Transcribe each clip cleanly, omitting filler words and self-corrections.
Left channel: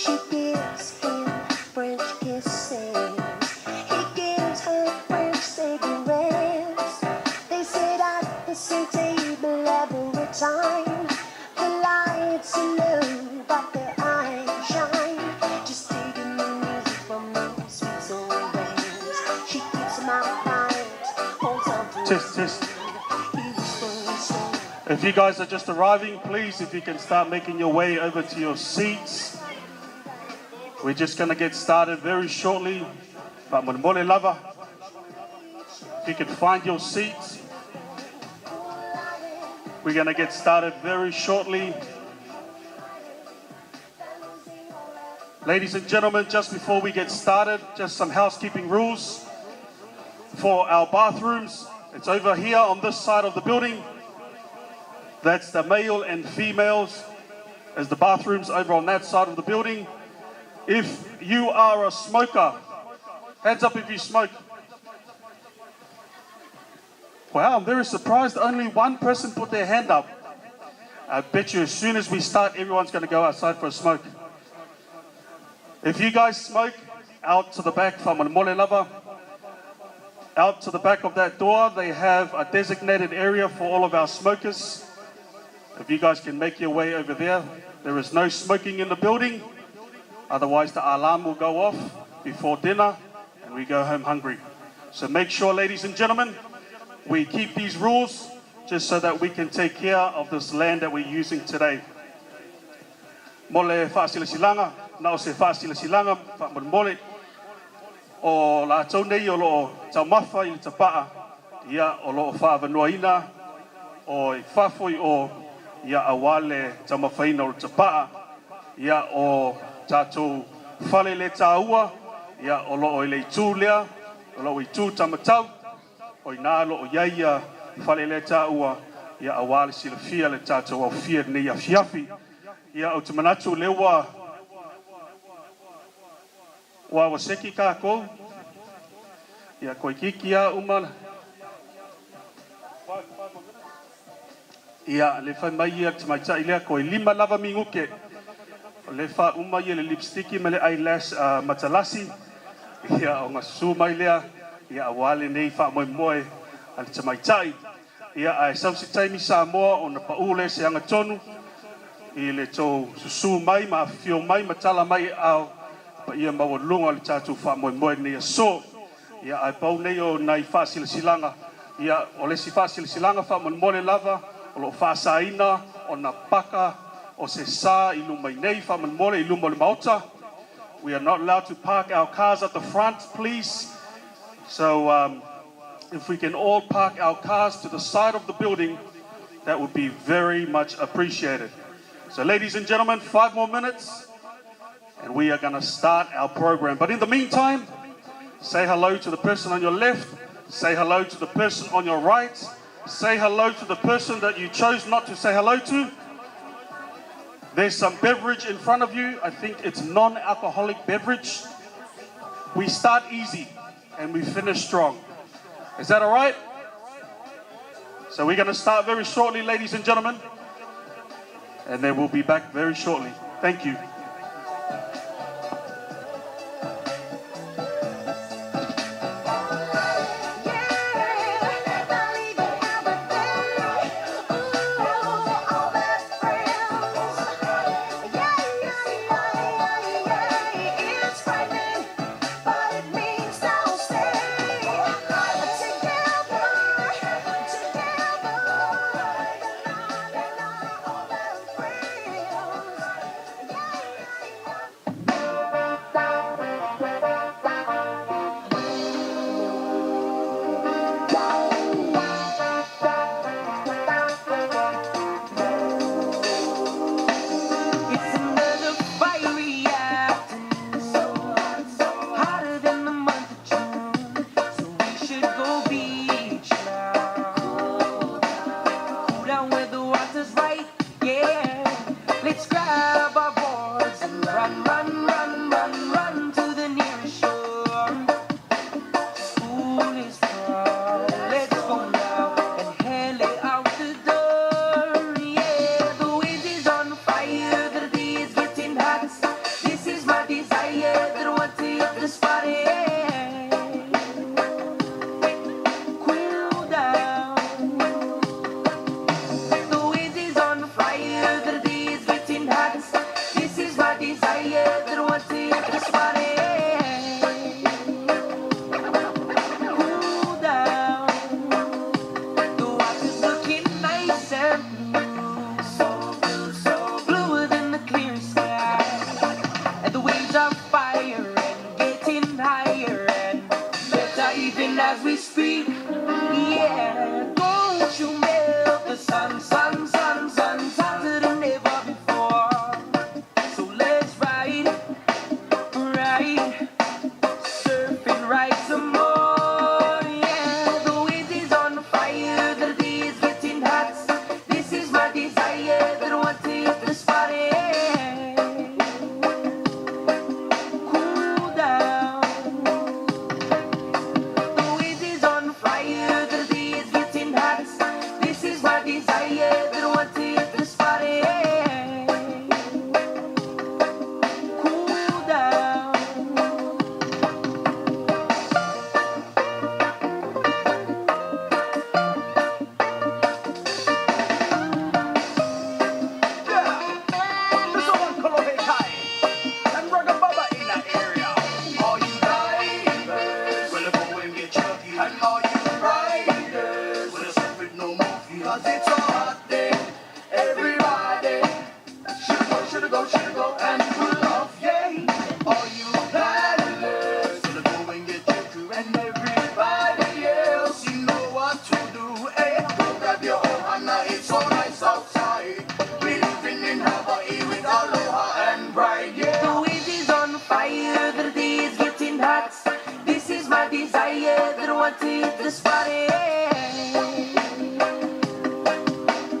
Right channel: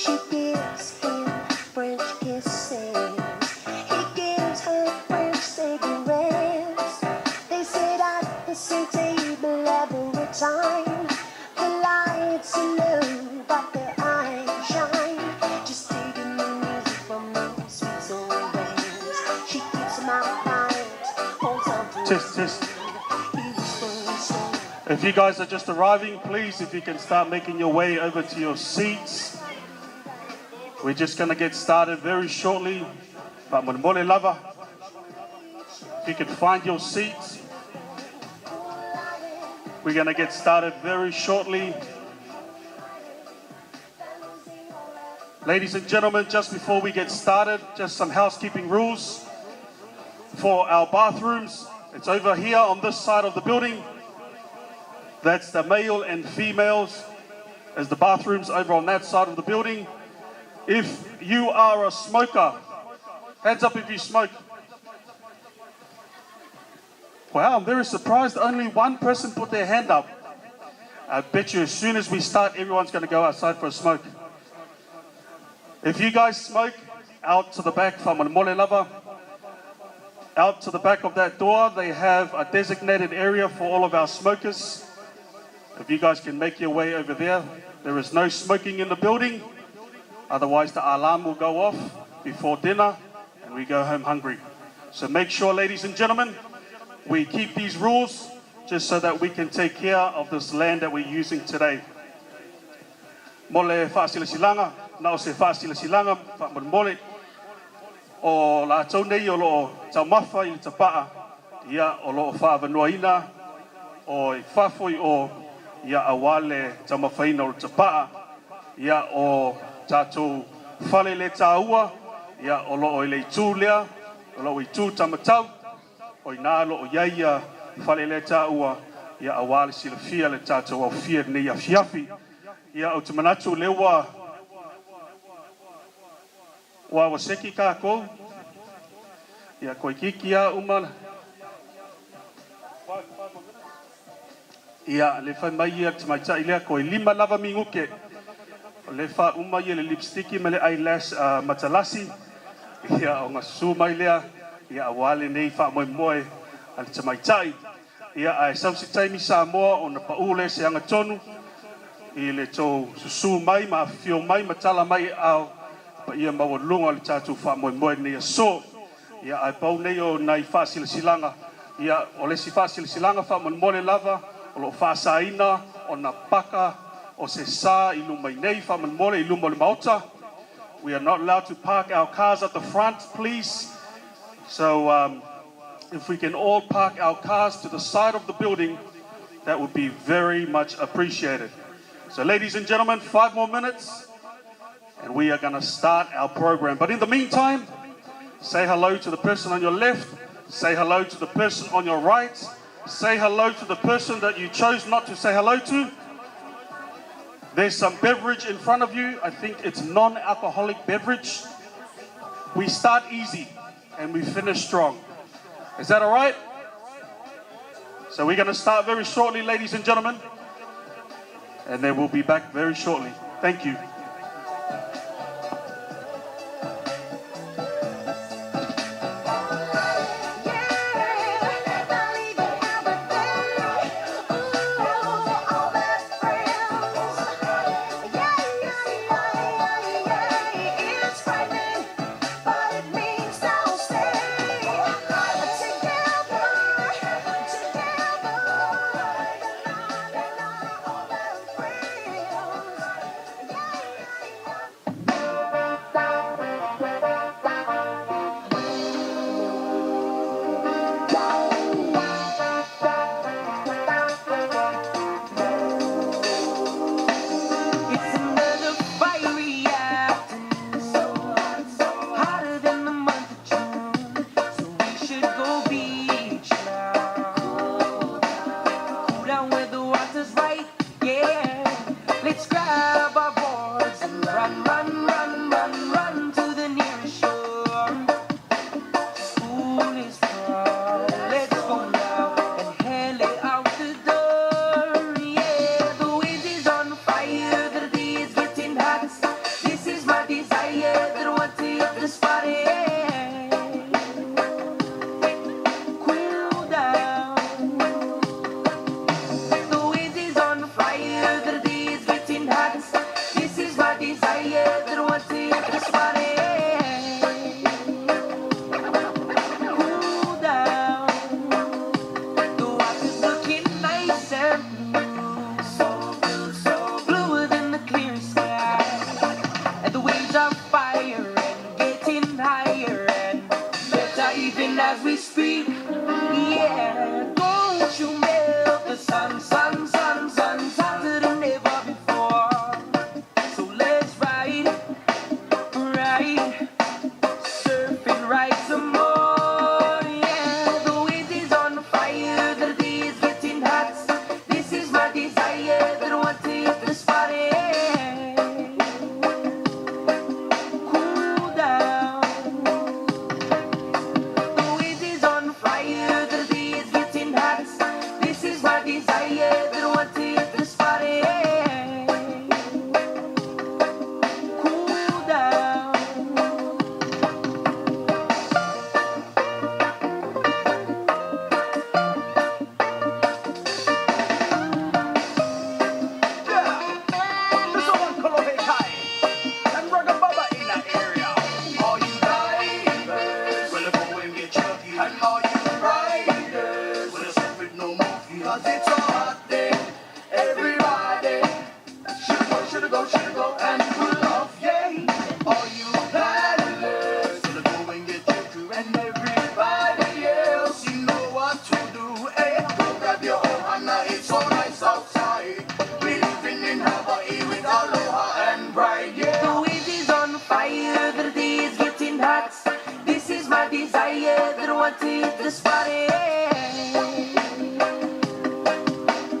She gives him French kisses. He gives her French cigarettes. They sit at the same table every time. The lights are low, but their eyes shine. Just taking the music from the sweet soul waves. She keeps him out night, holds on to Test. If you guys are just arriving, please, if you can start making your way over to your seats. We're just going to get started very shortly. But Mole Lava, if you can find your seats, we're going to get started very shortly. Ladies and gentlemen, just before we get started, just some housekeeping rules for our bathrooms. It's over here on this side of the building. That's the male and females, as the bathrooms over on that side of the building. If you are a smoker, hands up if you smoke. Wow, I'm very surprised only one person put their hand up. I bet you as soon as we start, everyone's going to go outside for a smoke. If you guys smoke, out to the back from Mole Lava, out to the back of that door, they have a designated area for all of our smokers. If you guys can make your way over there, there is no smoking in the building. Otherwise, the alarm will go off before dinner and we go home hungry. So make sure, ladies and gentlemen, we keep these rules just so that we can take care of this land that we're using today. Mole whaasila silanga, na o se whaasila silanga, whaamole o la tau nei o loo taumafa i te paa, ia o loo whaavanoaina o i whafoi o ia awale tamawhaina o te paa, ia o tātou whale le tāua, ia o loo i le tū lea, o loo i tū tamatau, o i nā loo iaia whale le tāua, ia awale sila fia le tātou au fia nei a fiafi, ia o te manatu lewa wa waseki kākou, ia koe kiki a umana. Ia le whai mai ia te mai tai lea koe 5 lava minguke. O le wha uma ia le lipstiki me le eyelash matalasi. Ia o ngā su mai lea. Ia awale nei wha moe moe a le te mai tai. Ia ai sausi taimi sa moa o na paule se anga tonu. I le tō susu mai ma fio mai matala mai au. Pa ia maua lunga le tātou wha moe moe nei a so. Ia ai pau nei o nai wha sila silanga. Ia o le si wha sila silanga wha moe moe lava. O lo whaasaina, o na paka, o se sā i lumai nei, whamanmole i lumole maota. We are not allowed to park our cars at the front, please. So if we can all park our cars to the side of the building, that would be very much appreciated. So ladies and gentlemen, 5 more minutes, and we are going to start our program. But in the meantime, say hello to the person on your left, say hello to the person on your right, say hello to the person that you chose not to say hello to. There's some beverage in front of you. I think it's non-alcoholic beverage. We start easy and we finish strong. Is that all right? So we're going to start very shortly, ladies and gentlemen. And then we'll be back very shortly. Thank you. as we speak. Yeah, don't you melt the sun, sun, sun, sun, hotter than ever before. So let's ride, surfing right some more. Yeah, the wind is on fire, the day is getting hot. This is my desire, that I want to hit the spot. Cool down. The wind is on fire, the day is getting hot. This is my desire, that I want to hit the spot. Cool down. This one Kolohe Kai and Rugga Bubba in that area. All you divers, well, go and get chunky. And all you riders, well, it's with no movie. 'Cause it's a hot day. Everybody should go and pull off, yay. All you paddlers, well, go and get chunky. And everybody else, you know what to do. Hey, go grab your ohana, it's so nice outside. We living in Hawaii with aloha and pride, yeah. The wind is on fire, the day is getting hot. This is my desire, that I want to hit the spot.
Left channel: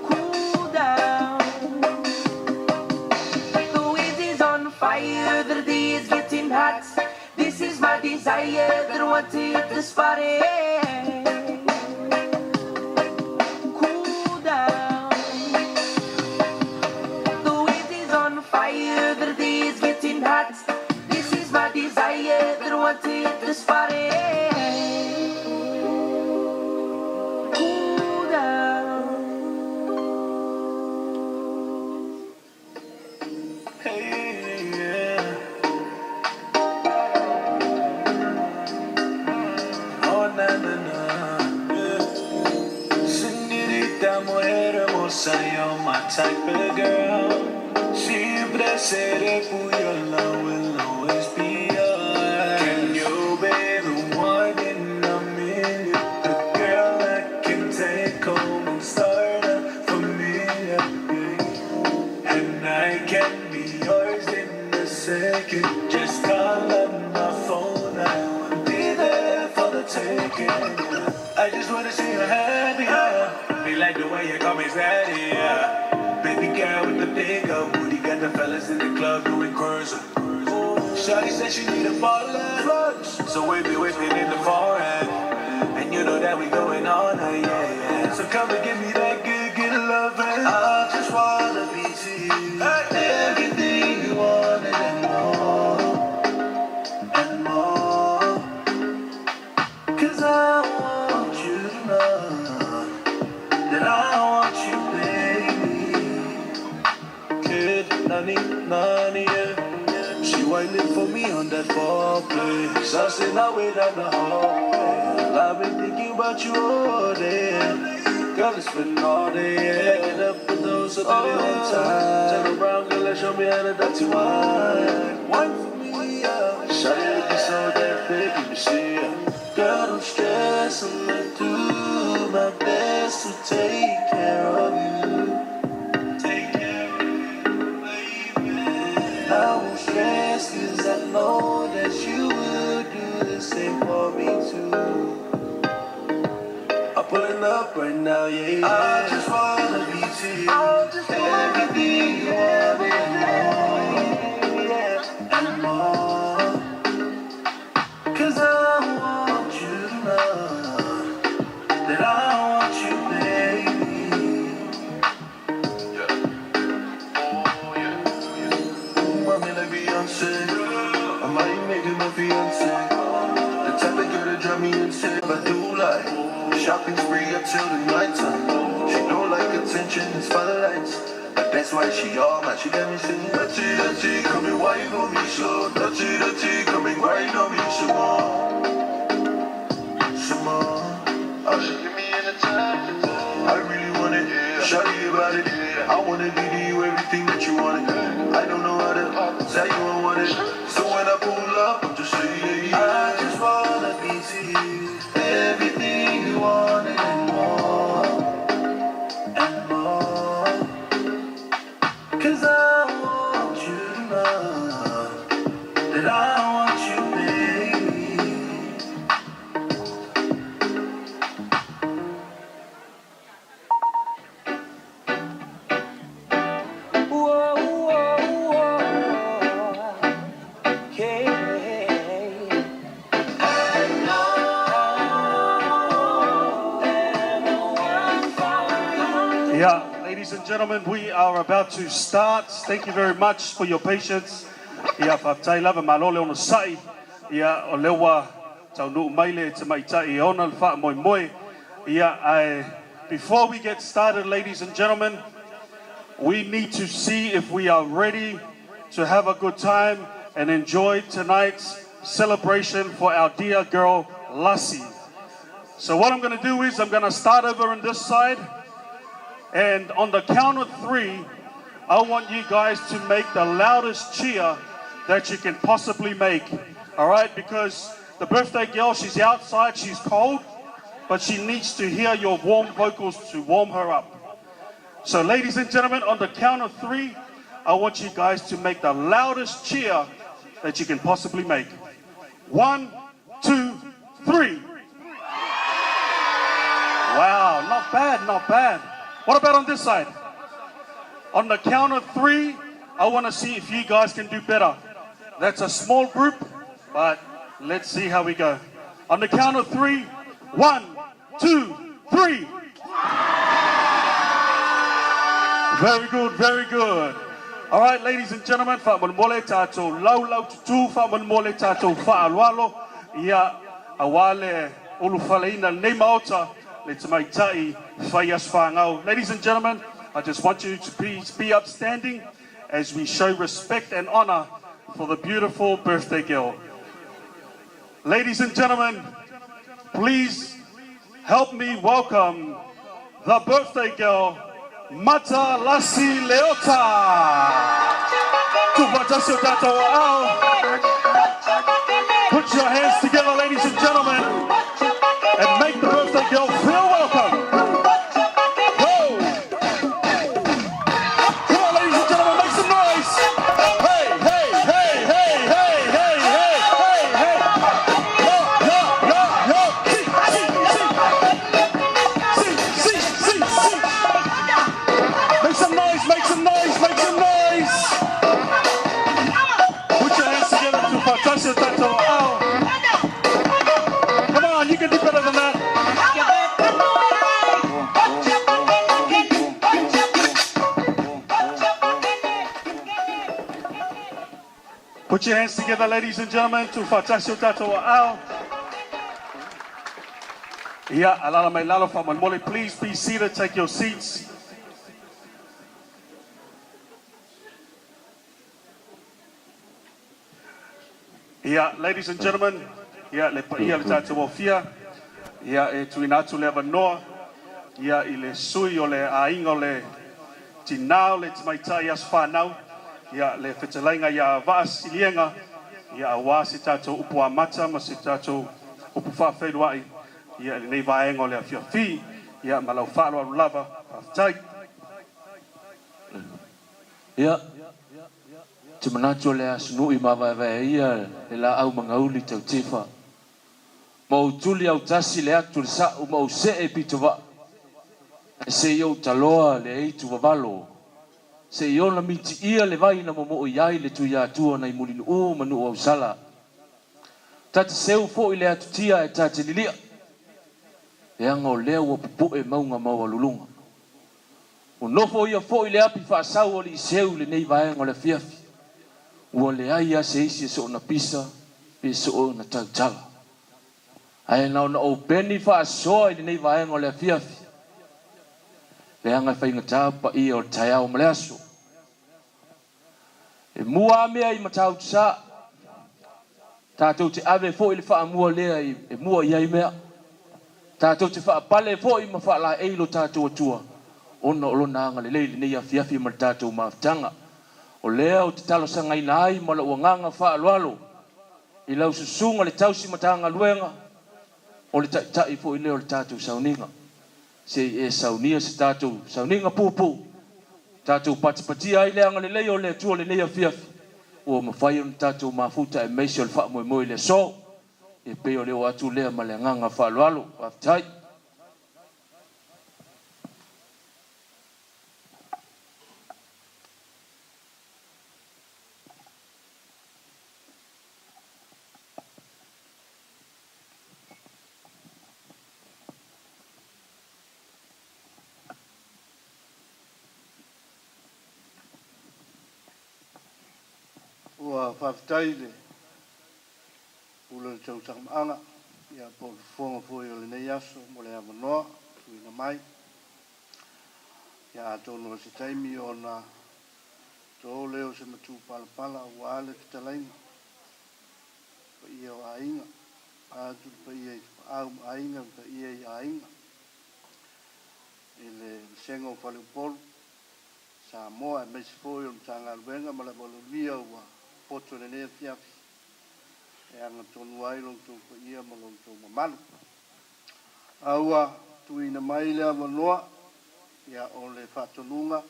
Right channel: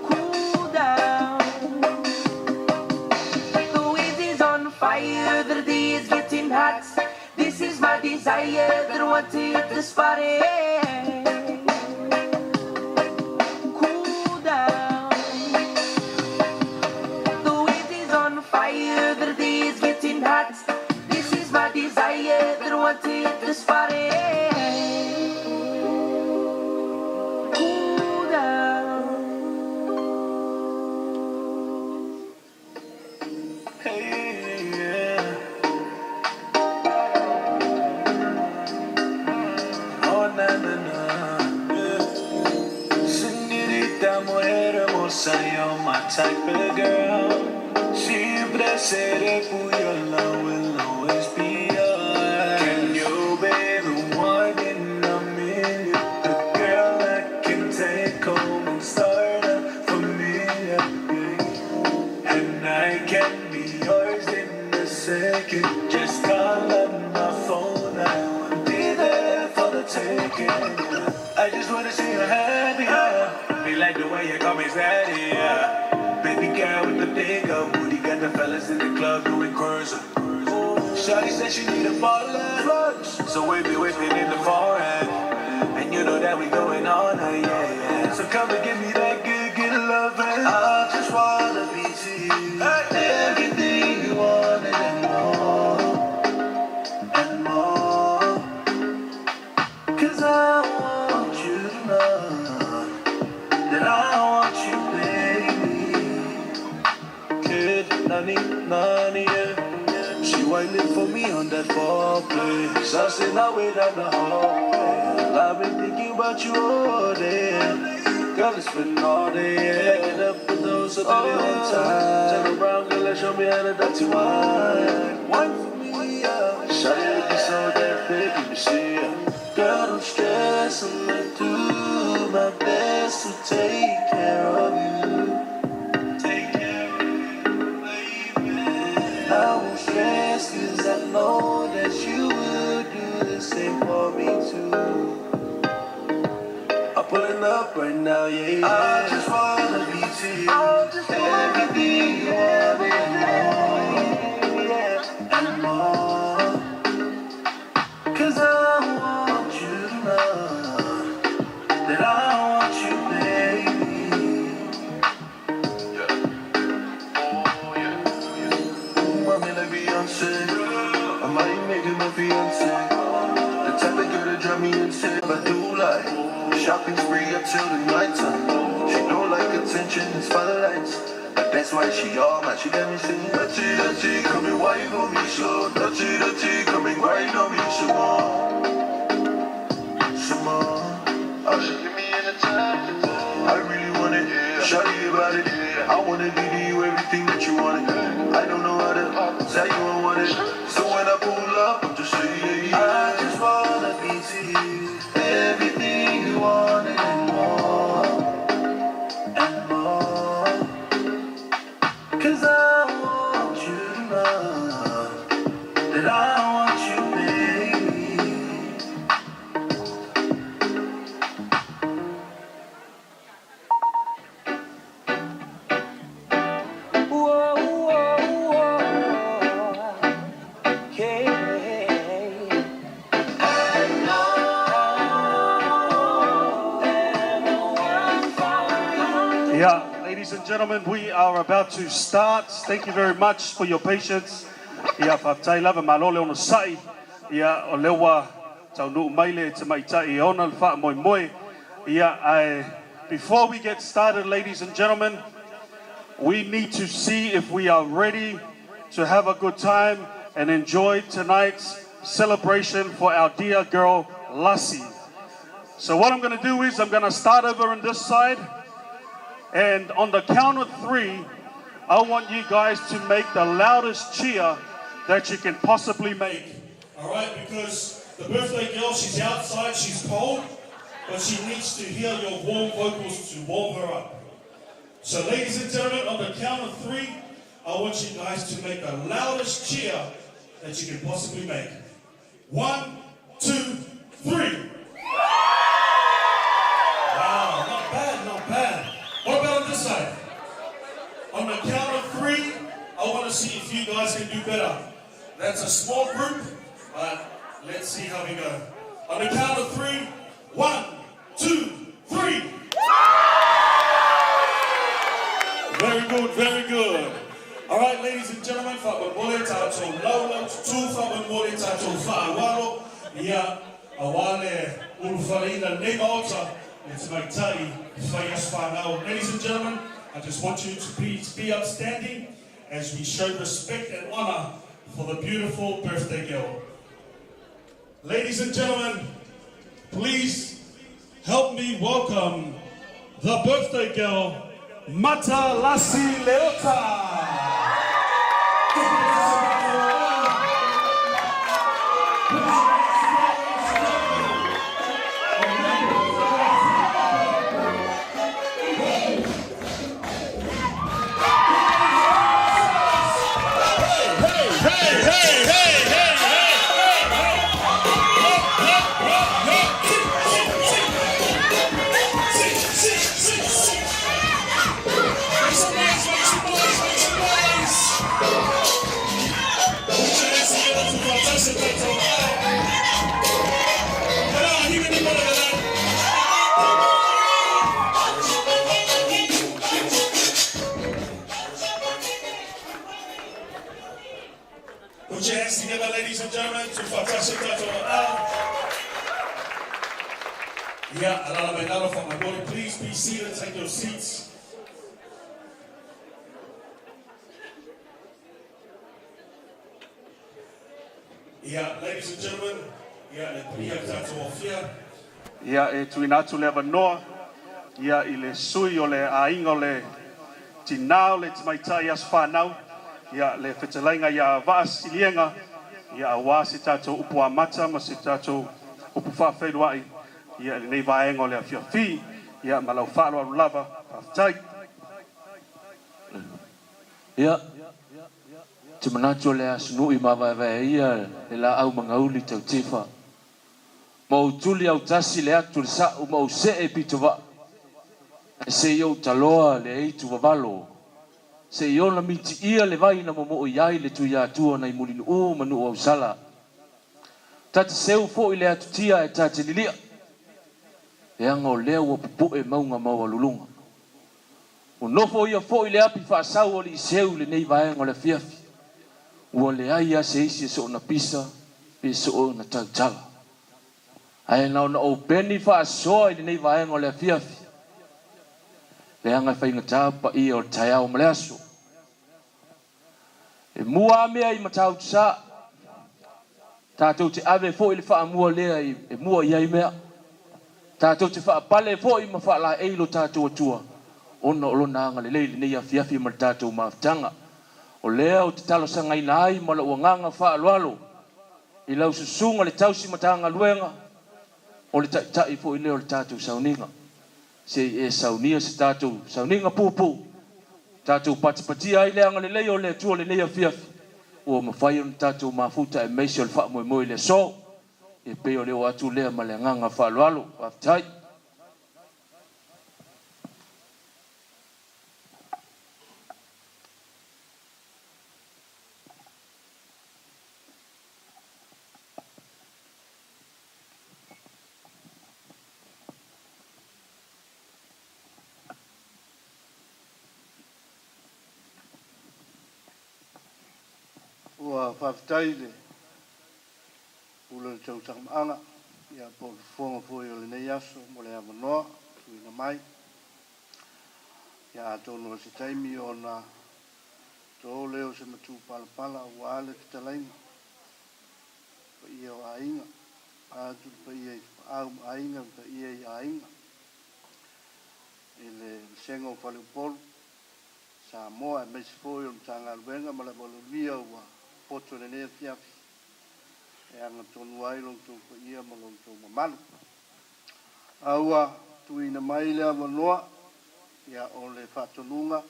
Cool down. The wind is on fire, the day is getting hot. This is my desire, that I want to hit the spot. Cool down. The wind is on fire, the day is getting hot. This is my desire, that I want to hit the spot. Cool down. Hey, yeah. Oh, na, na, na, yeah. Señorita, mujer hermosa, you're my type of girl. Siempre seré tuyo, love will always be yours. Can you be the one in a million? The girl that can take home and start a familia, yeah. And I can be yours in a second. Just call on my phone, I will be there for the taking. I just wanna see you happy, yeah. Me like the way you call me daddy, yeah. Baby girl with the big old booty, got the fellas in the club doing cruising. Shawty said she need a bottle of drugs, so we be whipping in the foreign. And you know that we going on, yeah, yeah. So come and give me that good, good loving. I just wanna be to you, everything you wanted and more, and more. 'Cause I want you to know that I want you, baby. Kid, nani, nani, yeah. She whining for me on that foreplay. Saucing our way down the hallway. I've been thinking about you all day. Girl, it's been all day, yeah. Get up with those up in one time. Turn around, girl, and show me how to dirty wine. Wine for me, yeah. Shawty looking so damn thick, let me see ya. Girl, don't stress, I'ma do my best to take care of you. Take care of you, baby. I won't stress, 'cause I know that you will do the same for me too. I'm pulling up right now, yeah, yeah. I just wanna be to you. Everything you want and more, yeah, and more. 'Cause I want you to know that I want you, baby. Yeah. Oh, yeah. Mommy like Beyonce, I might make it my fiance. The type of girl that drive me insane, but I do like shopping spree up till the night time. She don't like attention and spotlights, but that's why she all mine. She got me singing, dirty, dirty, come and wine on me slow. Dirty, dirty, come and grind on me some more. Some more. Oh, she give me in the time. I really want it. Shawty about it. I wanna give you everything that you wanted. I don't know how to tell you I want it. So when I pull up, I'm just saying, I just wanna be to you. and gentlemen, we are about to start. Thank you very much for your patience. Ia whaptai lava malole ono sai. Ia o lewa tau nuu maile te maitai ona le wha moi moi. Before we get started, ladies and gentlemen, we need to see if we are ready to have a good time and enjoy tonight's celebration for our dear girl, Lassie. So what I'm going to do is I'm going to start over on this side. And on the count of 3, I want you guys to make the loudest cheer that you can possibly make. All right? Because the birthday girl, she's outside, she's cold, but she needs to hear your warm vocals to warm her up. So ladies and gentlemen, on the count of 3, I want you guys to make the loudest cheer that you can possibly make. 1, 2, 3. Wow, not bad, not bad. What about on this side? On the count of 3, I want to see if you guys can do better. That's a small group, but let's see how we go. On the count of 3, 1, 2, 3. Very good, very good. All right, ladies and gentlemen, wha'wan mole tātou laulau tutu, wha'wan mole tātou wha'alwalo, ia awale ulufaleina nei maota, le te maitai whaias whāngau. Ladies and gentlemen, I just want you to please be upstanding as we show respect and honor for the beautiful birthday girl. Ladies and gentlemen, please help me welcome the birthday girl, Mata Lassie Leota. Put your hands together, ladies and gentlemen, and make the birthday girl feel welcome. Come on, ladies and gentlemen, make some noise. Hey, hey, hey, hey, hey, hey, hey, hey, hey. Make some noise, make some noise, make some noise. Put your hands together to Fantasia Tato. Come on, you can do better than that. Put your hands together, ladies and gentlemen, to Fantasia Tato. Yeah, alala mai lalo fa mole. Please be seated, take your seats. Yeah, ladies and gentlemen, le paia le tātou ofia, e tuina atu le avanoa, I le sui o le ainga o le tinao, le timaitai as whanau, le whetalainga vaas ilienga, awa se tātou upu amata, ma se tātou upu whawheruai, le nei vaenga o le awhiawhi, malau whāroa rulava, pawhitai. Te manatua le asunu I mawawai ia le la au mangauli tau tefa. Mau tuli au tasi le atu le sa'u mau se e pitowa. E se iau taloa le eitu wawalo. Se iau na miti ia le vai na momo iai le tu ia atua na imulinu o manu au sala. Tata seu fo I le atu tia e tate lilia. E anga o lea ua pupu e maunga maua lulunga. O nofo ia fo I le api whaasau o li seu le nei vaenga o le fiafi. Ua le aia se isi so na pisa, pe so na tautala. Ai na o peni whaasoa I le nei vaenga o le fiafi. Le anga whainga tāpa I o tai au maleaso. E mua mea I matau tsa. Tātou te ave fo I le wha mua lea e mua iai mea. Tātou te wha pale fo I ma wha la eilo tātou atua. Ona olo na anga le leili nei a fiafi ma tātou maafutanga. O lea o te talo sanga ina ai ma la uanganga wha alualo. I lau susunga le tausi matanga luenga. O le tai fo I leo le tātou sauninga. Se e saunia se tātou sauninga pupu. Tātou patipati ai leanga le leo le tua le lea fiafi. O mawhai o le tātou mafuta e meisi o le wha moe moe le so. E peo leo atu lea ma le nganga wha alualo. Waftai. whawhitai le ula tau takamaanga ia po fonga fo yo le nei aso mo le amanoa tuina mai ia tonu se taimi ona to leo se matu pala wale kitalainga pa ia o ainga atu pa ia au ainga pa ia i ainga ele sengo falu pol sa moa me se foi un tanga luenga ma la volvia wa poto le ne fiafi e anga tonu ai long tu pa ia ma long tu malu aua tuina mai le amanoa ia o le whatonunga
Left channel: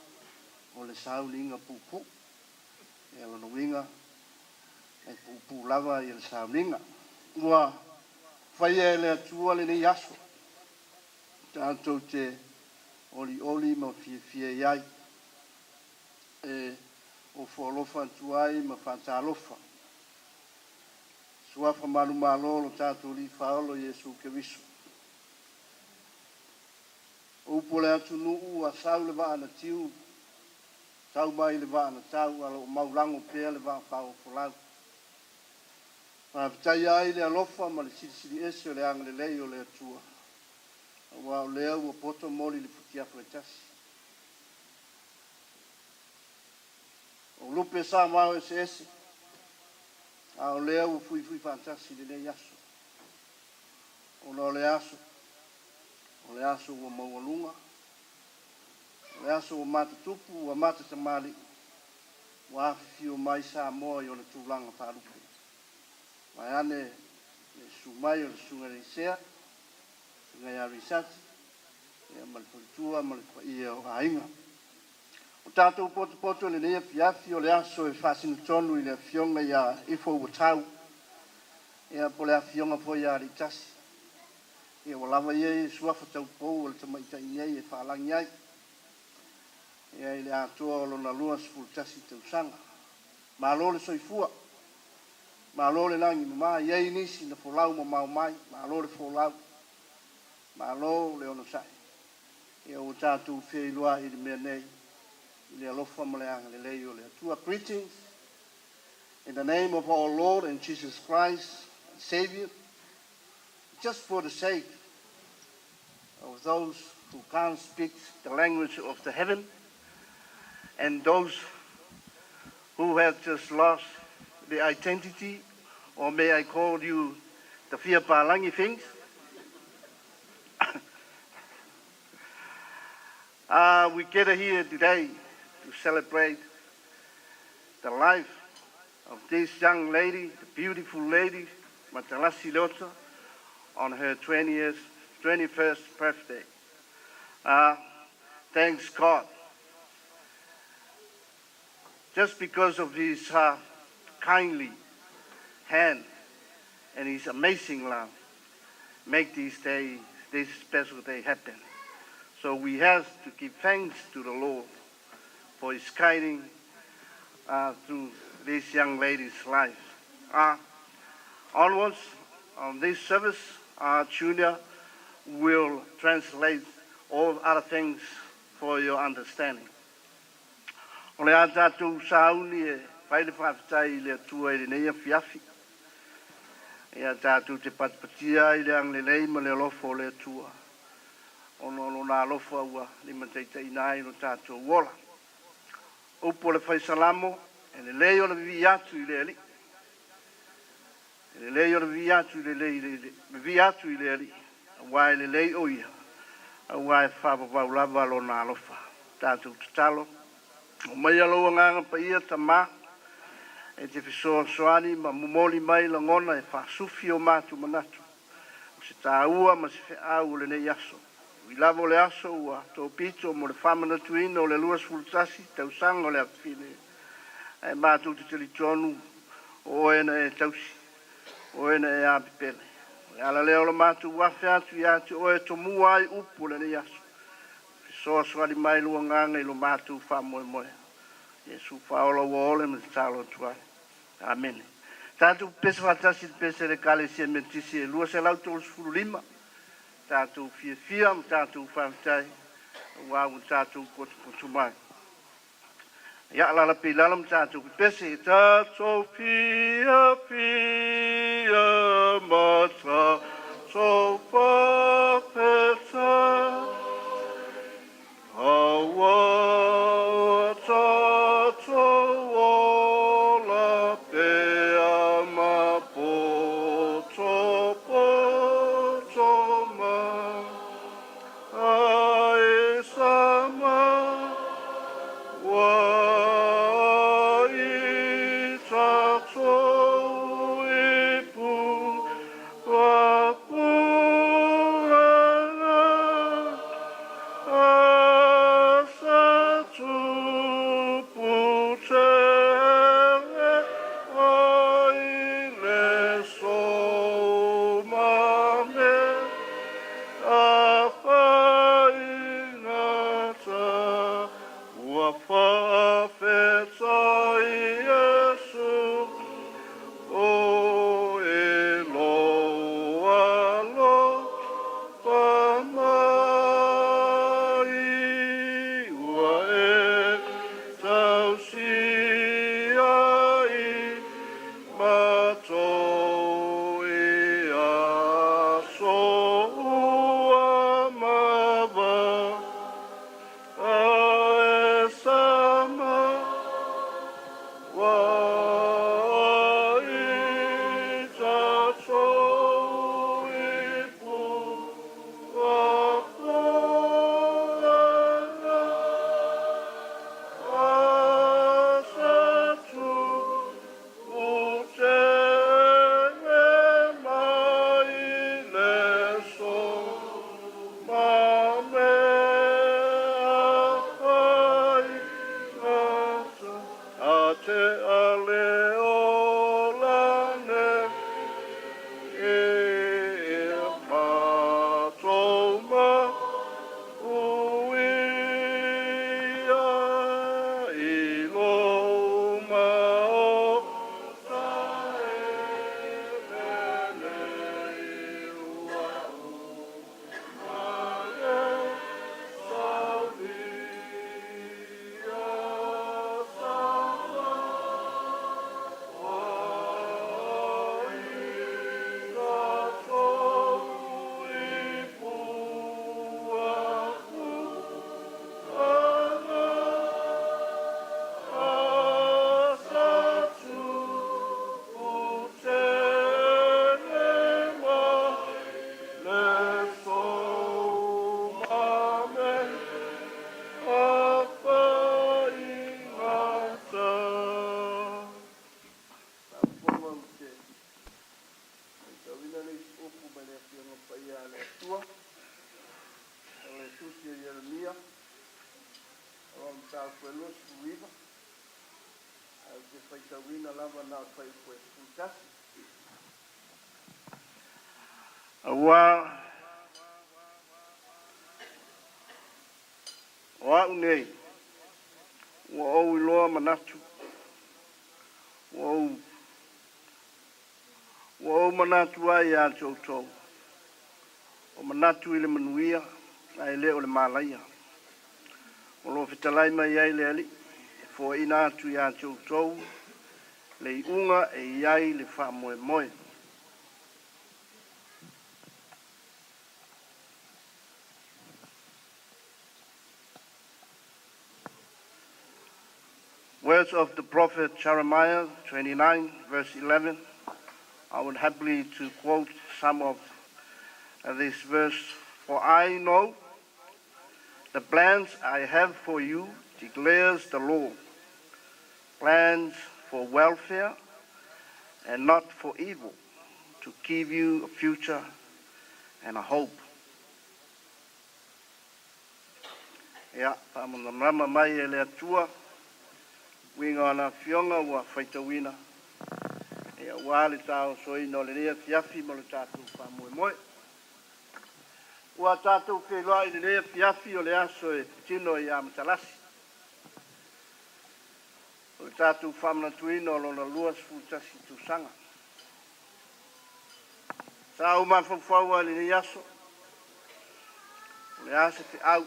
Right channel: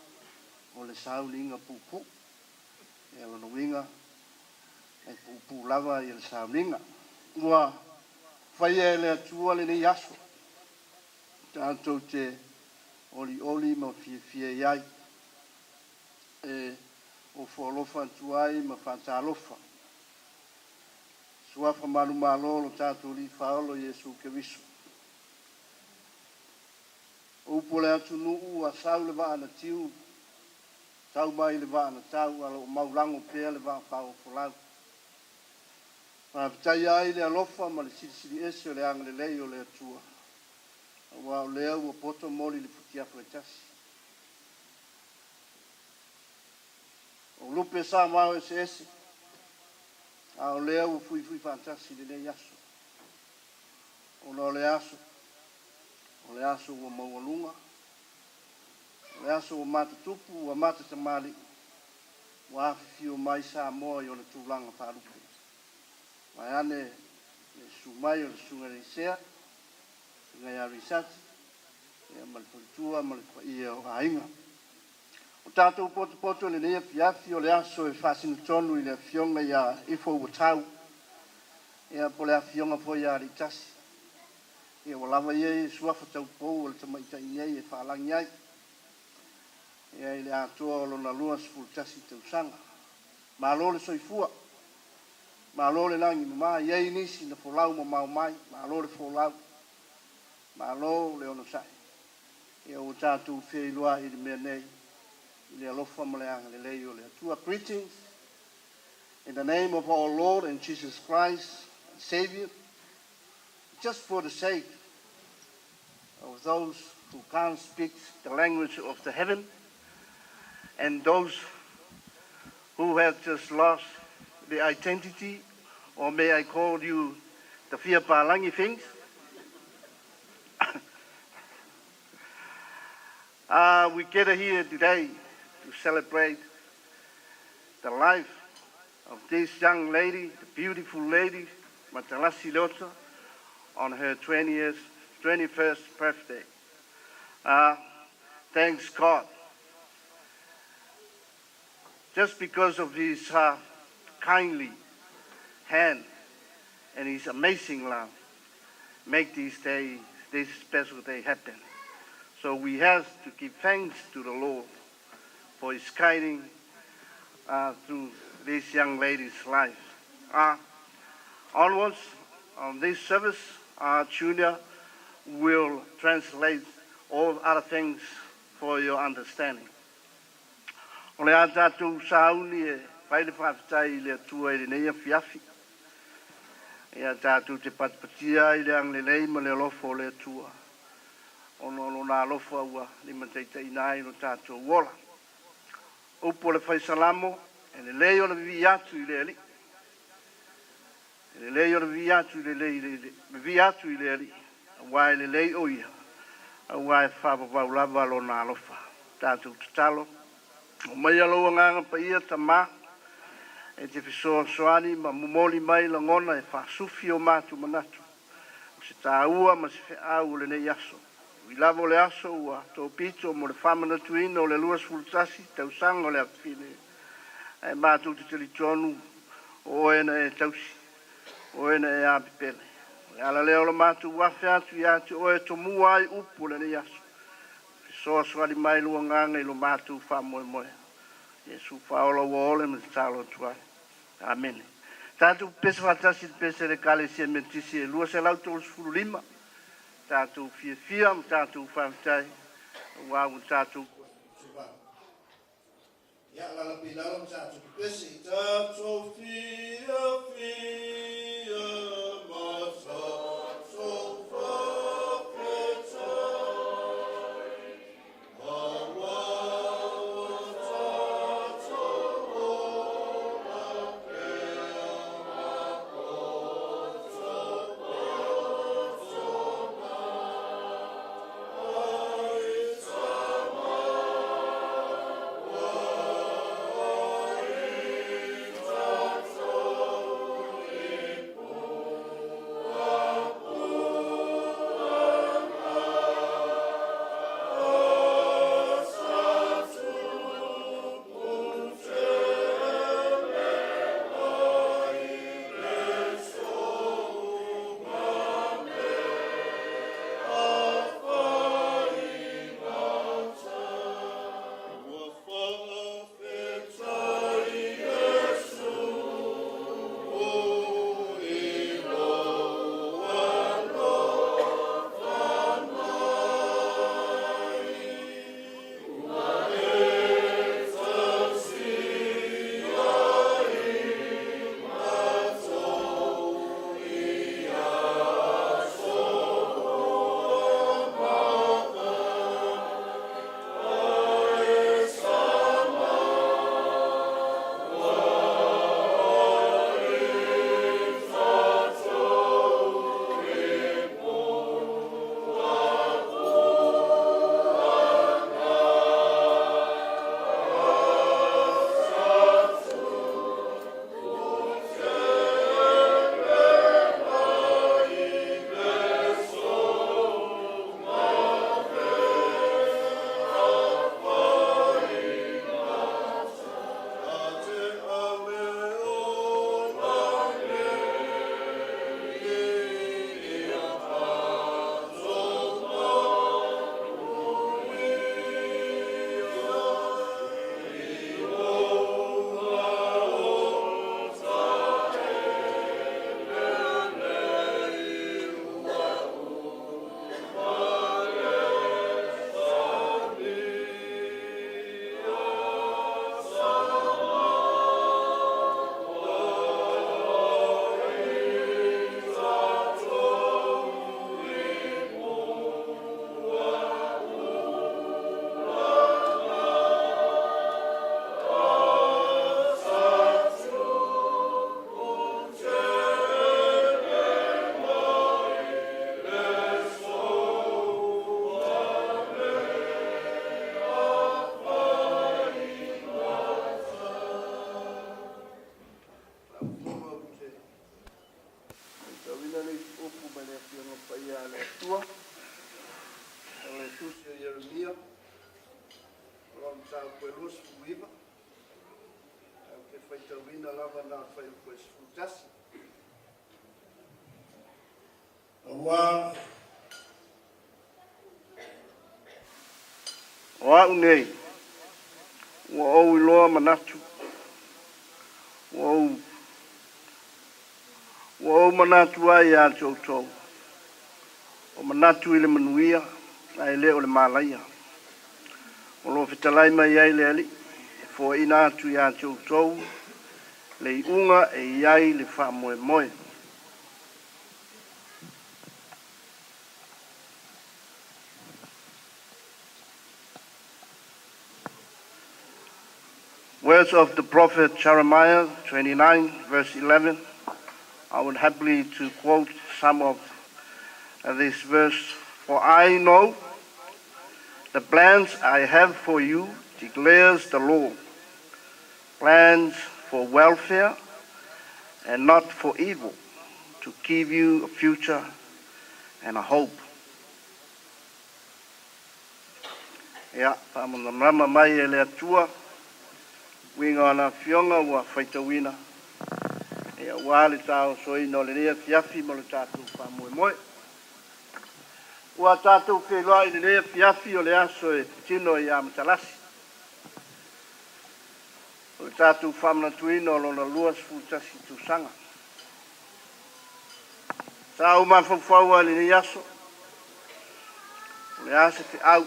o le saulinga pupu ia o winga e pupu lava i le saulinga ua whaia le atua le nei aso tātou te oli ma fia iai e o whaolofa tuai ma whantalofa suafa malu malo lo tātou li whaolo Iesu Keriso upo le atu nuu a sau le vaa na tiu tau mai le vaa na tau alo maulango pea le vaa whao folau Pātai ai le alofa ma le siri ese o le anga le lei o le atua. Wa o lea ua poto moli le futiafu e tasi. O lupe sa mao ese ese. A o lea ua fui fantasi le nei aso. O no le aso. O le aso ua maualunga. O le aso ua mata tupu, ua mata tamali. Ua afifio mai sa moa i o le tūlanga wharupe. Mai ane le sumai o le sunga le sea, sunga ia risati, ia maliporitua, ia o ainga. O tātou poto le nea fiafi o le aso e whasinu tonu i le fionga ia ifo ua tau, ia po le fionga fo ia ritasi. Ia o lava ia i suafa tau pou o le tamaita iei e whaalangi ai. Ia i le atua o lona lua sifultasi tau sanga. Ma lo le soifua. Ma lo le langi ma iei nisi na folau ma mau mai, ma lo le folau, ma lo le ono sai. Ia o tātou whiailua i le mea nei, i le alofa ma le anga le leo le atua. Greetings, in the name of our Lord and Jesus Christ, Savior, just for the sake of those who can't speak the language of the heaven, and those who have just lost the identity, or may I call you the Fia Palangi things? We gather here today to celebrate the life of this young lady, the beautiful lady, Matalasi Lota, on her 21st birthday. Thanks God. Just because of his kindly hand and his amazing love, make this special day happen. So we have to give thanks to the Lord for his guiding through this young lady's life. Onwards, on this service, Junior will translate all other things for your understanding. O le tātou sauni e whaile whawhitai le atua i le neia fiafi. Ia tātou te patipatia i le ang le lei ma le alofo o le atua. Ono nā alofa ua ni mataita inai no tātou wola. Upo le whaisalamo e le lei o le vi atu i le ali. E le lei o le vi atu i le ali. Awai le lei o ia. Awai whapapau lava lo nā alofa. Tātou tatalo. O mai aloa nganga pa ia ta mā, e te whisoa soani ma mumoli mai la ngona e whasufi o mātu manatu. O se tā ua ma se whiau le nei aso. I lavo le aso ua tō pito mo le whamanatu ina o le luas fultasi, tau sanga o le apine. E mātu te tili tonu o ena e tausi, o ena e apipele. E ala leo la mātu wafe atu i atu o e tomu ai upu le nei aso. So swali mai lua nganga i lo mātu wha moe moe. Yesu whaola wa ole me tālo tuai. Amen. Tātou pesa whatasi pesa le kale se mentisi e lua se lau tōlu sfuru lima. Tātou fia, tātou whawhitai. Wāu tātou kotu mai. Ia la pilala msa tu pesi ta Sofia fia masa sofa pesa hawa ta la pea ma po soma ai sama wa unei wa o loa manatu wa manatu ai a toto o manatu ile manuia ai le o le malaia o lo fitalai mai ai le ali fo ina tu ya toto le unga e ai le fa moe moe. Words of the prophet Jeremiah 29 verse 11. I would happily to quote some of this verse. For I know the plans I have for you, declares the Lord. Plans for welfare and not for evil, to give you a future and a hope. Ya, pamama mai ele atua. Winga na fionga wa faitawina. E wale tau soi no le rea fiafi mo le tatu pa moe moe. Ua tatu ke loa i le rea fiafi o le aso e tino i amatalasi. O le tatu whamna tuino lo na luas futasi tu sanga. Sa uma fawfaua le ne aso. O le aso te au.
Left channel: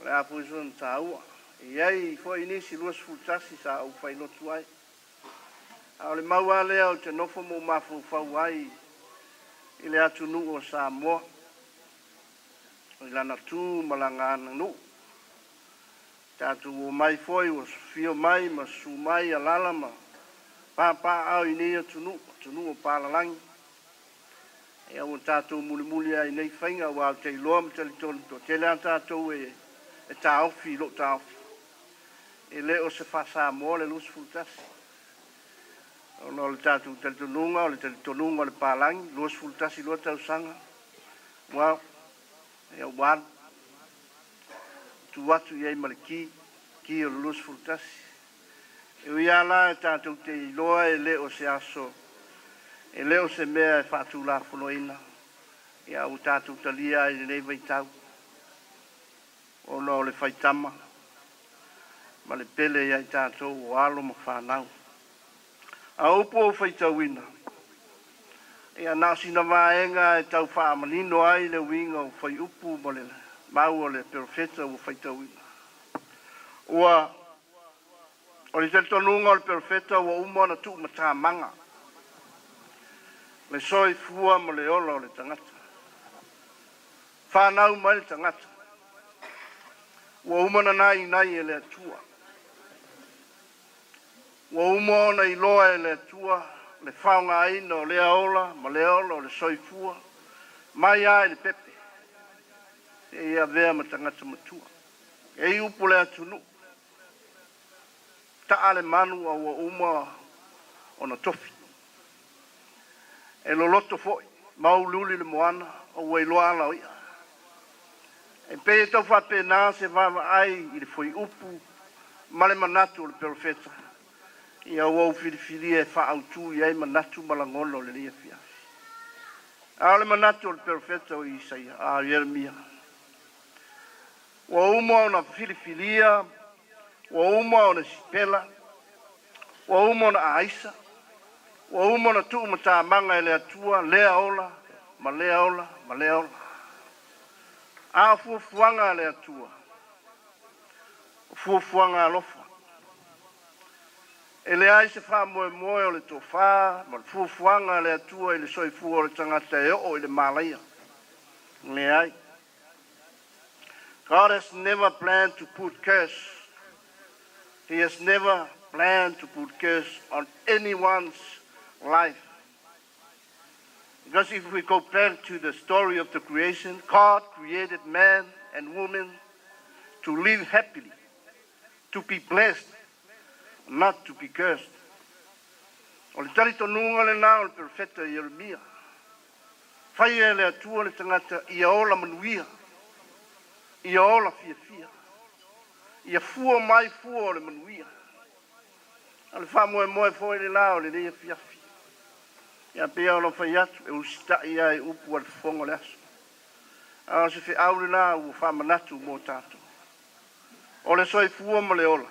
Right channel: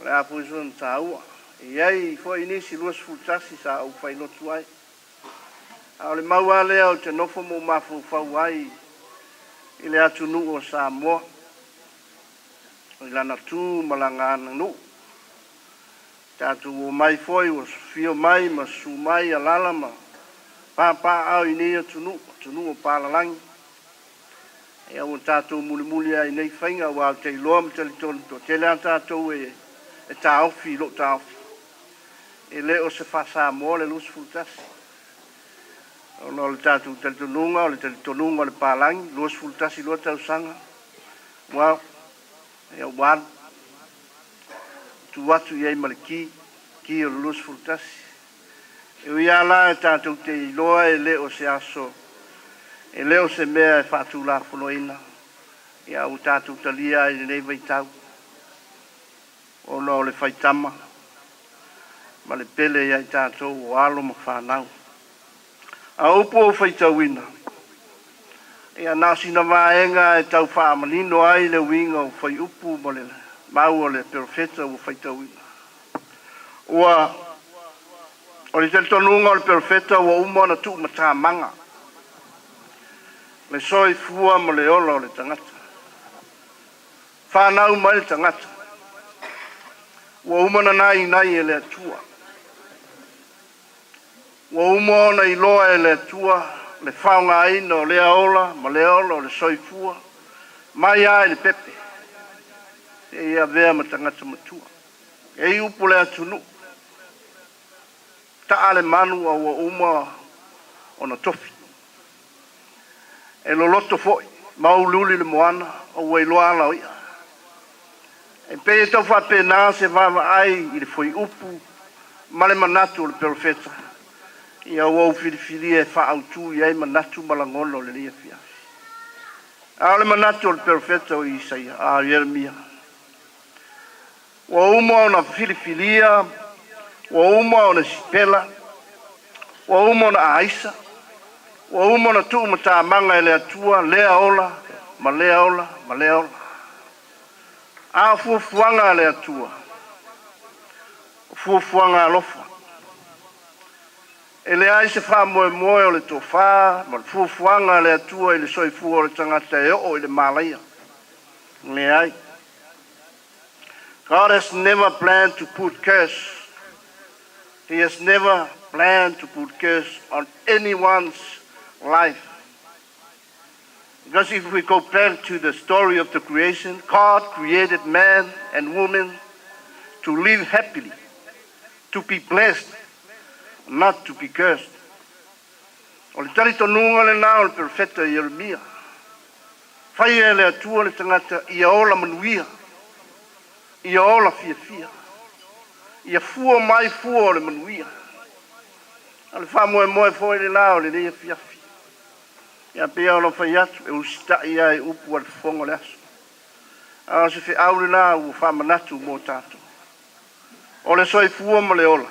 O le apu iso na taua. Iai fo inisi luas fultasi sa au fai no tuai. Au le maua lea o te nofo mo mafu fau ai i le atu nu o Samoa. I lana tū malanga ana nu. Tātu o mai foi o fio mai ma su mai a lala ma pāpā au i nei atu nu o pālalangi. E au tātou muli muli ai nei whainga o au te iloa ma tali tonu to tele an tātou e tā ofi lo tā ofi. E le o se whasa mo le lus fultasi. O no le tātou tali tonunga o le tali tonunga o le pālangi, lus fultasi lo tau sanga. Wow, e au wan. Tu watu iei maliki, ki o le lus fultasi. E ui ala e tātou te iloa e le o se aso. E leo se mea e whātu la whanoina. E au tātou talia e nei vaitau. O no le whaitama. Ma le pele ia i tātou o alo ma whanau. A upo o whaitauina. E a nāsina vaenga e tau whaamanino ai le winga o whai upu ma le mau o le perfeta o whaitauina. Ua o le teltonunga o le perfeta o umona tu ma tā manga. Le soi fua ma le ola o le tangata. Whanau mai le tangata. Ua umana nai e le atua. Ua umona i loa e le atua. Le whaunga aina o lea ola, ma le ola o le soi fua. Mai ai le pepe. E ia vea ma tangata matua. E i upo le atunu. Ta ale manu a ua uma o na tofi. E lo loto foi, mau luli le moana, o wei loa ala o ia. E pe e tau whapena se vava ai i le foi upu, male manatu o le perfeta. Ia wau whiriwhiri e whaautu i ei manatu malangono le lia fiafi. A le manatu o le perfeta o Isaia, a Jeremia. Wa uma o na whiriwhiria, wa uma o na sipela, wa uma o na aisa, wa umona tu mata manga ele atua lea ola ma lea ola ma lea ola a fuanga le atua fuanga lofa ele ai se fa mo o le tofa ma fuanga le atua ele soi fu o le tangata e o ele malaya le ai. God has never planned to put curse. He has never planned to put curse on anyone's life. Because if we go back to the story of the creation, God created man and woman to live happily, to be blessed, not to be cursed. O le tari tonunga le nao le perfeta Jeremia. Whai e le atua le tangata ia ola manuia, ia ola fia. Ia fua mai fua o le manuia. Ale wha moe foi le nao le lia fia. Ia pia ono whai atu, e usita ia e upu al whongo le aso. A se whi aure nā u whamanatu mō tātou. O le soi fua ma le ola.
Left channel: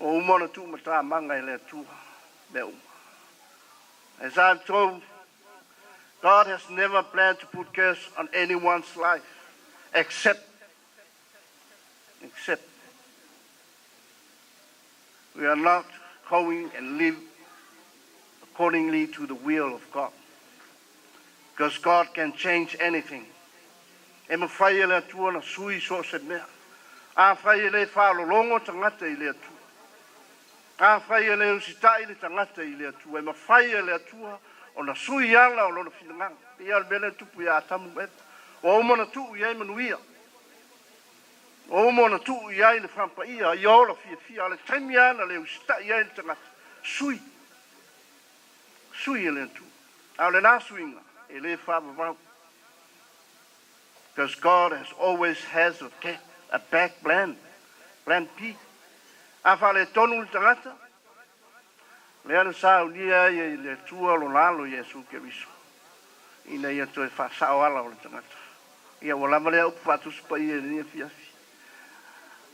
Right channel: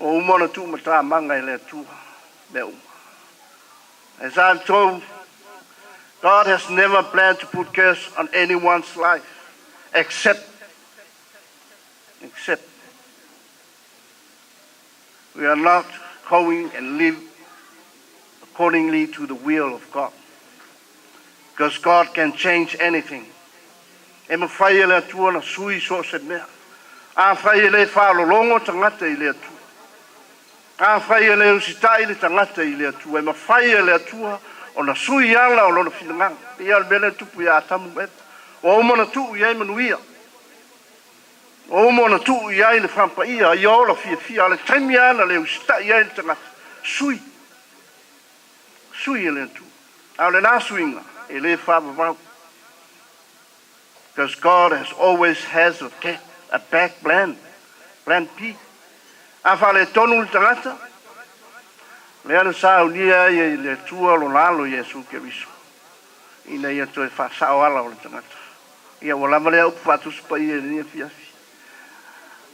O umona tu ma tā manga e le atua. Le uma. As I've told, God has never planned to put curse on anyone's life, except we are not going and live accordingly to the will of God. Because God can change anything. E ma whai ele atua na sui so se mea. A whai ele whalolongo tangata i le atua. A whai ele usitai le tangata i le atua. E ma whai ele atua o na sui ala o lona whilangang. Ia al mele tupu ia atamu meta. O umona tuu iai manuia. O umona tuu iai le whampa ia. Ia ola fia ale taimi ana le usitai iai le tangata. Sui ele atu. Au le nā suinga, ele whāpapau. Because God has always has a back plan. Plan P. A whale tonu le tangata. Le ana sā unia i le tua lo lalo Yesu ke viso. Ina ia toi whasao ala o le tangata. Ia walama lea upu whātusu pa ia nia fiafi.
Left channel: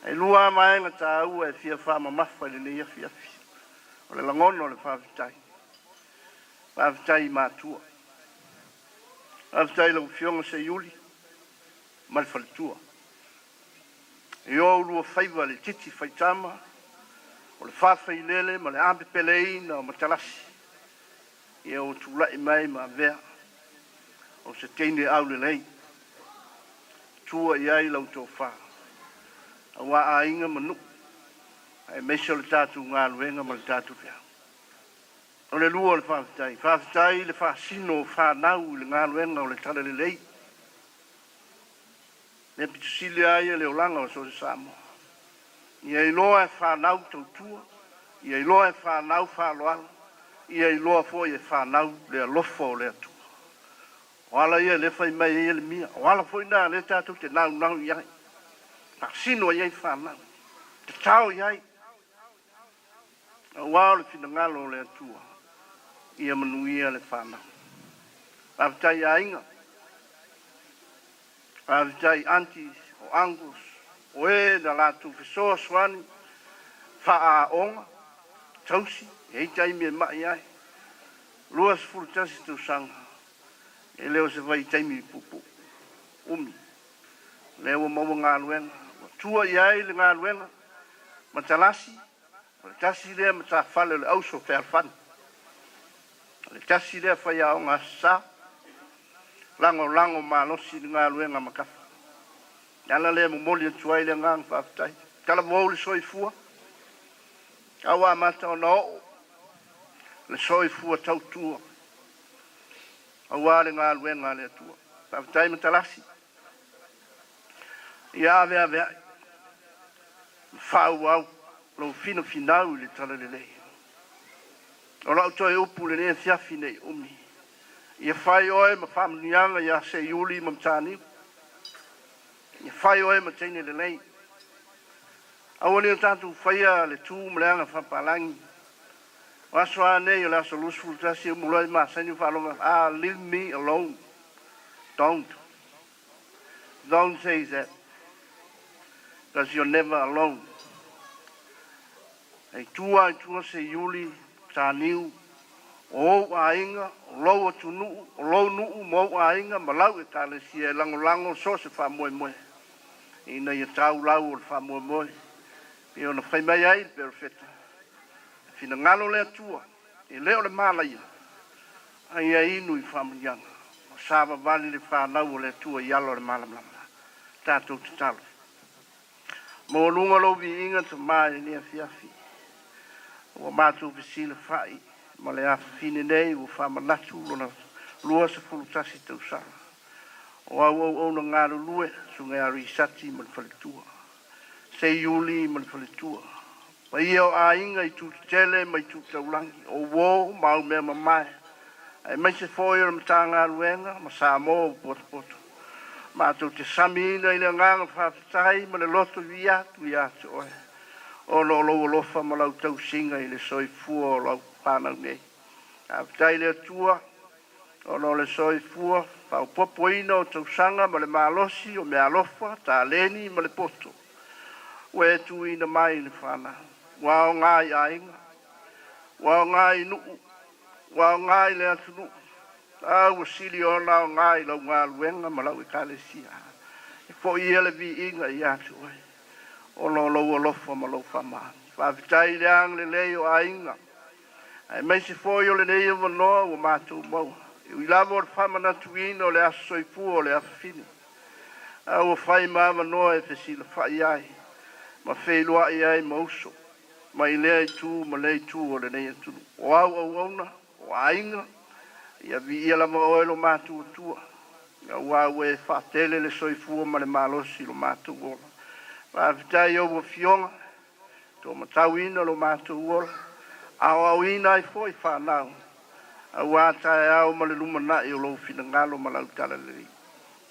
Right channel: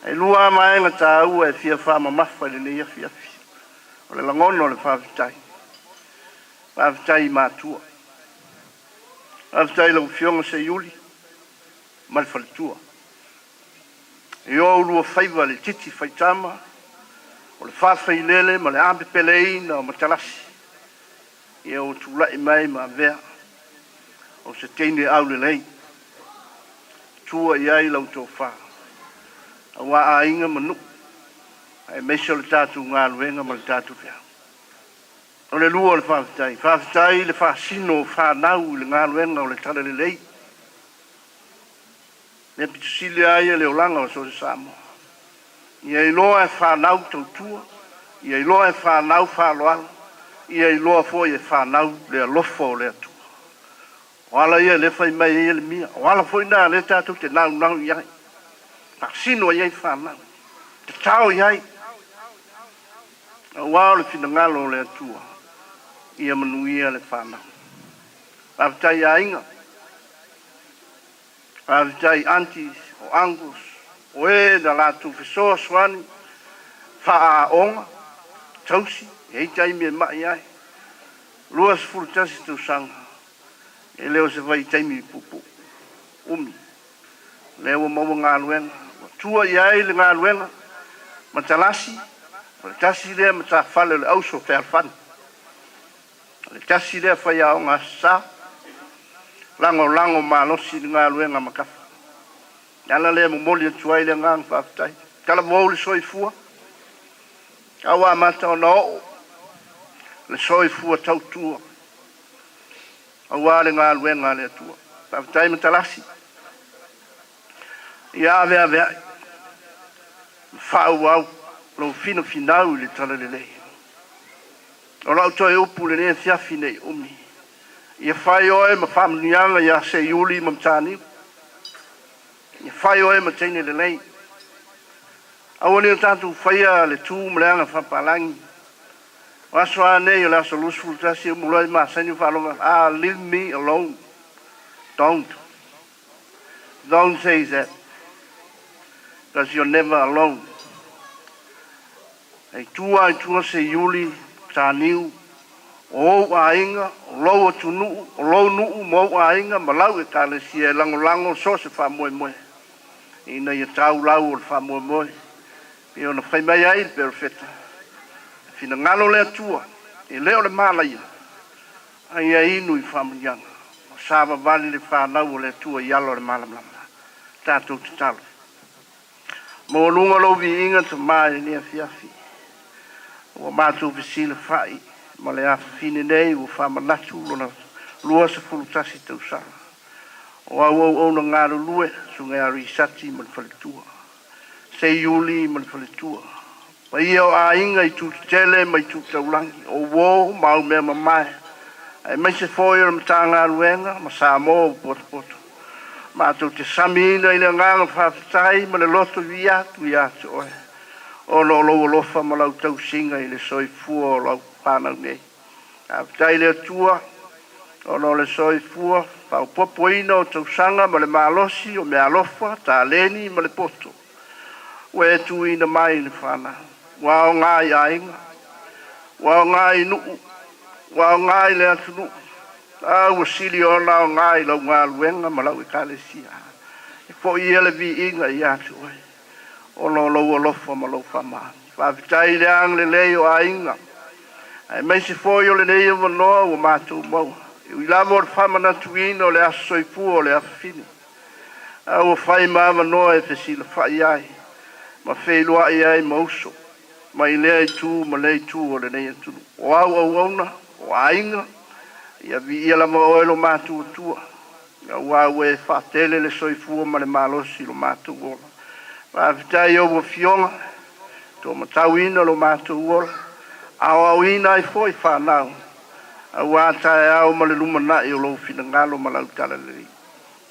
E lua maenga tā ua e fia whāma mawha le nia fiafi. O le langono le whāwitai. Whāwitai mātua. Whāwitai lau fionga se iuli. Malwhaletua. E o lua faiva le titi faitama, o le whawhai lele, ma le ampe peleina o matalasi. E o tūlai mai ma vea, o se teine au le lei. Tua iai lau tō wha. A wā a inga manu. Ai meso le tātu ngā luenga ma le tātu whea. O le lua le whawhitai. Whawhitai le whasino whanau le ngā luenga o le tala le lei. Le pitusili aia le olanga o so le Samoa. Ia iloa e whanau tautua. Ia iloa e whanau whaloala. Ia iloa fo e whanau le alofo le atua. Wala ia le fai mai ia le mia. Wala fo ina le tātu te nau nau iai. Paksino iai whanau. Te tau iai. Wao le fina ngalo le atua. Ia manuia le whanau. Awhitai a inga. Awhitai aunties o angus. O e na lātu whesoa swani. Wha a onga. Tausi. Hei taimi e mai ai. Luas furutasi tu sanga. E leo se vai taimi pupu. Umi. Leo maua ngā luenga. Tua iai le ngā luenga. Matalasi. Le tasi lea mata whale le auso whea whani. Le tasi lea whai ao ngā sa. Lango malosi le ngā luenga makafa. Ala lea mumoli atuai le ngā ngwhaftai. Kala mwau le soi fua. Awa mata o na o. Le soi fua tautua. Awa le ngā luenga le atua. Whaftai matalasi. Ia avea. Whau au. Lo fino finau le tala le lei. O lau toi upu le nea fiafi nei umi. Ia whai oe ma whamnianga ia se iuli ma mtani. Ia whai oe ma teine le lei. Awani o tātou whaia le tū mleanga whapalangi. Waswa nei o la so lusful tasi mulai ma sanyu whalonga. Ah, leave me alone. Don't say that. Because you're never alone. Ei tua se iuli tāniu. O a inga, o lau atu nuu, o lau nuu mo a inga, ma lau e kāle si e lango so se wha moe. Ina ia tau lau o le wha moe. E ona whai mai ai le perfeta. Fina ngalo le atua, e leo le malaia. Ai a inu i wha mrianga. O sāwa vali le wha nau o le atua i alo le malamlama. Tātou te talo. Mo lunga lo vi inga te mai ni a fiafi. O mātou visile whai. Ma le afa fine nei o whamanatu lona lua se fulutasi tau sara. O au na ngāru lue su ngai ari sati ma le whaletua. Se iuli ma le whaletua. Pa ia o a inga i tūtu tele ma i tūtu taulangi. O wō mau mea mamae. Ai mai se fōia ma tā ngāru enga ma sā mō o poto. Mātou te samina i le nganga whawhitai ma le loto i atu oe. O lo lofa ma lau tau singa i le soi fua o lau pānau nei. A tai le atua, o lo le soi fua, pau popoina o tau sanga ma le malosi o me alofa, tā leni ma le poto. Ue tu ina mai le whana. Wao ngai ainga, wao ngai nuu, wao ngai le atu nuu. Au sili o lau ngai lau ngā luenga ma lau i kālesia. E po i ele vi inga i atu oe. O lo lofa ma lo whama. Whawhitai le ang le leo a inga. Ai mai se fōi o le nei o wanoa o mātou maua. I lama o le whamana tuina o le aso soipua o le awhine. Au o whai maa wanoa e whesila whai ai. Ma wheilua i ai mauso. Ma i lea i tū ma lei tū o le nei atunu. O au auna, o a inga. Ia vi ia lama o elo mātou atua. Au au e whatele le soipua ma le malosi lo mātou ola. Whawhitai o wa fionga. Tō matauina lo mātou ola. Au ina i foi whanau. Au ātai au ma le lumanai o lo fina ngalo ma lau tala liri.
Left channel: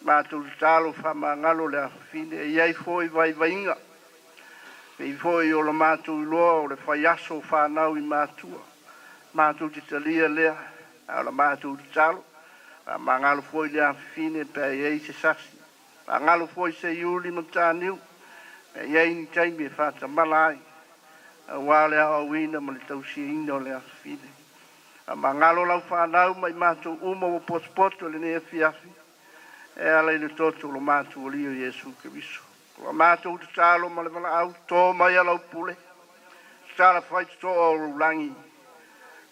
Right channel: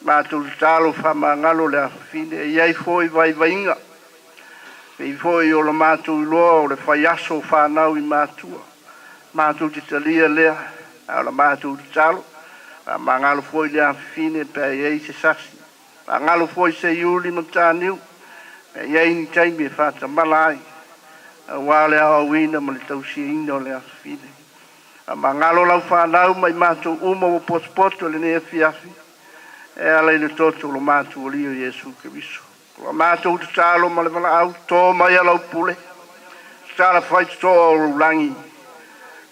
Mātou talo whama ngalo le awhine. E iai foi vai vainga. E foi o lo mātou iloa o le whaiaso whanau i mātua. Mātou te talia lea. Au la mātou te talo. Ma ngalo foi le awhine pe iei se sasi. Ma ngalo foi se iuli ma tāniu. Iei ni taimi e whata malai. Wale au wina ma le tausi ina o le awhine. Ma ngalo lau whanau mai mātou uma o poto le nea fiafi. E ala i le toto lo mātou o lio Jesu Keriso. Wa mātou te tālo ma le wala au tō mai alau pule. Tāla whai tō au rangi.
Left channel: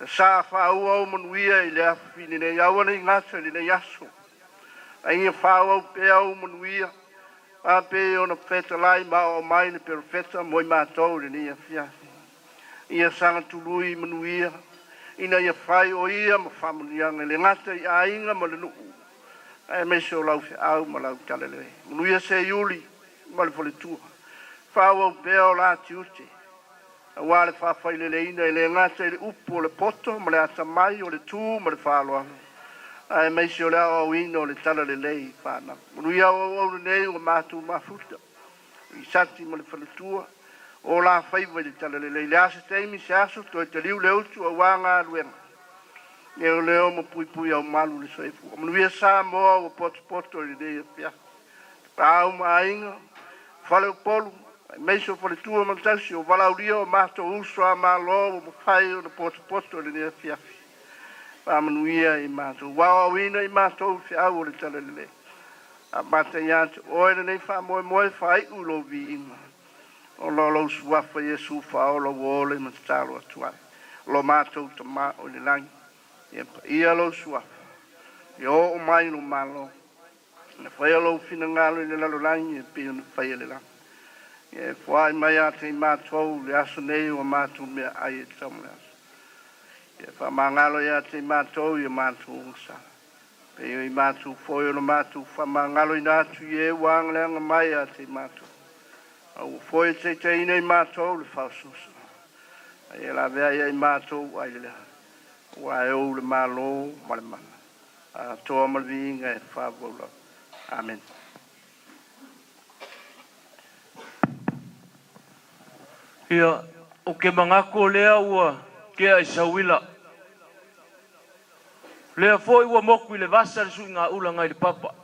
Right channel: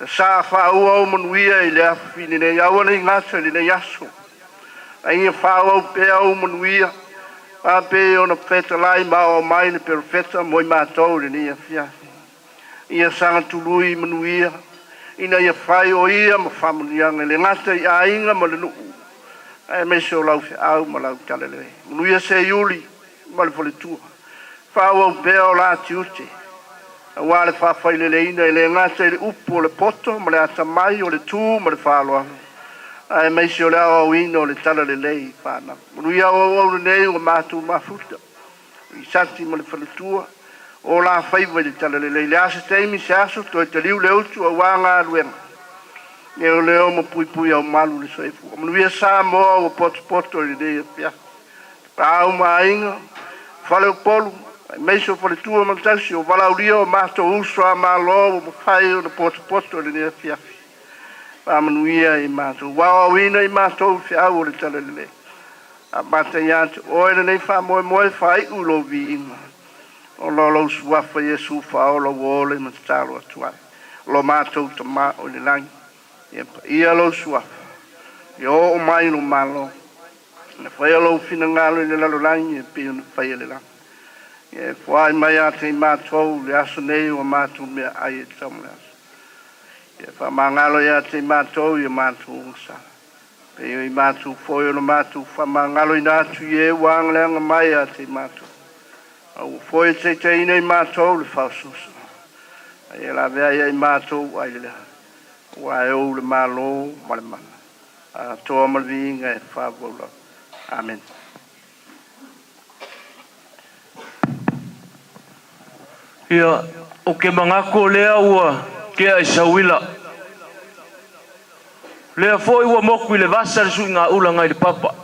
Sa whau au manuia I lea whini nei au nei ngata ni nei aso. Ai whau au pe au manuia. A pe ona feta lai ma o mai le perfeta moi mātou ni nei afia. Ia sanga tului manuia. Ina ia whai o ia ma whamunianga le ngata I a inga ma le nuu. Ai me se o lau se au ma lau talele. Manuia se iuli. Male fole tua. Whau au pea o la tiute. A wale whawhai le leina le ngata le upu o le poto, ma le ata mai o le tū, ma le whaloa. Ai meisi o le au ina o le tala le lei whana. Manu ia au le nei o mātu mafuta. I santi ma le fole tua. O la whaiva le tala le lei. Le asa teimi se aso, toi te liu le utu a wanga aluenga. E o leo mo pui pui au malu le soefu. Manu ia sa moa o poto le lei a pia. Au mainga. Fale o polu, meiso fale tua mantasi o valauria o mato uso a malo o fai o poto le nea fiafi. Manuia I mato, wawawina I mato fiau o le talele. A mata iante, oe nei fa moe fai ulo vi inga. O lolo suafa Yesu fa o lo wole matalo atuai. Lo mato tama o le langi. Ia lo suafa. Yo o mai no malo. Na whai alo whina ngalo I le lalo langi e pia na whai ale lang. E whai mai a te mātou le aso nei o mātou mea ai e tamu le aso. E wha mā ngalo I a te mātou I a mātou unsa. Pe I mātou whoi o na mātou wha mā ngalo I nātu I e wang leanga mai a te mātou. Au whoi te te ina I mātou le whaususa. E la vea I mātou ai le leha. Wa e o le mālo ma le mana. A toa malvinga e whāwaula. Amen. Ia, o ke mangako lea ua ke ai sauila. Lea foi ua moku I le vasa le sui ngā ula ngai le papa.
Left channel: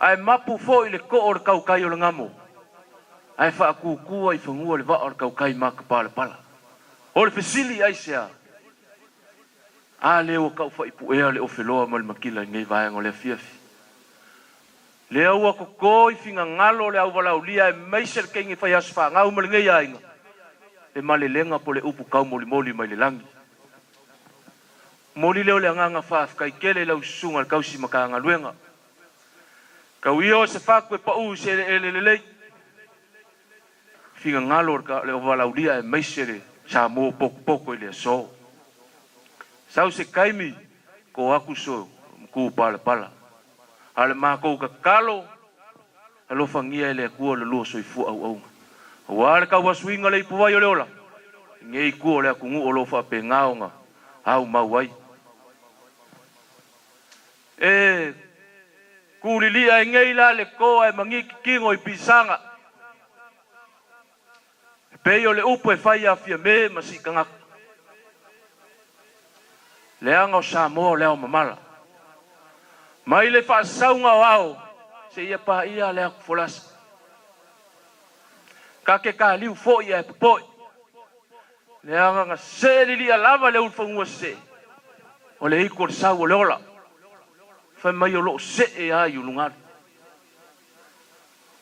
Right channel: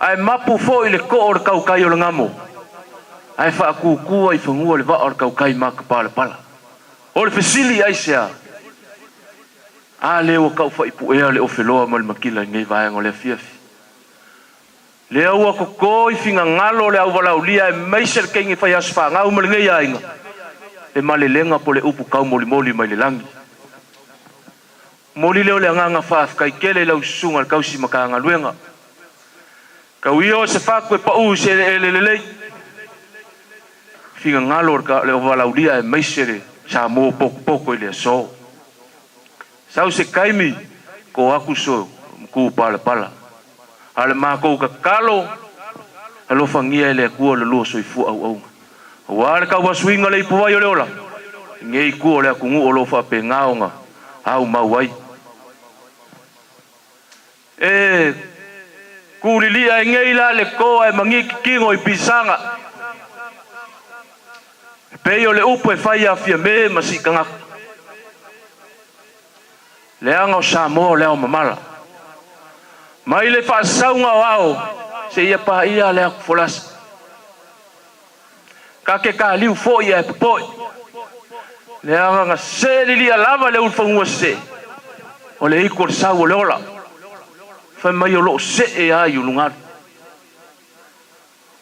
Ai mapu foi le ko o le kaukai o le ngamo. Ai wha kukua I whangua le va o le kaukai maka pala pala. O le fesili ai sea. A leo kau fa ipu ea le ofeloa ma le makila ngai vaenga o le fiafi. Lea ua koko I finga ngalo le au walau lia e meise le kengi fai asfa ngau ma le ngai ainga. E ma le lenga po le upu kau moli moli mai le langi. Moli leo le anganga faaf kai kele lau sunga le kausi maka anga luenga. Kau iyo se faku e pa u se le. Finga ngalo le au walau lia e meise le sa mo poko I le so. Sau se kaimi ko aku so ku pala pala. Ale mako ka kalo alo fangia le ku le lo so I fu au au. Wa ka wa swinga le pu wa yo le ola. Ngei ku le ku ngu lo fa pe ngaonga. Au mawai. E ku li ai ngei la le ko ai mangi kingo I pisanga. Pe yo le upo e fai a fia me masikanga. Leanga o Samoa leo mamala. Mai le whaasaunga o ao, se ia pa ia lea kufolasa. Ka ke ka liu fo ia e popoi. Leanga nga se li lia lava le ulfangua se. O le iko le sau o le ola. Whai mai o loo se e ai ulungari.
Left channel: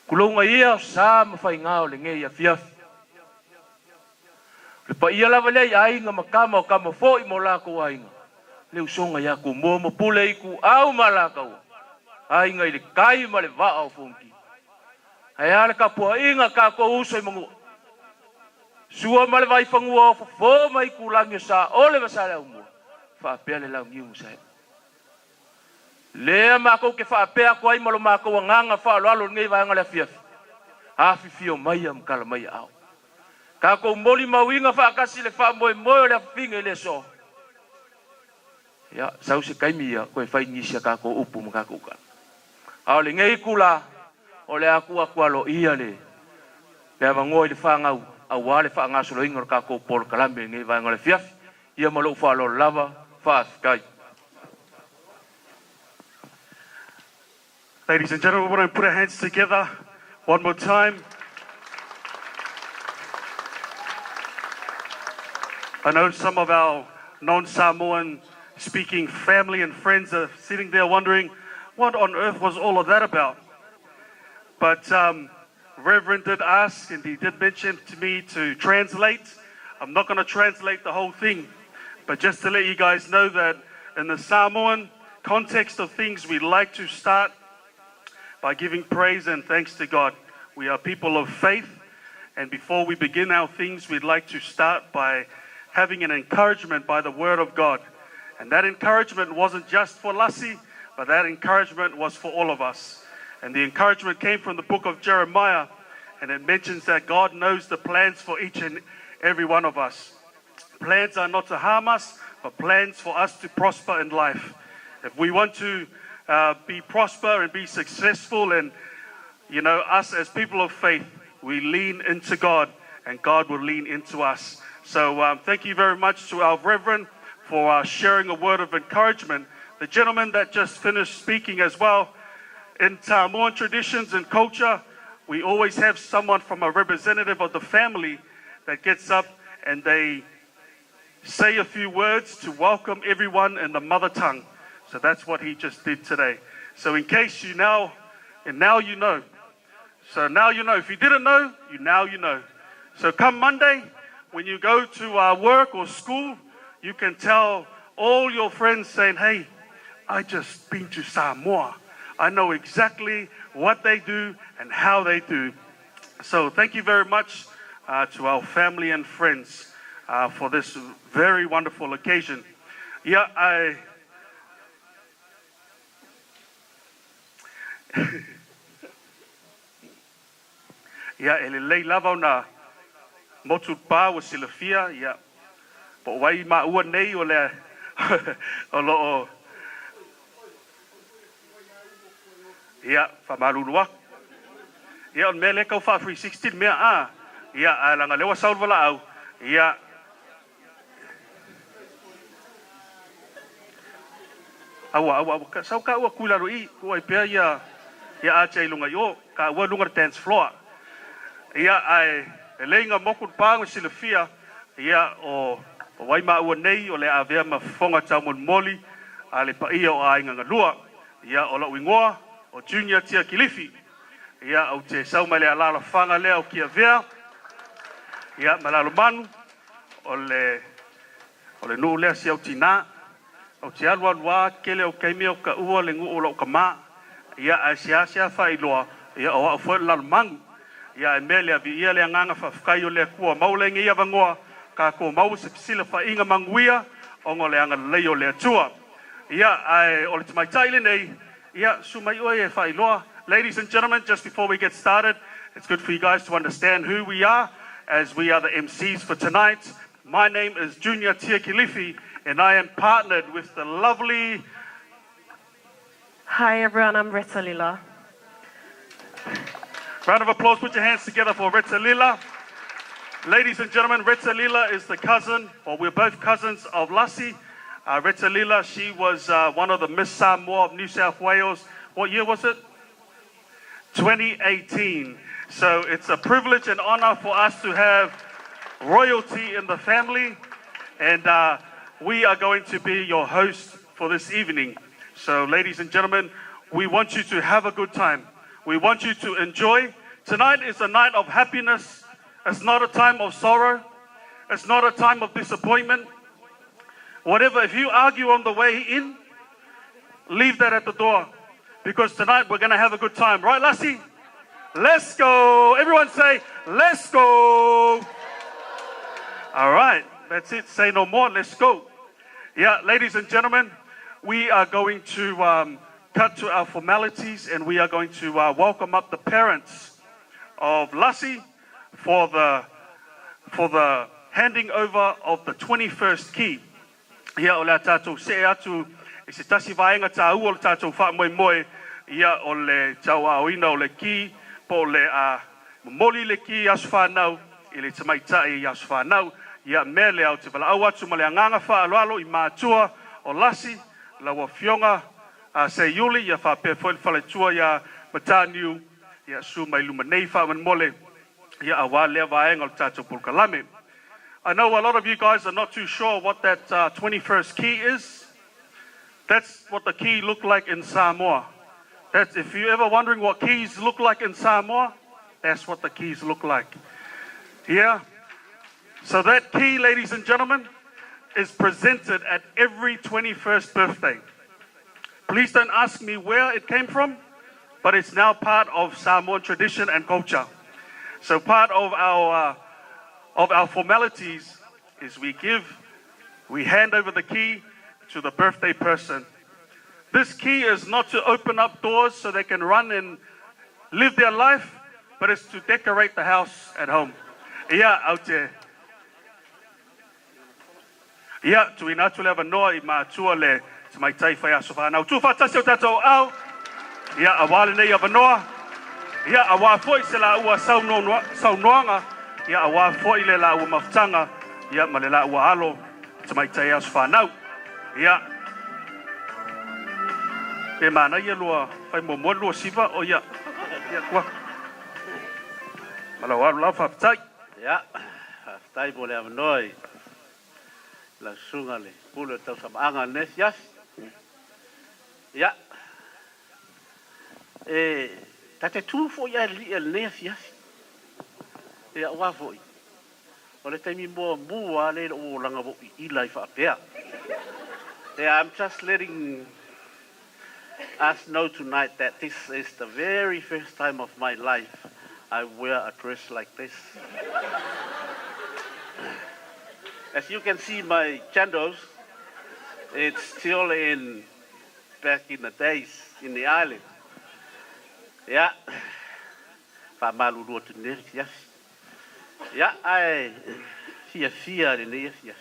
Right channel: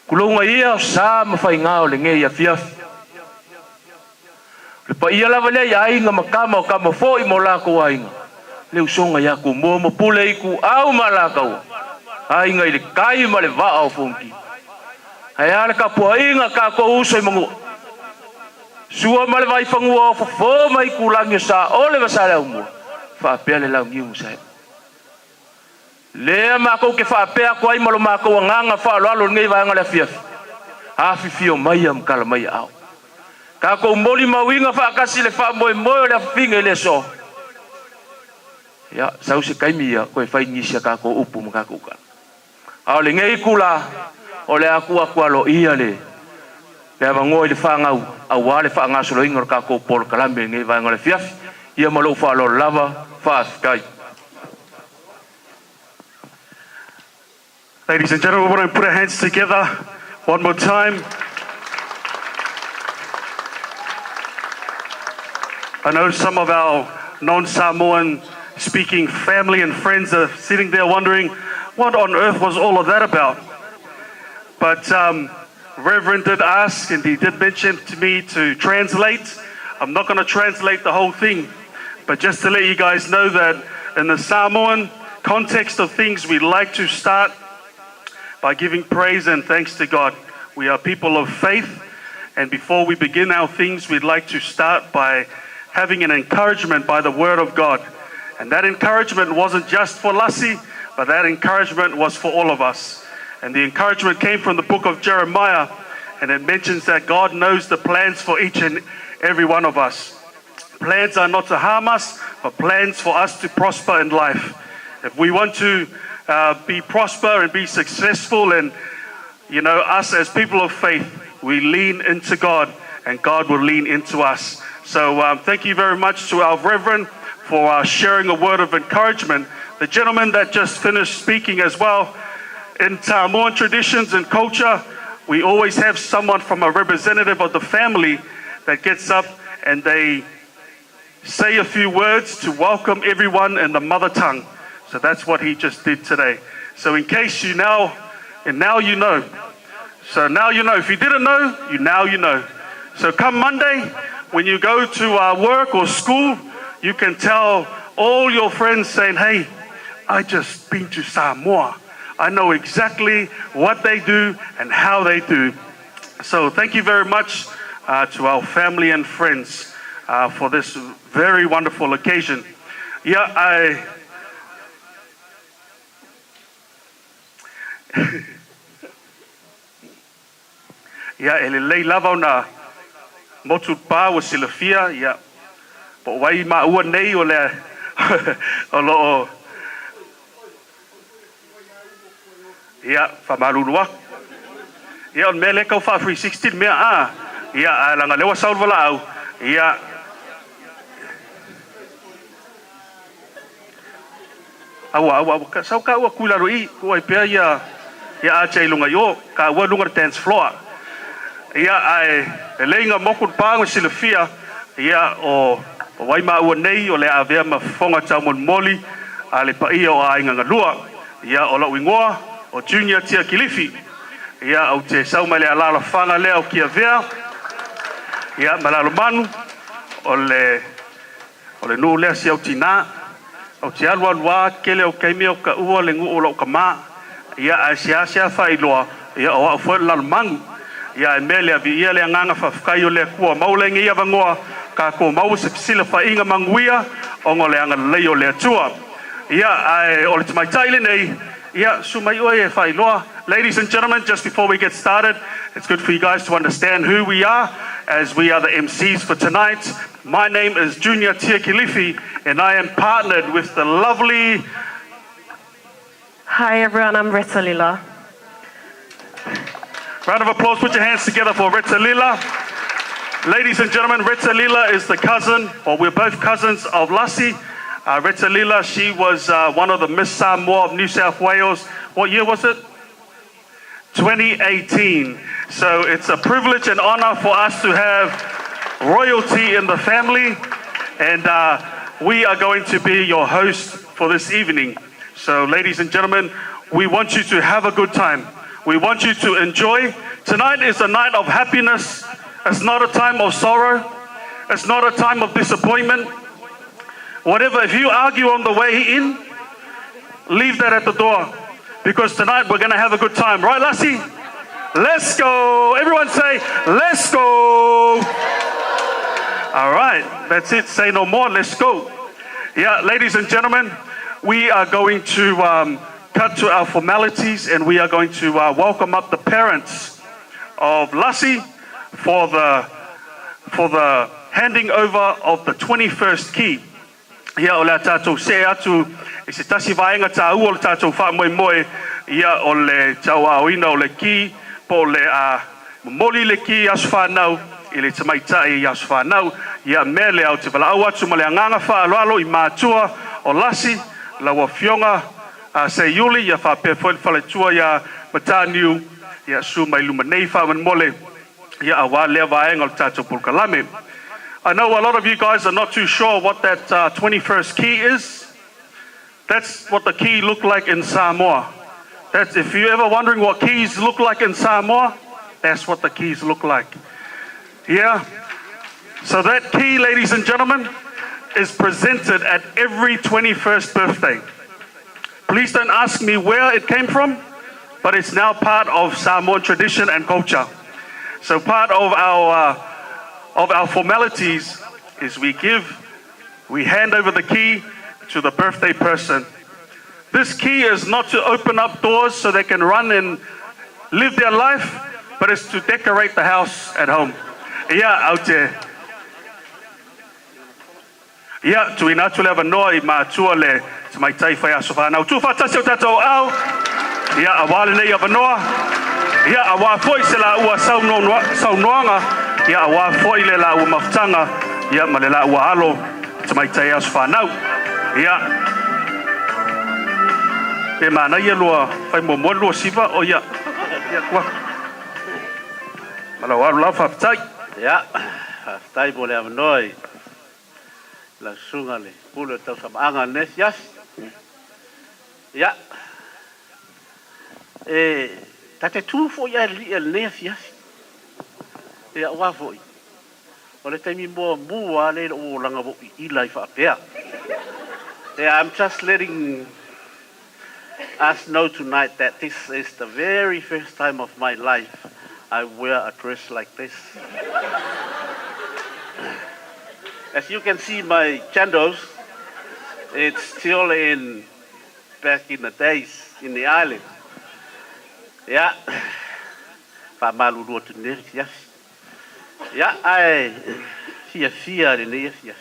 Kulunga ia o sa ma whai ngā o le nge ia fiafi. Le pa ia lava lea ia inga makama o kama fo I mo lako a inga. Le usonga ya ku mo pule iku au malakau. Ai ngai le kai ma le va au funki. Ai ala ka po inga ka ko uso I mangu. Sua ma le vai fangu o fo mai ku langi sa ole vasale au mo. Fa pele la ngiu sa. Le ma ko ke fa pe ko ai malo ma ko nganga fa lo alo ngai va ngala fiaf. A fi fio mai am kala mai au. Ka ko moli ma winga fa kasi le fa mo mo le finga le so. Ya, sau se kaimi ya ko fai ngisia ka ko upu maka ko ka. A le ngei kula o le aku alo ia le. Le mango le fanga au wale fanga so lo ingor ka ko por kalambe ngei va ngole fiaf. Ia malo fa lo lava fa kai. Ladies and gentlemen, we want to put our hands together one more time. I know some of our non-Samoan speaking family and friends are sitting there wondering what on earth was all of that about. But Reverend did ask, and he did mention to me to translate. I'm not going to translate the whole thing, but just to let you guys know that in the Samoan context of things, we like to start by giving praise and thanks to God. We are people of faith, and before we begin our things, we'd like to start by having an encouragement by the Word of God. And that encouragement wasn't just for Lassie, but that encouragement was for all of us. And the encouragement came from the book of Jeremiah, and it mentions that God knows the plans for each and every one of us. Plans are not to harm us, but plans for us to prosper in life. If we want to be prosper and be successful, and us as people of faith, we lean into God, and God will lean into us. So thank you very much to our Reverend for sharing a word of encouragement. The gentleman that just finished speaking as well. In Samoan traditions and culture, we always have someone from a representative of the family that gets up and they say a few words to welcome everyone in the mother tongue. So that's what he just did today. So in case you now you know. So now you know. If you didn't know, now you know. So come Monday, when you go to work or school, you can tell all your friends saying, hey, I just been to Samoa. I know exactly what they do and how they do. So thank you very much to our family and friends for this very wonderful occasion. Yeah, ele lei lava na motu pa o silafia, yeah. Po wai ma ua nei o le o lo ya famalunua. Ya on mele kau fa 316 mea ya langa lewa saul wala au. Ya awa ka sau ka ua kula roi ko ai pe ya a chai lunga yo ka ua lunga dance floor. Ya ai lenga mokun pa o silafia ya o wai ma ua nei o le avea ma fonga tamon moli ale pa ia o ai nga lua ya o la wingoa o Junior Tia Kilifi. Ya au te sau mai le alala whanga lea o kia vea. Ya malalo manu o le nuu lea si au tina. Au te alua lua kele o keime o ka ua le ngu o lau ka maa. Ya a sia whailoa. Ya o au fwere lalo mangu. Ya e mele a vi ia le nganga whawhkai o le kua maulengi ia vangoa. Ka ko mau se pisila whainga manguia o ngo le anga leo le atua. Ya ai o le tamaitai le nei. Yeah, ladies and gentlemen, just before we get started, it's good for you guys to understand who we are, as we are the MCs for tonight. My name is Junior Tia Kilifi, and I am partnered with the lovely... Hi everyone, I'm Rita Lila. Round of applause, put your hands together for Rita Lila. Ladies and gentlemen, Rita Lila is the cousin, or we're both cousins of Lassie. Rita Lila, she was one of the Miss Samoa of New South Wales. What year was it? 2018. So it's a privilege and honor for us to have royalty in the family. And we are going to be your host for this evening. So ladies and gentlemen, we want you to have a good time. We want you to enjoy. Tonight is a night of happiness. It's not a time of sorrow. It's not a time of disappointment. Whatever, if you argue on the way in, leave that at the door. Because tonight we're going to have a good time. Right, Lassie? Let's go. Everyone say, let's go. All right, that's it. Say no more. Let's go. Yeah, ladies and gentlemen, we are going to cut to our formalities, and we are going to welcome up the parents of Lassie for the handing over of the 21st key. Ia o le tātou se atu e se tasi vaenga tā ua o le tātou wha moe ia o le tau aoina o le ki po le moli le ki asu whanau i le tamaitai asu whanau ia me le au te wala au atu ma le anganga wha aloalo I mātua o Lassie la wa fionga se yuli ia wha pēwhoi whale tua ia mataniu ia su mai luma nei wha man mole ia awa lea vaenga o le tātou pulkalame. I know a lot of you guys are not too sure what that 21st key is. That's what the key looked like in Samoa. That's if you're ever wondering what keys look like in Samoa, that's what the keys look like. Yeah. So that key, ladies and gentlemen, is presented at every 21st birthday. Please don't ask me where it came from, but it's now part of Samoan tradition and culture. So part of our formalities is we hand over the key to the birthday person. This key is not to open up doors so they can run and live their life, but it's to decorate the house at home. Ia out there. Ia tuina tule vanoa I mātua le mai tai whai aso whanau. Tu whatasi o tātou au. Ia awale nei a vanoa. Ia awa foi se la ua saunoanga. Ia awa foi le la ua mafutanga. Ia ma le la ua alo. Mai tai aso whanau. Ia. E mana ia lua whai momo lua siva o ia. Ia kua. Malau alu lau whaftai. Ja, stai bo le avnoi. La sunga le pulo tau samanga nes yas. Ja. Tate tu fo ya li el nes yas. Ja wa fo. O le taimi mo mua le o langa bo I lai fa pea. Yeah, I'm just letting us know tonight that this is the very first time of my life I wear a dress like this. As you can see my candles, it's still back in the days in the island. Yeah. Famalu to yes. Yeah, I fear in the yes.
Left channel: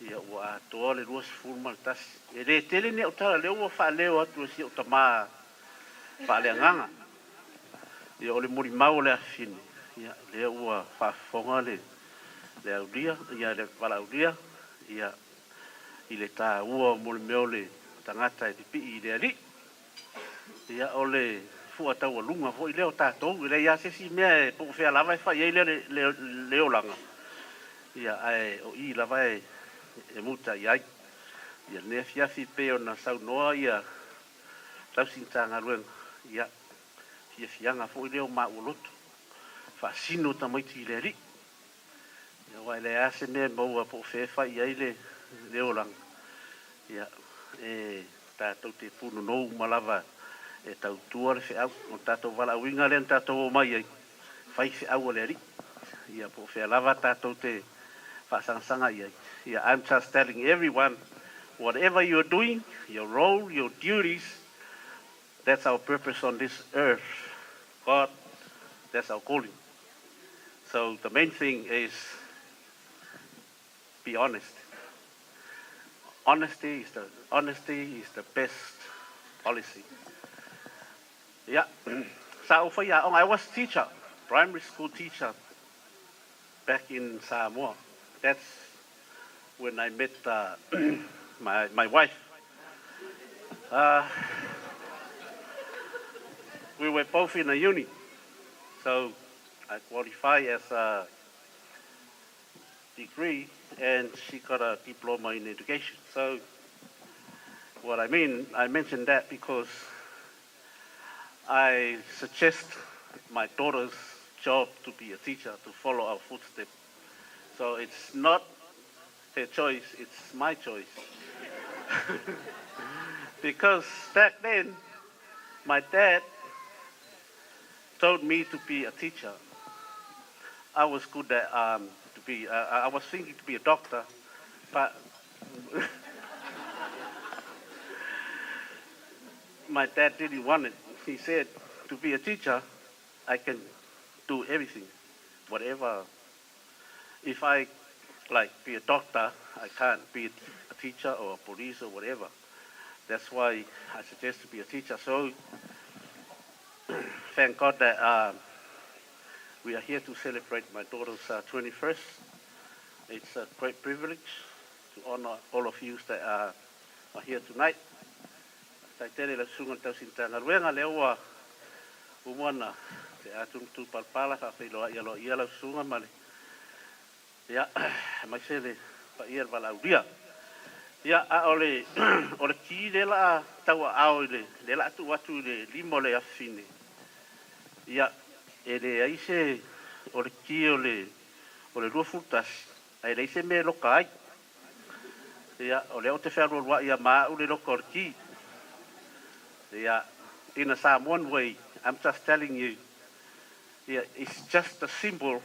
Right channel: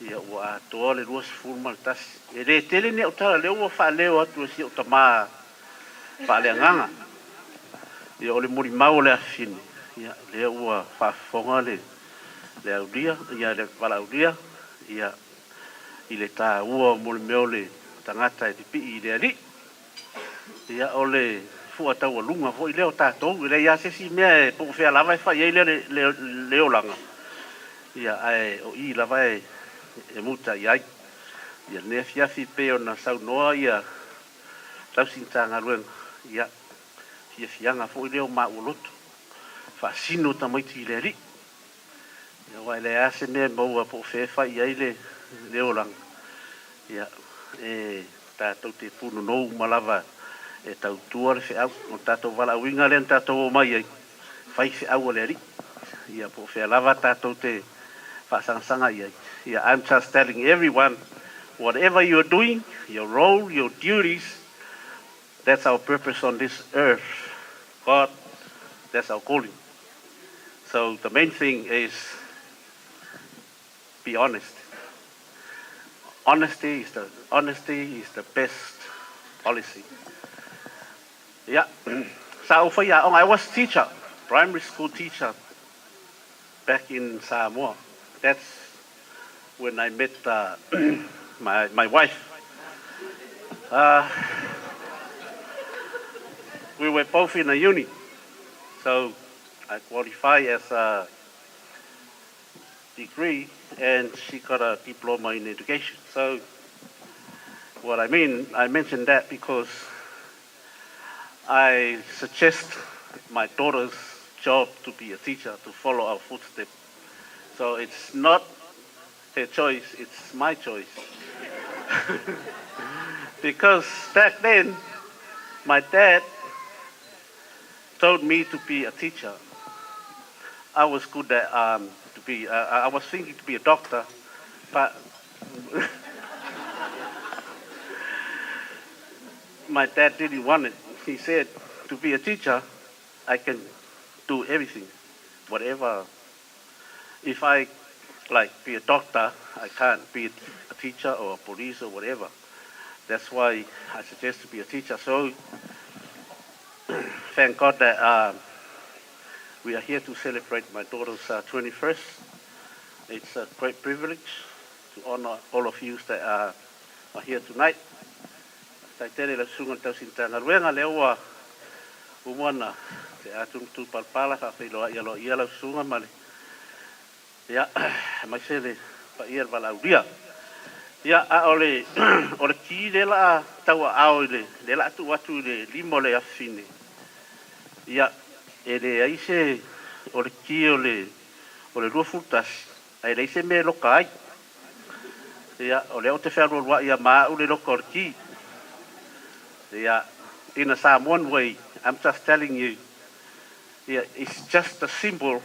Yeah, what all it was full maltas. Ele tele ne utara leo fa leo atu si utama fa leanga. Ia ole muri mau le afini. Ia le ua whafonga le audia, ia le walaudia, ia I le tā ua mole meo le tangata e tipi I le ali. Ia ole fua tau alunga fo I leo tātou, I le ia sesi mea e poko whea lava e whai ei leo langa. Ia ai o I lava e muta I ai. Ia nea fiafi peo na sau noa ia tau sintanga ruenga. Ia fianga fo I leo mauloto. Fasino tamaiti I le ali. Ia wai le ase mea maua po whewha I ai leo lang. Ia tātou te puno nou malava e tau tua le whiau. O tātou wala winga le tātou o mai ai. Whai whiau le ali. Ia po whea lava tātou te whasangsanga I ai. Ia I'm just telling everyone, whatever you're doing, your role, your duties, that's our purpose on this earth. God, that's our calling. So the main thing is be honest. Honesty is the best policy. Yeah. So I was teacher, primary school teacher back in Samoa. That's when I met my wife. We were both in a uni. So I qualified as a degree and she got a diploma in education. So what I mentioned that because I suggest my daughter's job to be a teacher, to follow our footsteps. So it's not her choice, it's my choice. Because back then, my dad told me to be a teacher. I was good at I was thinking to be a doctor, but my dad didn't want it. He said, to be a teacher, I can do everything, whatever. If I be a doctor, I can't be a teacher or a police or whatever. That's why I suggest to be a teacher. So thank God that we are here to celebrate my daughter's 21st. It's a great privilege to honor all of you that are here tonight. Taitere la sunga tau sintanga ruenga lewa umana te atum tu palpala fa filo ia la sunga male. Ya mai sele pa ia valaudia. Ia a ole ole ki le la tau ao le la tu watu le limo le afine. Ia e le aise ole ki ole rua futas. Ai le ise me loka ai. Ia ole o te whero rua ia maa ule loka ole ki. Ia in a Samoan way, I'm just telling you. Yeah, it's just a symbol.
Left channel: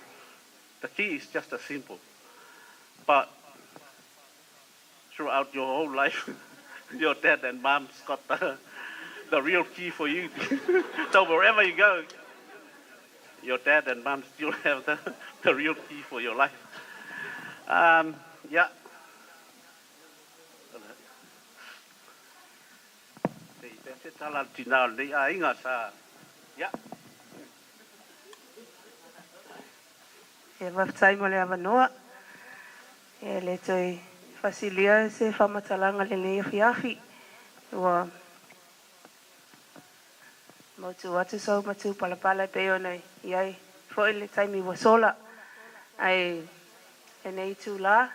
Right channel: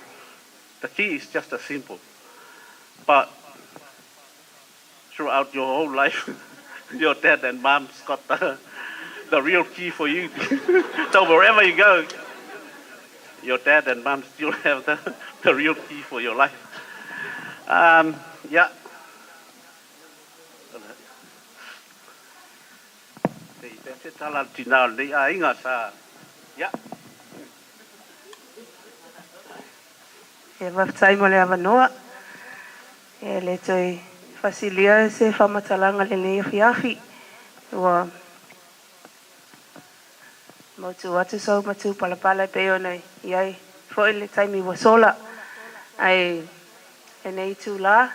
The key is just a symbol. But throughout your whole life, your dad and mom's got the real key for you. So wherever you go, your dad and mom still have the real key for your life. Yeah. Yeah. E waftai mo le avanoa. E le toi fasilia se whamatalanga le nei awhiawhi. Ua mautu atu sau matu palapala peo nei. Iai, fo le taimi wa sola. Ai, e nei tu la.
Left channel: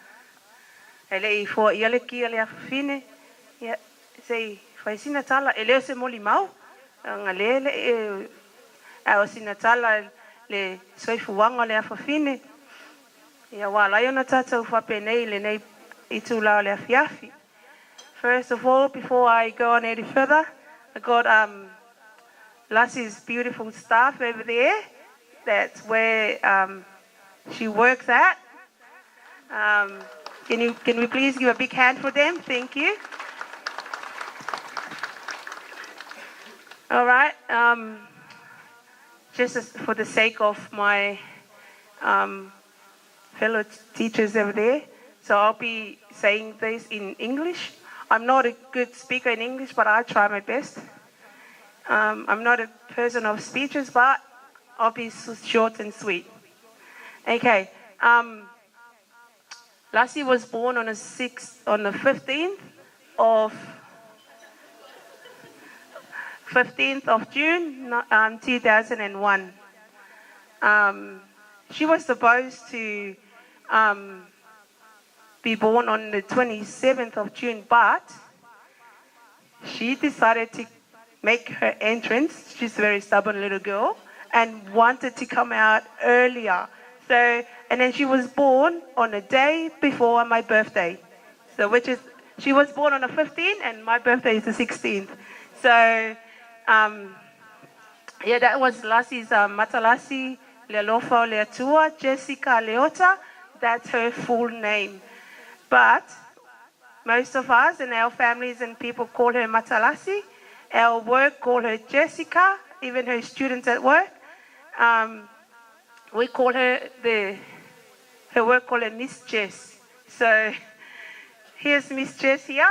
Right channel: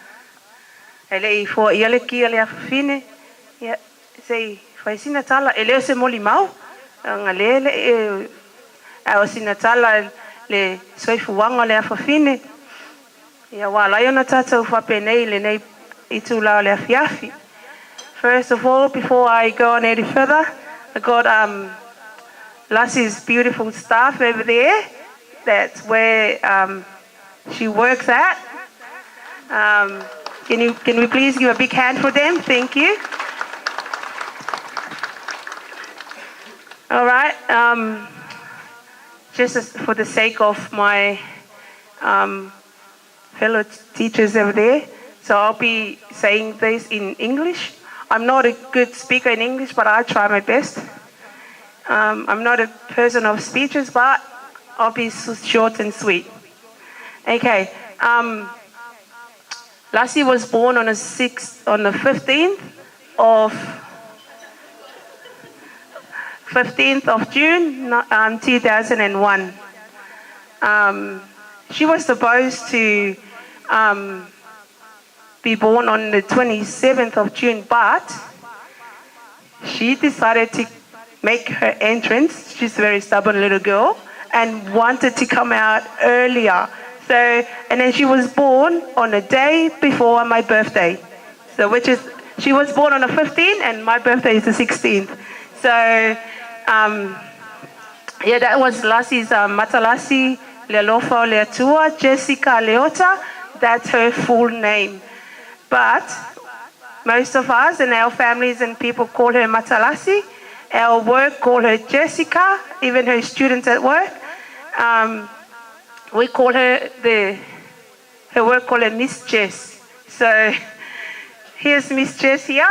E le I fo ia le kia le awhine. Ia, sei, whaisina tala. E leo se moli mau. Nga le e... Ao sina tala le soifuanga le awhawhine. Ia wala iona tātou whapenei le nei I tūlao le awhiawhi. First of all, before I go on any further, I got Lassie's beautiful staff over there. That's where she works at. Can we please give a big hand for them? Thank you. All right. Just for the sake of my fellow teachers over there, so I'll be saying this in English. I'm not a good speaker in English, but I try my best. I'm not a person of speeches, but I'll be short and sweet. Okay. Lassie was born on the 15th of June, 2001. She was supposed to be born on the 27th of June, but she decided to make her entrance. She's a very stubborn little girl and wanted to come out earlier. So, and then she was born on a day before my birthday. So, which is, she was born on the 15th and my birthday is the 16th. So, yeah, that was Lassie's Matalasi Lealofo Leatua Jessica Leota. That's her full name. But most of us and our families and people call her Matalasi. Our work call her Jessica, even her students at work. We call her, her work call her Miss Jess. So here's Miss Jess here,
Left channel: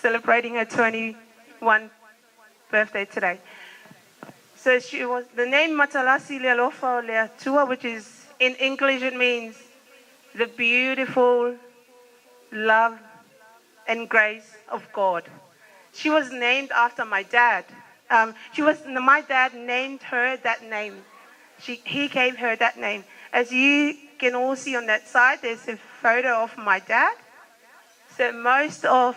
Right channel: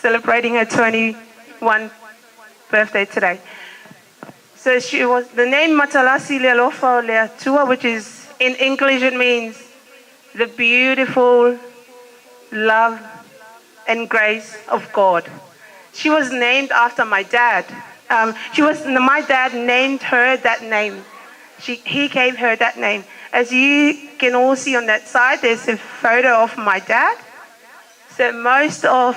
celebrating her 21st birthday today. So she was, the name Matalasi Lealofo Leatua, which is, in English it means the beautiful love and grace of God. She was named after my dad. My dad named her that name. He gave her that name. As you can all see on that side, there's a photo of my dad. So most of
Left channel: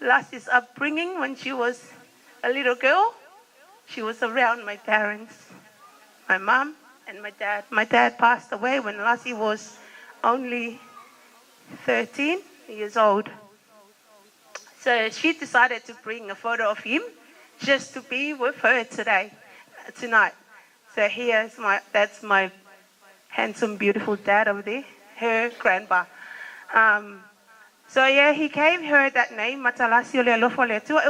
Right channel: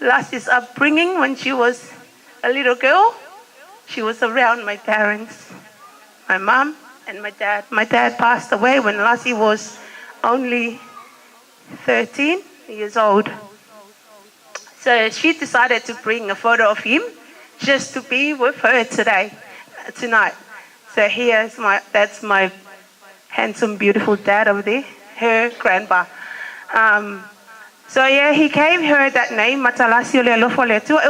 Lassie's upbringing, when she was a little girl, she was around my parents, my mom and my dad. My dad passed away when Lassie was only 13 years old. So she decided to bring a photo of him just to be with her tonight. So that's my handsome, beautiful dad over there, her grandpa. So yeah, he gave her that name, Matalasi Lealofo Leatua.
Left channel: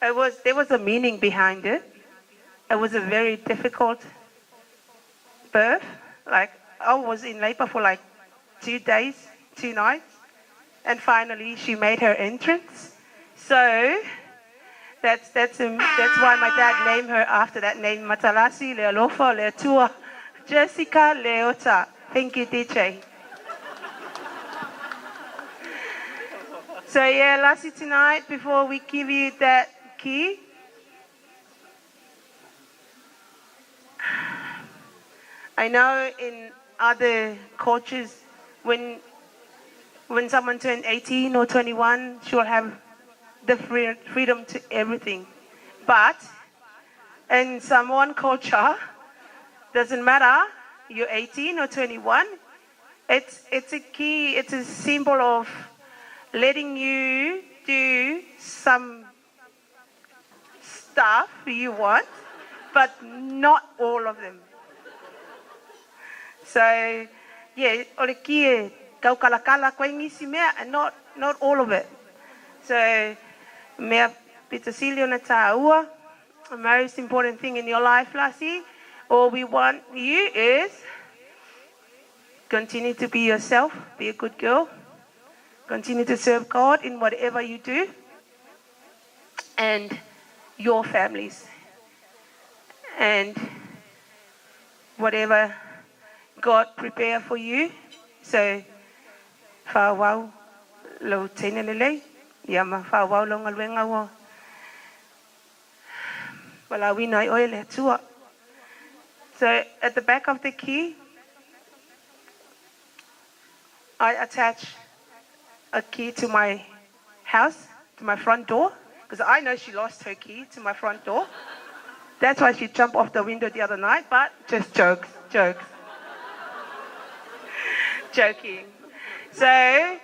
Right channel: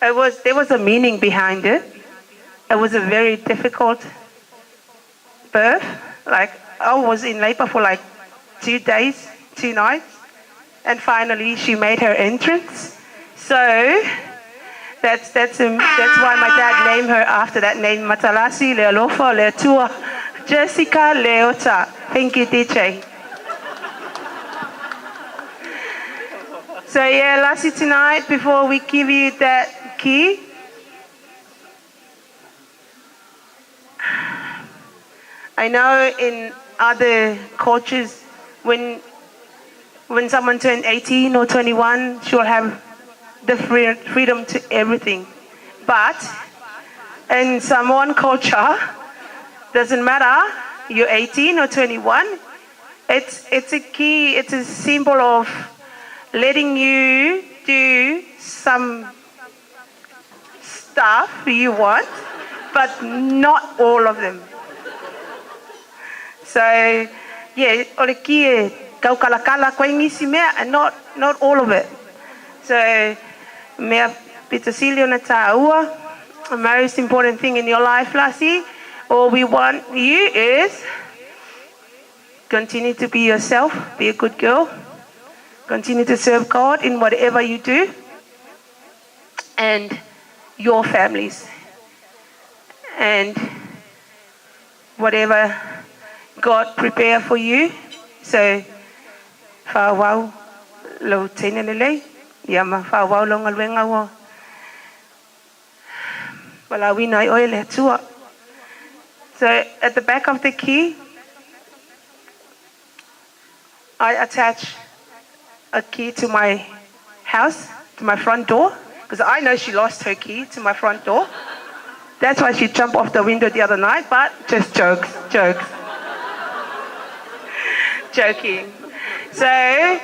There was a meaning behind it. It was a very difficult birth. Like, I was in labor for like 2 days, 2 nights. And finally, she made her entrance. So that's why my dad named her after that name, Matalasi Lealofo Leatua Jessica Leota. Thank you, DJ. So yeah, Lassie, tonight, before we give you that key, I know other cultures, when someone turns 18 or 21, she'll have the freedom to everything. But in Samoan culture, doesn't matter, you're 18 or 21, it's a key, it's a symbol of letting you do some stuff you want, but not all of them. So, yeah, ole ki kau kalakala koe ngisi mea, and not all of it. So, mea pitasilio na tāua, the most important thing in your life, Lassie, all we want you is continue to be yourself, be a good girl, continue to serve God in whatever you do, and your families, and whatever God prepare for you. So, whawau lo tēnei lelei, ia ma whawau lo ngalwenga wo. Wala wina I oe le atua. So, at the back of the key, I attach a key to my house, to my front door, because I know she lost her key to my front door. That's why she jumped off the window the other night, but just jokes. Joking. So,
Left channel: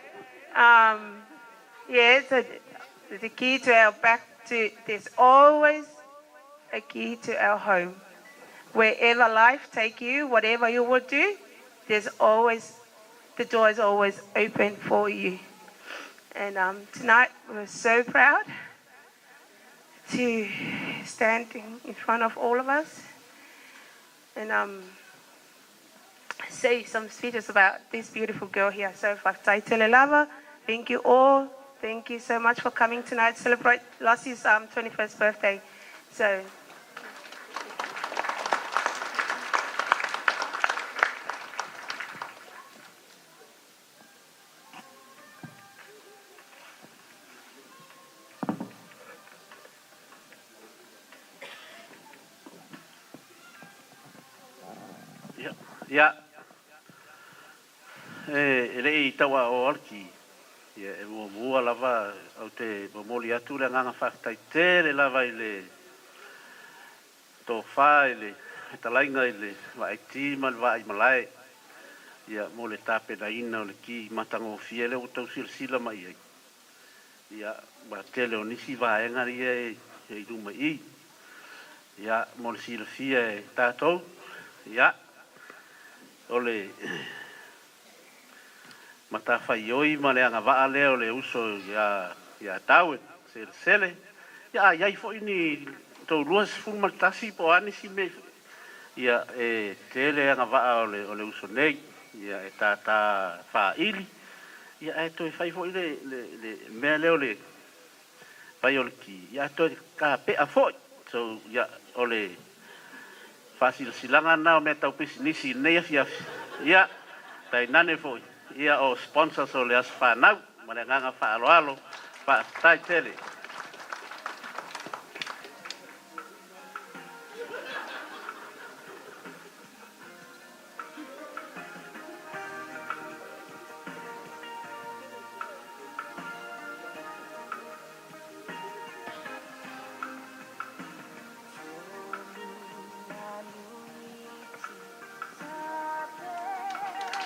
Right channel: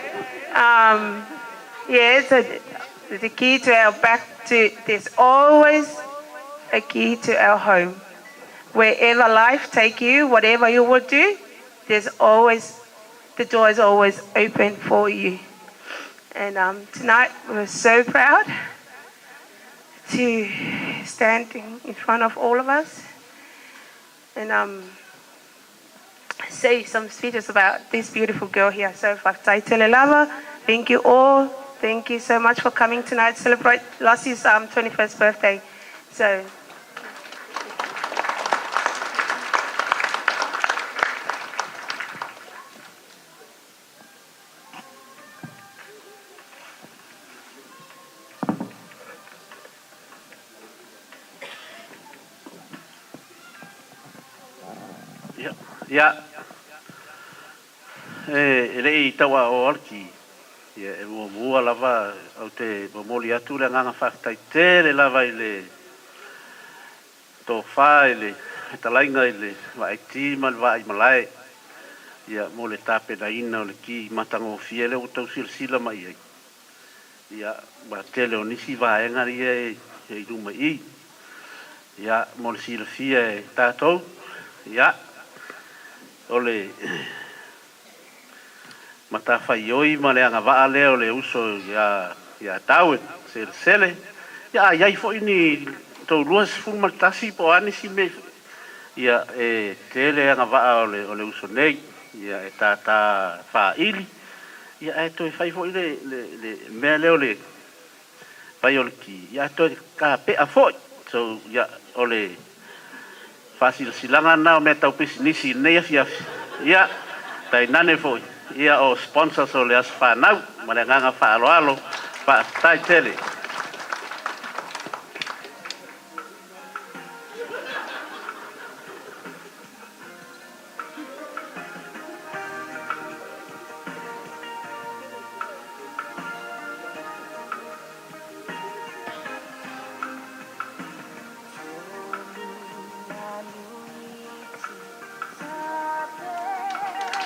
so the key to our there's always a key to our home. Wherever life take you, whatever you will do, the door is always open for you. And tonight we're so proud to stand in front of all of us and say some speeches about this beautiful girl here. So, Whakataitele Lava, thank you all. Thank you so much for coming tonight to celebrate Lassie's 21st birthday. So, Ya, ele tawa o arki, ya mua lava au te momoli atu le nganga whakataitele lava ile tō wha ile talainga ile wa iti mal wa I malai, ya mo le tape na ina o le ki matango fiele o tau sila mai ai, ya ba tele o nisi wa engari e ruma I, ya mo le sila fia tātou, ya ole mata faioi ma le anga vaa leo le uso ya taue sele ya fo ini to luas fuma tasi po ani si me ya tele anga vaa ole uso nei ya ta fa ili ya to fai fo le me leo le fai ole ki ya to ka pe a fo so ya ole fasil silanga na me tau pisinisi nei ya tai nane foi ia o sponsors o le as whanau ma le nganga whaaloalo tai tele.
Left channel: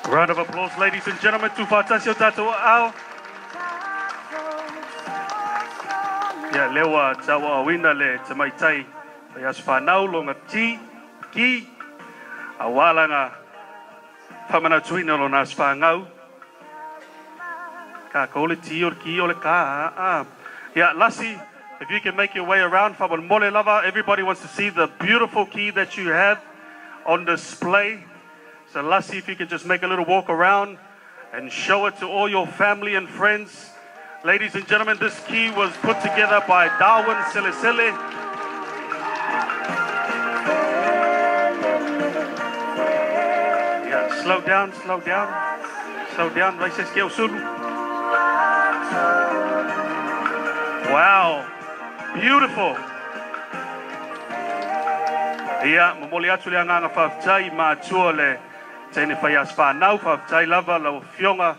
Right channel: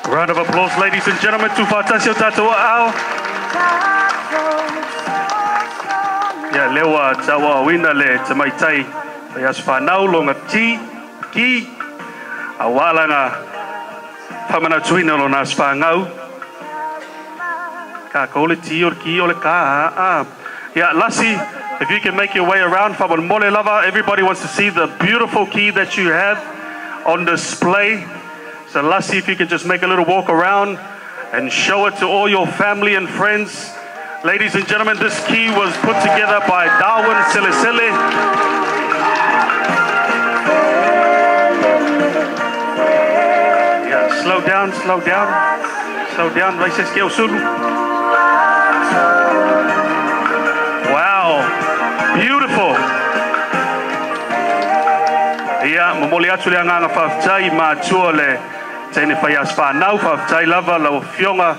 Round of applause, ladies and gentlemen, to Fatasio Tatawa Ao. Ya lewa tawa wina le tamaitai yas whanau longa ki awalanga pamana tuina lo nas whangau ka kole ti or ki ole ka yeah, Lassie, if you can make your way around from Mole Lava, everybody wants to see the beautiful key that you have on display. So Lassie, if you can just make a little walk around and show it to all your family and friends. Ladies and gentlemen, this key was put together by Darwin Selesele. Yeah, slow down. Wow, beautiful. Yeah, momoli atu le anga whaftai ma tua le tene whai as whanau, whawhtai lava lau fionga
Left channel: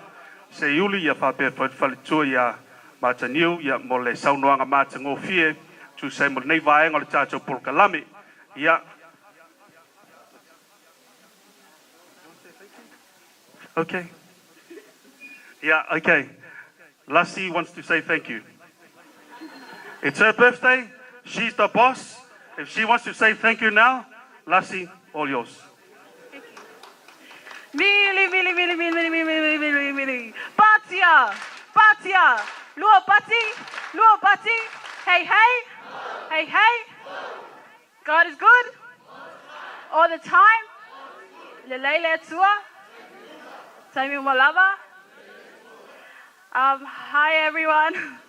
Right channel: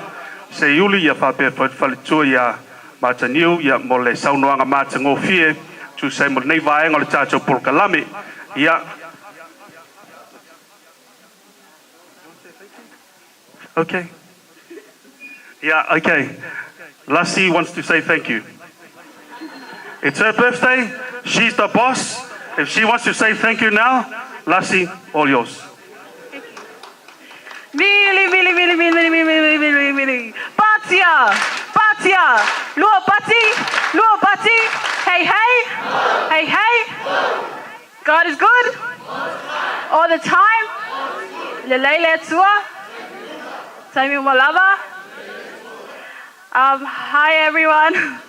se iuli ia whape whalitua ia Mataniu, ia mo le saunoanga Matangofie, tu se mo nei vaenga le tātou Pulkalame, ia. Okay. Yeah, okay. Lassie wants to say thank you. It's her birthday. She's the boss. If she wants to say thank you now, Lassie, all yours. Mili, mili, mili, mili, mili, mili, mili, mili. Patia, Patia, Luo Pati, hey, hey, hey, hey. God is good all the time. Lelele tua, Tami Malava. Hi everyone.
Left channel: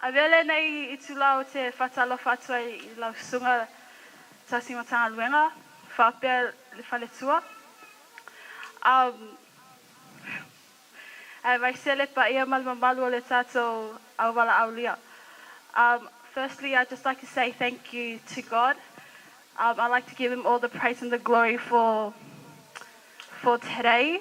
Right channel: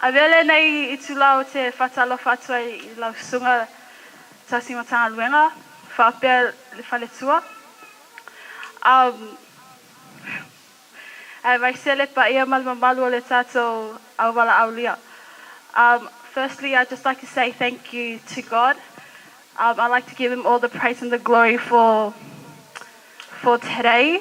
Avele nei itulau te fatalo fatua I lau sunga tasi matanga luenga. Whapea le whaletua. E vai sele pa ia malmamalu o le tātou auwala aulia. Firstly, I'd just like to say thank you to God. I'd like to give him all the praise and the glory for today.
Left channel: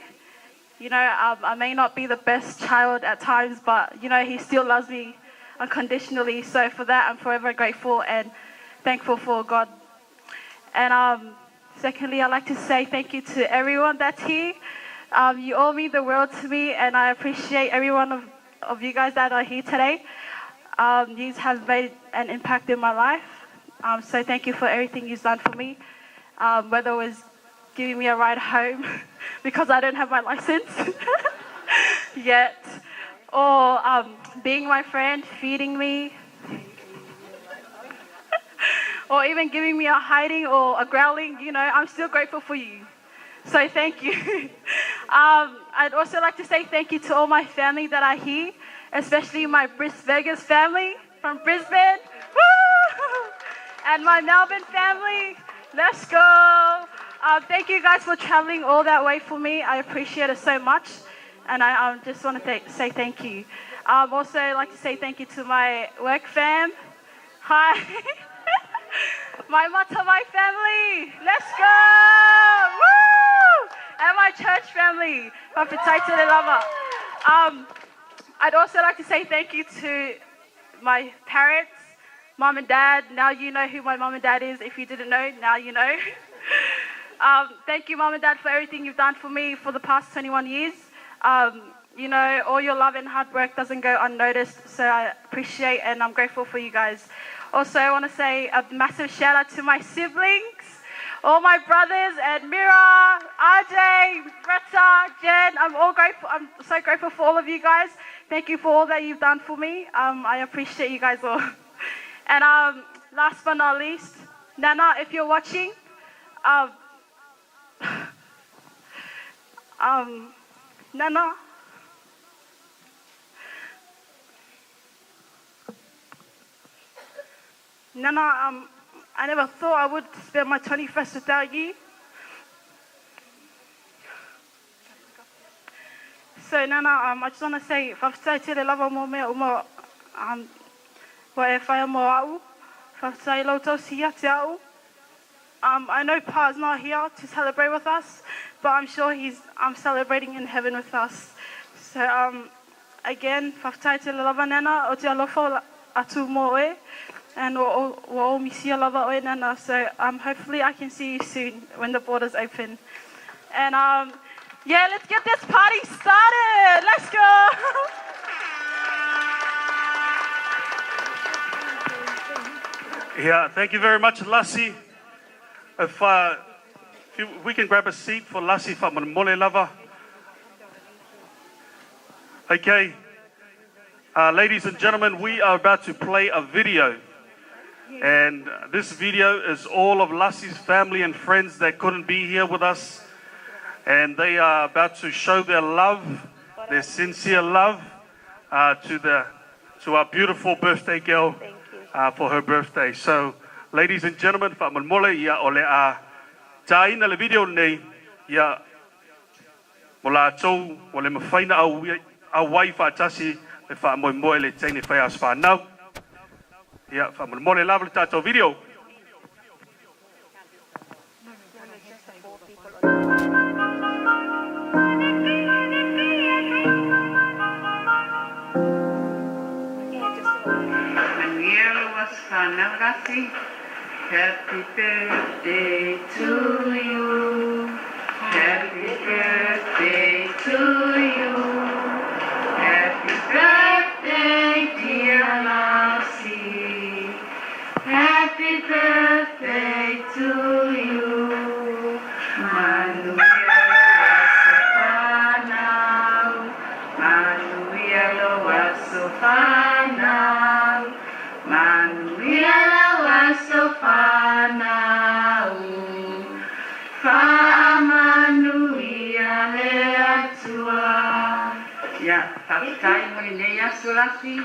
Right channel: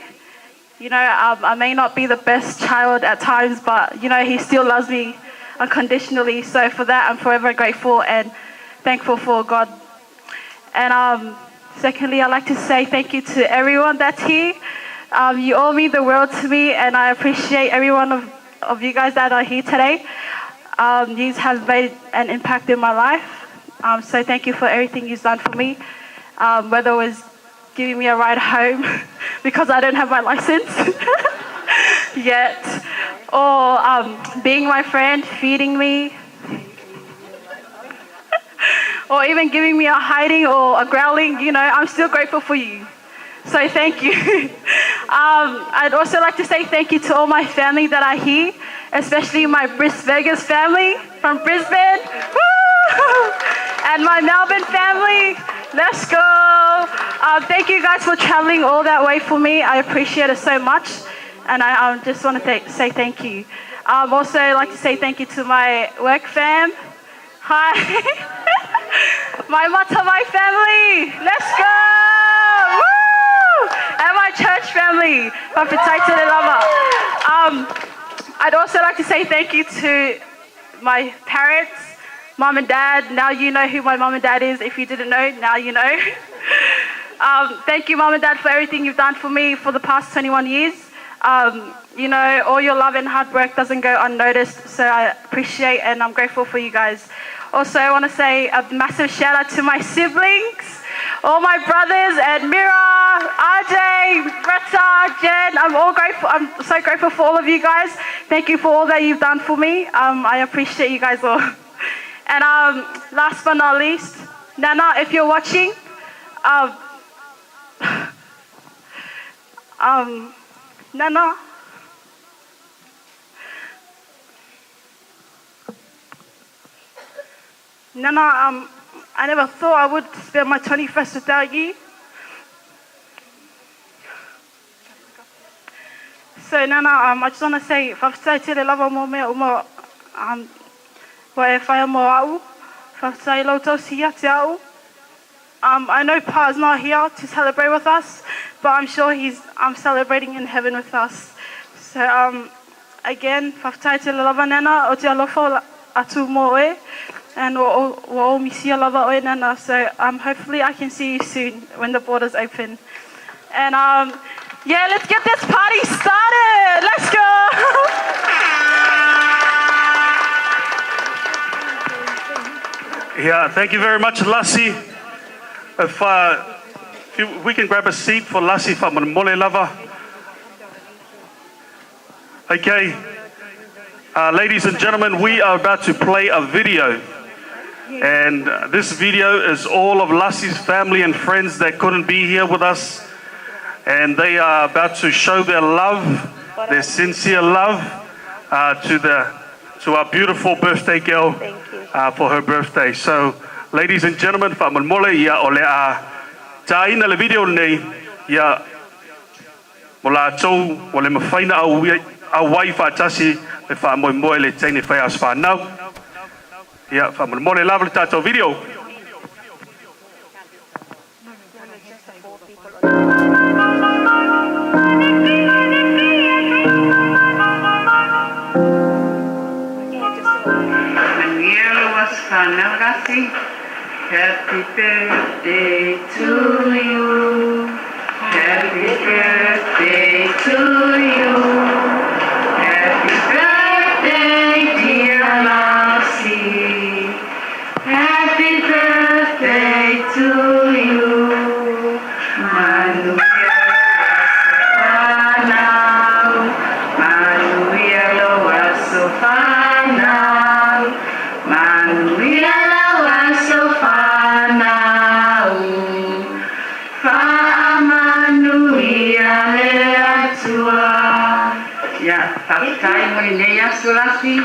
You know, I may not be the best child at times, but, you know, he still loves me unconditionally. So for that, I'm forever grateful and thankful for God. And secondly, I'd like to say thank you to everyone that's here. You all mean the world to me, and I appreciate every one of you guys that are here today. You have made an impact in my life. So thank you for everything you've done for me. Whether it was giving me a ride home because I don't have my license yet, or being my friend, feeding me, or even giving me a hiding or a growling, you know, I'm still grateful for you. So thank you. I'd also like to say thank you to all my family that are here, especially my Bris Vegas family from Brisbane. Woo! And my Melbourne family. Let's go. Thank you guys for traveling all that way for me. I appreciate it so much. And I just want to say thank you. Also like to say thank you to my work fam. Hi. My Matawai family. Let's go. Woo! And my church family. I'd also like to say thank you to my parents, mom and dad. Now you know who my mom and dad is. If you didn't know, now you know. Thank you, mom and dad, for everything you've done for me for the past 21 years. You know, all your love and hard work doesn't go unnoticed, so I appreciate and I'm grateful for you guys. Also, I want to say a massive shout out to my siblings, all my brothers, and Mira, RJ, Retta, Jen. I'm so grateful for all of you guys. Thank you for all that you've done for me. I appreciate you guys all. And last but not least, Nana, if you're watching, Nana, I never thought I would spend my 21st without you. So Nana, I just want to say, whawhtai te le lava mō mea uma, wa e whaia mō au, whawhtai lau tau sia te au. I know Pa's not here to celebrate with us, but I'm sure he's celebrating in heaven with us. So again, whawhtai te le lava Nana, o te alofa atu mō e. And we'll miss you, lava oe Nana. So hopefully I can see you soon when the borders open. And yeah, let's get this party started. Let's go. Yeah, thank you very much, Lassie. If we can grab a seat for Lassie from Mole Lava. Okay, ladies and gentlemen, we are about to play a video. And this video is all of Lassie's family and friends that couldn't be here with us. And they are about to show their love, their sincere love to our beautiful birthday girl for her birthday. So, ladies and gentlemen, whaaman mole ia o le a taina le video nei ia mo la tau o le mawhaina au wai whaatasi le whaamoe moe le teine whai as whanau. Ia, whaman mole lava le tātou video. whānau rasi. Happy birthday to you. Happy birthday to you. Happy birthday, dear Lassie. Happy birthday to you. Manuia whanau. Manuia loa so whanau. Manuia loa so whanau. Whaamanuia le atua. Ia, takai mo nei aso Lassie.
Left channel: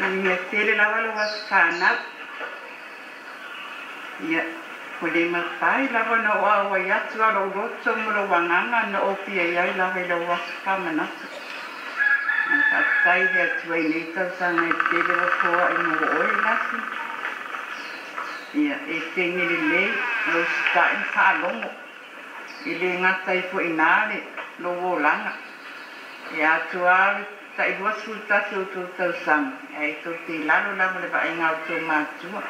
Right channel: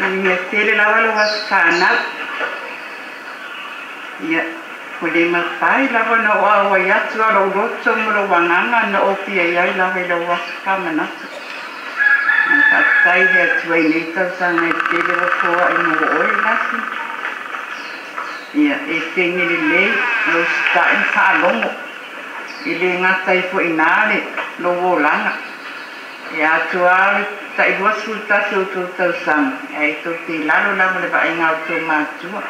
Ia tele lawa lo was whanau. Ia, ko le matai lawa na oa oa iatu a lo roto mo lo wanganga na o pia iai lawa lo was whamanatu. Takai hea tuai nei tausanga e tele wa koa i mo oi Lassie. Ia, e tengi le lei lo stai whaalongo. I le ngatai po inale lo wolanga. E atu ale tai dua sulta so to tausang ai to te lalo lama le vai ngau to matua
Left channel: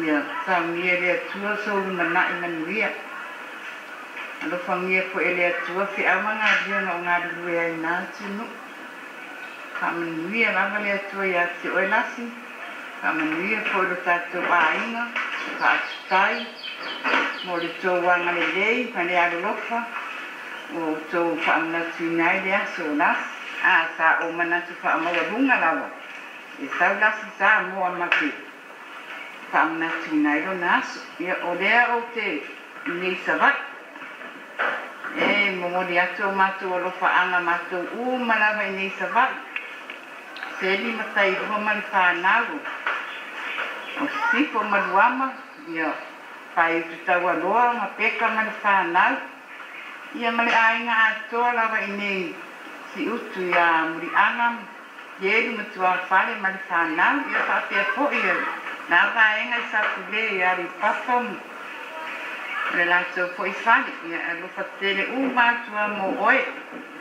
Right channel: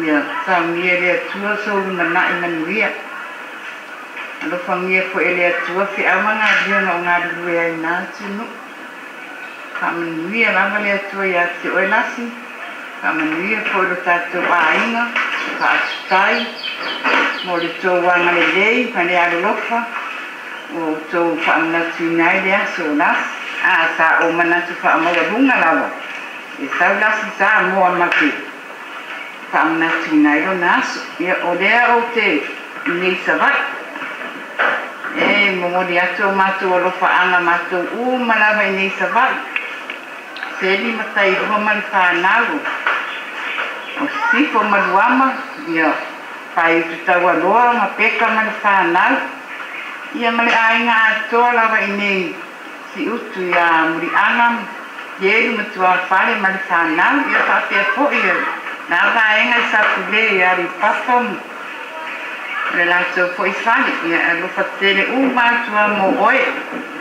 ia sa mie le tua so mana i manuia alo famia po ele tua fi amanga dia no ngadu ai na tinu kamanuia lama le tua ia te oi Lassie kamanuia po lo tato ainga ka stai mo le to wanga le lei pane alo lofa o to famna tinai le aso Lassie sa o manatu whaamaua runga lawa. E tau Lassie sa moa maki. Whaamnatu nai ro naso. Ia o lea o te nei savai. E momori atu o mātou alo whaanga mātou malawa i nei savai. Seli matai rua mali whanau. O sifo maluama. Ia whai utu tau aloa ma peka mali whanau. Ia mali ainga atoa lawa i nei si utu ia muri angam yeri matua fale mali whanau ia whapea po ia na vaenga i sapule ia ri papam le lato po i fale ia lupa tele matua mo oe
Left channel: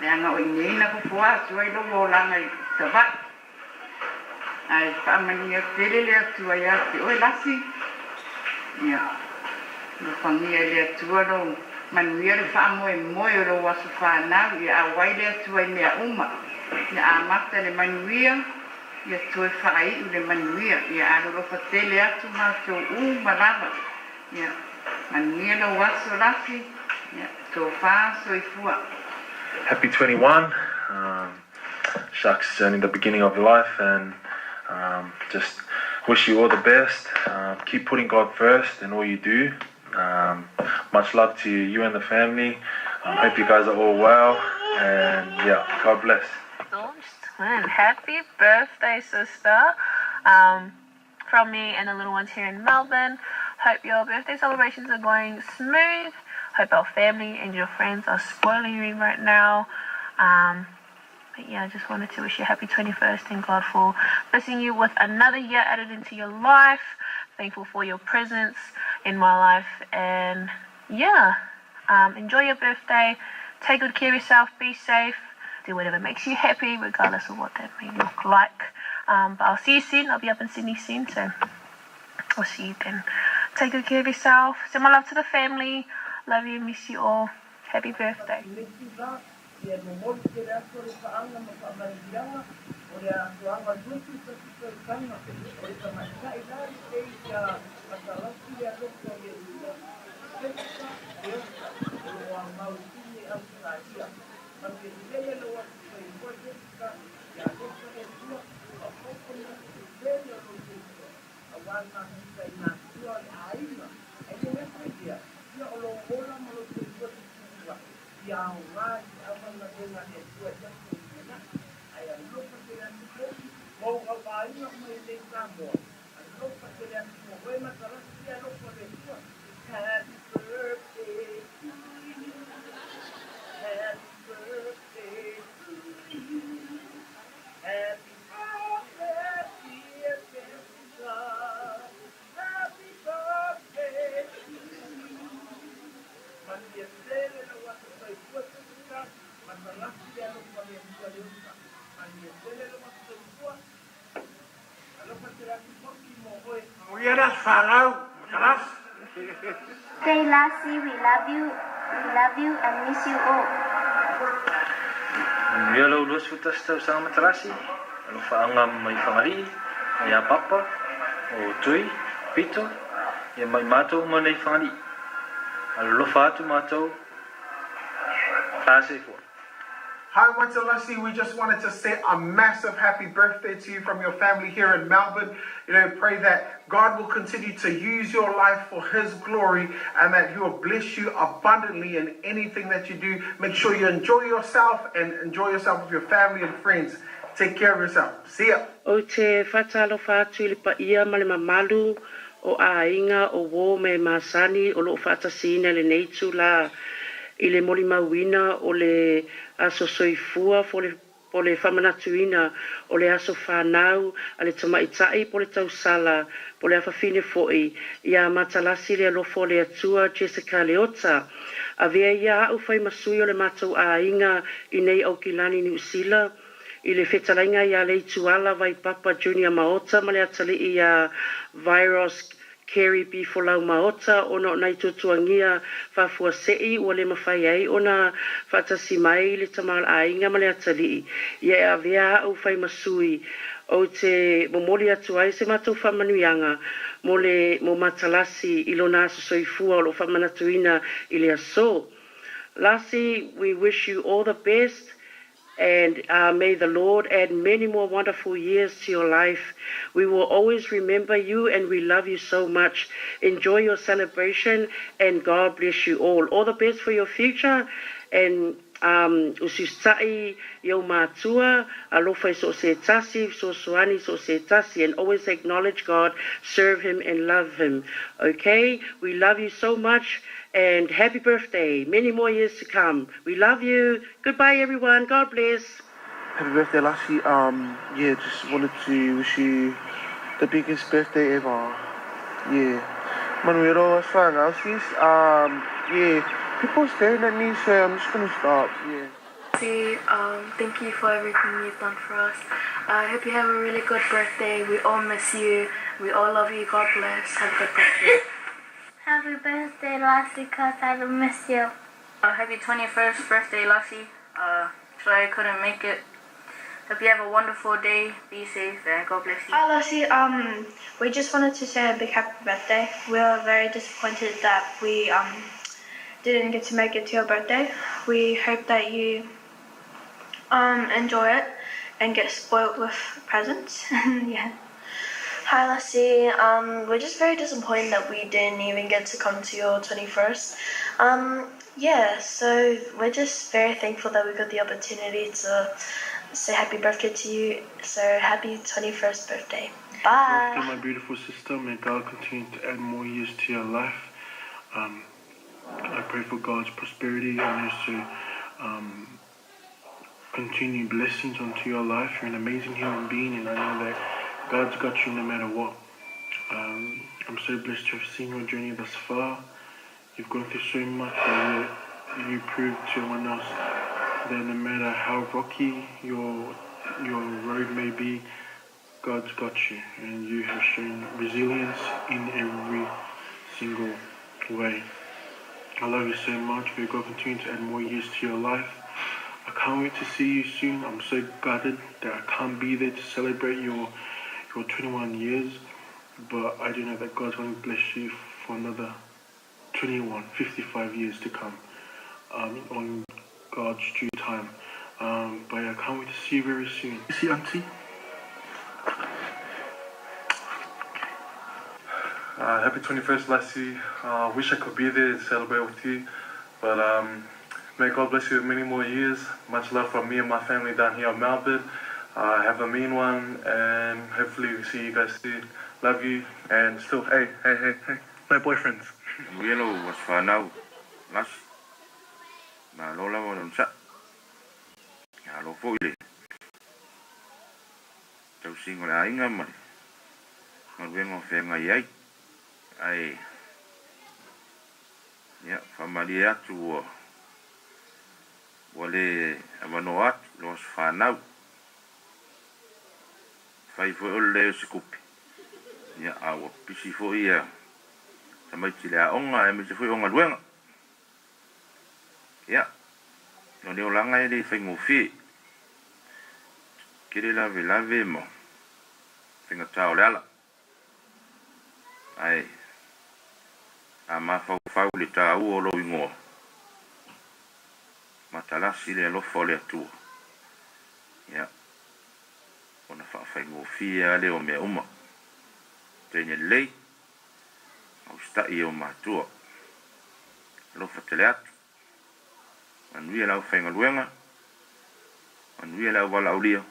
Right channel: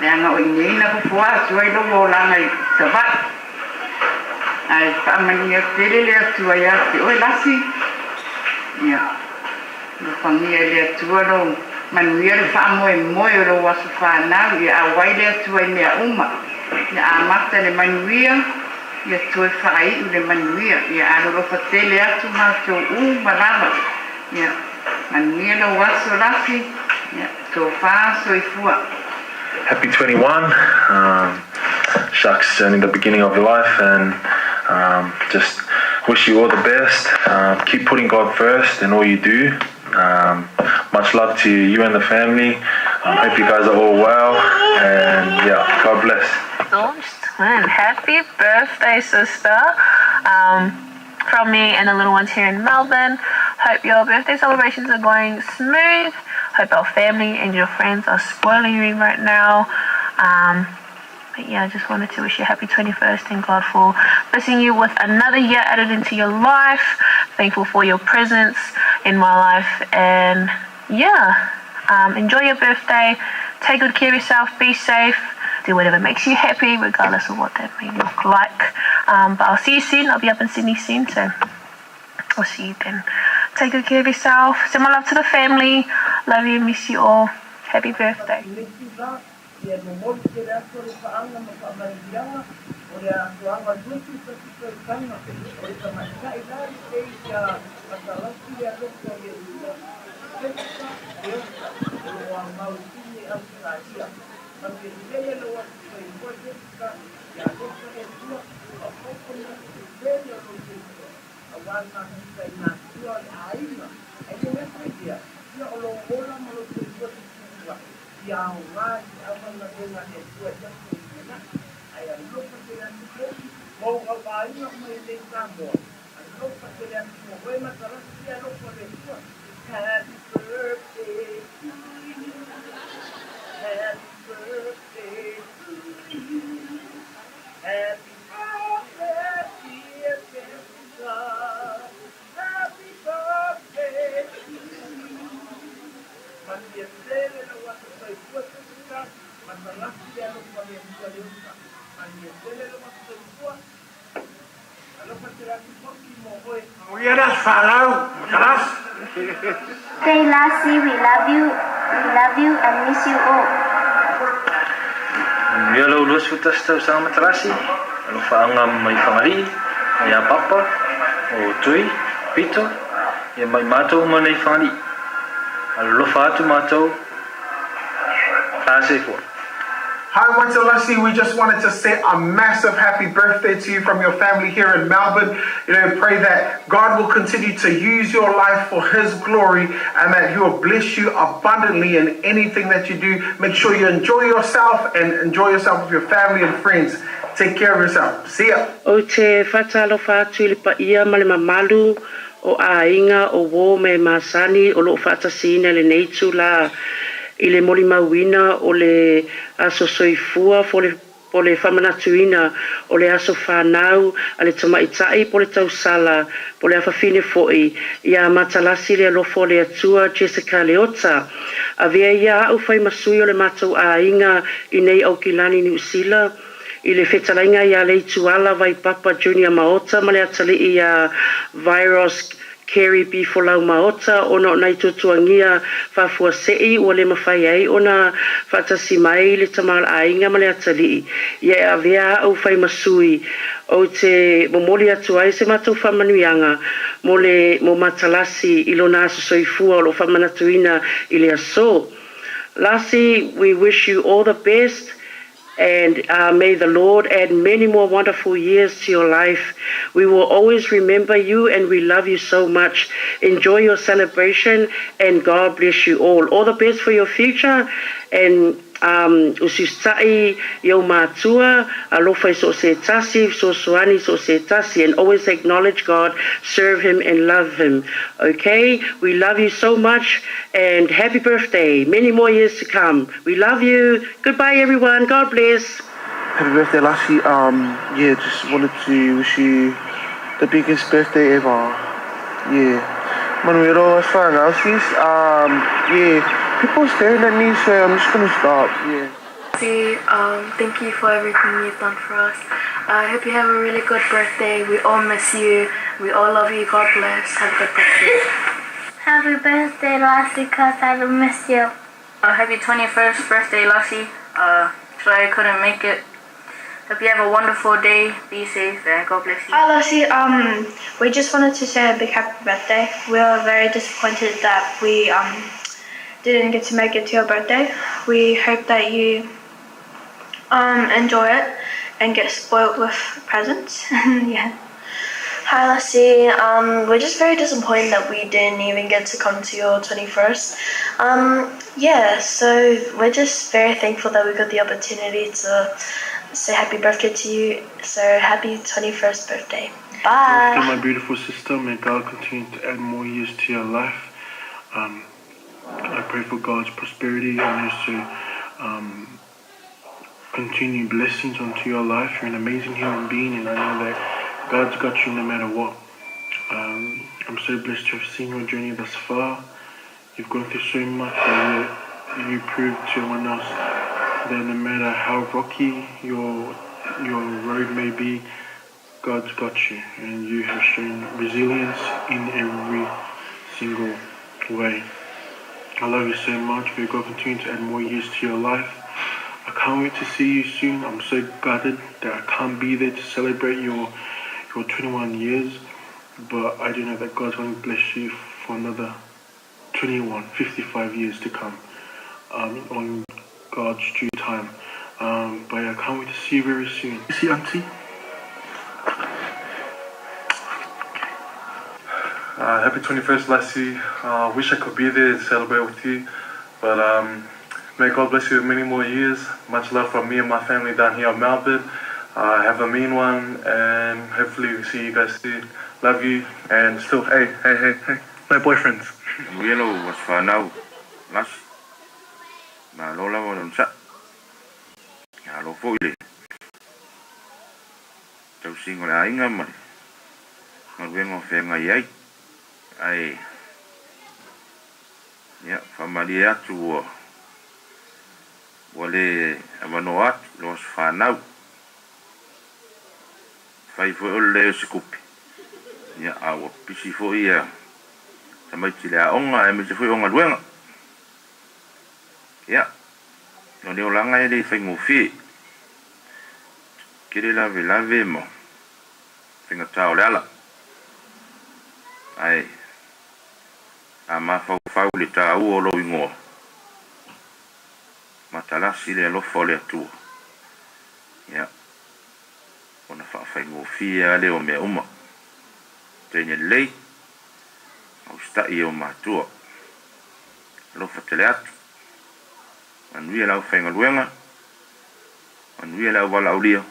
le anga o ineina pupua atua i logo langa i savai ai whaamani ia tele le atua ia te oe Lassie ia lupa ngia le atua lo manuia le whaamoe moe o lo wasu whanau ia awai le atua i mea uma ia amata le manuia ia toe whai u le manuia ia alorofa tele atu mātou malawa ia manuia lo wasu Lassie ia tō whaa soifua. Happy 21. Shucks, only the beginning of your life, and just wish you all the best. Keep putting God first in all you do. Much love to you and the family. Hope you guys are all well, and yeah, God bless. And happy birthday, sister. From me and the little ones here in Melbourne. Hope your birthday celebrations are going smooth. Hope our family and your friends are spoiling you right now. But yeah, I just wanted to wish you a happy 21st and God for blessing you with another year added into your life. Thankful for your presence in my life, and yeah, enjoy your birthday. Take good care of yourself. Be safe. Do whatever makes you happy, regardless of what that may look like. But I'll see you soon. I'll be up in Sydney soon, so I'll see you then. Take good care of yourself. Send my love to the family. Love you. Miss you all. Happy birthday. Happy birthday, dear Jessica. Happy Aina Falau, Kalas. Say, Lassie, we love you and miss you all. Yellow Luz Futasta sama Matalasi. Alo faangam mai famari, mai papa, o tui, pito, e mai mato manei famari. Alo fatu mato. Classic one. Hi, Matalasi. We just wanted to say a massive happy birthday to you from your family here in Melbourne. Pray that God will continue to use your life for His glory and that He will bless you abundantly in anything that you do. Make sure you enjoy yourself and enjoy yourself with your family and friends. Take care of yourself. See ya. O te whatalo whātu li pa ia ma le mamalu o a inga o wō me masani o lo whatasina le neitu la I le moli mauina o le aso soifua po le whamanatuina o le aso whanau a le tamaitai po le tausala po le awhawhine fo'i ia Matalasi le alofo le atua Jessica Leota a vea ia au whai masui o le matau a inga I nei au kilani New Zealand I le whetalainga ia le ituala vai Papa Junior Maota ma le atali ia virus Kerry B Folau Maota ona nai tutuangia fafua sei o le mawhai ai ona whatasi mai le tamal ainga ma le atali ia a vea au whai masui o te momoli atu ai se matou whamanuianga mo Matalasi ilona aso soifua o lo whamanatuina I le aso. Lassie, we wish you all the best. And may the Lord add many more wonderful years to your life. We will always remember you and we love you so much. Enjoy your celebration and God bless you all. All the best for your future. And usustai yo matua alofa so se tasi so suani so se tasi and always acknowledge God, serve Him and love Him. Okay, we love you so much and happy birthday, many more years to come. We love you. Goodbye everyone. God bless. Happy birthday, Lassie. Just wanted to wish you the biggest birthday ever. Manuelo, as far as people staring at me, so I'm just gonna stop. Thank you for everything you've done for us. I hope you have a really good birthday. We all miss you. We all love you. God bless. Have a good birthday. Happy birthday, Lassie, cause I will miss you. Happy 21st birthday, Lassie. Sorry I couldn't make it. Hope you have a wonderful day. Be safe and God bless you. Hi, Lassie. We just wanted to say a big happy birthday. We are very disappointed that we didn't get to make it to your birthday. We hope that you enjoy it and get spoiled with presents. Hi, Lassie. We're just very disappointed that we didn't even get to come to your 21st. So we're just very thankful that we got the opportunity to say happy birthday to you. So happy 21st birthday. Bye. To my beautiful sister, may God continue to add more years to your life. I pray for God's prosperity and also continue blessings onto your life. You're an amazing human being, and I know that God's got you no matter what. I'm so blessed to have seen your journey thus far. You've gone through so much, and you proved to everyone else that no matter how rocky your road may be, God's got you, and you have shown resilience in every single way. I love you so much. May God continue to add more years to your life. I can't wait to see you soon. I'm so gutted that I can't be there to celebrate your 21 years, but I do know that God's going to bless you for another 55 years to come on God's due time. But I can't wait to see you very soon. See, Auntie? Happy 21st, Lassie. Wish I could be there and celebrate with you, but may God bless you with many more years. Much love from me and my family down here in Melbourne. Have a mean one, and hopefully we see you guys soon. Love you, and still, hey, my boyfriends. Yellow was for now. Las. Ma lola won sa. Ya lo foile. Tau singo la inga man. Ngal wengo fe ngai ai. Ai. Ya, familia tu. Wale amanoat los fa now. Fai fo le skupi. ia aua pisi fo'i ia tamaiti le aʻoga e mese fo'i oga luega ia o le olaga e le faigofie ke le lavelave mo faigatā o le ala ai a mafaufau le tāua o lou igoa matalasi le alofa o le atua ia ona fa'afaigofia a le o mea uma tene lelei austa'i o matua alofa tele atu manuia lau faigaluega manuia lau vala'aulia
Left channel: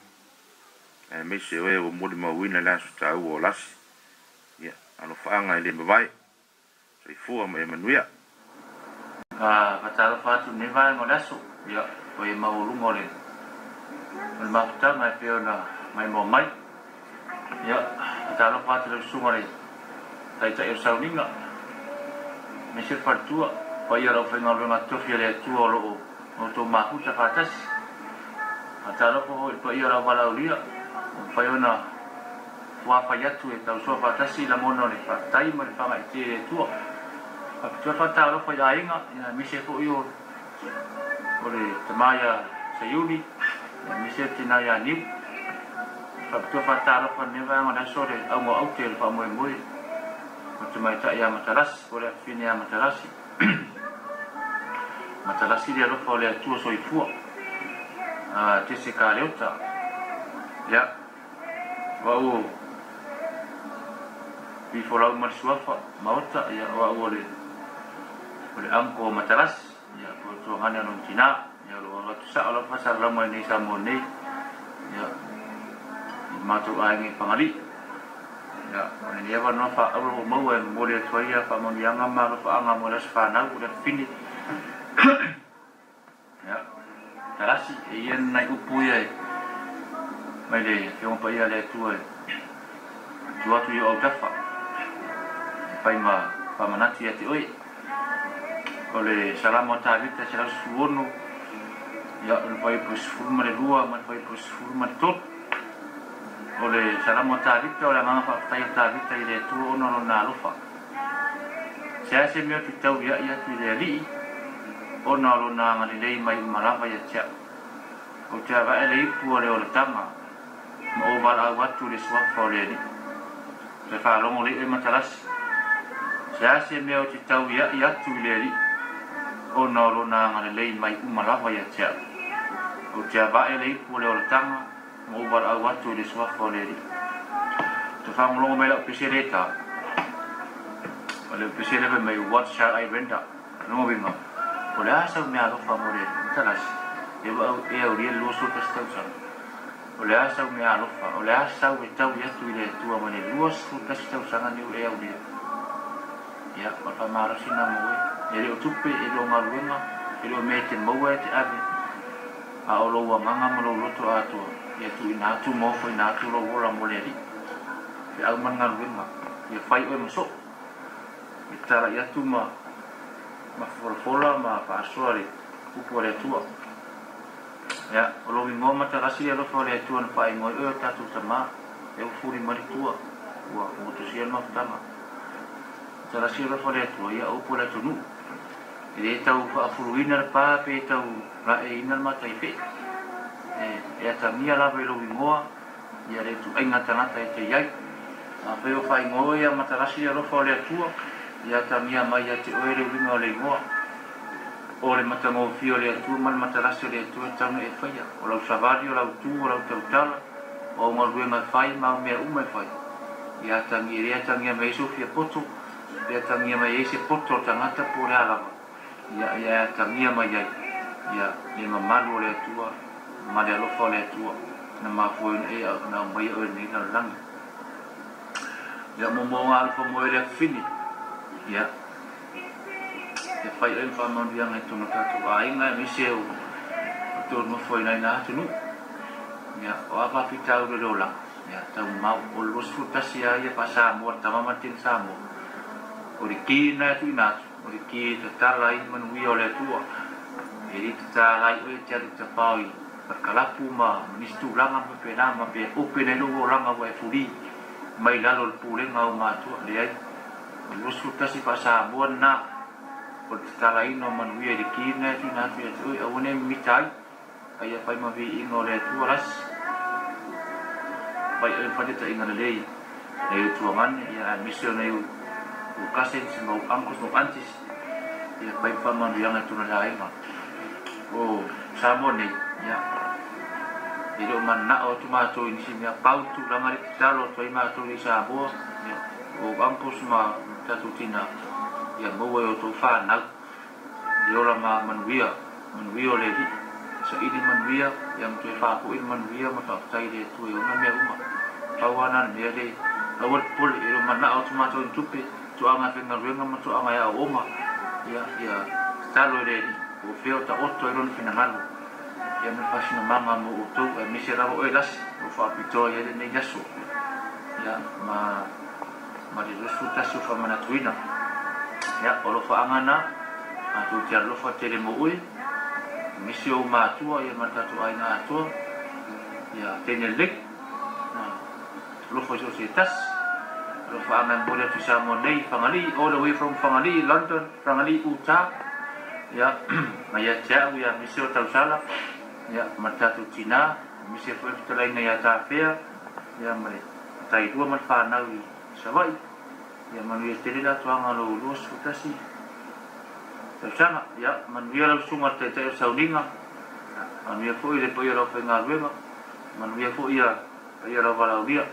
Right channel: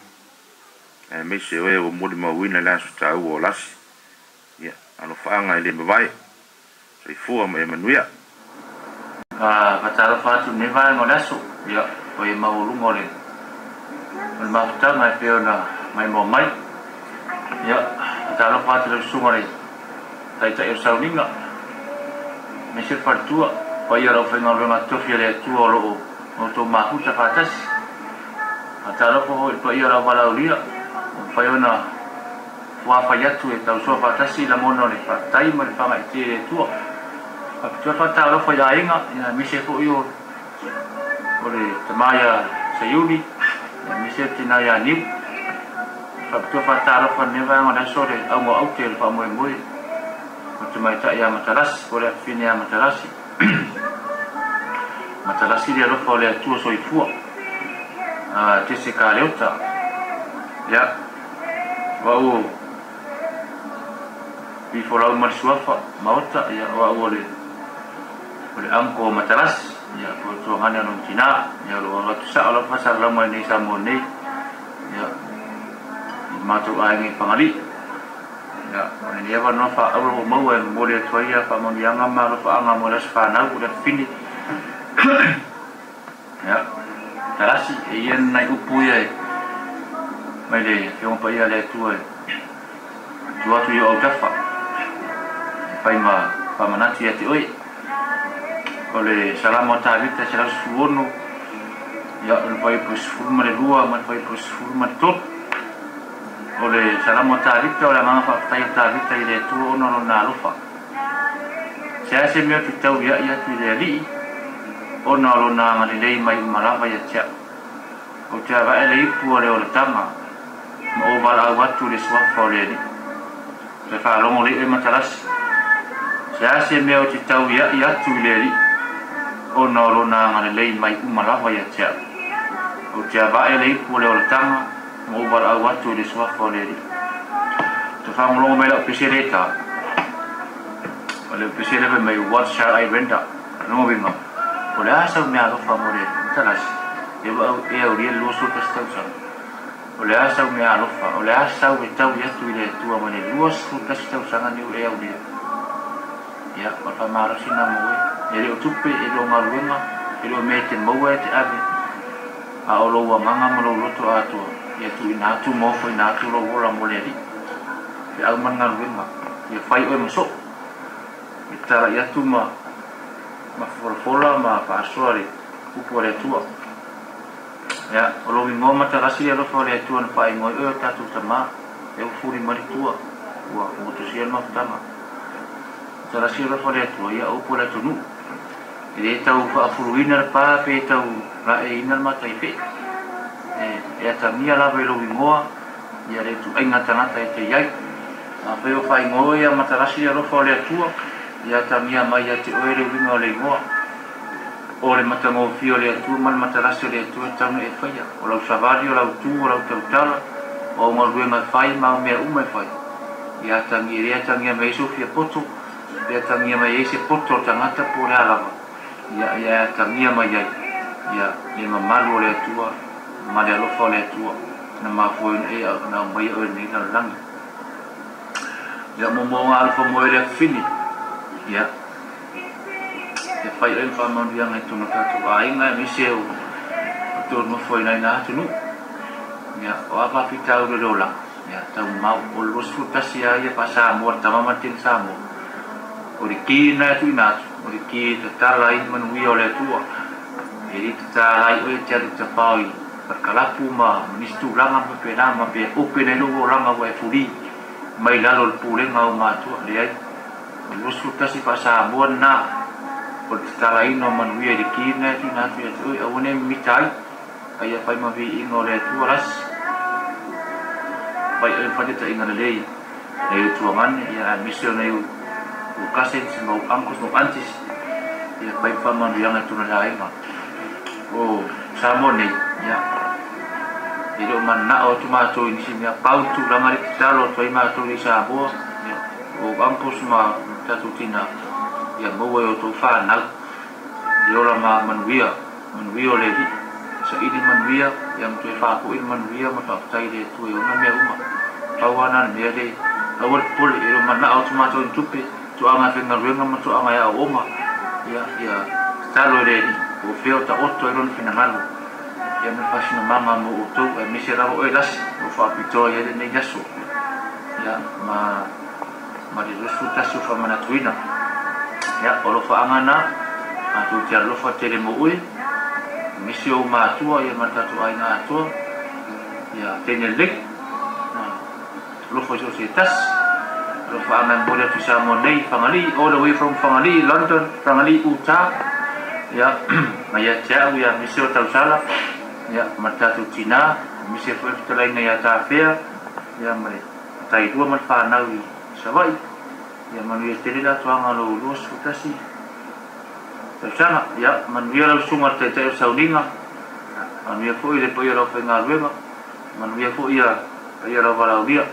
e meise oe ua moli mauina le aso tāua o lasi ia alofa'aga i le mavae saifua ma e manuia patalofa atu nei vaega o le aso ia o e mauluga o le mafutaga e pe ona mai mo mai ia patalofa atu le usuga le taita'i o sauniga me se faletua o ia lau faigaluega tofi a le atua o lo'o o tou mafuta fatasi patalofa hoi pa ia lau valaulia fai ona fuafai atu e tausoa fatasi la mono le fatai ma le fagaiti le atua apetua fatalofa ia aiga ia mise fo'i o le tamaia saiuni ia mise tina ia niu apetua fatalofa ne vaega le aso le augaauti e le fa'amoemoe o te maita'i a matalasi o le afine a matalasi matalasi le alofa o le atua soifua tese kaleota ia wa'u bifolau ma le suafa maota ia wa'u o le anko matalasi ia ko tuagane ono tina ia lo atu sa ala pasar lama nei sa mo nei ia matou ainge pangali ia ni eva no fa au mo e mo le toia fa mo yanga ma lo fa anga mo le fa na u le fini ya talasi e ien nai upu ia mai le ke on pa ia le tua tua tu yo tafa pai ma pa manati ati oi o le salamo tavita se la suono ia le pai pus fuma le lua ma pai pus fuma tot o le salamo tavita o la manga fa tai tavita i le tu ono no na lufa se se mio tu tau ia tu le li ono lo na ngali lei mai malava ia tia o tia va ele ipu o le o le tama o vala watu le swafa o le li se fa longo le e matalas se mio tu tau ia tu le li ono lo na ngali lei mai malava ia tia o tia va ele ipu le o le tama o vala watu le swafa o le li te fa longo mai la pisereta o le pisereta mai what shall I render no vinga o le asa me alo fa more talas e o rie lo so testau sa o le asa me alo fa o le asa o tau ia tu le tu a mane lo so testau sa ni e o rie ya o fa mara sina mo e le tupe e lo maluenga e lo mete mo e te ave a o lo wa manga mo lo to atu ia tu ina tu mo fo ina tu lo ora mo le ri e au manga luenga e fai o mo so e tara ia tu ma fola ma pasori upo le tua ya o lo vingo mata rasi lo fo le tua na pai mo e tatu tama e o furi mari tua wa o to sia no tama tara si lo fo le tua ya upo le tunu e tau fa furuina pa pe tau ra e ina mata ife e ta mia la lo vingo ya le tu ainga tanata e te yai a pe o fai ngo ya mata rasi lo fo le tua ia tamia mai ate oere winga o le ingoa o le matango fio le atu mal matarasi o le atu e tauna e whaia o lau savari o lau tū o lau tautala o ngaruenga whai mau mea umai whai ia tangi rea tangia mai sofia poto ia tangia mai eise poto o tangata po le alawa ia tangia mai ai ia le mamalu o le atua ma le alofa o le atua na mafuoina e au na mai o ni na langi ia momonga alfa moe le fini ya e fai e fa mo dia ngai tonu tatu ai ngai mi se o to no foi nai na tunu ya o apa fita o lola ya tau mau o los frutas ya ya pasa mo ta mama tin samo o ri ki na tu na o ri ki ta lai man wi o le tua e ri ta lai o te ta pai per kalapu ma ministu langa pe na ma pe o pe no langa wa furi mai lalo le pulenga o matua le ai lusu tasi pa sa buan na o te talaino manuia i kina tu na tu e one mitai ai a pai mavi ingo le tu ras pai e fate ta inga le e tu man ya mission e o kasen mo angkos mo antis ya pai fa manuia na tu na lai ma o samone ya ilo man na o tu ma to in sim ya pau tu la mari talo to ma to ni sa bo o angkos ma tatu tina ya mo o to fa na yo la ma manuia le di sa idi manuia yang tu fa ko in manuia ma ta tai de tu yo na me uma tawana me de awal pul ilo man na o tu ma to in tupe tu anga fe na renga ma tu anga ya oma ya talo de o feo ta otto ilo fina malo ya me fa sino mama mo o to mi se ravo o las o fa pito ya de ne yaso ya ma de resulta su fa mana tuina ya o lo fa angana a tu tia lo fa tele mo ui mi se o ma tu ya ma ta tu ai na tu ya tene lek lo fa so se tas lo fa aman bo tu sa mo nei fangali all the way from fangali London fangali uta ya maya tia ya mi se o tau sala ya mata tu Cina mi se foi tu lai ya ta fea ya mare tai dua man fa na wi savai ya man wi tele la tu anga lo los futasi ta sana ya man wi la sunga te te sauninga man wi foi le poi lo fe nga ruema man wi foi ya lo vala dia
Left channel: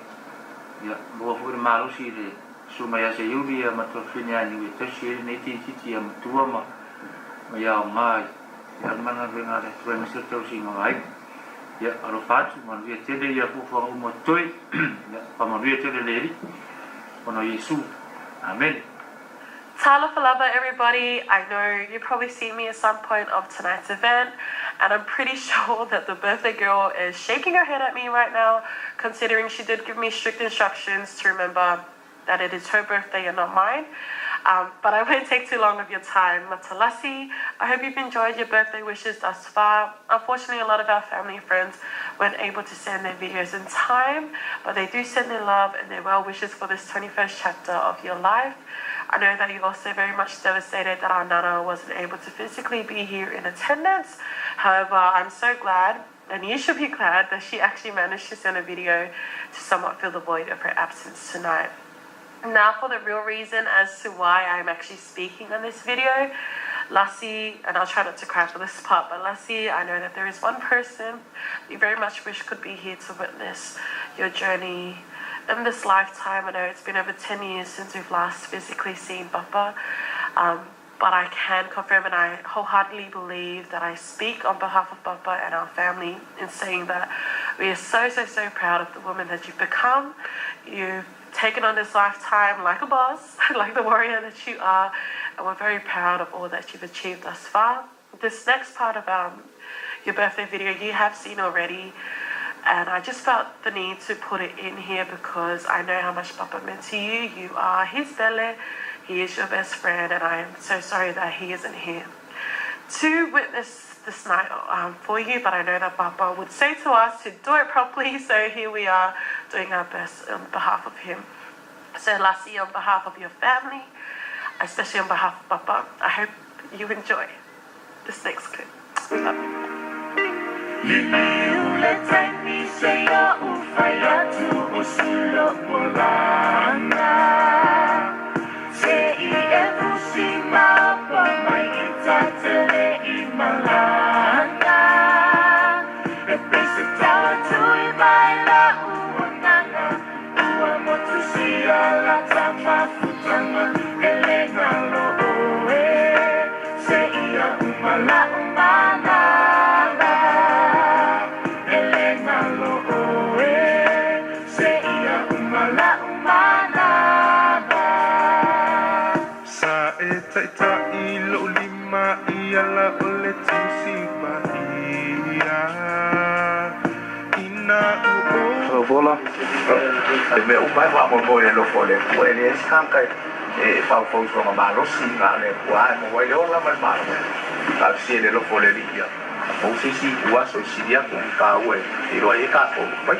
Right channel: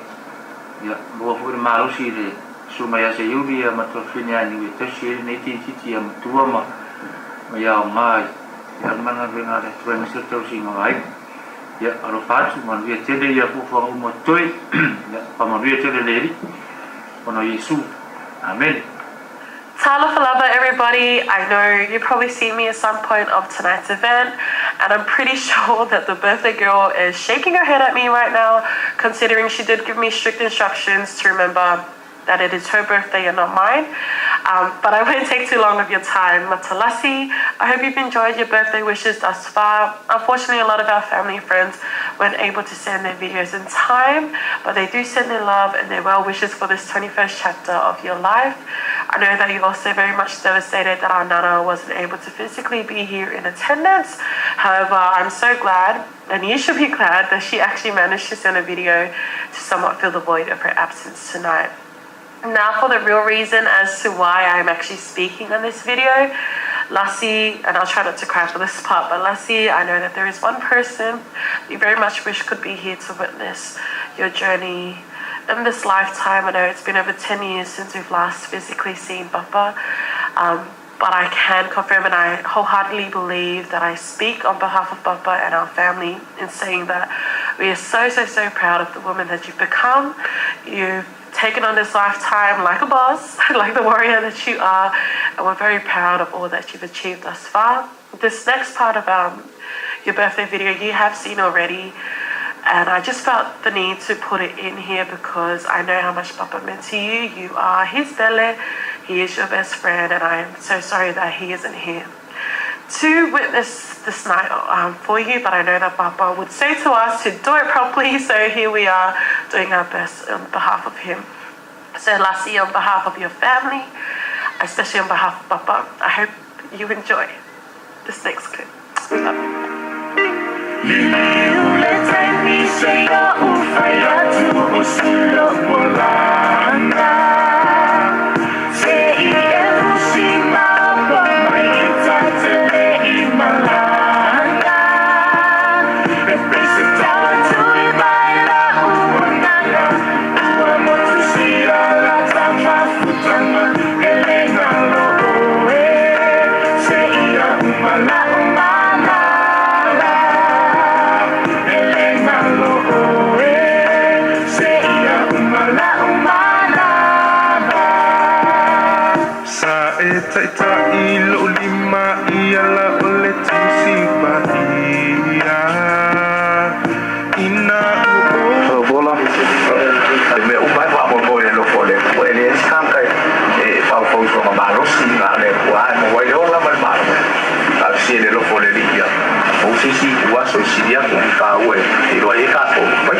ya bo foi malo si le suma ya se yubi ya mato finya ni wi te si ni ti ya tua ma ya mai ya mana venga de tu mi se tau singa ai ya alo fatu man vi tele ya fu fa mo toi ya pa man vi tele leri ono Yesu amen. Talofa lava everybody. I know you probably see me at some point of tonight's event, and I'm pretty sure that the birthday girl is shaking her head at me right now, considering she did give me strict instructions to remember that it is her birthday and not mine. But I won't take too long of your time. Matalasi, I hope you've enjoyed your birthday wishes thus far. Unfortunately, a lot of our family and friends weren't able to send their videos in time, but they do send their love and their well wishes for this 21st chapter of your life. I know that you're also very much devastated that our Nana wasn't able to physically be here in attendance. However, I'm so glad, and you should be glad, that she actually managed to send a video to somewhat fill the void of her absence tonight. Now for the real reason as to why I'm actually speaking on this video. Lassie, and I'll try not to cry for this part, but Lassie, I know that there is one person you very much wish could be here to witness your journey in this lifetime. I know it's been over 10 years since we've last physically seen Papa, but I can confirm and I wholeheartedly believe that I speak on behalf of Papa and our family in saying that we are so proud of the woman that you've become. You've taken on this lifetime like a boss, like the warrior that you are, and we're very proud of all that you've achieved thus far. This next part of your birthday video you have seen already, and I just felt the need to put it in here because I know how much Papa meant to you. You are his bele, he is your best friend, and I am so sorry that he isn't here to witness this night for you, but I know that Papa would say to us to do it properly, so here we are doing our best on behalf of him. So Lassie, on behalf of your family, especially on behalf of Papa, I hope you enjoy this next clip. Love me umai wa mo le lo fole o ele skanka e fa fo so ma lo si na le wa mo wa yo la mal mal al si le lo fole di ya o si wa so si dia ko ka we e lo e ka ko pai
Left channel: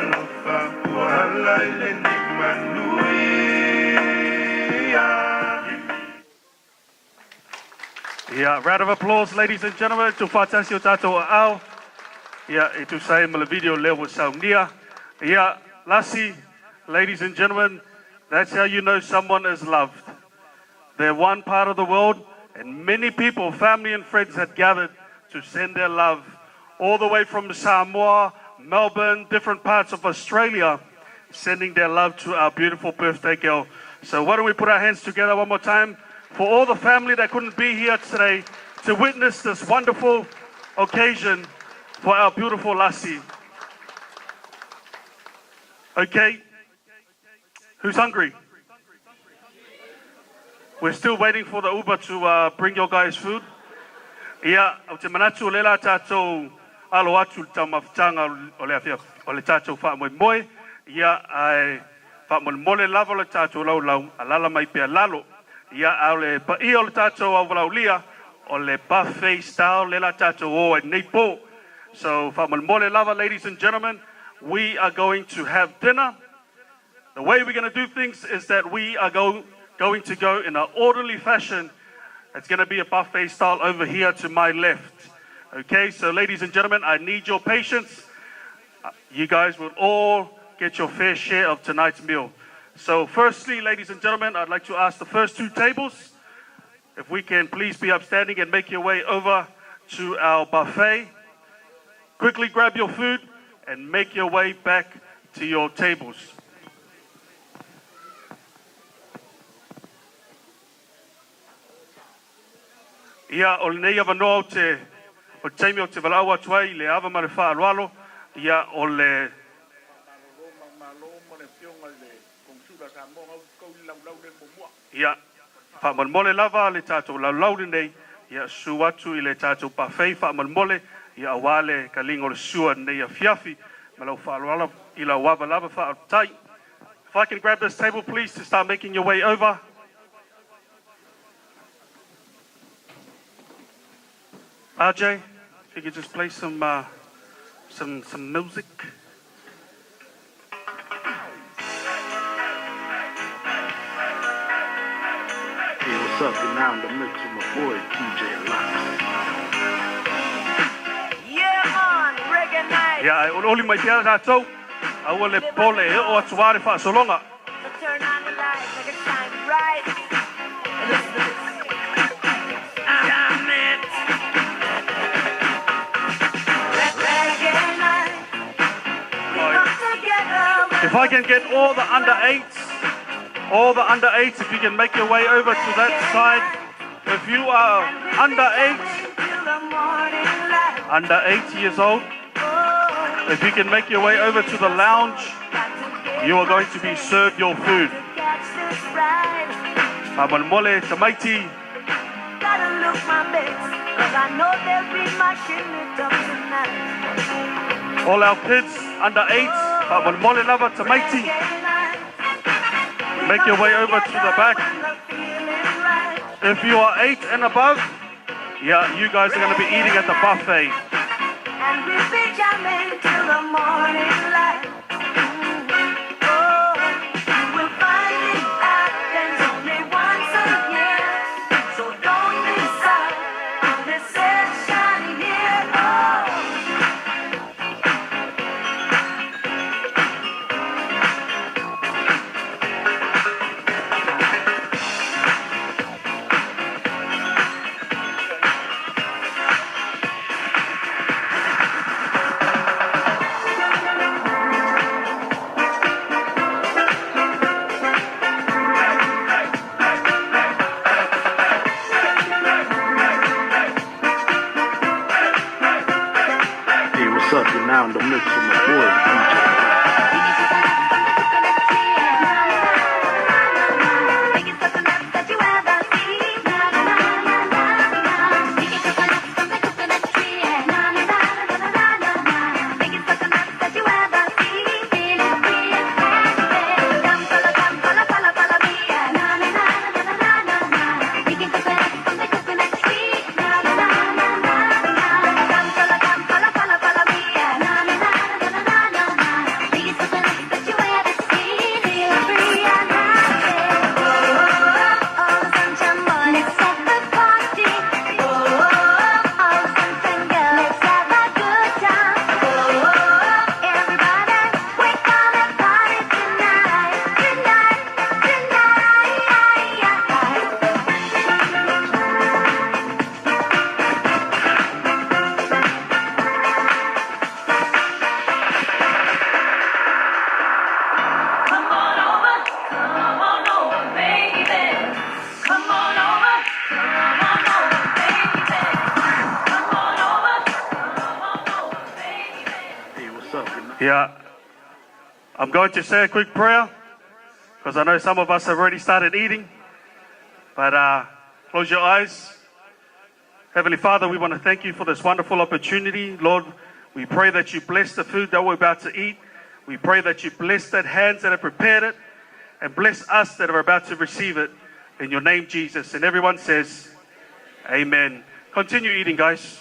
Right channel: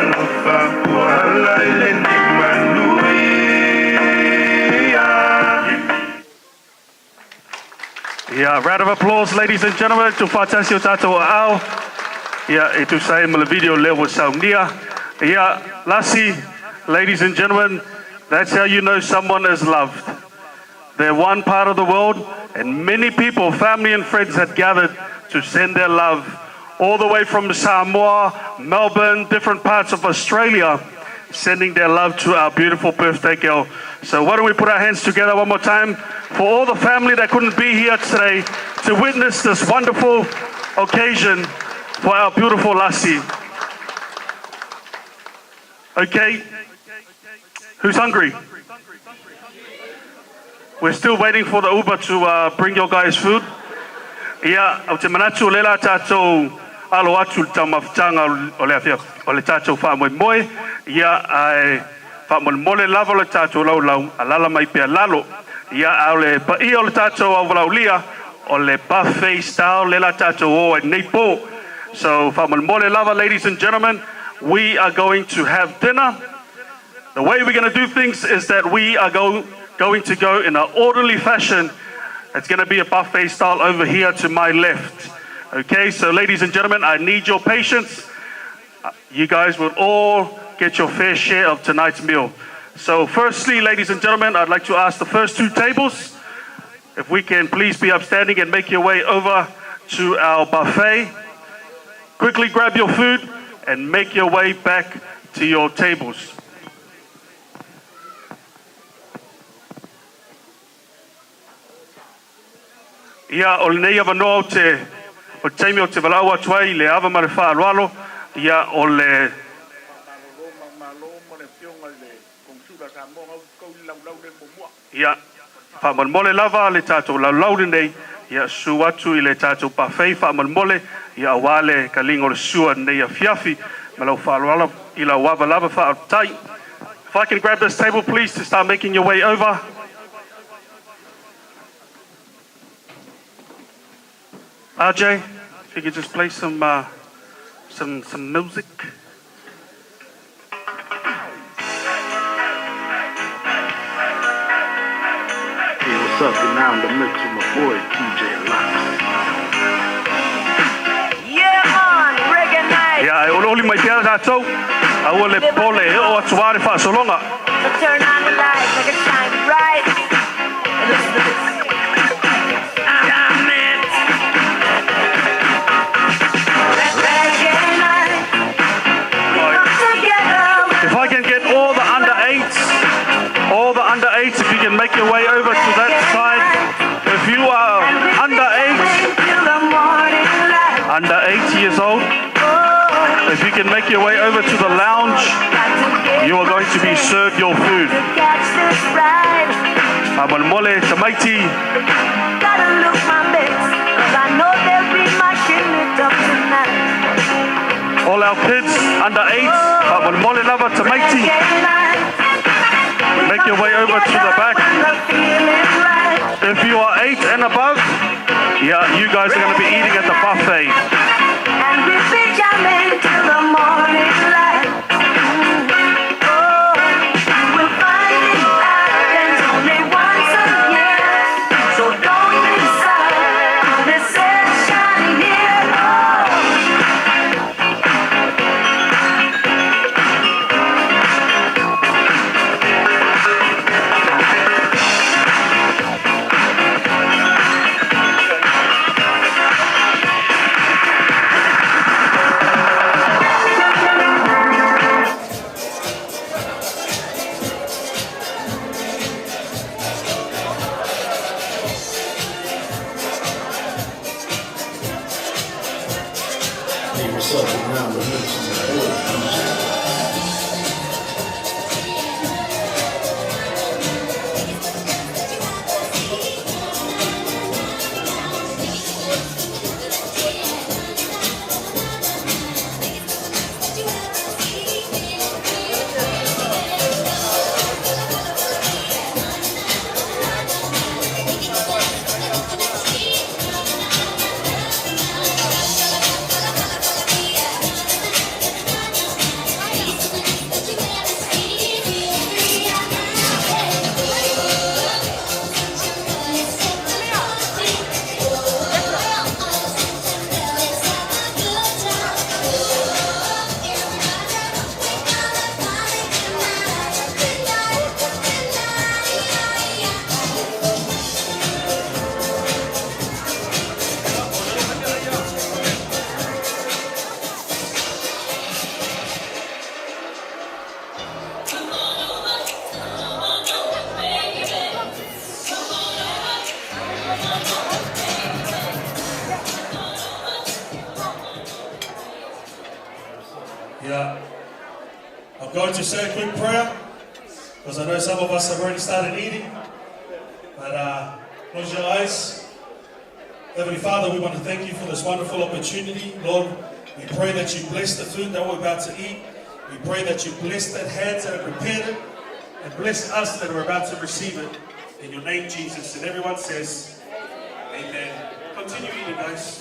alofa kuala ile ni manuia. Yeah, round of applause, ladies and gentlemen, to Fatasi o Tato Ao. Yeah, e tu sai ma le video leo saunia. Yeah, Lassie, ladies and gentlemen, that's how you know someone is loved. They're one part of the world, and many people, family and friends had gathered to send their love all the way from Samoa, Melbourne, different parts of Australia, sending their love to our beautiful birthday girl. So why don't we put our hands together one more time for all the family that couldn't be here today to witness this wonderful occasion for our beautiful Lassie. Okay, who's hungry? We're still waiting for the Uber to bring your guys food. Ia, au te manatu lela tātou alo atu tau mawhitanga o le awhia, o le tātou wha moe. Ia, ai wha mole lava le tātou lau a lala mai pia lalo. Ia, au le paia o le tātou au walau lia, o le buffet style lela tātou o e nei pō. So, wha mole lava, ladies and gentlemen, we are going to have dinner. The way we're going to do things is that we are going to go in an orderly fashion. It's going to be a buffet style over here to my left. Okay, so ladies and gentlemen, I need your patience. You guys will all get your fair share of tonight's meal. So firstly, ladies and gentlemen, I'd like to ask the first two tables, if we can please be upstanding and make your way over to our buffet. Quickly grab your food and make your way back to your tables. Ia o le nei ava no te o taimi o te walau atu ai le ava ma le whaaroalo. Ia o le ia whaamole lava le tātou laulau nei. Ia su atu i le tātou pawhei whaamole. Ia wale ka lingo le sua nei a fiafi. Ma lau whaaroalo i la wava lava whaatai. If I can grab this table please to start making your way over. RJ, if you could just play some music. Hey, what's up? You're now in the mix with my boy, DJ Lux. Yeah, man, reggae night. Yeah, I only my dear tātou. I will le pole o atuare whaasolonga. So turn on the lights, make it shine bright. And listen to this. If I can get all the under eights, if you can make your way over to that side. If you are under 8 years old, if you can make your way over to the lounge, you are going to be served your food. Mole tamaiti. Gotta look my best, 'cause I know they'll be mashing it up tonight. All our kids under 8, mole lava tamaiti. Make your way over to the back. If you are 8 and above, yeah, you guys are going to be eating at the buffet. And we'll be jamming till the morning light. Oh, you will find it happens only once a year. So don't miss out on this session here. Now in the mix with my boy, Yeah. I'm going to say a quick prayer because I know some of us have already started eating. But close your eyes. Heavenly Father, we want to thank you for this wonderful opportunity. Lord, we pray that you bless the food that we're about to eat. We pray that you bless that hands that have prepared it and bless us that are about to receive it. In your name, Jesus. And everyone says, amen. Continue eating, guys.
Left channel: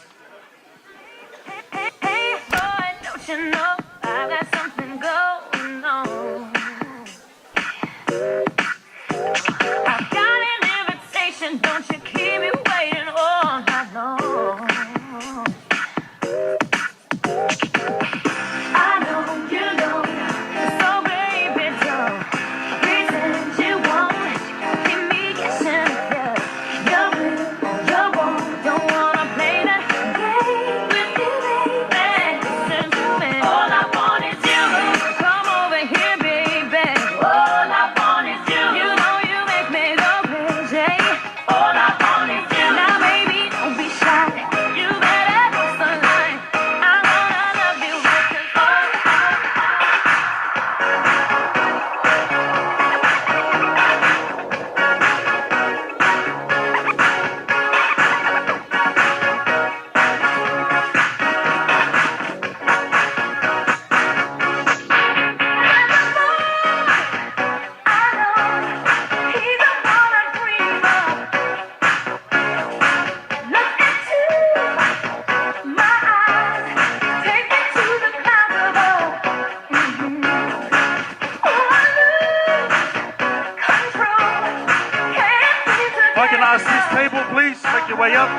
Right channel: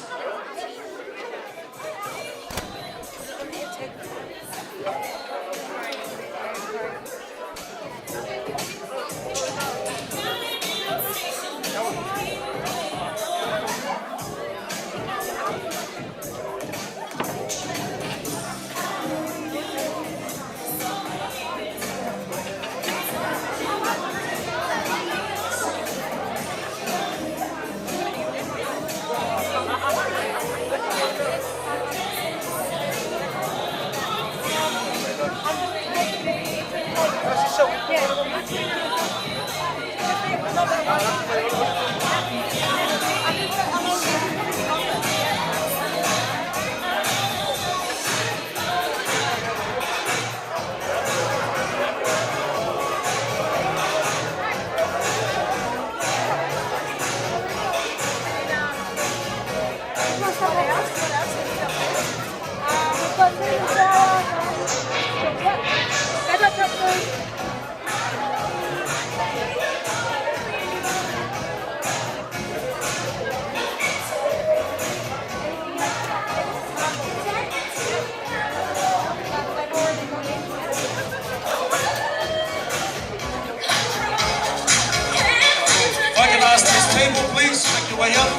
Table, please. Make your way up.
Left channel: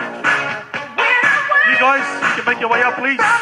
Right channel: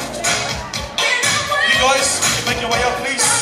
You guys, you can make your way up, please.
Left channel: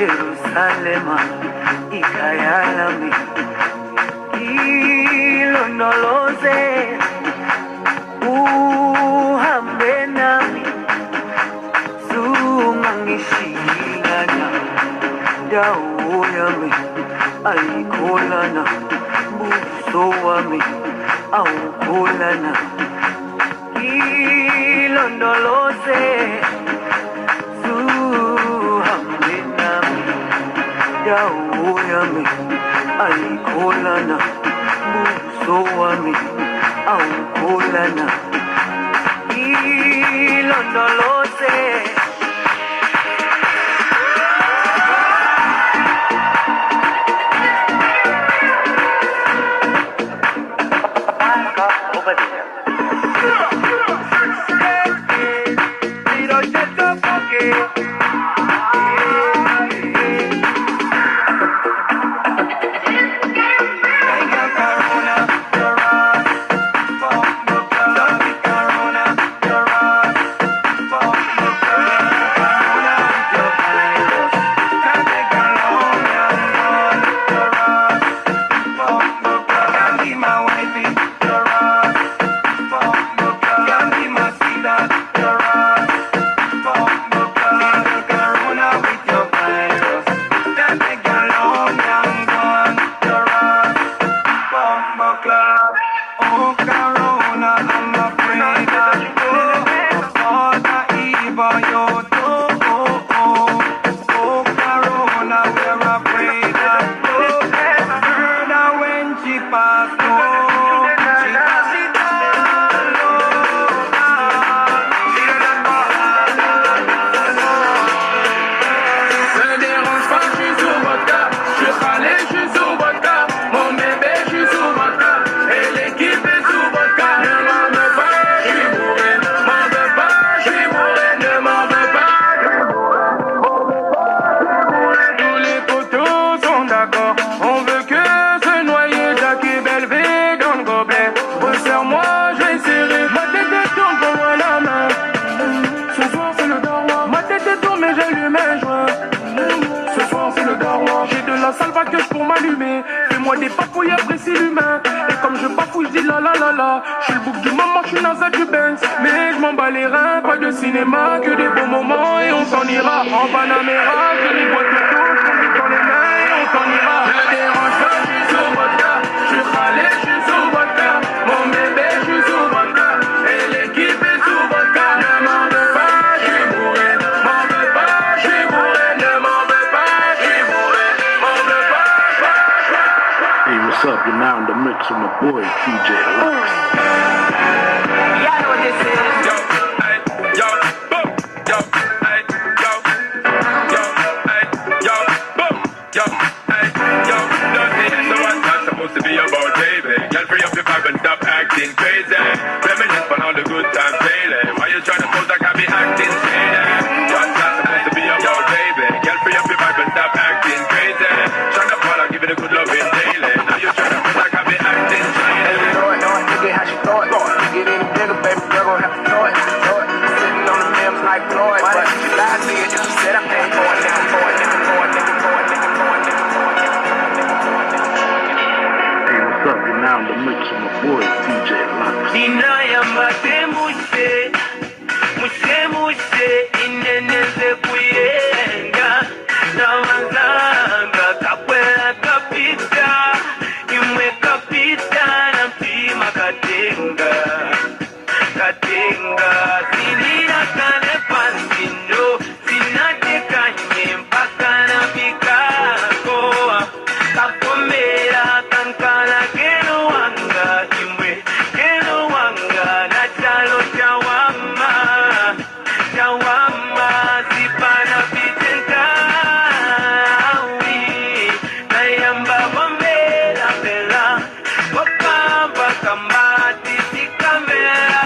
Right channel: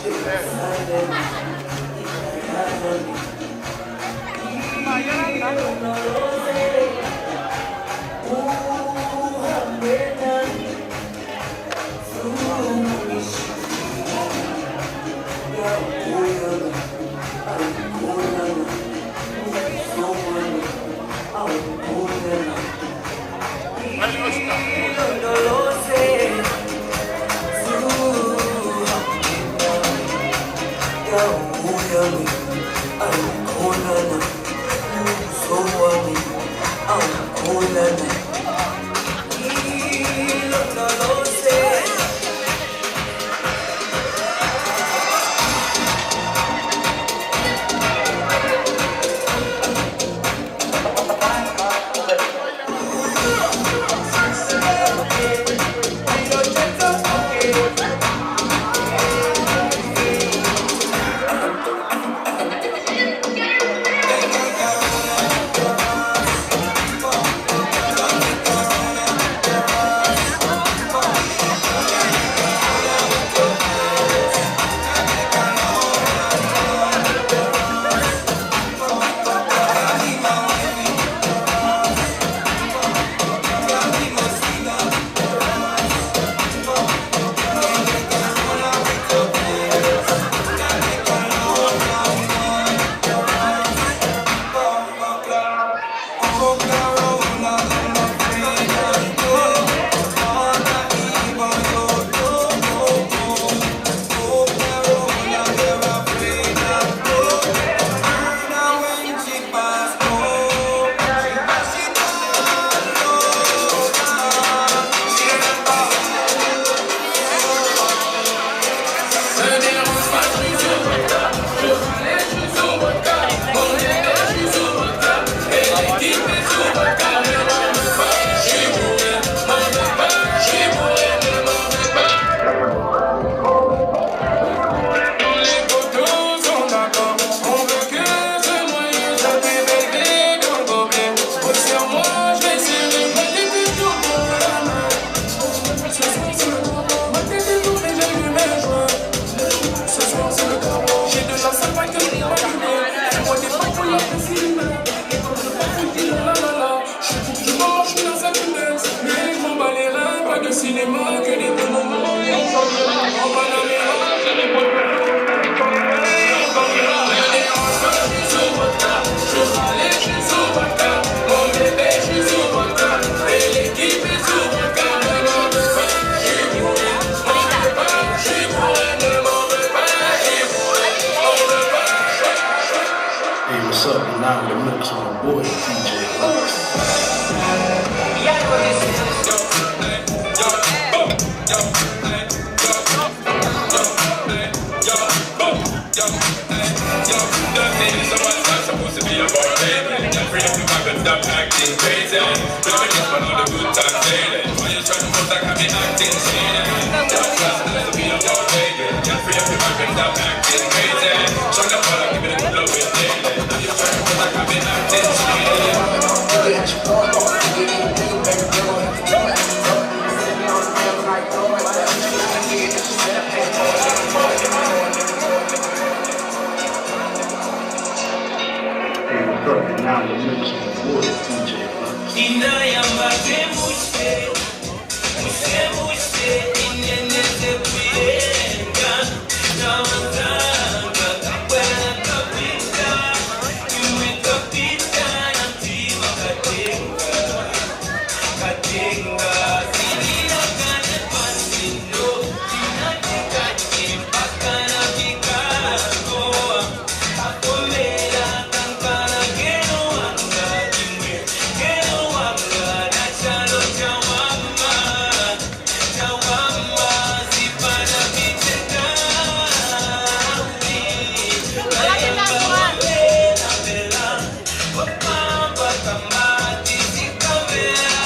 Jerusalem, Ikayalami. aikolana uso wami aukolana ilondoloze zuhambinami dawo yami aikolana uso wami aukolana ilondoloze cinéma, que des bons moments et on s'en ira. En Panamera, je les vois tout le temps. On s'en ira. Je râle, je suis sous vodka. Mon bébé, je suis sous vodka. Et l'équipe est sous vodka. Ne m'en veux pas, je suis bourré. M'en veux pas, je suis bourré. Ne m'en veux pas, je suis bourré. M'en veux pas. Hey, what's up? You're now in the mix with my boy, DJ Lux. To be about baby, can't free up your vibe and stop acting crazy. Reminisce on all the good times daily. Why you trying to pose like I be acting shady? What's last night to be about baby? Can't free up your vibe and stop acting crazy. Trying to fall, I give it a good loving daily. Now you trying to pose like I be acting shady. Get how she throw it, get in bigger, baby, we're gonna have to throw it. Sitting on the rail like Floyd, but you got me, you said I paid for it. Now the mix of the boy, DJ Lux. Inayamba temuse, muse, inenese kuyenga. Tawazanga, kakwela kapita, imwe kapita, na mtima katenga. Katenga, sinina kane pansindo, sinatika nye mpaka na mikako. Kakomera kankana geno wanga jimwe, geno wanga na chalo chawama, chawama sipana picheka uwi, na yamba wambela bela, wakamba kambati sikamera,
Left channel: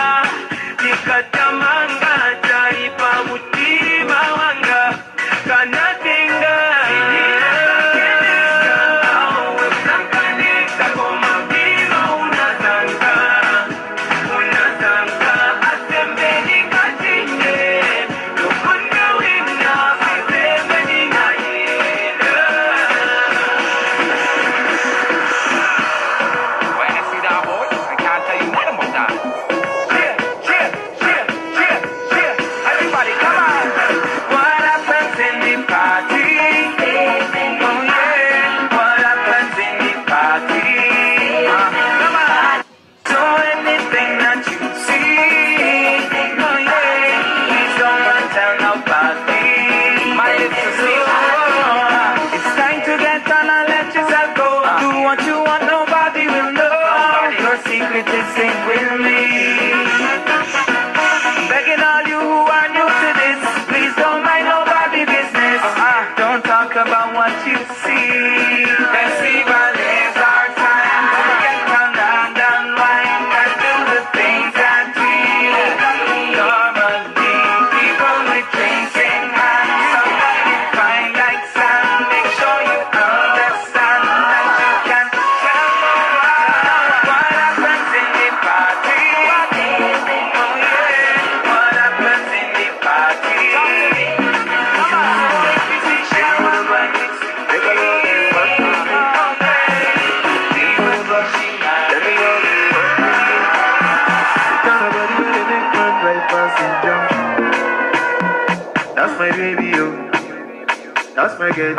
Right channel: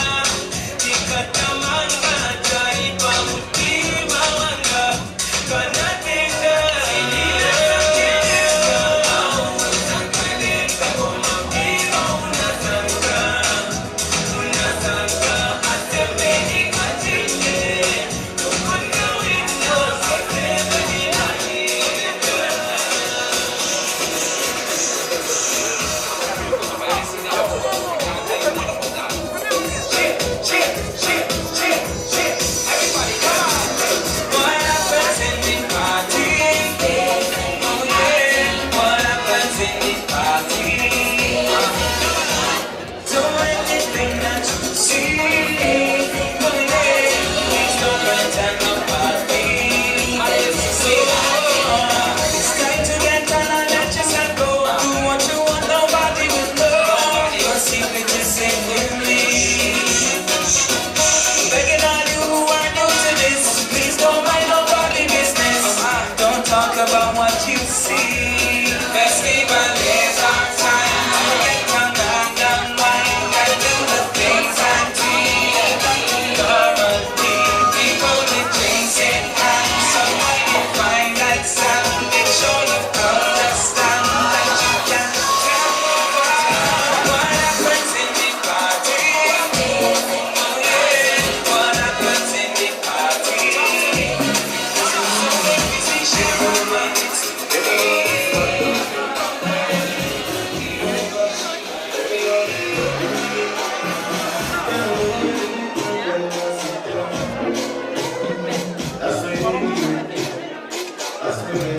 pass my girl.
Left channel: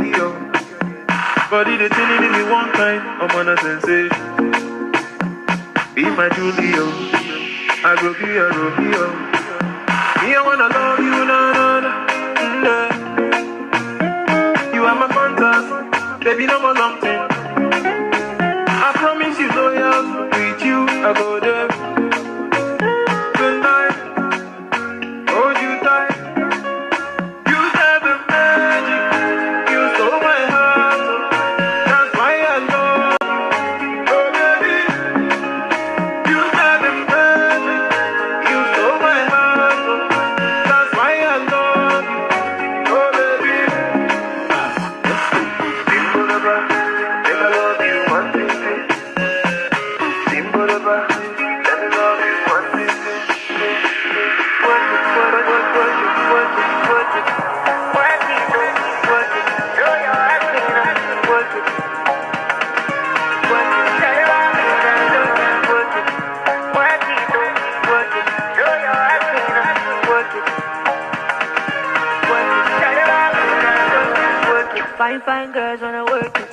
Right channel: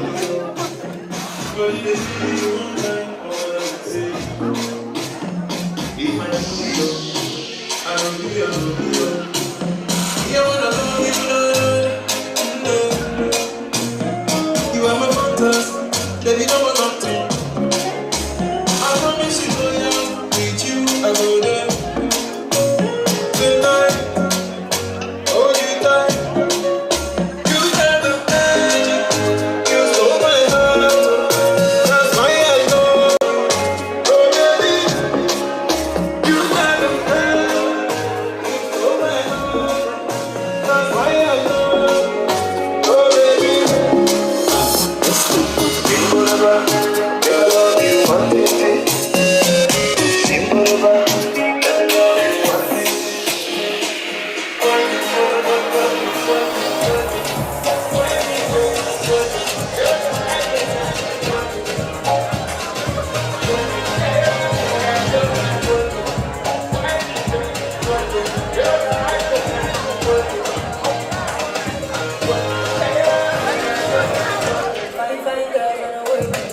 Body the feeling if you one time, I'm on a sensei. Be my Julio, I go give you, Me, I wanna love you, You are my fantasy, baby, no more nothing. I promise you, loyal, with you, I go there. Tonight, hold you tight. You have the magic, you stole my heart. That's why I know, oh baby. You have the magic, you stole my heart. That's why I know, oh baby. Sing forever, make I love you one day. Sing forever, let me love you one day. Fine girls wanna work it.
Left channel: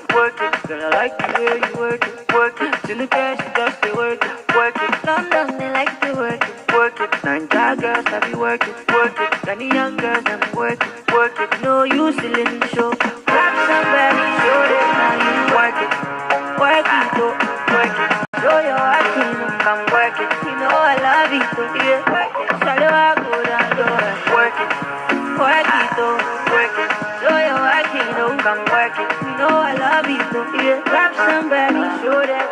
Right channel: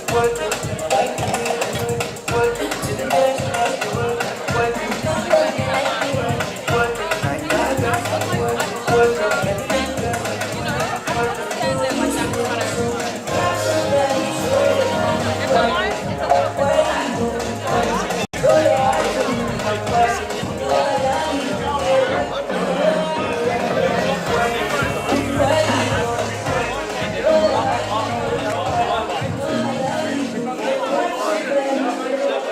Don't like to hear you work it. To the girls who love to work it. Not them they like to work it. Nine girls that be work it. And the young girls that be work it. No use to live in the show. Very sure they know you work it. Work it. Show your heart to me, I'm work it. You know I love you, but you work it. Show your heart to me, I'm work it. Work it. Show your heart, you know I'm working. You know I love you, so you grab somebody, show that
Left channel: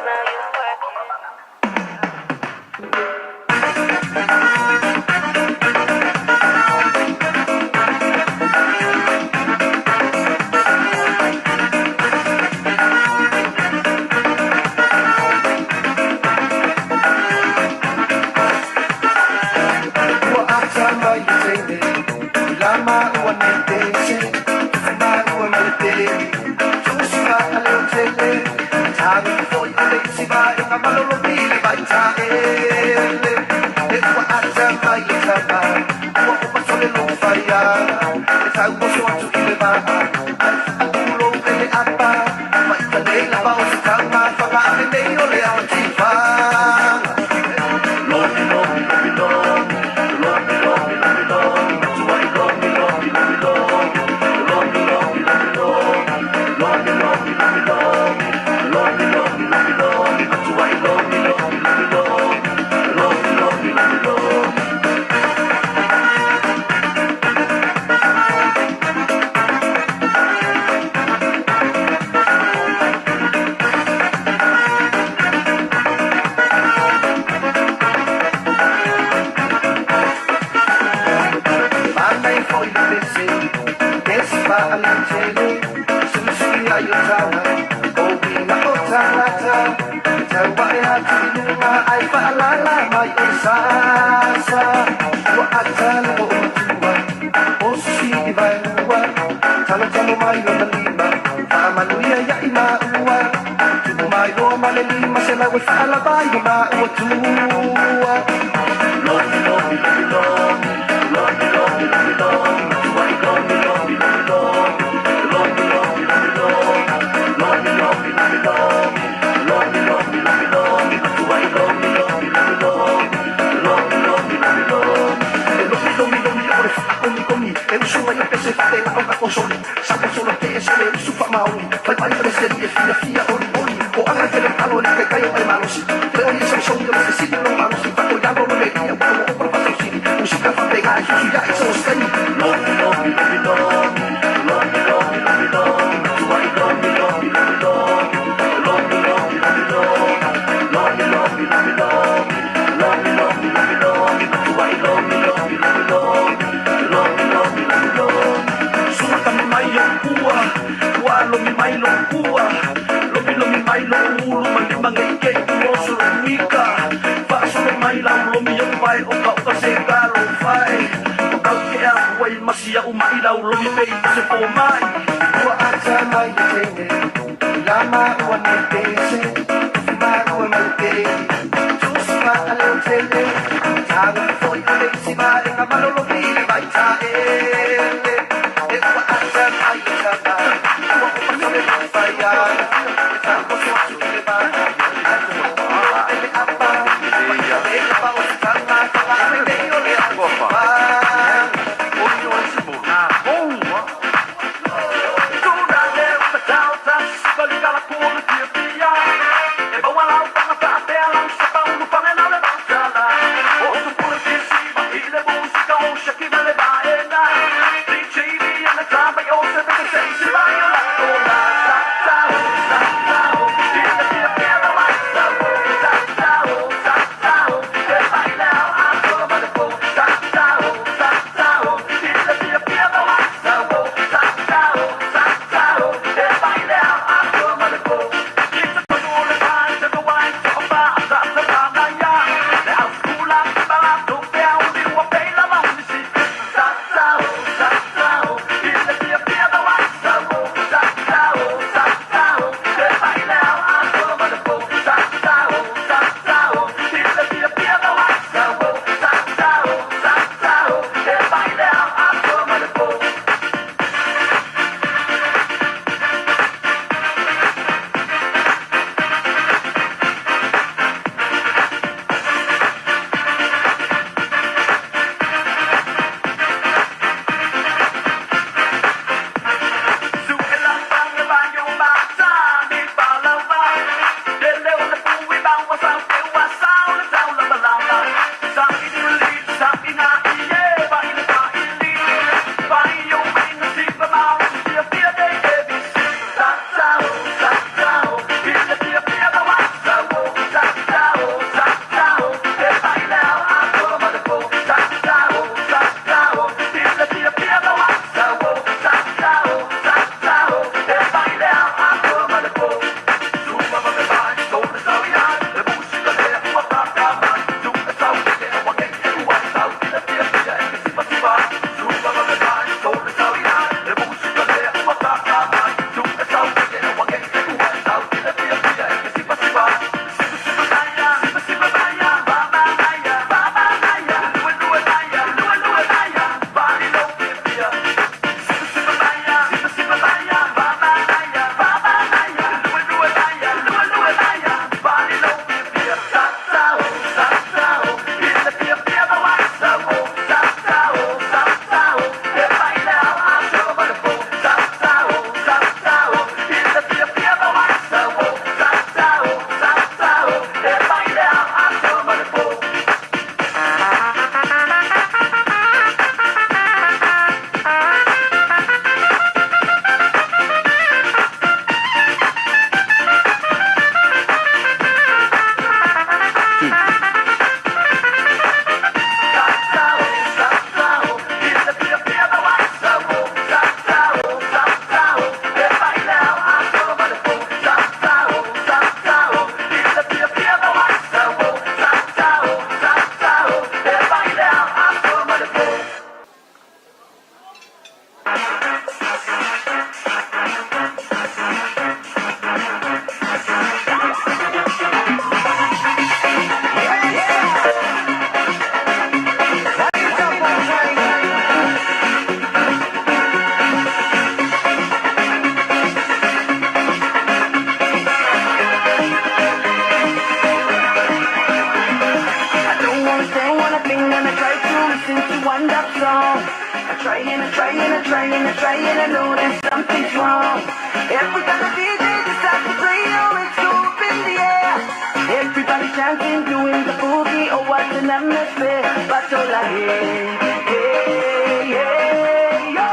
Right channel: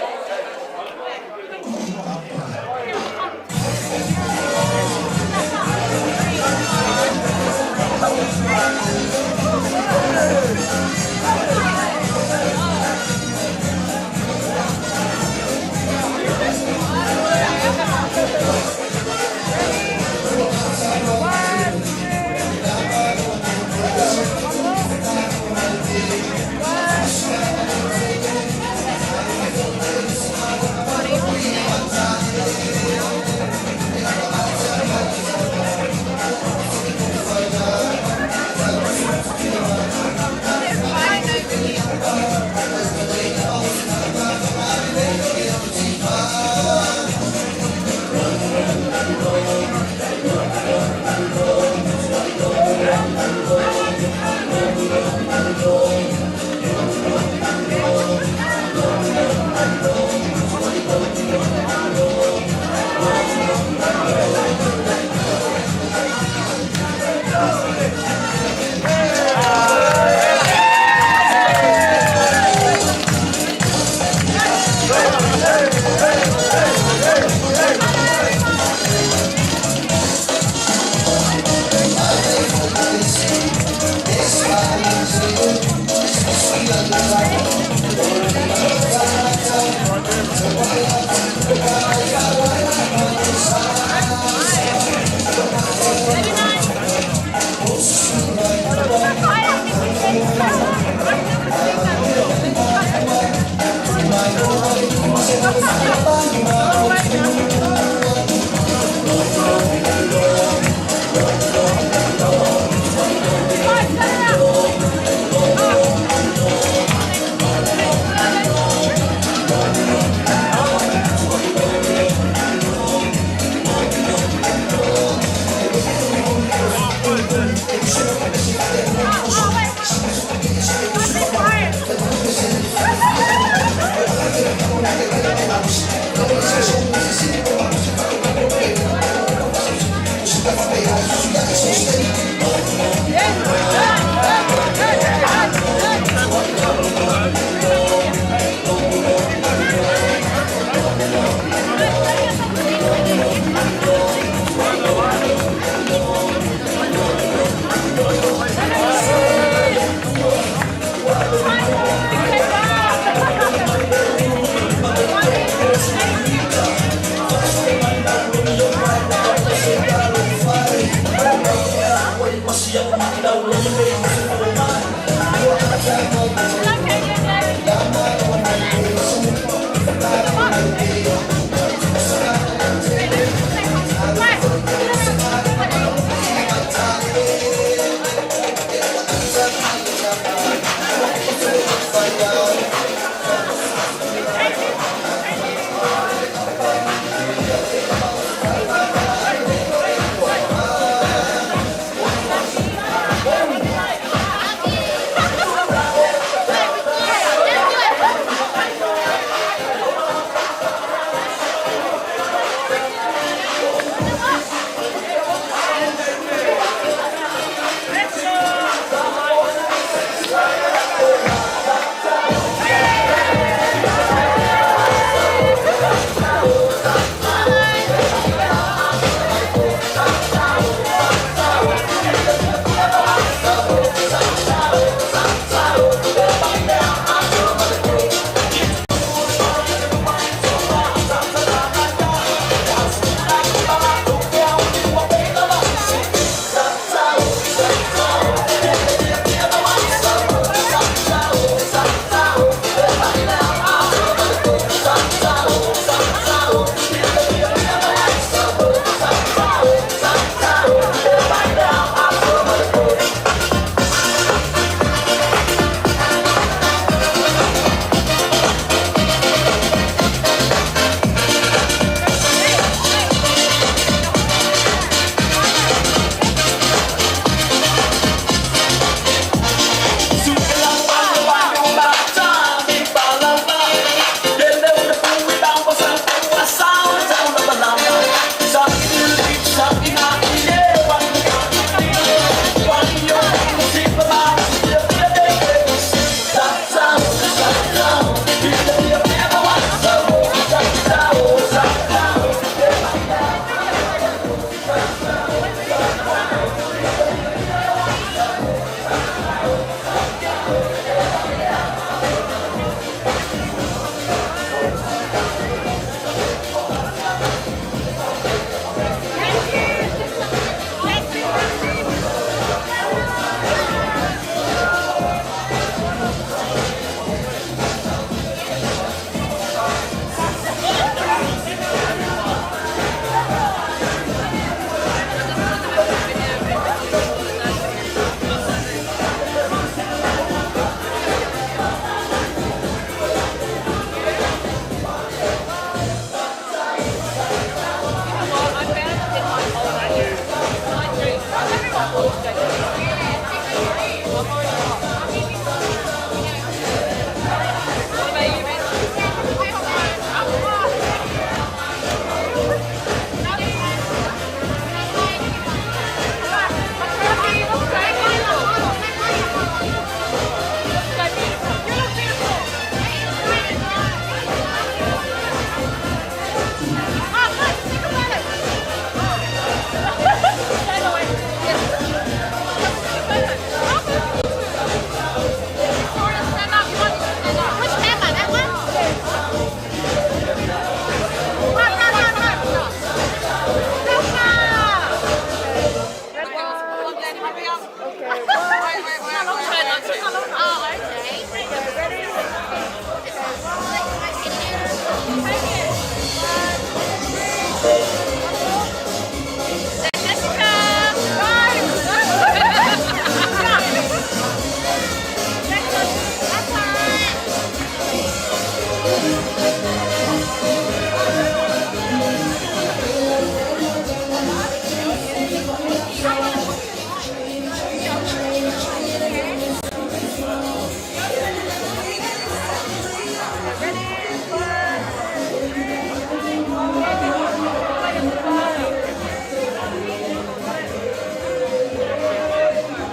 trying and trying, I know that something's wrong. Everybody start to play, oh, it's up in the air. Everybody dancing, doing the boogie, oh, what an atmosphere. But so like, hey, hey, yo.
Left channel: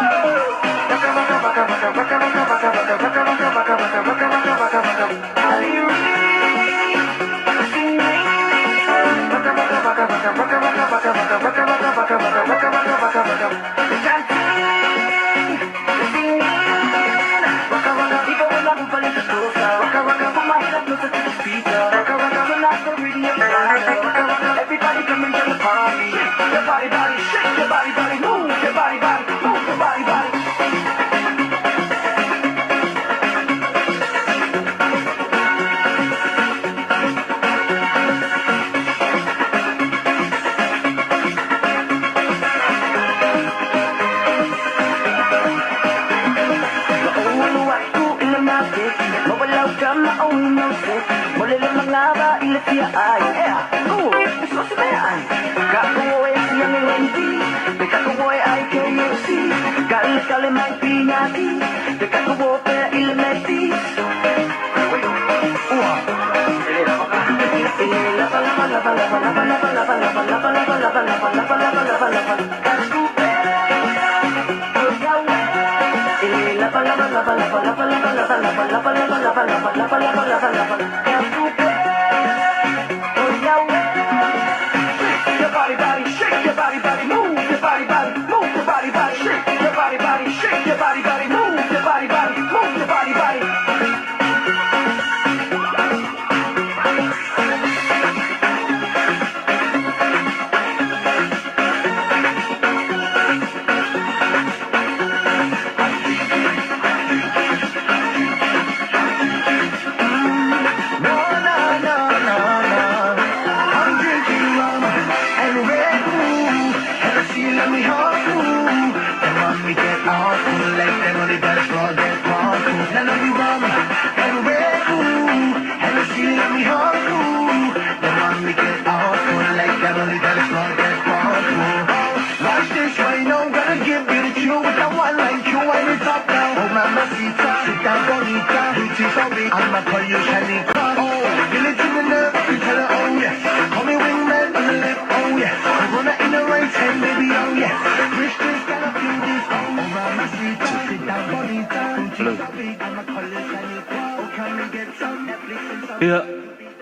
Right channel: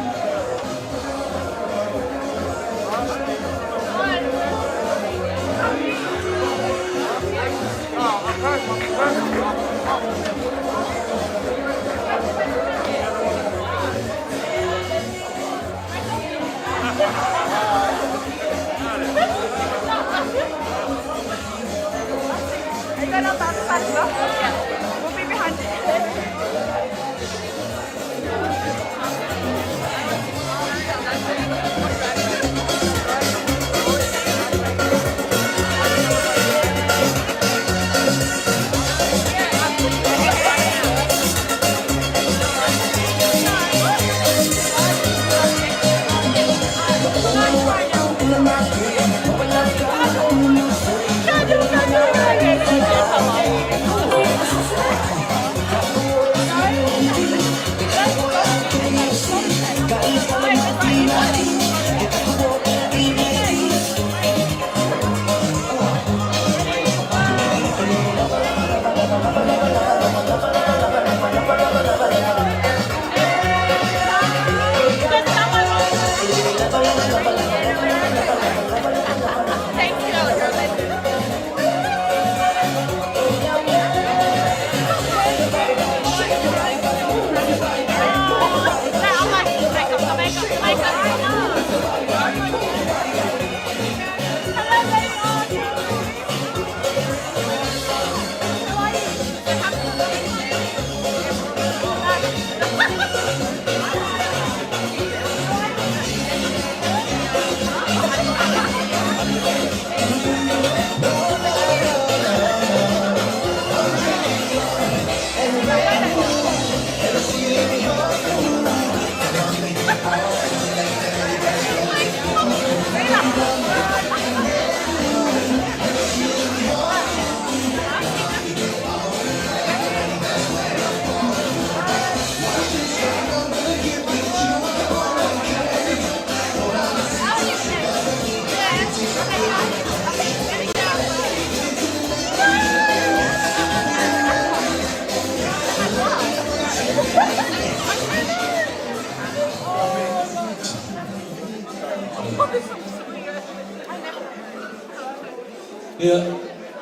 Dia,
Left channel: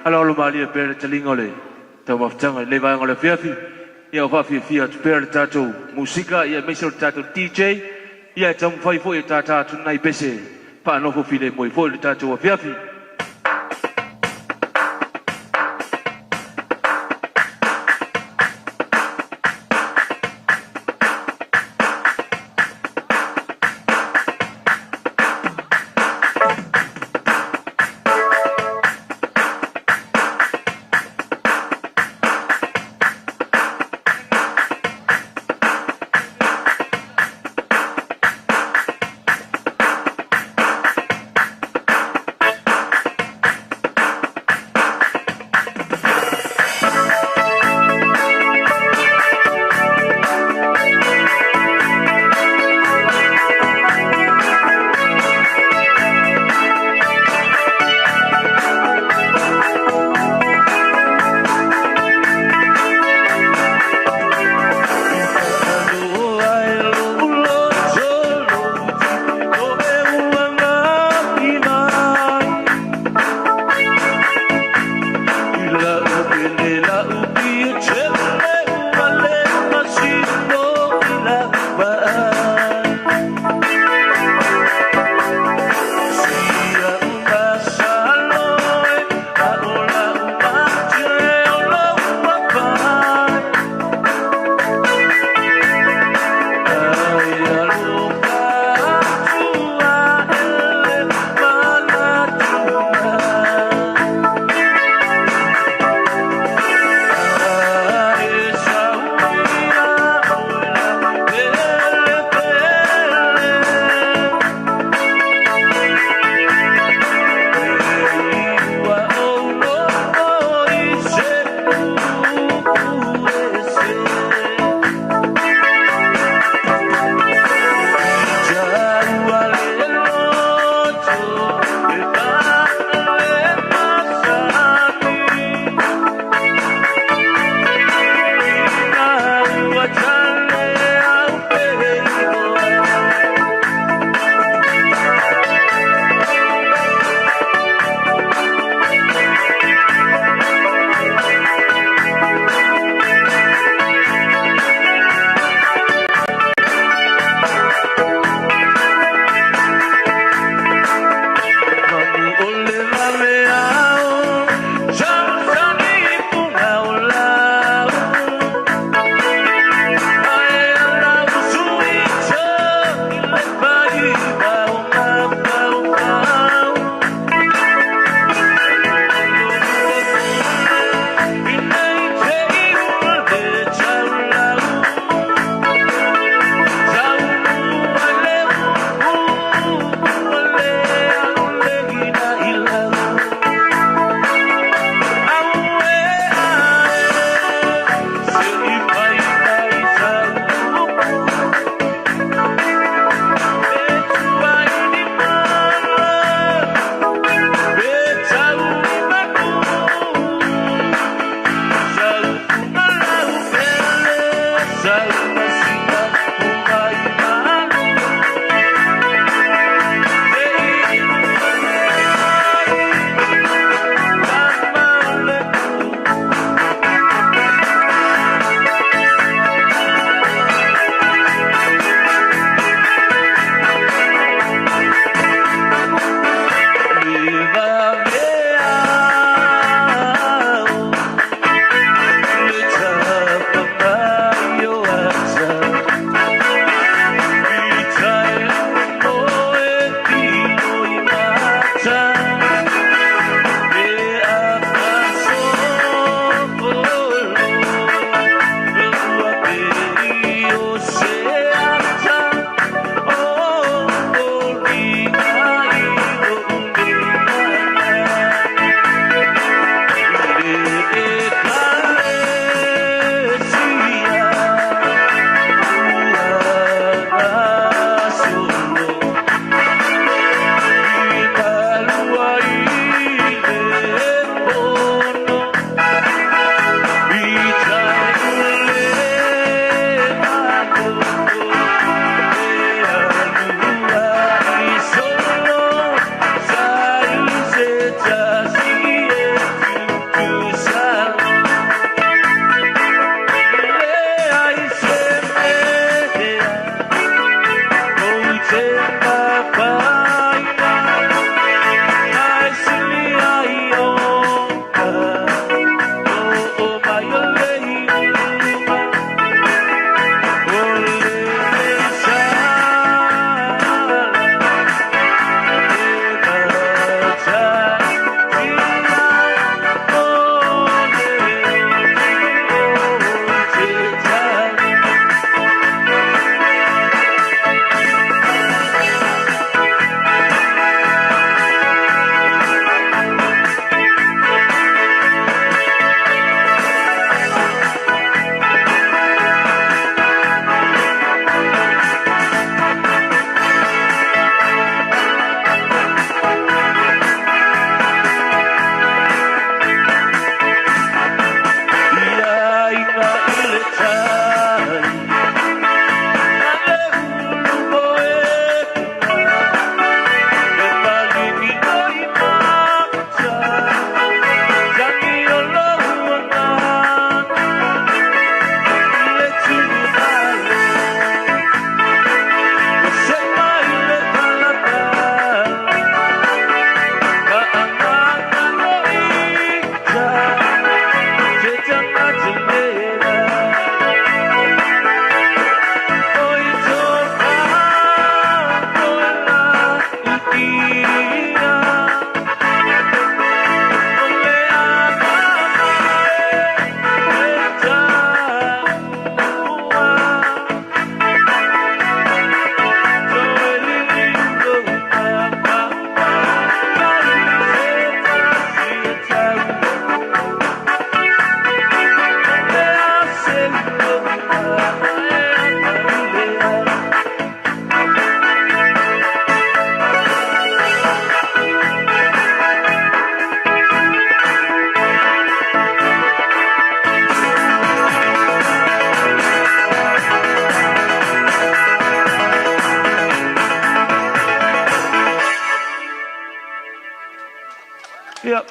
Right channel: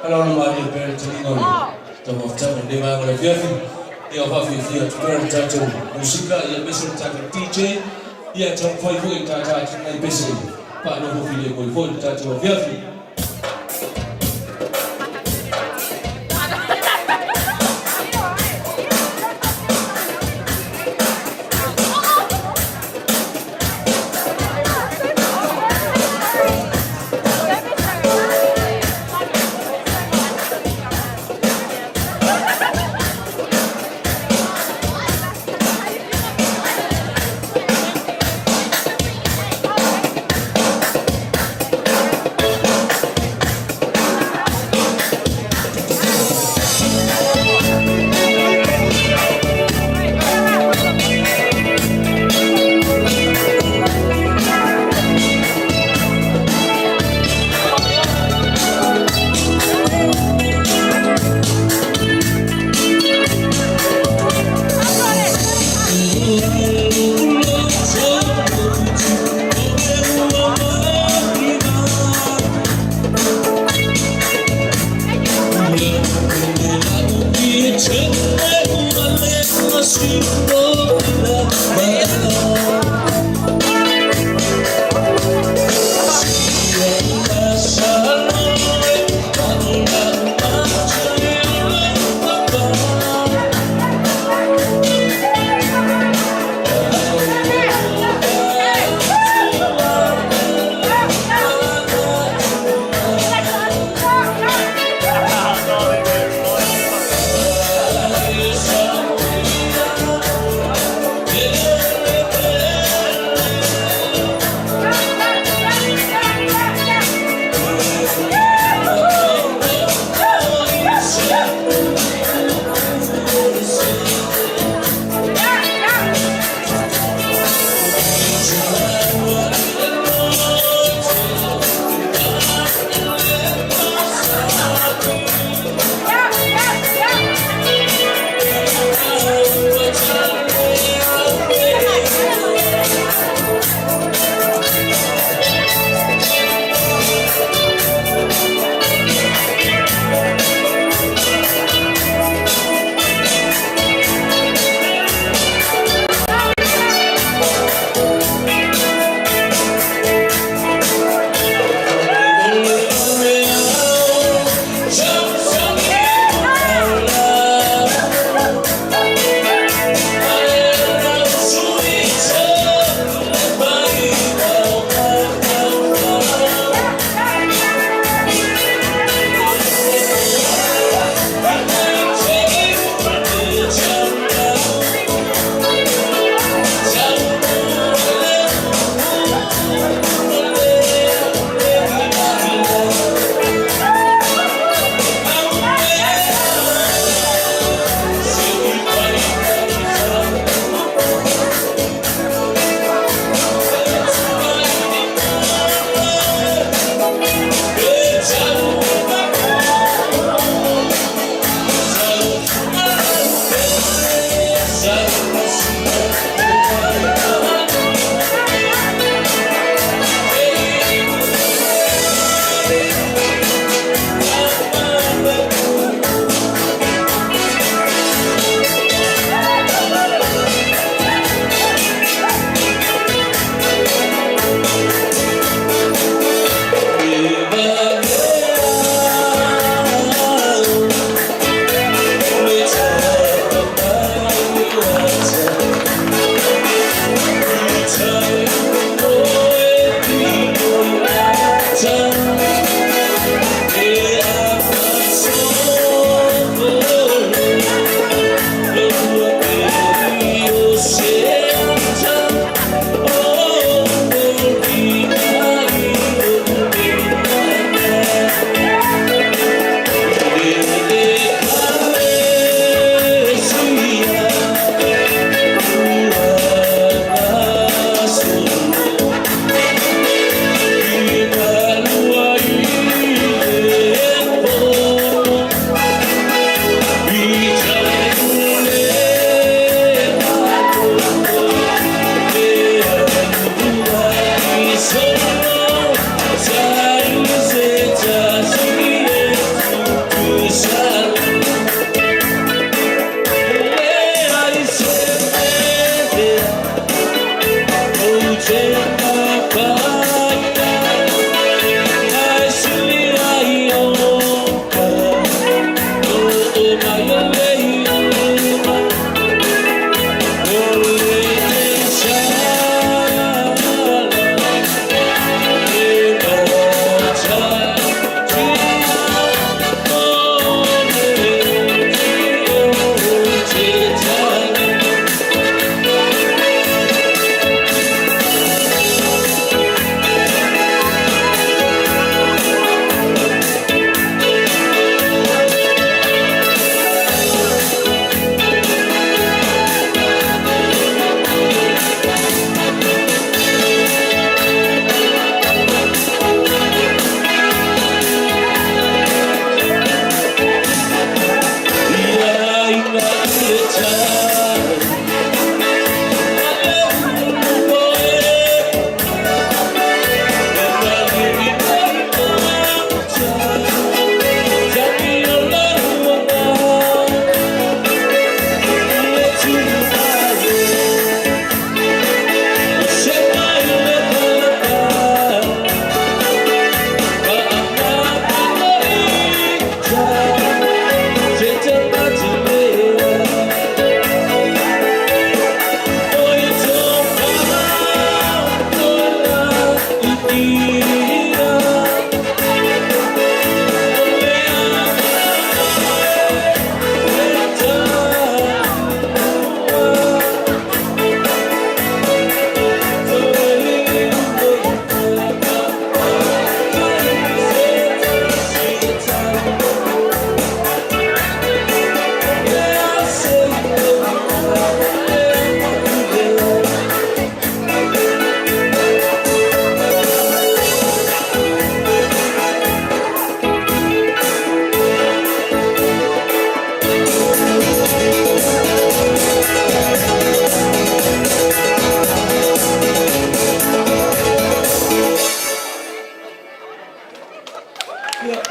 kalau lu mandi per telinga le, jawab macam le bang oleh Fifi, dia apa Fifi at per tato, musika ia mesra tato DJ, ia jam fai fai tata tunai besi, pak no Fifi le moi fai tato Fifi.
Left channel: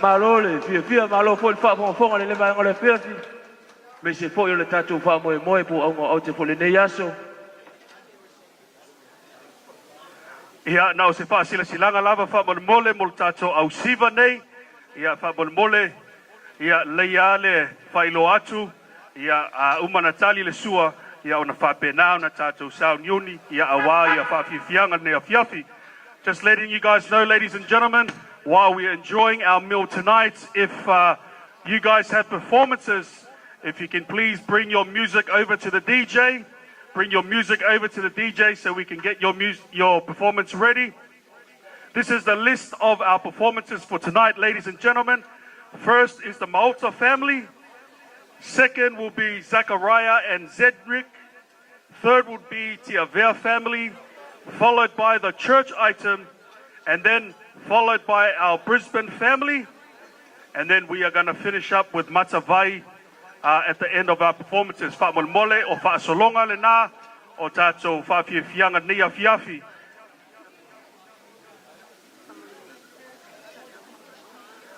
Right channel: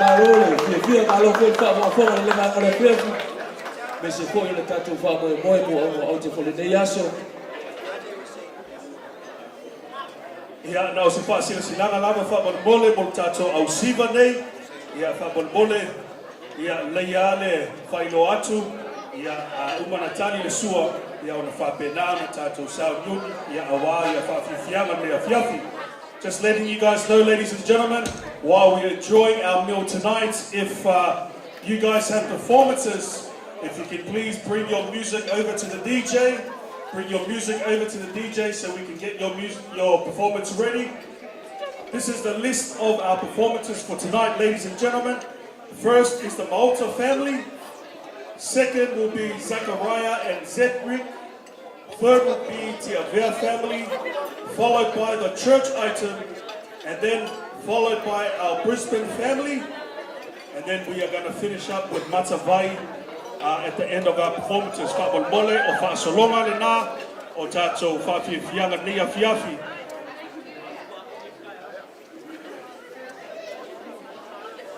Marole, via maro ko fa mo fo le mai ore pe. Me se fo yo le tatu fa mo mo mo o te fo le yaso. Ia na o se fa sila silanga lava fa mo mole mo tatu au siva nei. Ia fa mo mole ia le yale fa ilo atu. Ia uma Natali le sua ia ona fa pena na tatu sa yuni ia awa ia fa fianga ne afiafi. Just letting you guys know, ladies and gentlemen, while we're enjoying our meal tonight, if you guys have performances, if you can please bring your music over to the DJ. Bring your music over to the DJ so we can get your performance ready. This is the list of our performances for tonight, ladies and gentlemen. First is the Malta family. Second will be Zachariah and Zedric. Third will be Tiavea family, followed by the church item, and then followed by our Brisbane family. And then we are going to finish up with Matavai at the end of our performances. Whapon mole o whaasoronga le nā, o tātou whawhiawhianga nia whiawhi.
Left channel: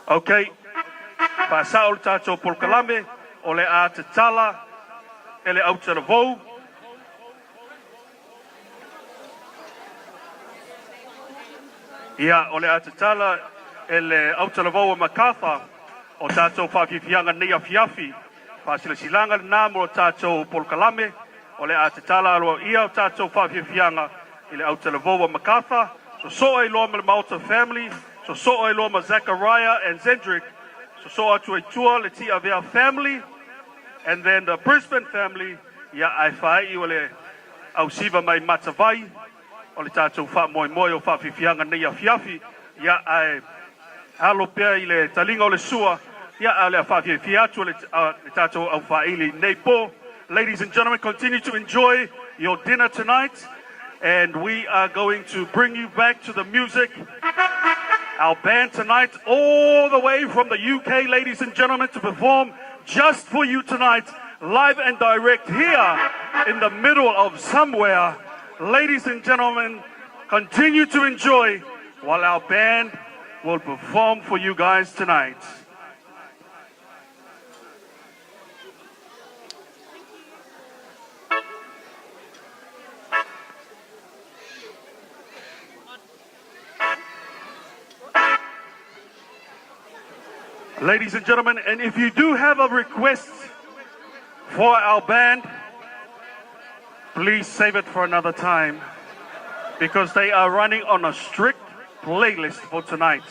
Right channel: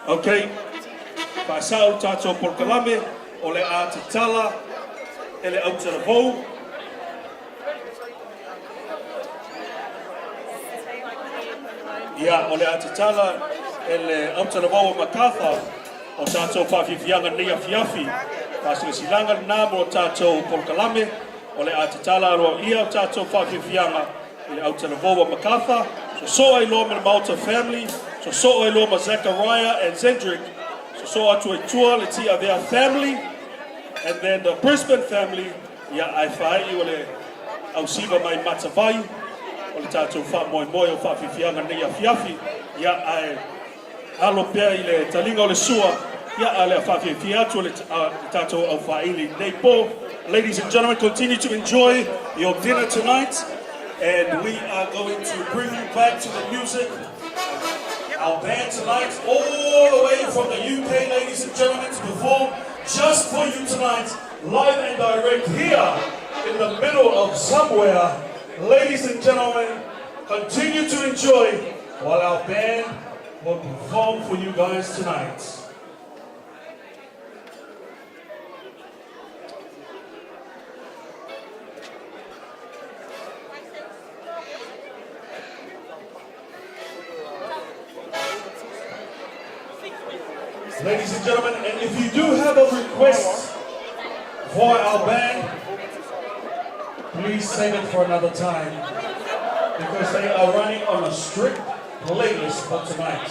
Okay, whaasau tātou porkalame, o le a te tala, e le Aotearoa. Ia, o le atatala e le Aotearoa o Makatha o tātou whawhiwhianga nia whiawhi. Whasila silanga nā mo tātou porkalame o le atatala ro ia o tātou whawhiwhianga i le Aotearoa o Makatha. So ai loa ma Malta family, so ai loa ma Zachariah and Zedric, so atu e tua le Tiavea family, and then the Brisbane family, ia ai whai o le Ausiva mai Matavai, o le tātou wha moi o whawhiwhianga nei a whiawhi, ia ai halo pia i le talinga o le sua, ia a le whawhiwhi atu le tātou au whaili nei po. Ladies and gentlemen, continue to enjoy your dinner tonight, and we are going to bring you back to the music. Our band tonight, all the way from the UK, ladies and gentlemen, to perform just for you tonight, live and direct here in the middle of somewhere. Ladies and gentlemen, continue to enjoy while our band will perform for you guys tonight. Ladies and gentlemen, and if you do have a request for our band, please save it for another time because they are running on a strict playlist for tonight.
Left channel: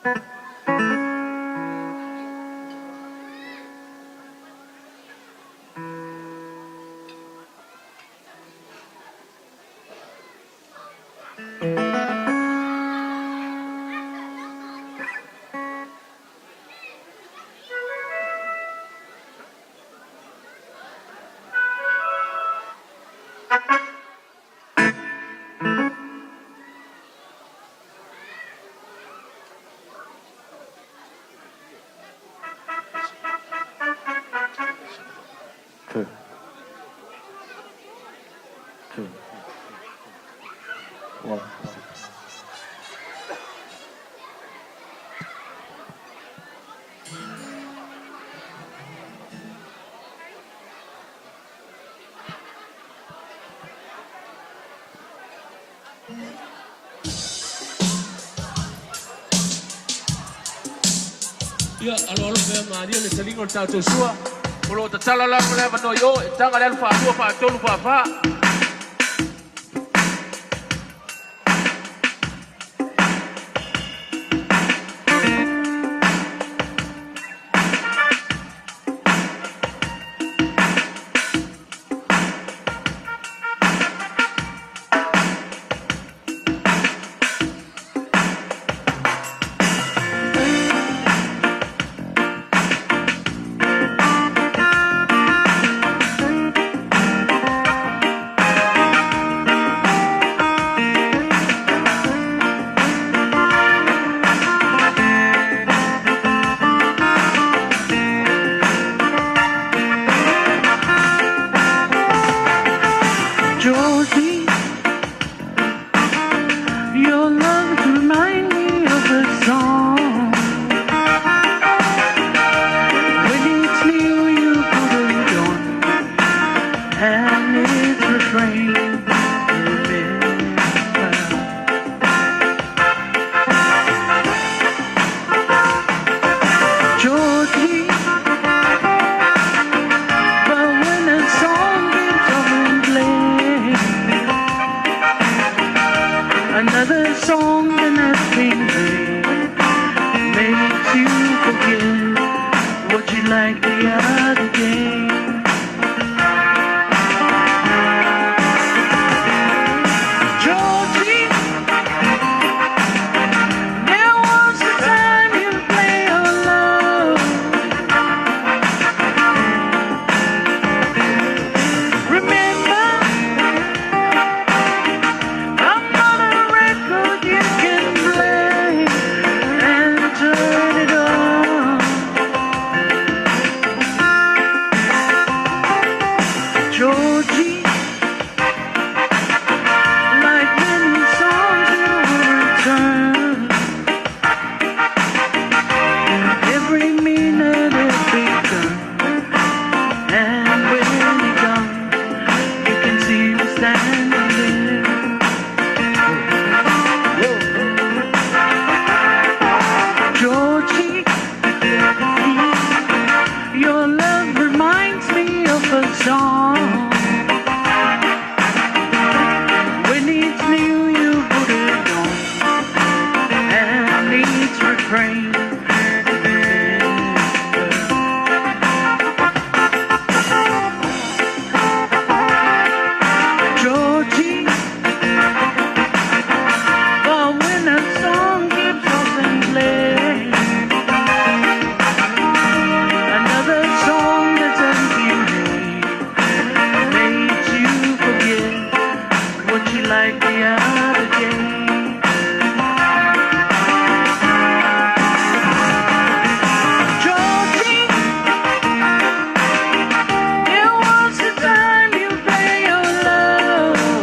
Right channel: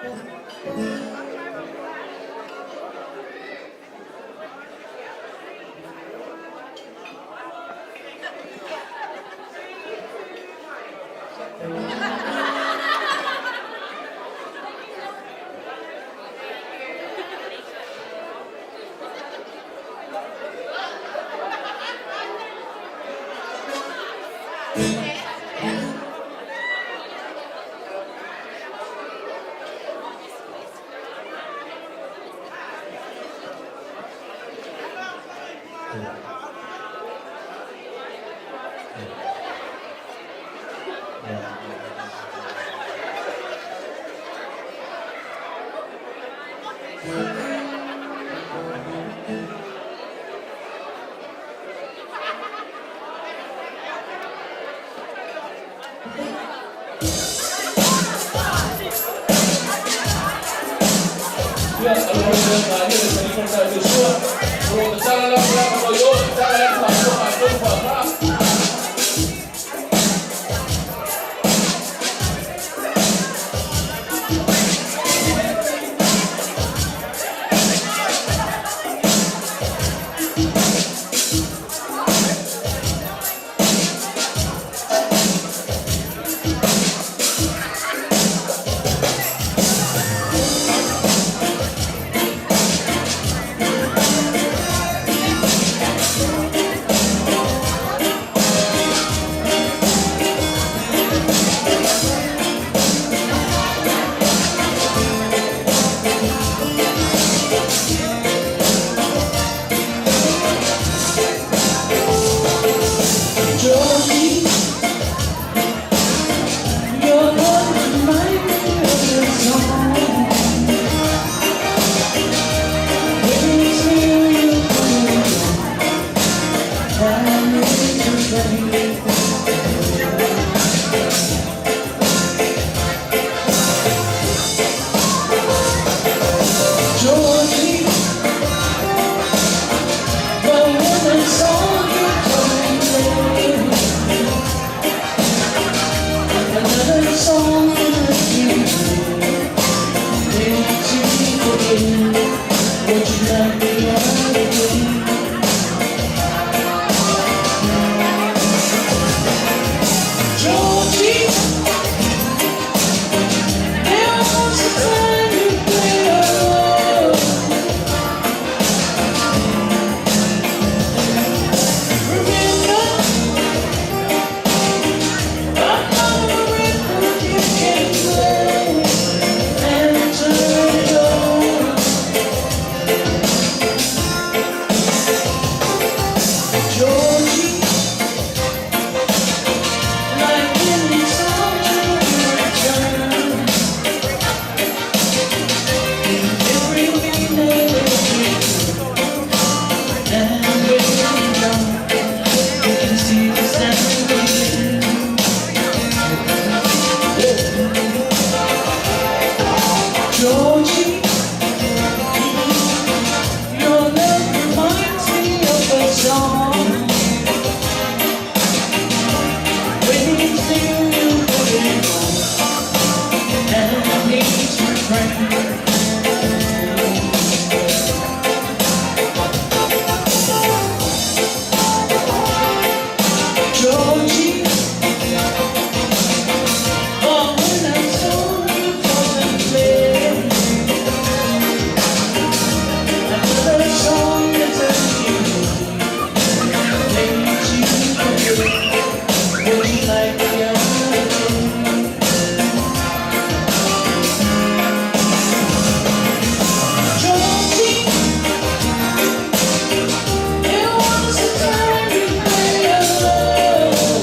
Ya, kalau ada tadi percaya Joshua, kalau tak salah lah menoyo, jangan yang patung apa. Georgie, your love reminds me of a song. When it's new, you come and go, and it's refrain. Georgie, but when the song comes on, another song that makes you forget what you like the other day. Georgie, there was a time you played your love. Remember, I'm not a record you can play and turn it on. Georgie, like any song you return, every minute is return, and when you're gone, you can see the stand again. Georgie, your love reminds me of a song. When it's new, you put it on, and it's refrain. Georgie, oh, when that song keeps on playing, another song that's makes you forget what you like the other day. Georgie, there was a time you made your love.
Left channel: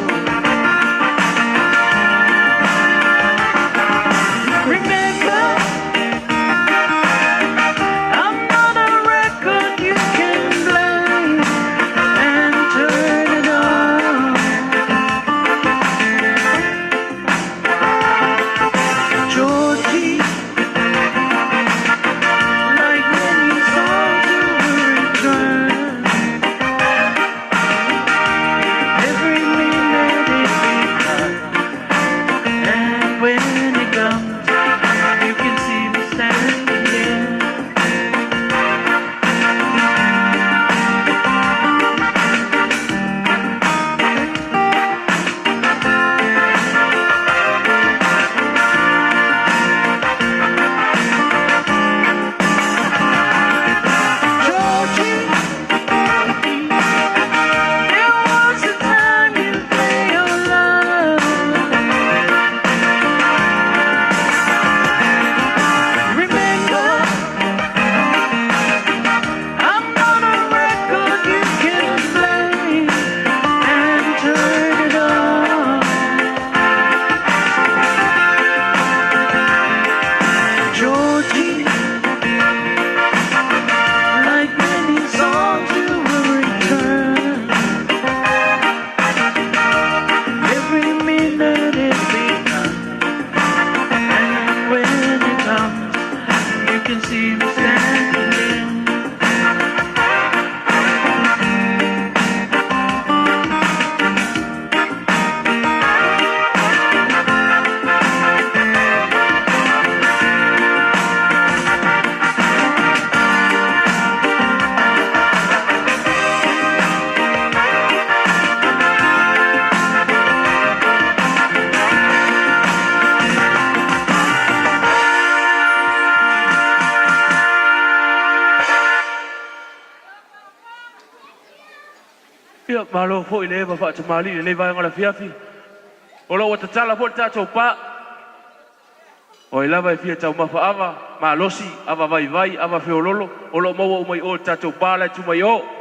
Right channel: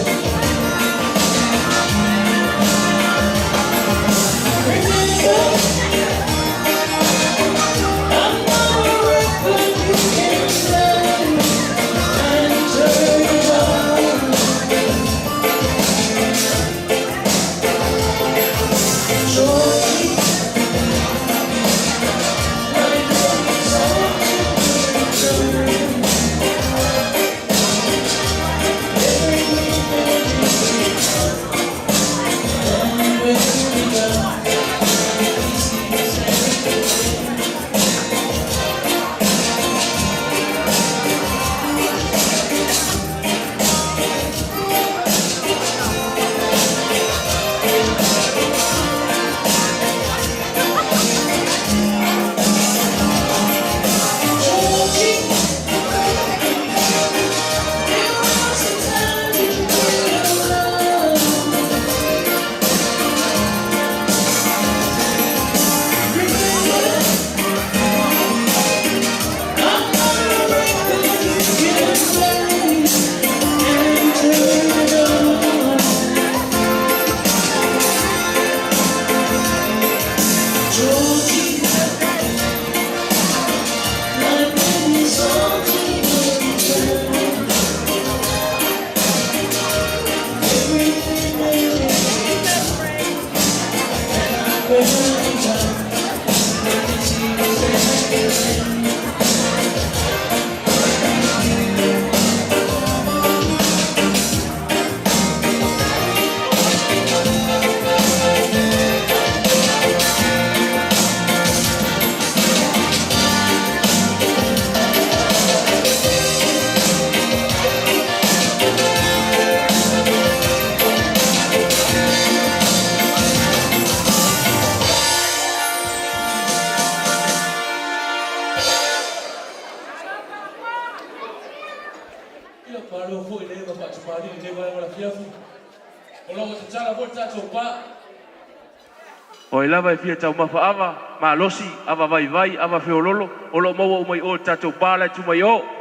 malo fo ile ba fa samali le vai ngala fiafi. Olo wa tsala fo tsa so pa. O ila vai fia tau mafa ava, ma losi ava vai ava feololo, olo mo mai o tsa pa la tu mai o.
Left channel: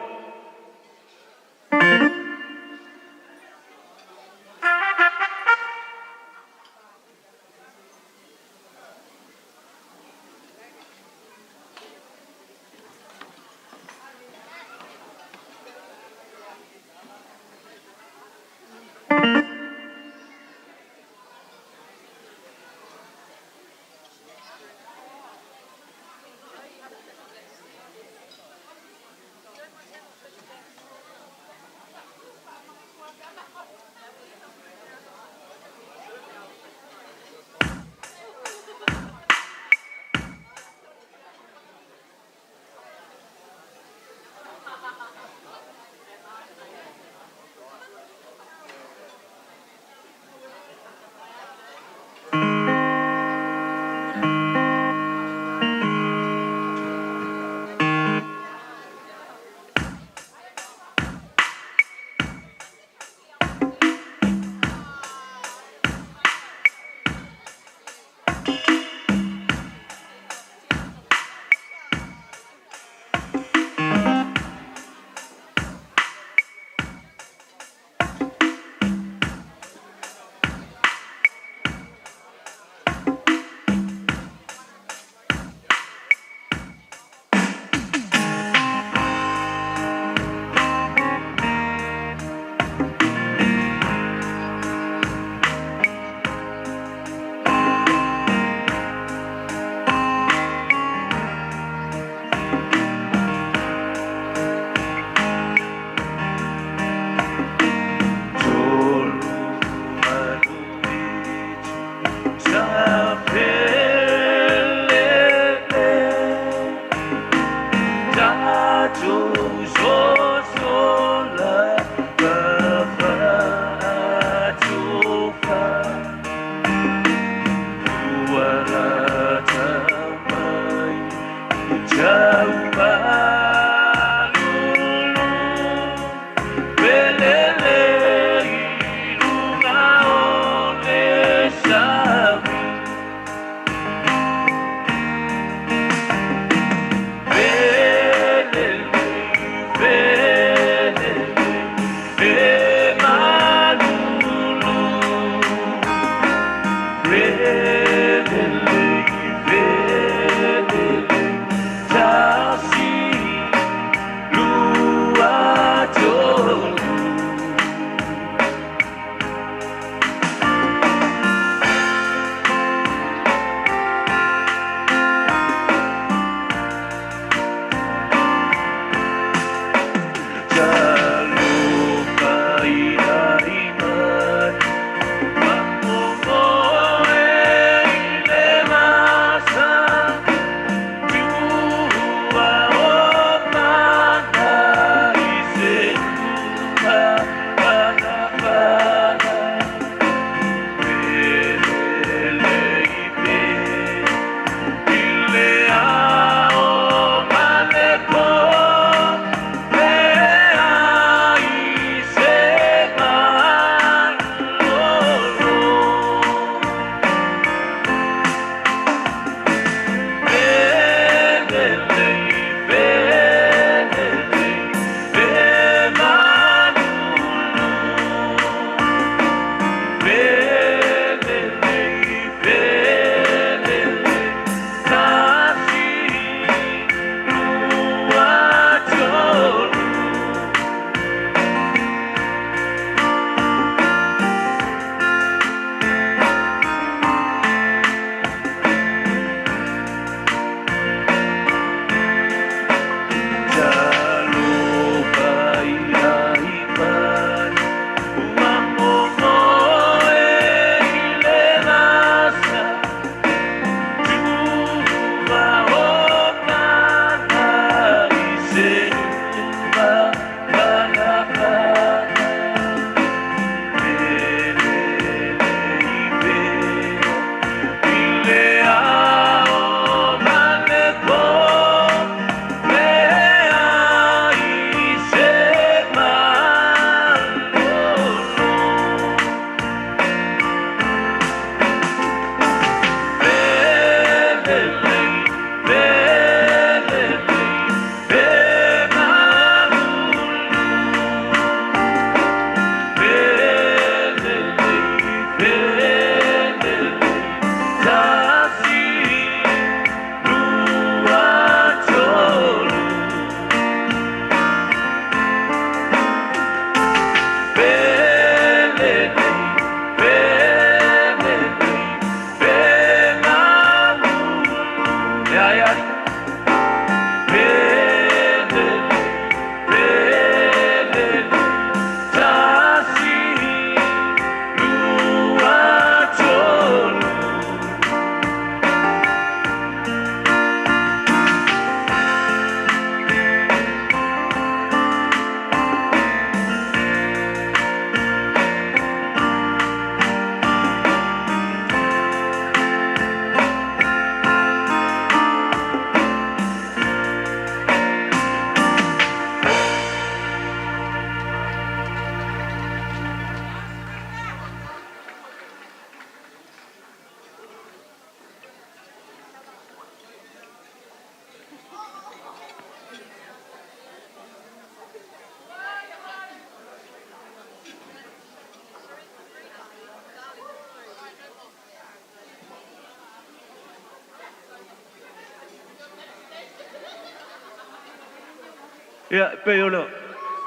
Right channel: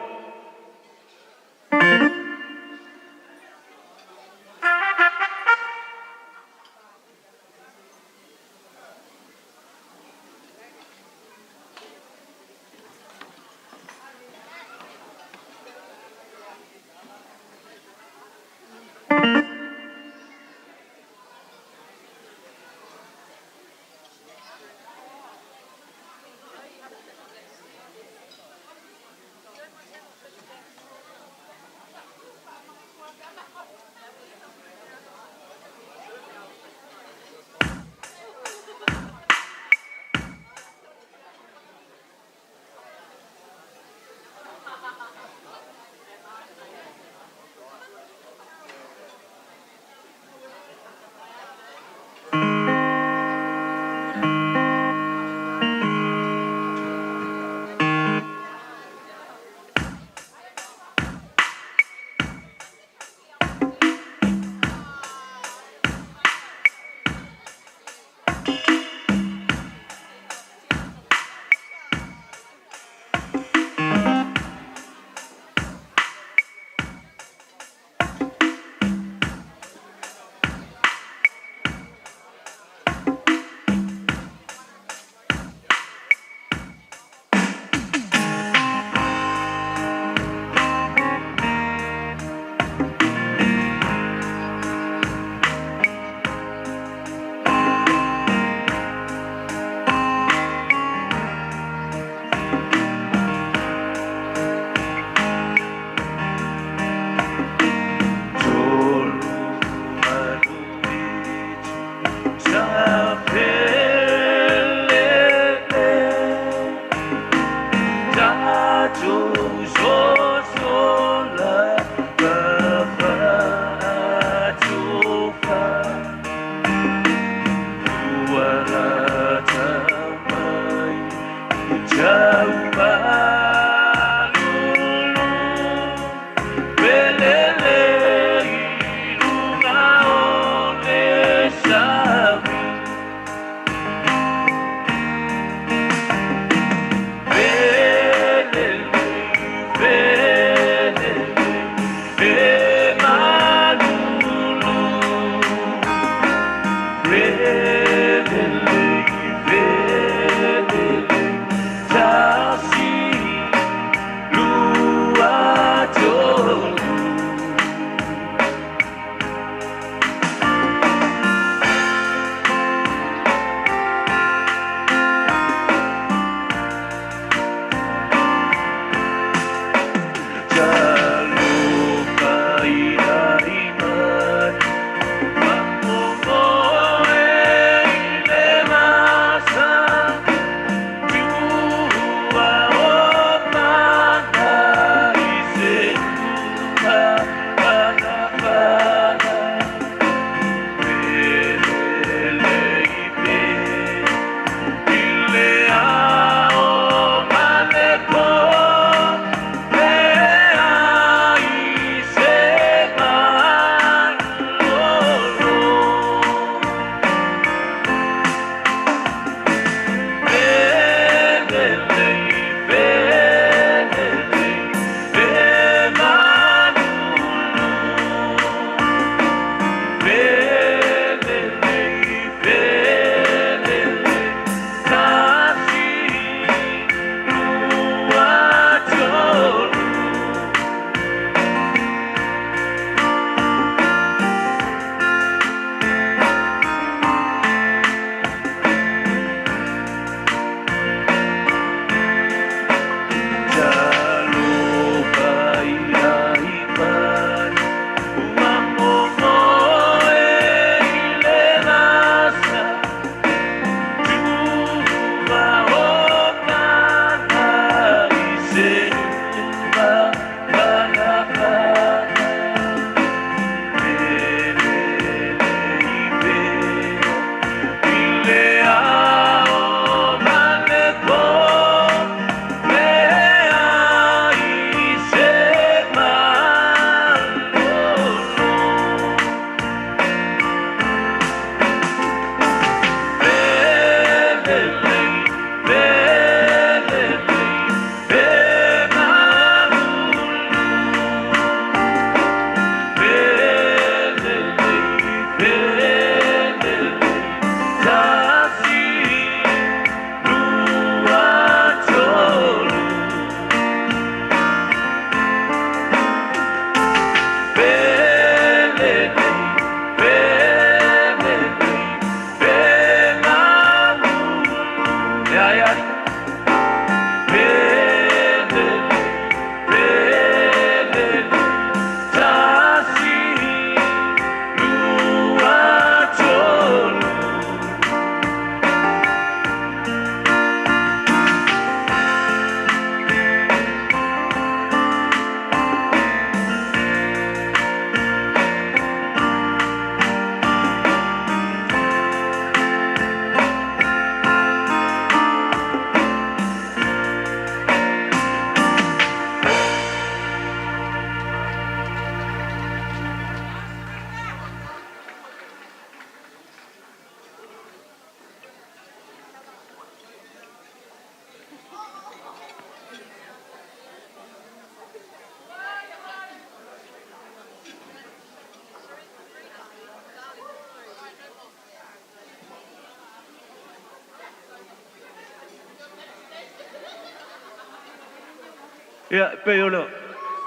Ia pe ole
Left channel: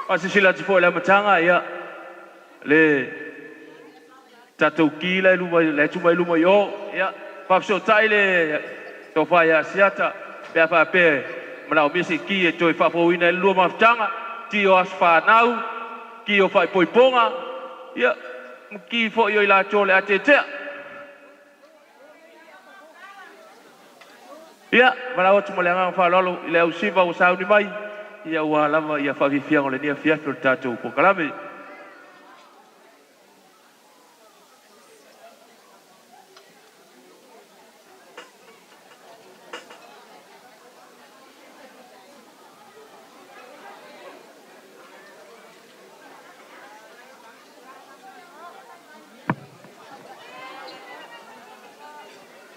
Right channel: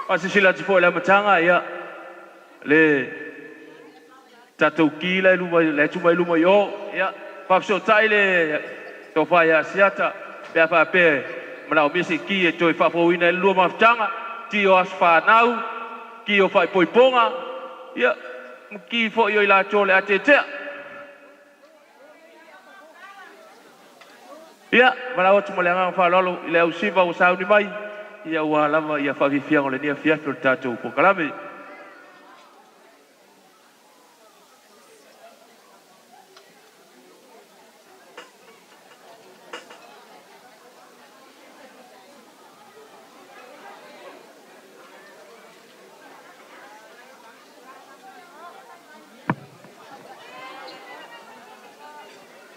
asisila te foi la matanga ia le tatou ki le luma le tuma luma yo ia pa so tai le to fa ia siata pe fa pe mana o misi ki e toi fa po ina luma matanga ti o asfa nau ki o fa poiponga ia ki fo yo la chole atete ia mana o tuma le nga fa lolo le usiva o sauni mai ia ua lava ia whawhiwhia o le nia whiawhi o tātou po kalame.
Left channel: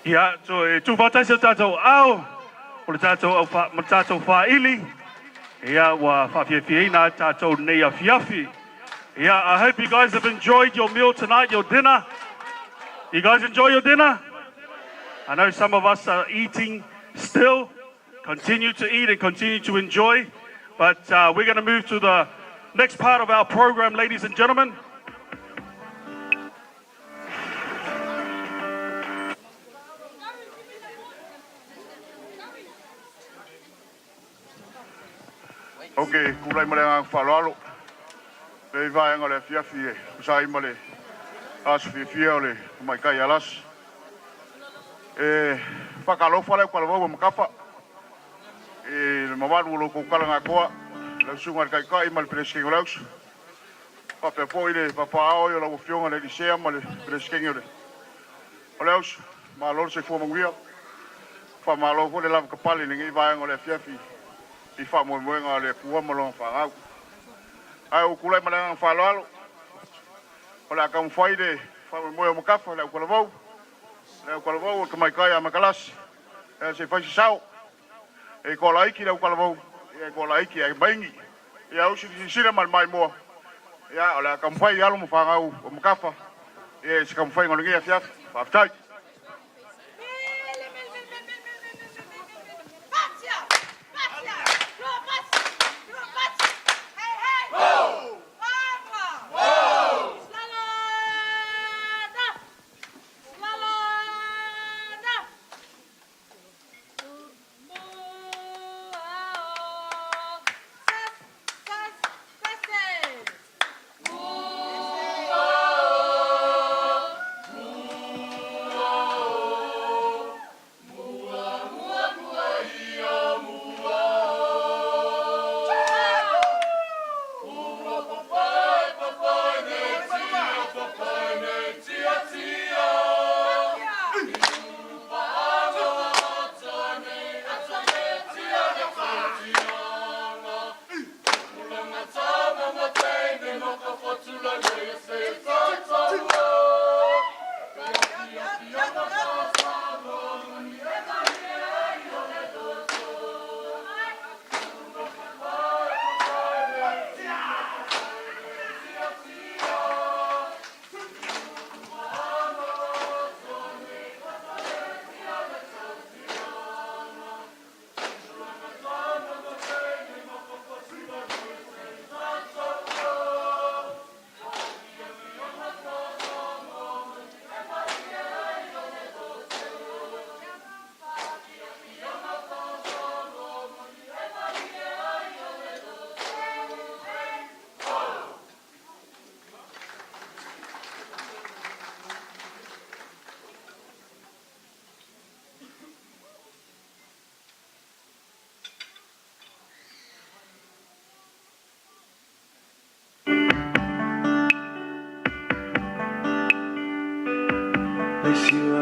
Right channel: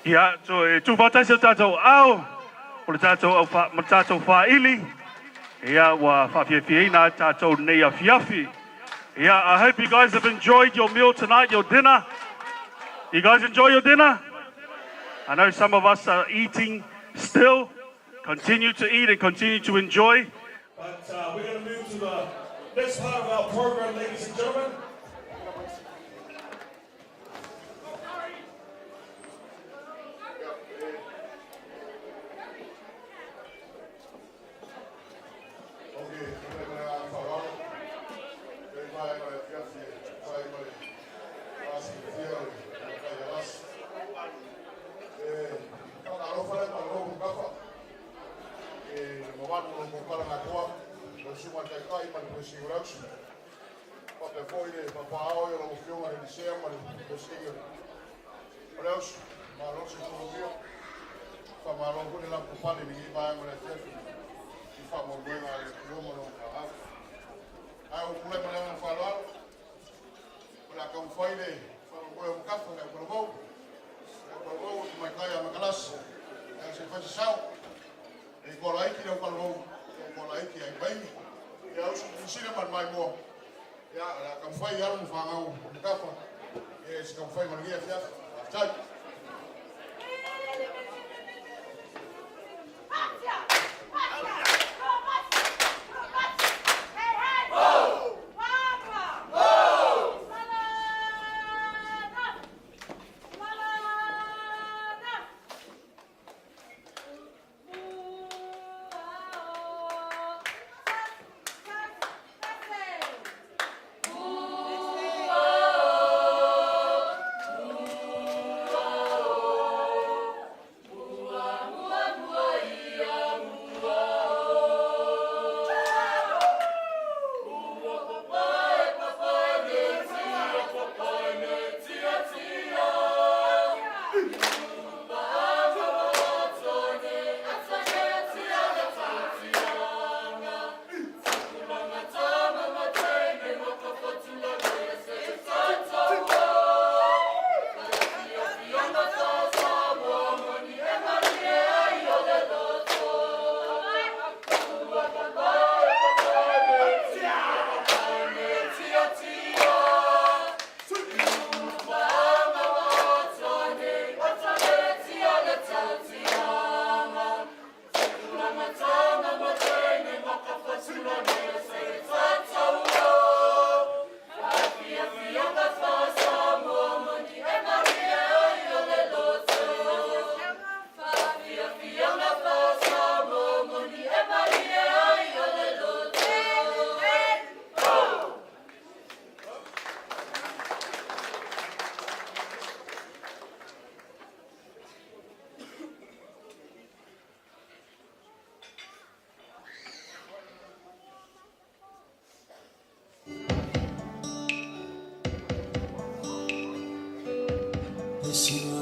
Ia, so e tūwhatai sa tātou au, o le tātou whaili, ia wa whawhiawhiina tātou nei a whiawhi. Yeah, I hope you guys have enjoyed your meal tonight, your dinner. You guys enjoy your dinner? I know some of us are eating still. Continue to eat and continue to enjoy. But we're going to move to the next part of our program, ladies and gentlemen. Okay, kulai male whalalo. Pei vai ngole fiafi e. Usai male as fiafi ole mai kai alas. Whakalo whale kwalawa makapa. Mamaru lo ko kala ngakoa. Le sunga kai kai mal presking laus. Pa pe poile papa ao yo lo fionga le disea mal presking ole. Olaus ma lo se fo mangia. Pa malo ko le la kapali ni vai ngole fiafi. I fa mo moenga le kua mo lo fa au. Ai o kulai mana fa lo. Ola kam faide fa mo mo kafa le ko lo. Le ko lo to mai kai makalas. E se fa sao. E ko la iki le ko lo. E ko la iki ai bangi. Ya o si sira mal mai mo. Ya ola kam fai alo mo fa au mo kafa. E se kam fai ngolo ngia fiaf. Fa tai.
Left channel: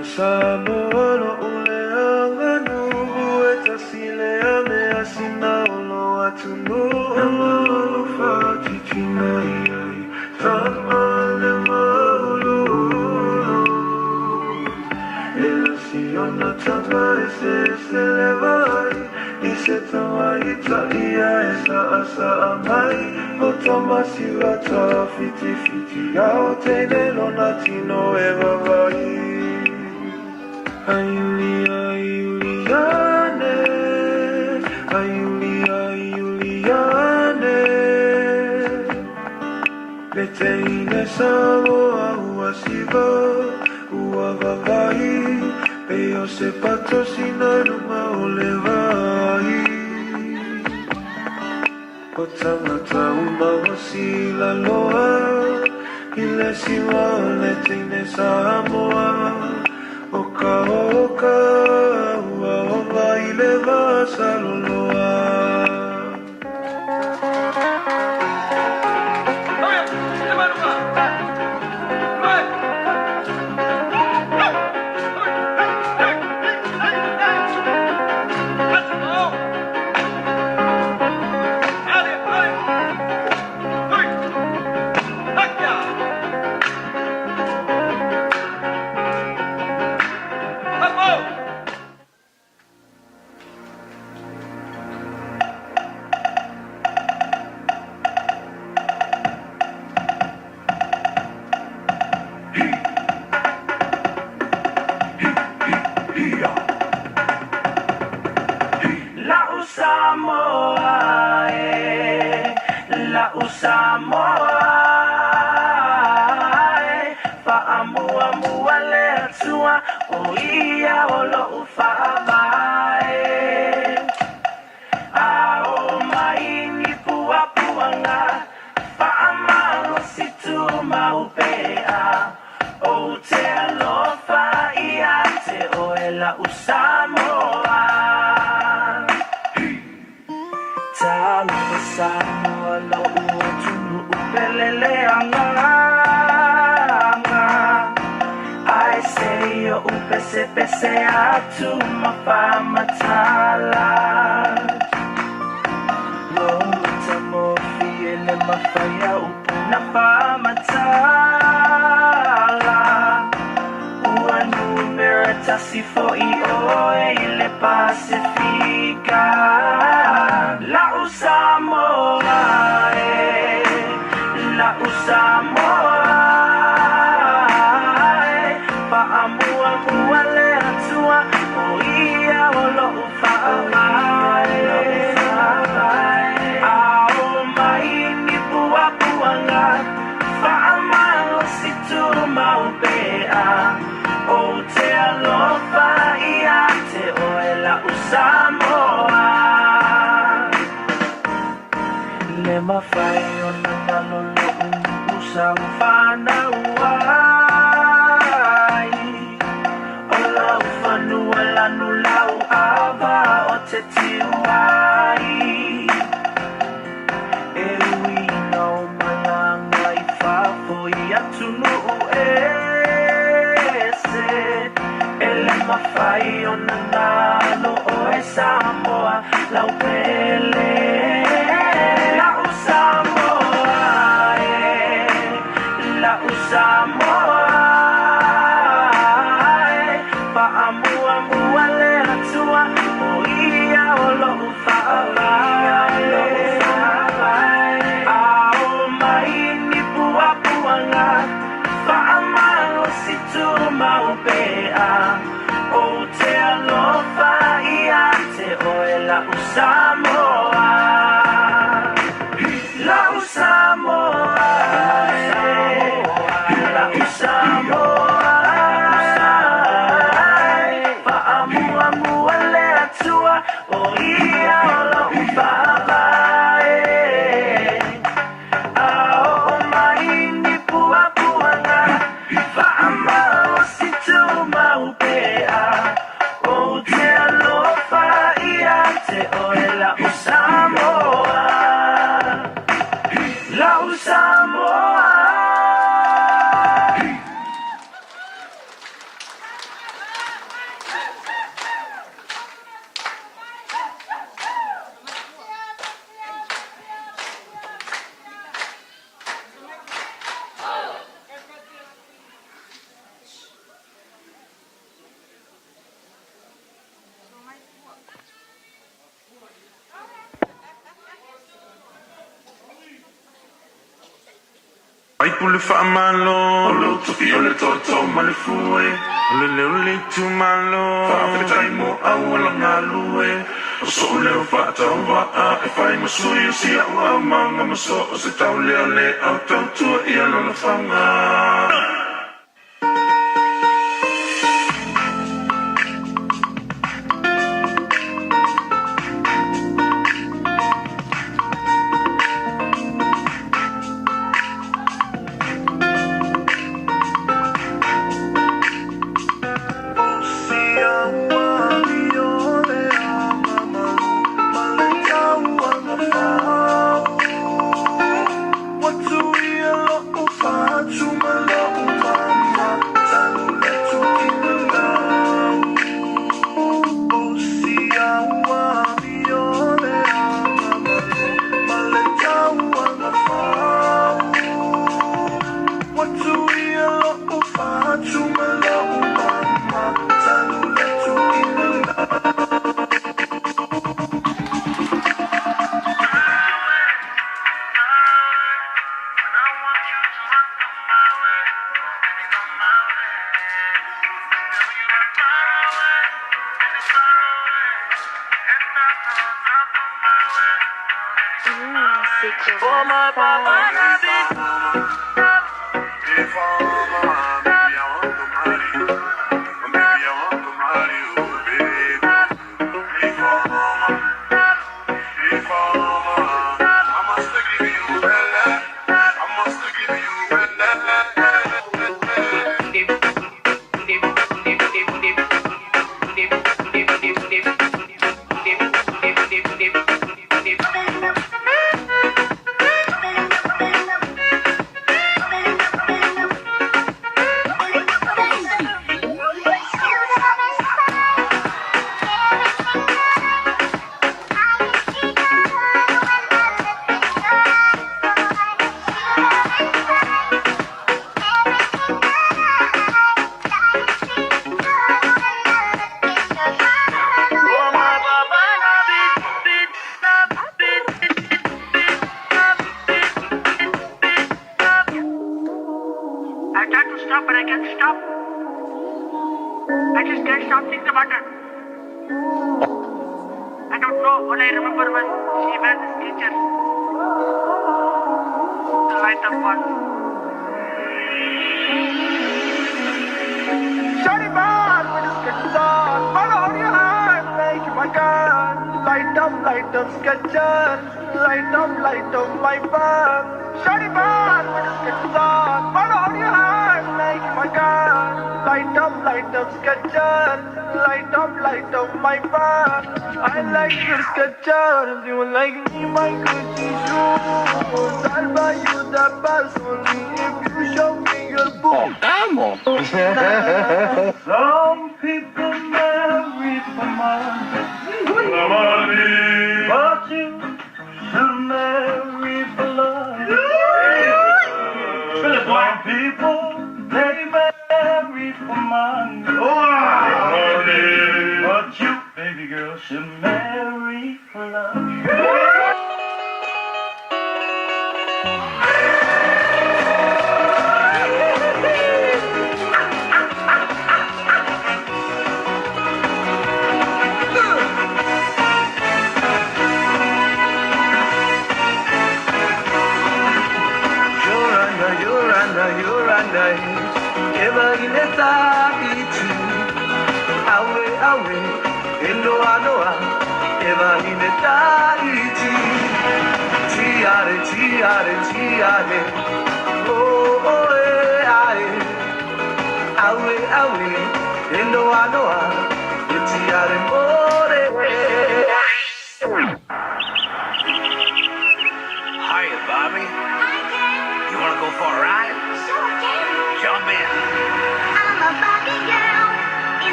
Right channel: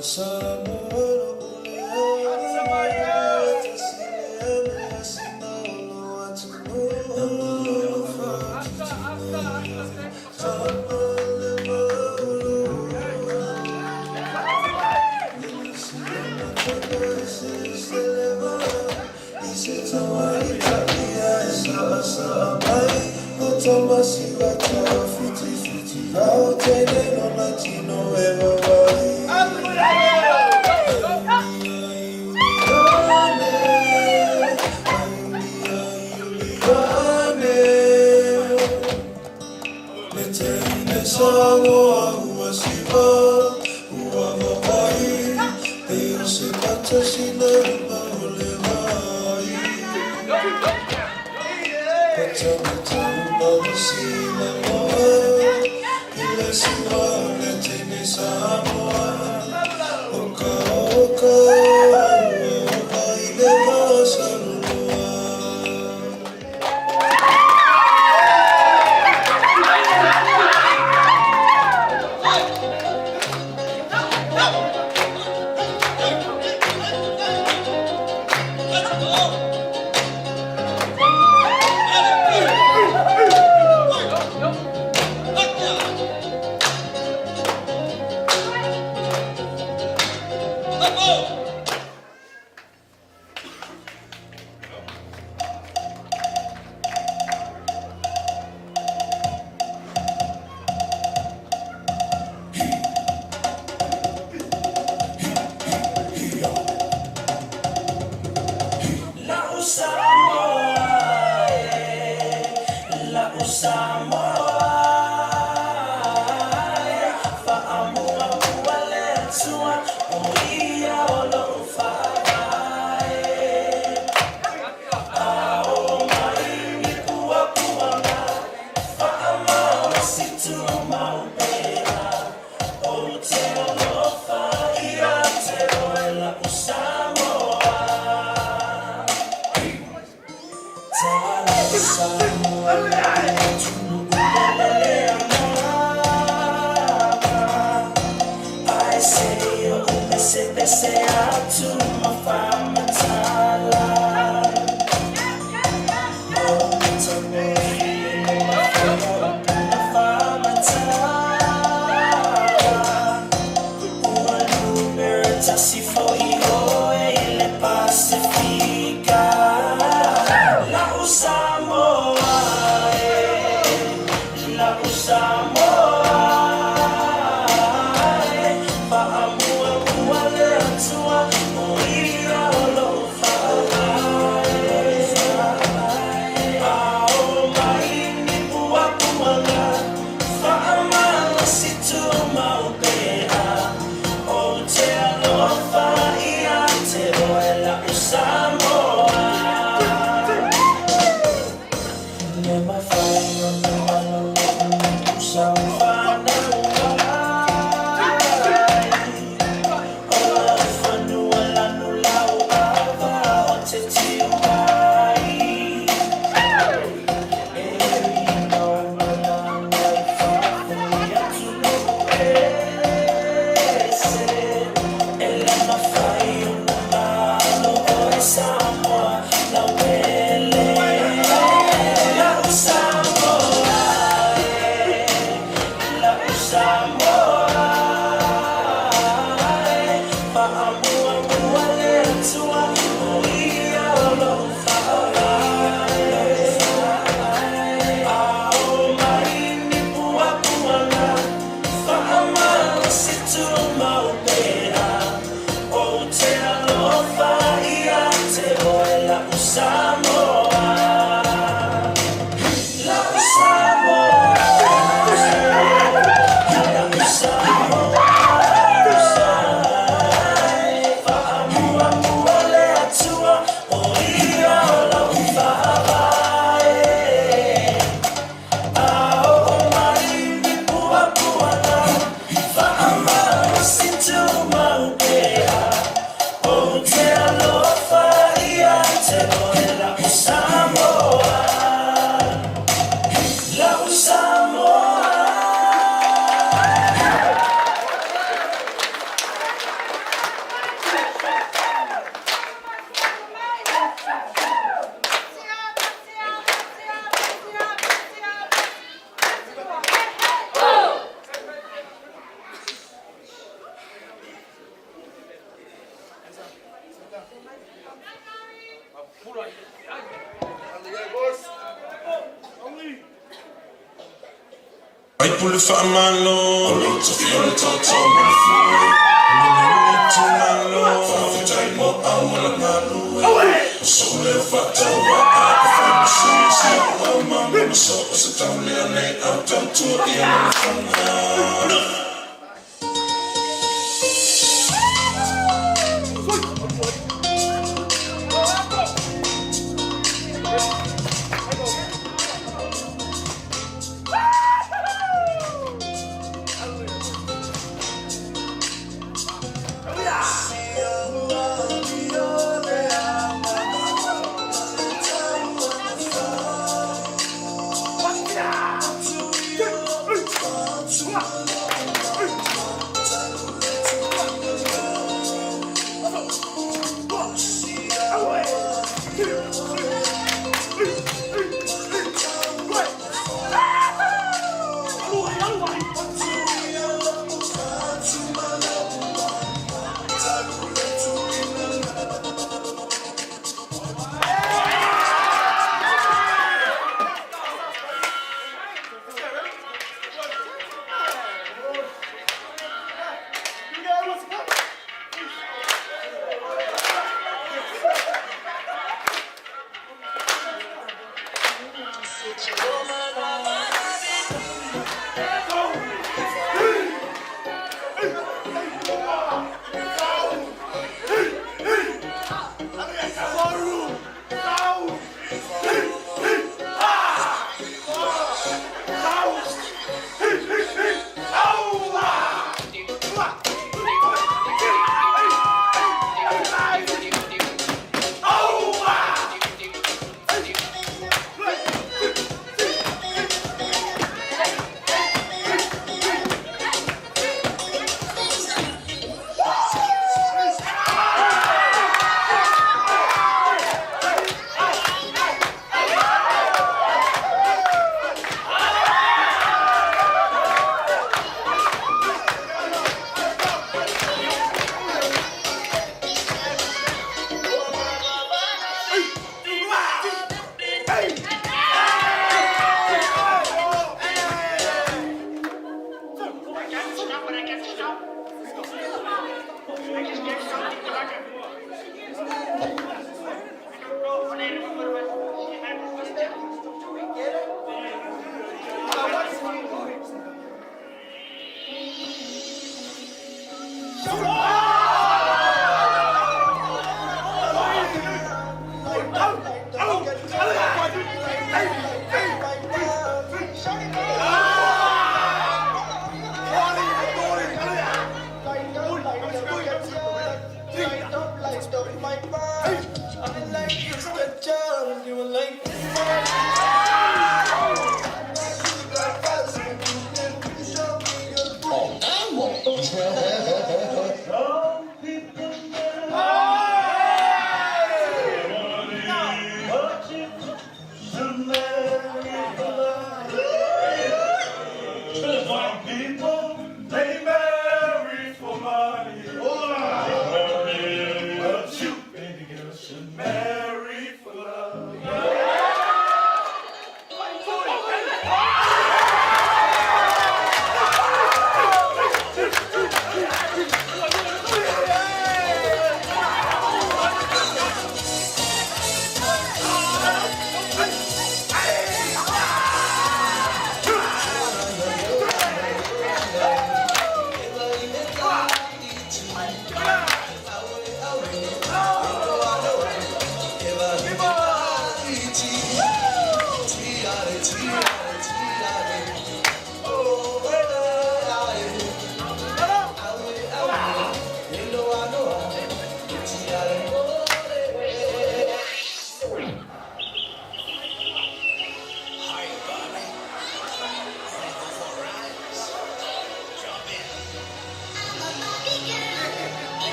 Sabolo ule angano etasile ame asina ulo atuno amalo fati tinai tamale maulu elasiona tanga ese levai ise tama italia esa asa amai otomasi wata fiti fiti yao tene lonatino eva vai. Ayuliane, moa ua siva ua vavai e o se pata sina ruma o le vai patangata una hosi la loa i le siwa le teine Samoa oka oka ua oka i le vasa loloa. Vai pulle fa a mano, lo to fiore toto, ma le fuori.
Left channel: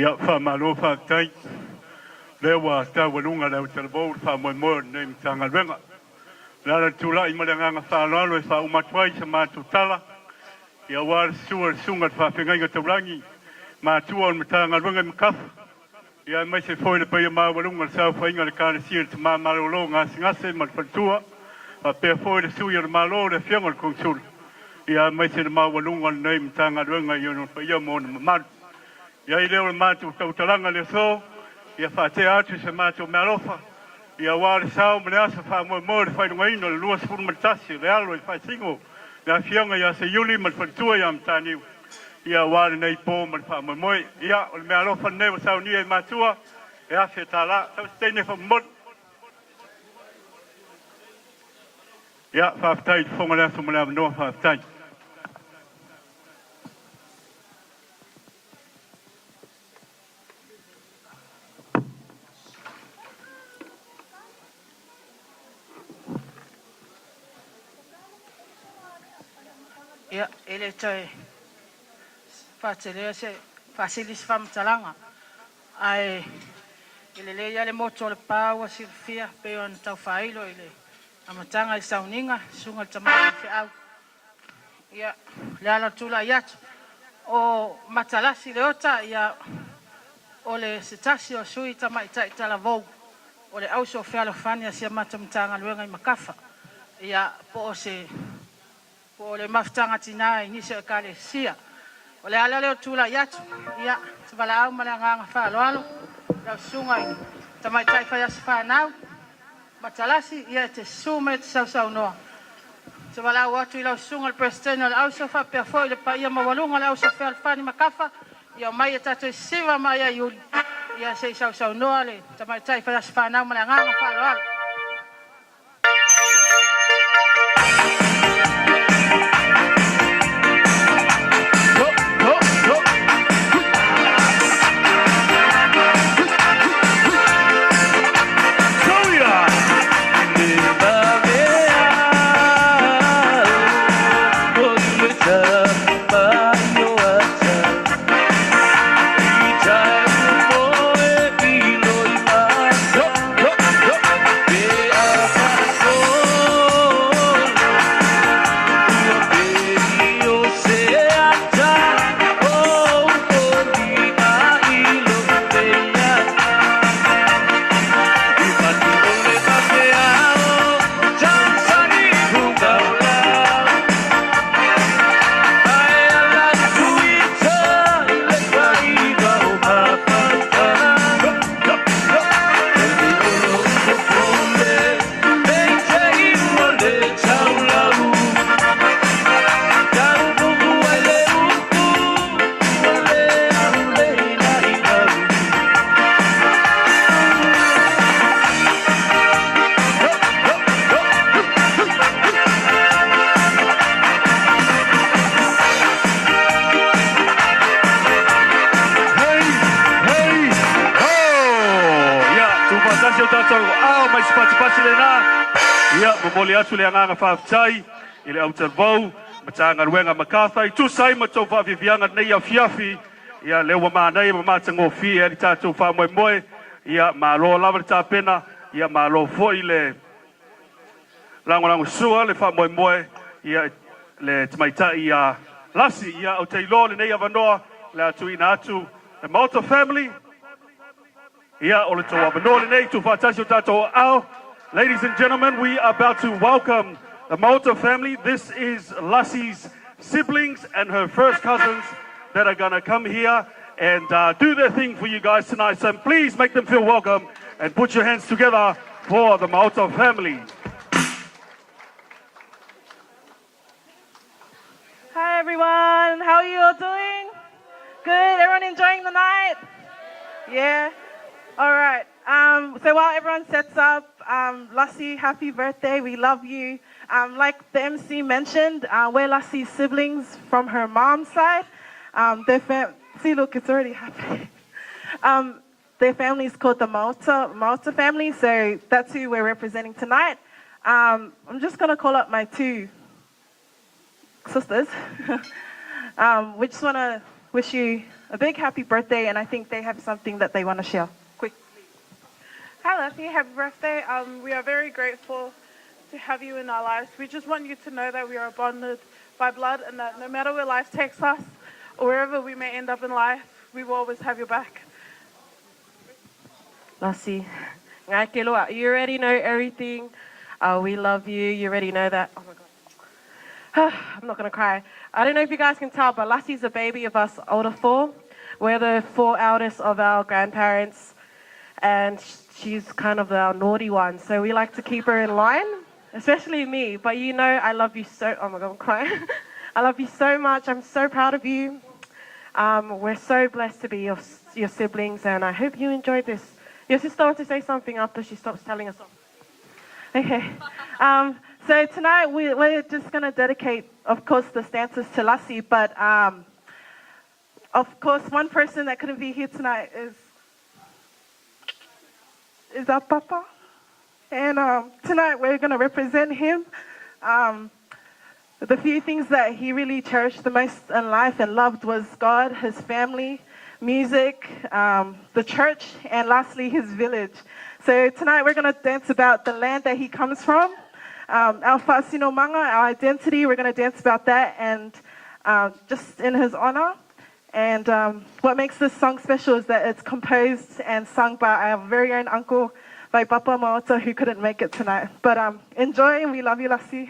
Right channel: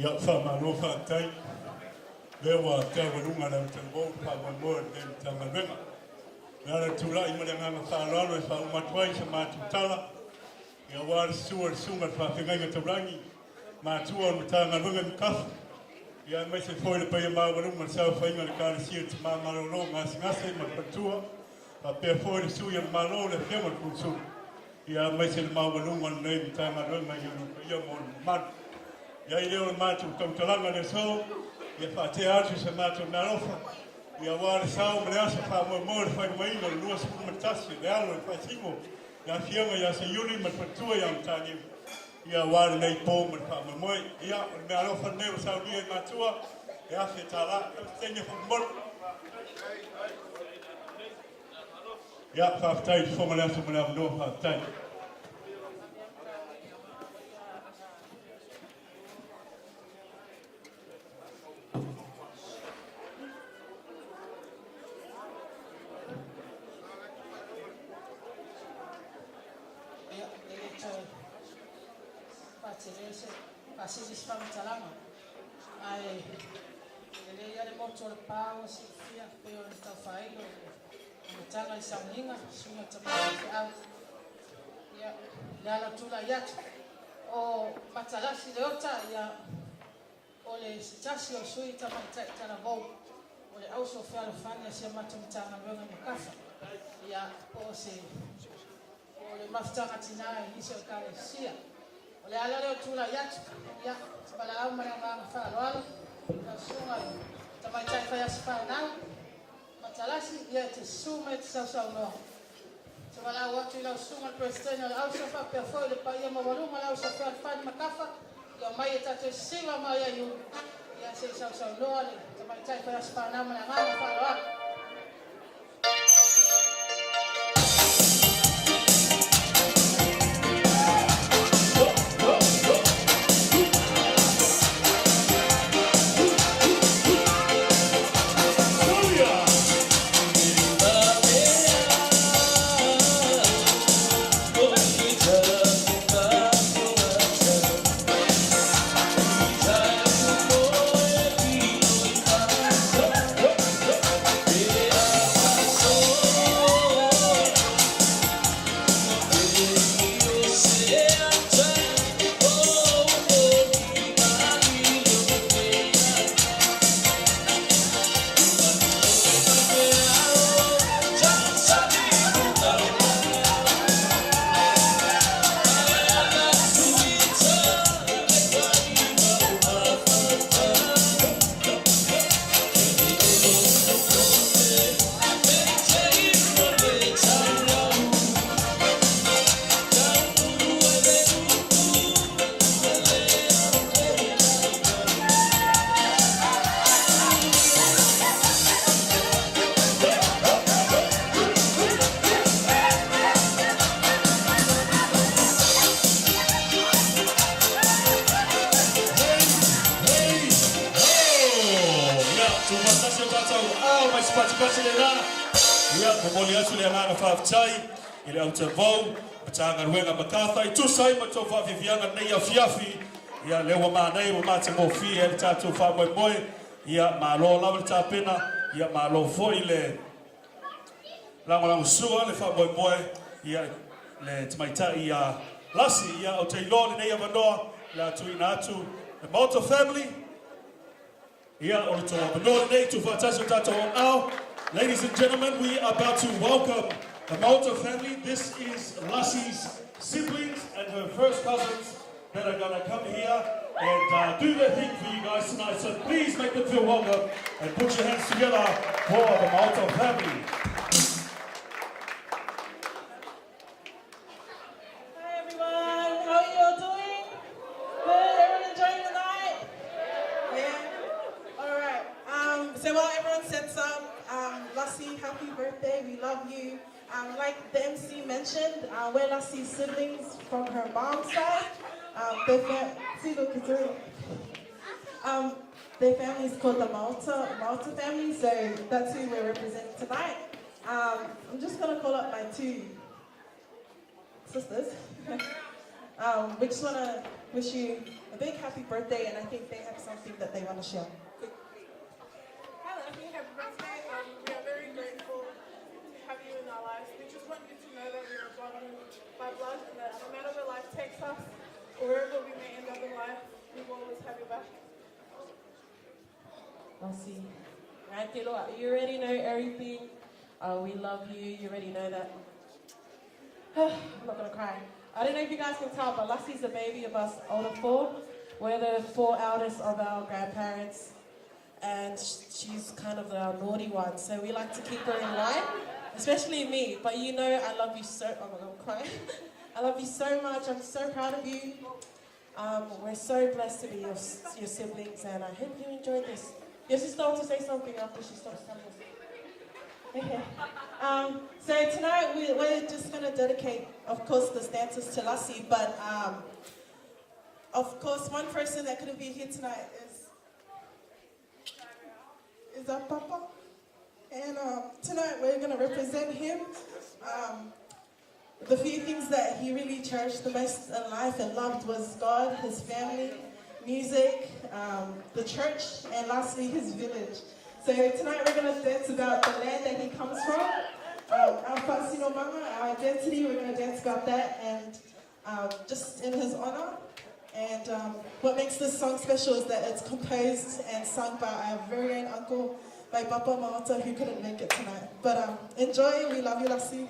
Ia whamalo whatai. Lewa tawalunga leo telebou whamoimoe nei mtanga wenga. Lara tula I malanganga whanalo e whaumatuai sa mātou tala. Ia wāra sua sunga whawhingainga taurangi. Mātua on mtanga wenga mkafu. Ia mai se foi le pai ma walunga sa whainga le kāna sia te mā marolo ngase malpatua. A pe foi le sui le malo le whianga le kongsul. Ia mai se le mā walunga nei mtanga wenga I ono pai mo na mamanu. Ia I leo le mātou tautalanga le so. Ia whate atu se mātou mealofa. Ia wāre sao mre asa whamoe le whainungaino le lua sepuru matasi le alo I whaisingo. Ia whianga ia se yuli malpatua ia mtāniu. Ia wāre nei pō whamoe. Ia o le mealofa neo sao nia I mātua. Ia whia tāla. Tau steine whamot. Ia whaftai whonga le aso mre noa whaftai. Ia, ele tai whātelea se whasilis whamtalanga. Ai, ele le ia le moto le pāua silfia pe o tau whailo ele amatanga I sauninga, sunga tamaki te au. Ia, le ala tula iatu. O matalasi le ota, ia, o le setasi o sui tamaitai tala vou. O le auso whialo whania sia matamtanga luenga I makafa. Ia, po o se o le mafutanga tina I nisi o kale sia. O le ala leo tula iatu. Ia, tabala au malanganga whaaloalo. Lau sunga I tamaitai whaiasi whanau. Matalasi, ia te sume te sau noa. Tabala au atu I lau sunga le presidente le au sofa pia foi le pa ia mawalunga le au sofa alfani makafa. Ia mai e tato I siwa mai a yuli. Ia se sau noa le tamaitai whaiasi whanau malanganga whaaloalo. Mole atu le anganga whaftai, I le au talvau, matanga ruenga makatha, I tusai mato whafivianga nei au fiafi, ia lewa mānei, mātango fi, e li tātou whamoe, ia mālo lava le tāpena, ia mālo foi le lango sua, le whamoe, ia le tamaita ia lasi, ia au teilo le nei avanoa, le atu ina atu, le Malta family, ia o le tō avanoa le nei, tu whatasi o tātou au. Ladies and gentlemen, we are about to welcome the Malta family. This is Lassie's siblings and her first cousins that are going to come here and do their thing for you guys tonight. So please make them feel welcome and put your hands together for the Malta family. Hi everyone, how are you all doing? Good, everyone enjoying the night? Yeah? All right, so while everyone sets up, Lassie, happy birthday, we love you. Like the MC mentioned, we're Lassie's siblings from her mom's side. See, look, it's already happening. Their family is called the Malta family, so that's who we're representing tonight. I'm just gonna call up my two sisters. We just wanna wish you a big happy birthday, and I think they have something that they want to share. Quick. Hi, Lucky. Happy birthday. We are very grateful to have you in our lives. We just want you to know that we are bonded by blood and that no matter where life takes us or wherever we may end up in life, we will always have your back. Lassie, you already know everything. We love you. You already know that. Oh my God. I'm not going to cry. I don't know if you guys can tell, but Lassie's the baby of us older four. We're the four eldest of our grandparents, and she's kind of our naughty one. So we like to keep her in line, especially me. But you know, I love you so, oh my God, I'm crying. I love you so much. I'm so proud of you. We're so blessed to be your siblings, and I hope you enjoyed this. Your sister wants to say something after she stops telling us. Okay. So tonight we're just going to dedicate, of course, the stanzas to Lassie, but of course, one person that couldn't be here tonight is our Papa. And tonight we're going to represent him. The few things that he really cherished the most in life and loved was God, his family, music, the church, and lastly, his village. So tonight we're going to dance about the land that he comes from, our Fasino Manga, our identity. We're going to dance about that and just in his honor. And what makes this song special is that it's composed and sung by our very own uncle, by Papa Maota, who couldn't make it tonight. But enjoy, we love you, Lassie.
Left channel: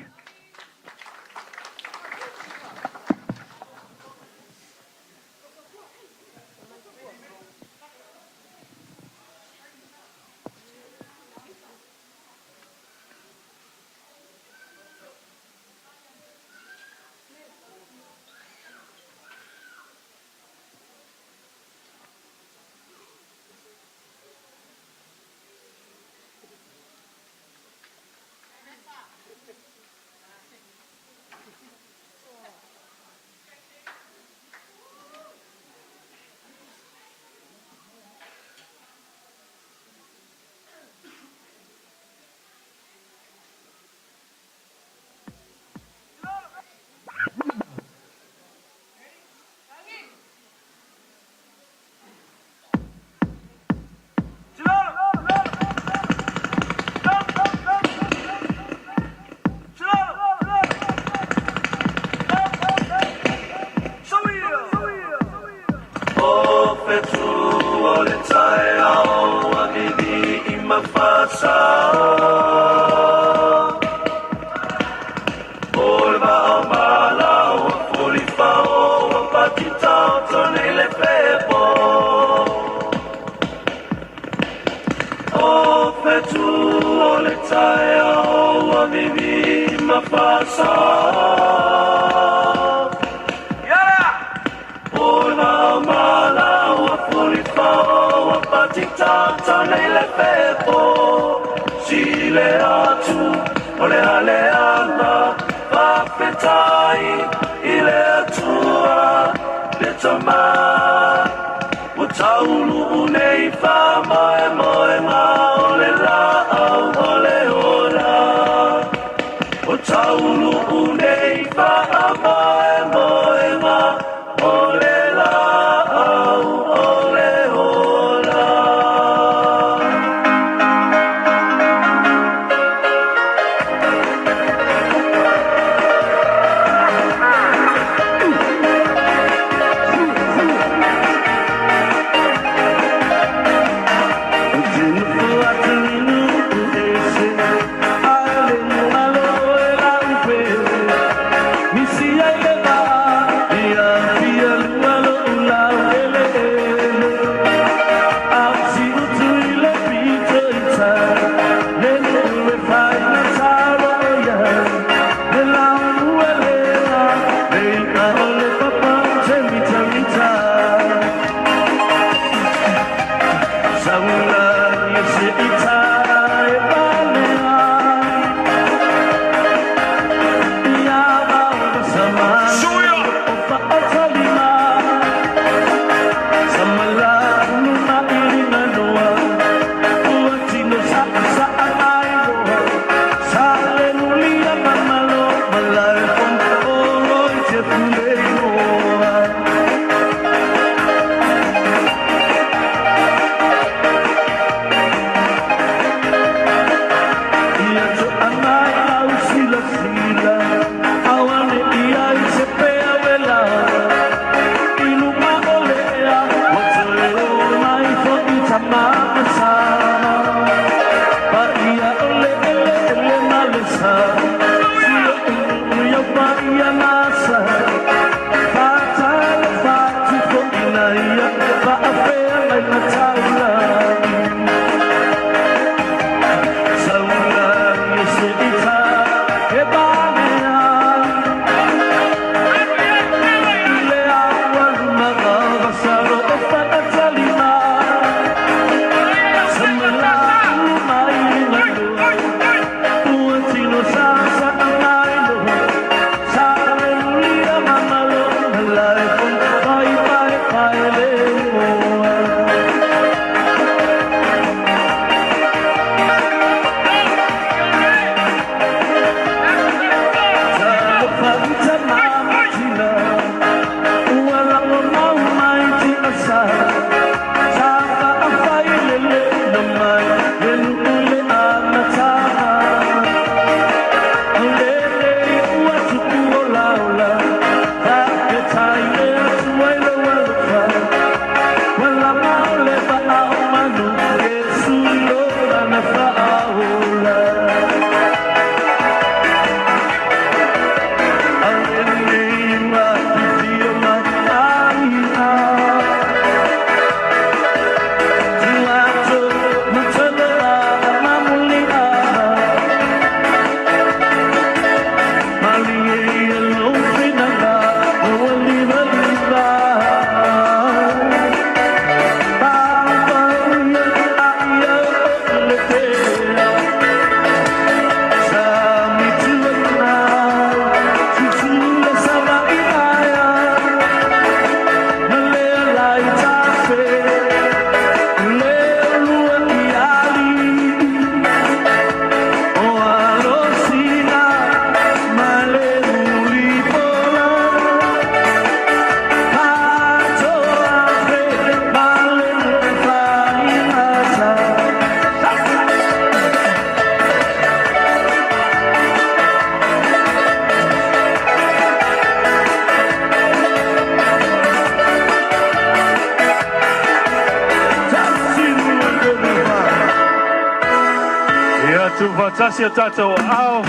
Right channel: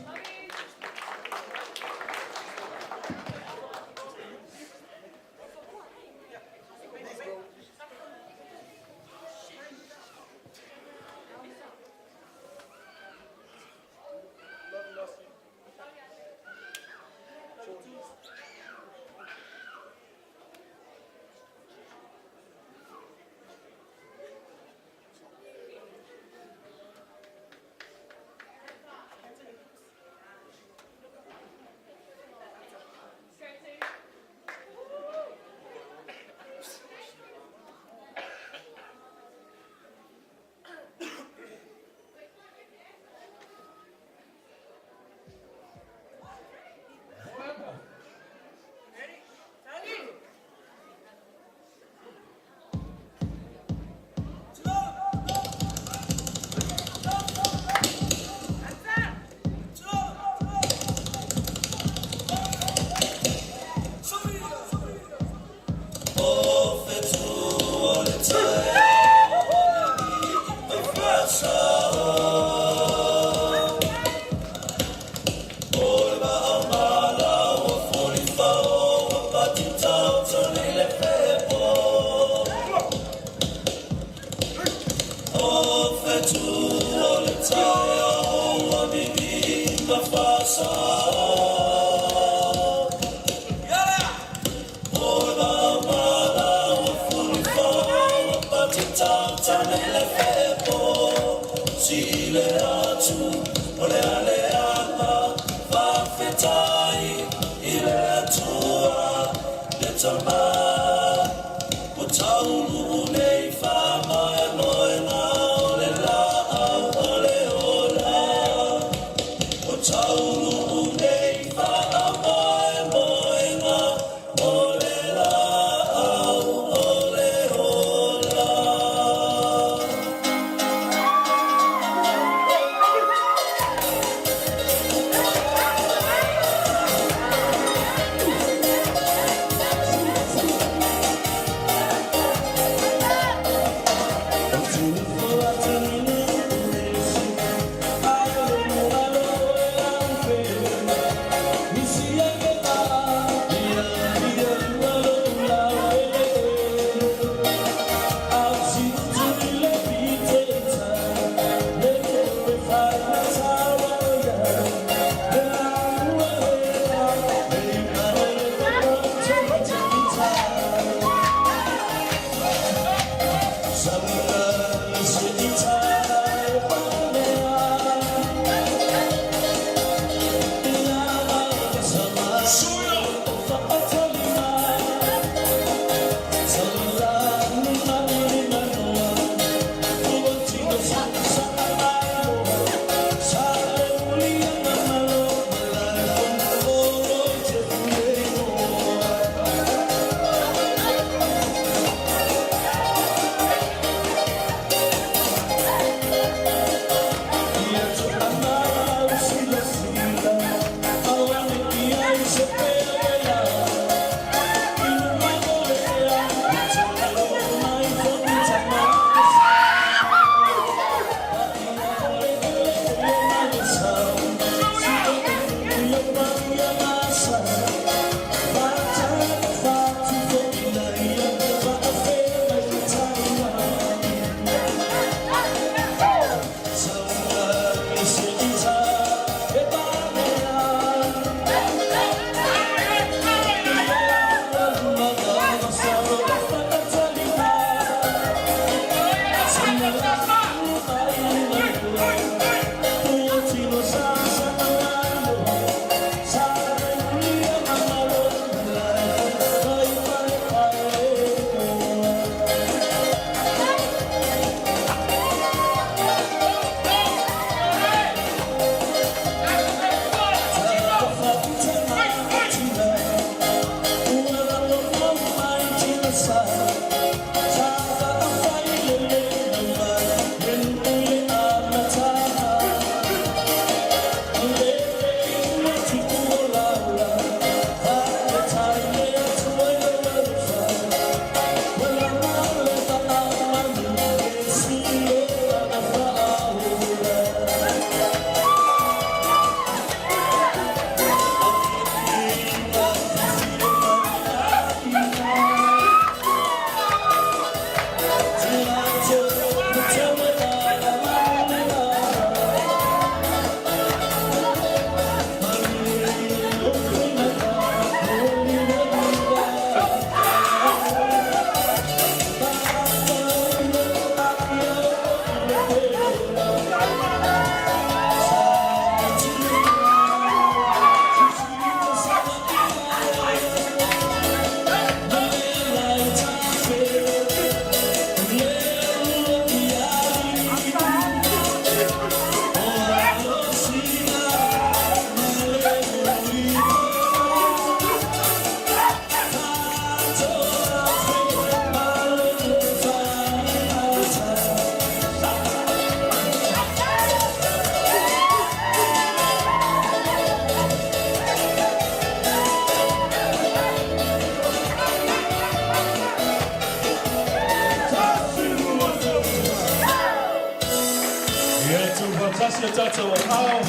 Fatasi Tato Ao.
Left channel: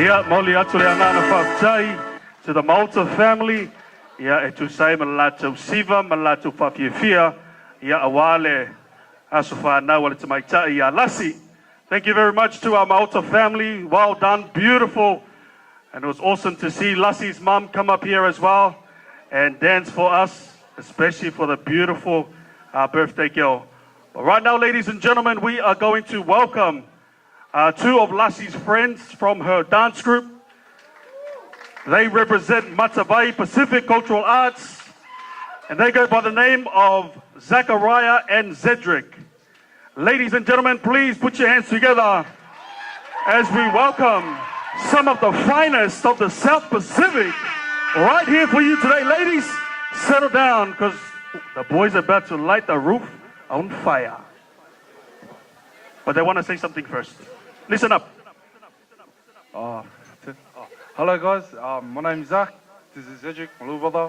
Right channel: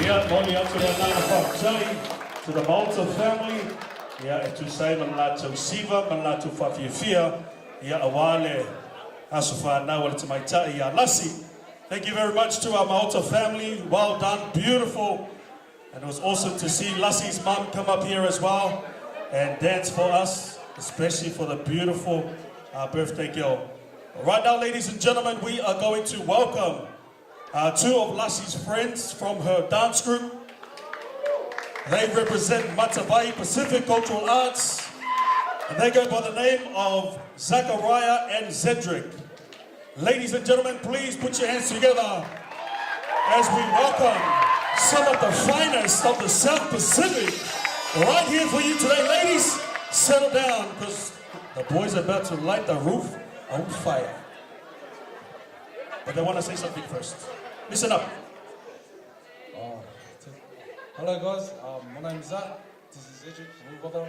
Ia mauli atu le angana whaptai to the Malta family. Ia e tu sai malato siva, malato whawhiawhia. Ia awale asu whanau ale tamaitai ia lasi. Thank you very much to our Malta family. Well done, beautiful. And it was awesome to see Lassi's mum come up here as well and dance for us, especially for the beautiful birthday girl. But right now, ladies and gentlemen, we are going to welcome two of Lassi's friends from her dance group. They represent Matavai Pacific Cultural Arts, and they go by the name of Zachariah and Zedric. Ladies and gentlemen, please put your hands together as we welcome some of the finest of the South Pacific right here for you today. Ladies, settle down because the boys are about to light the roof on fire. But they want to say something first. Listen up. Hello guys, my name's Zach. This is Cedric, my little brother.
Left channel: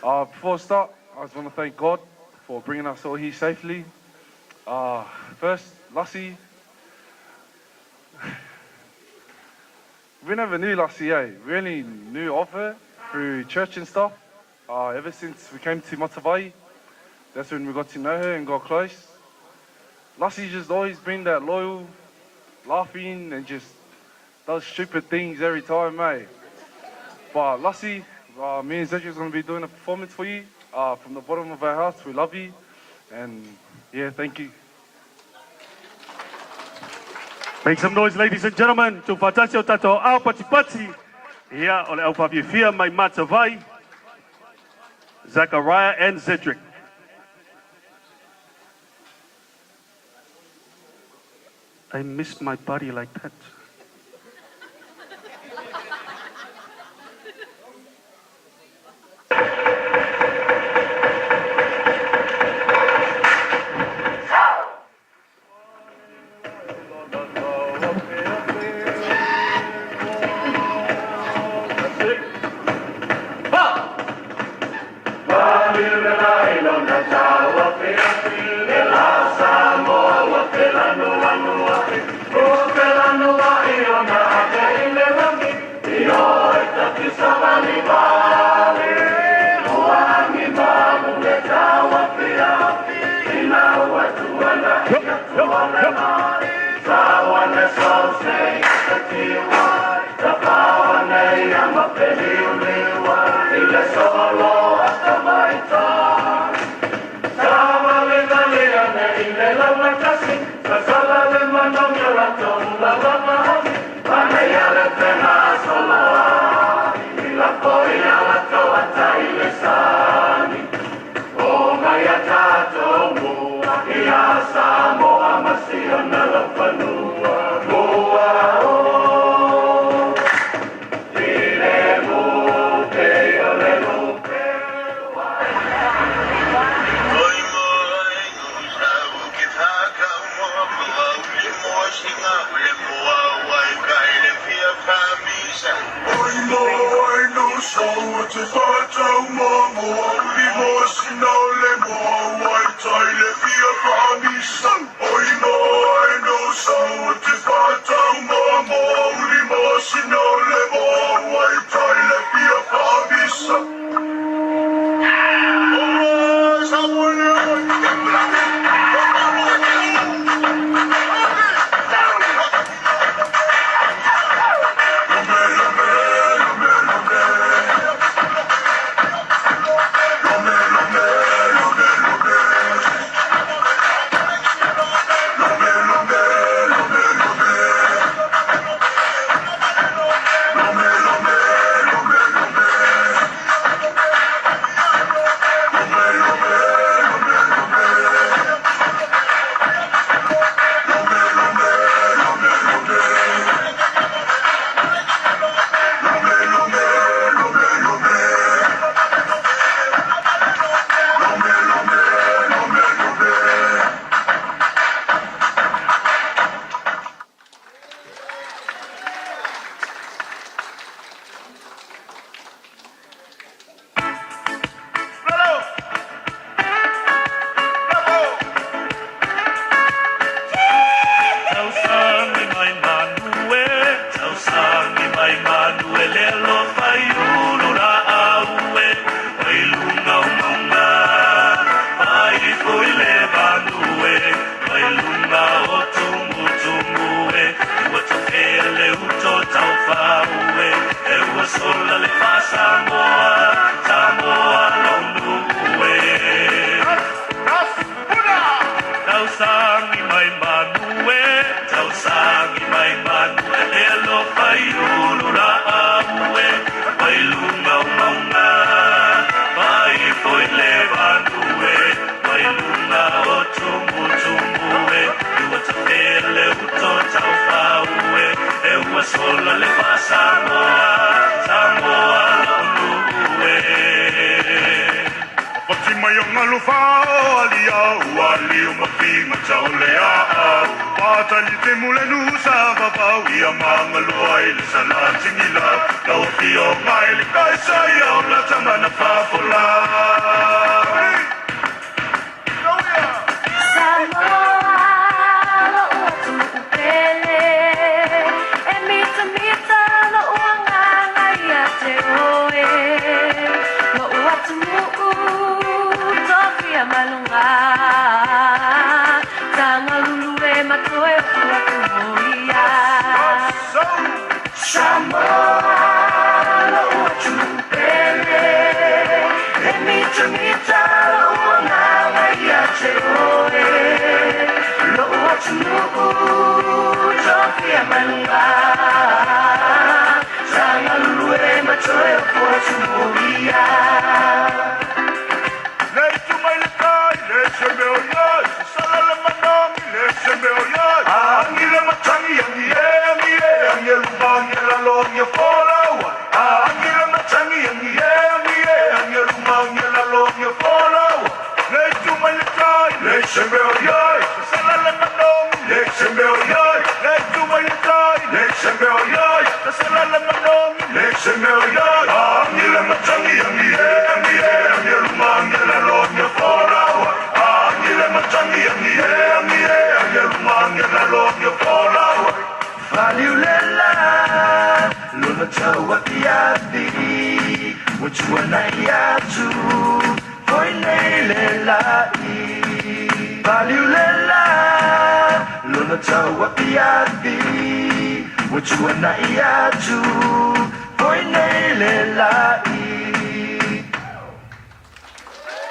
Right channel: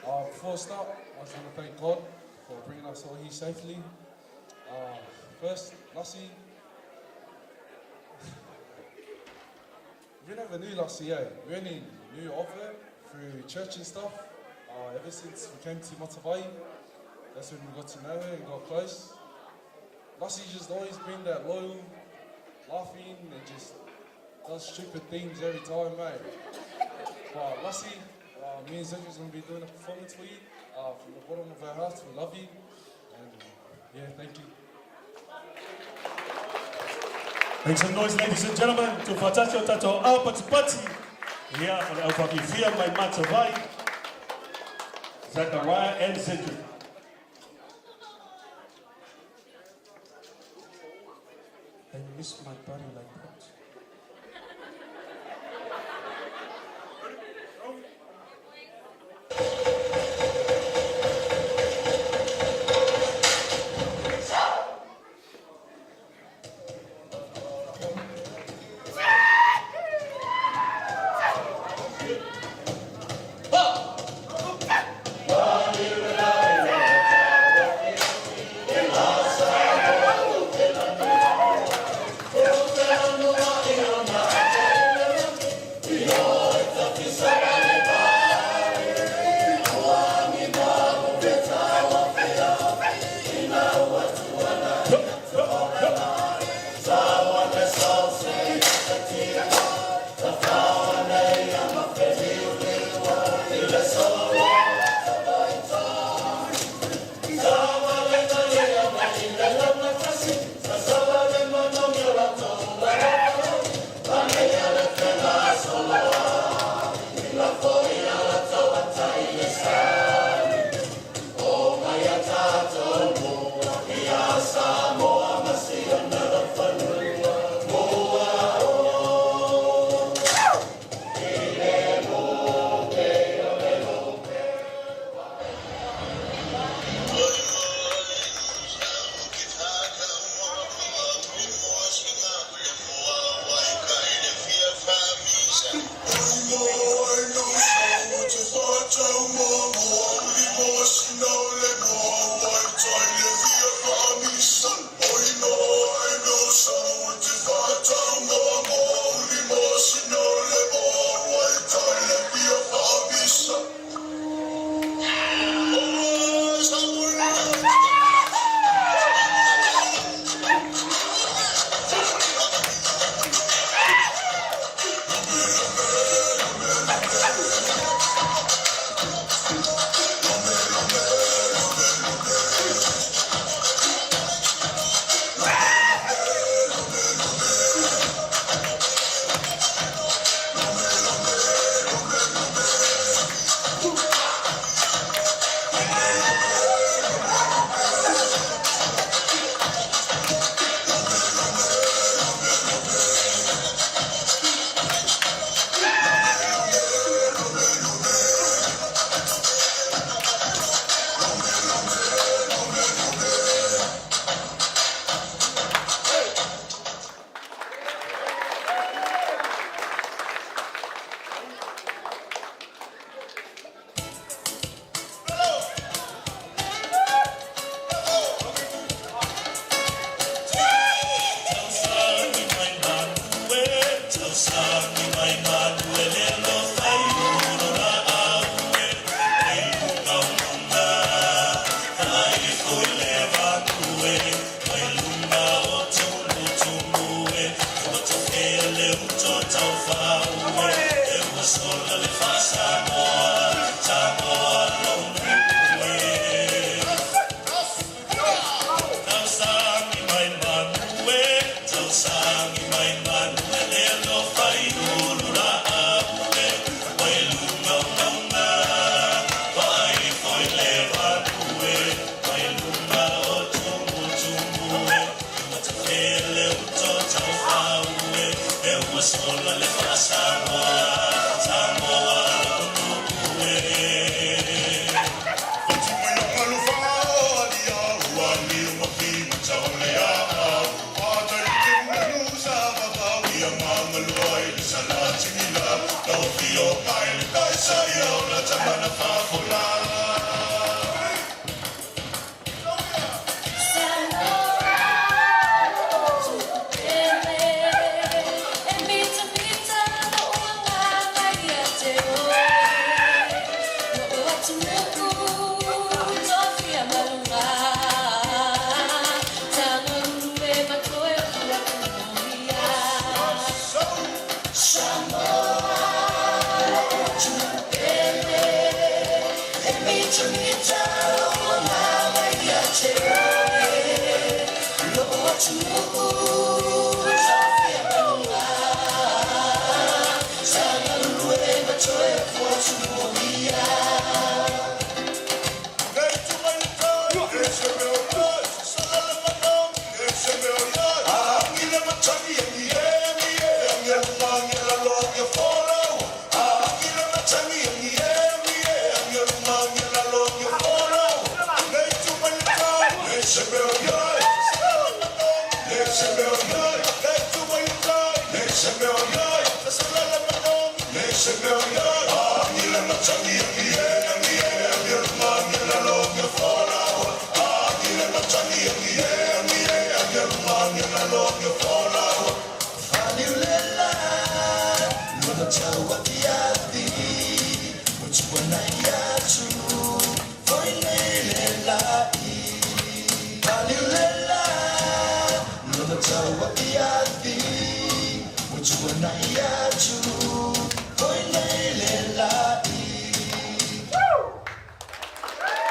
Before I start, I just want to thank God for bringing us all here safely. First, Lassie. We never knew Lassie, eh? We only knew of her through church and stuff. Ever since we came to Matavai, that's when we got to know her and got close. Lassie's just always been that loyal, laughing and just does stupid things every time, mate. But Lassie, me and Zedric's going to be doing a performance for you. From the bottom of our hearts, we love you. And yeah, thank you. Make some noise, ladies and gentlemen. To Fatasi o Tato Ao Pati Pati. Ia o le au whawhiawhia mai Matavai, Zachariah and Zedric. I miss my body like that. No au wali o mafi matau le au Atali ke mule nusa babau ia mangalua i le salatingila Kau fio mai le kaisa i au la tamana fafola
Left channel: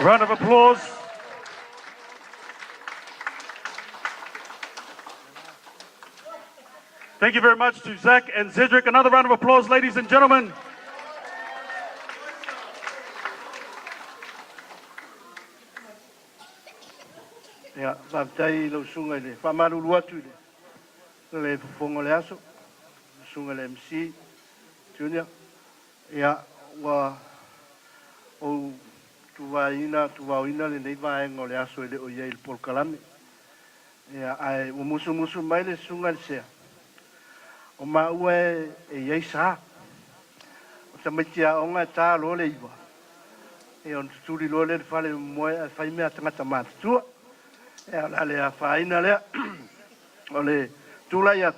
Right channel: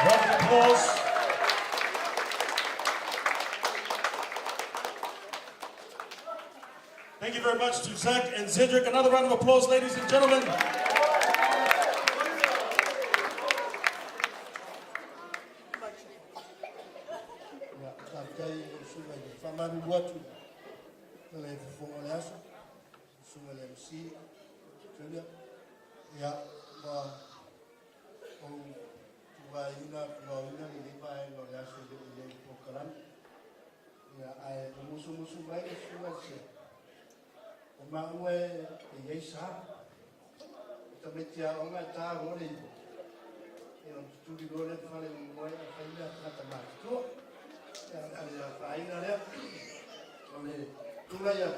Round of applause. Thank you very much to Zach and Zedric. Another round of applause, ladies and gentlemen. Ya, tai lo sunga le famaru luatu le fongo le aso sunga le MC Junior ya wa o tuvaina le nei vai ngole aso le o ye il polkalame ya ai o musu mai le sunga se o ma ue e ye sa o tamatia o nga ta lo le iba e on tuli lo le fale mo fai me atanga matu ya ale a faina le ole tula ya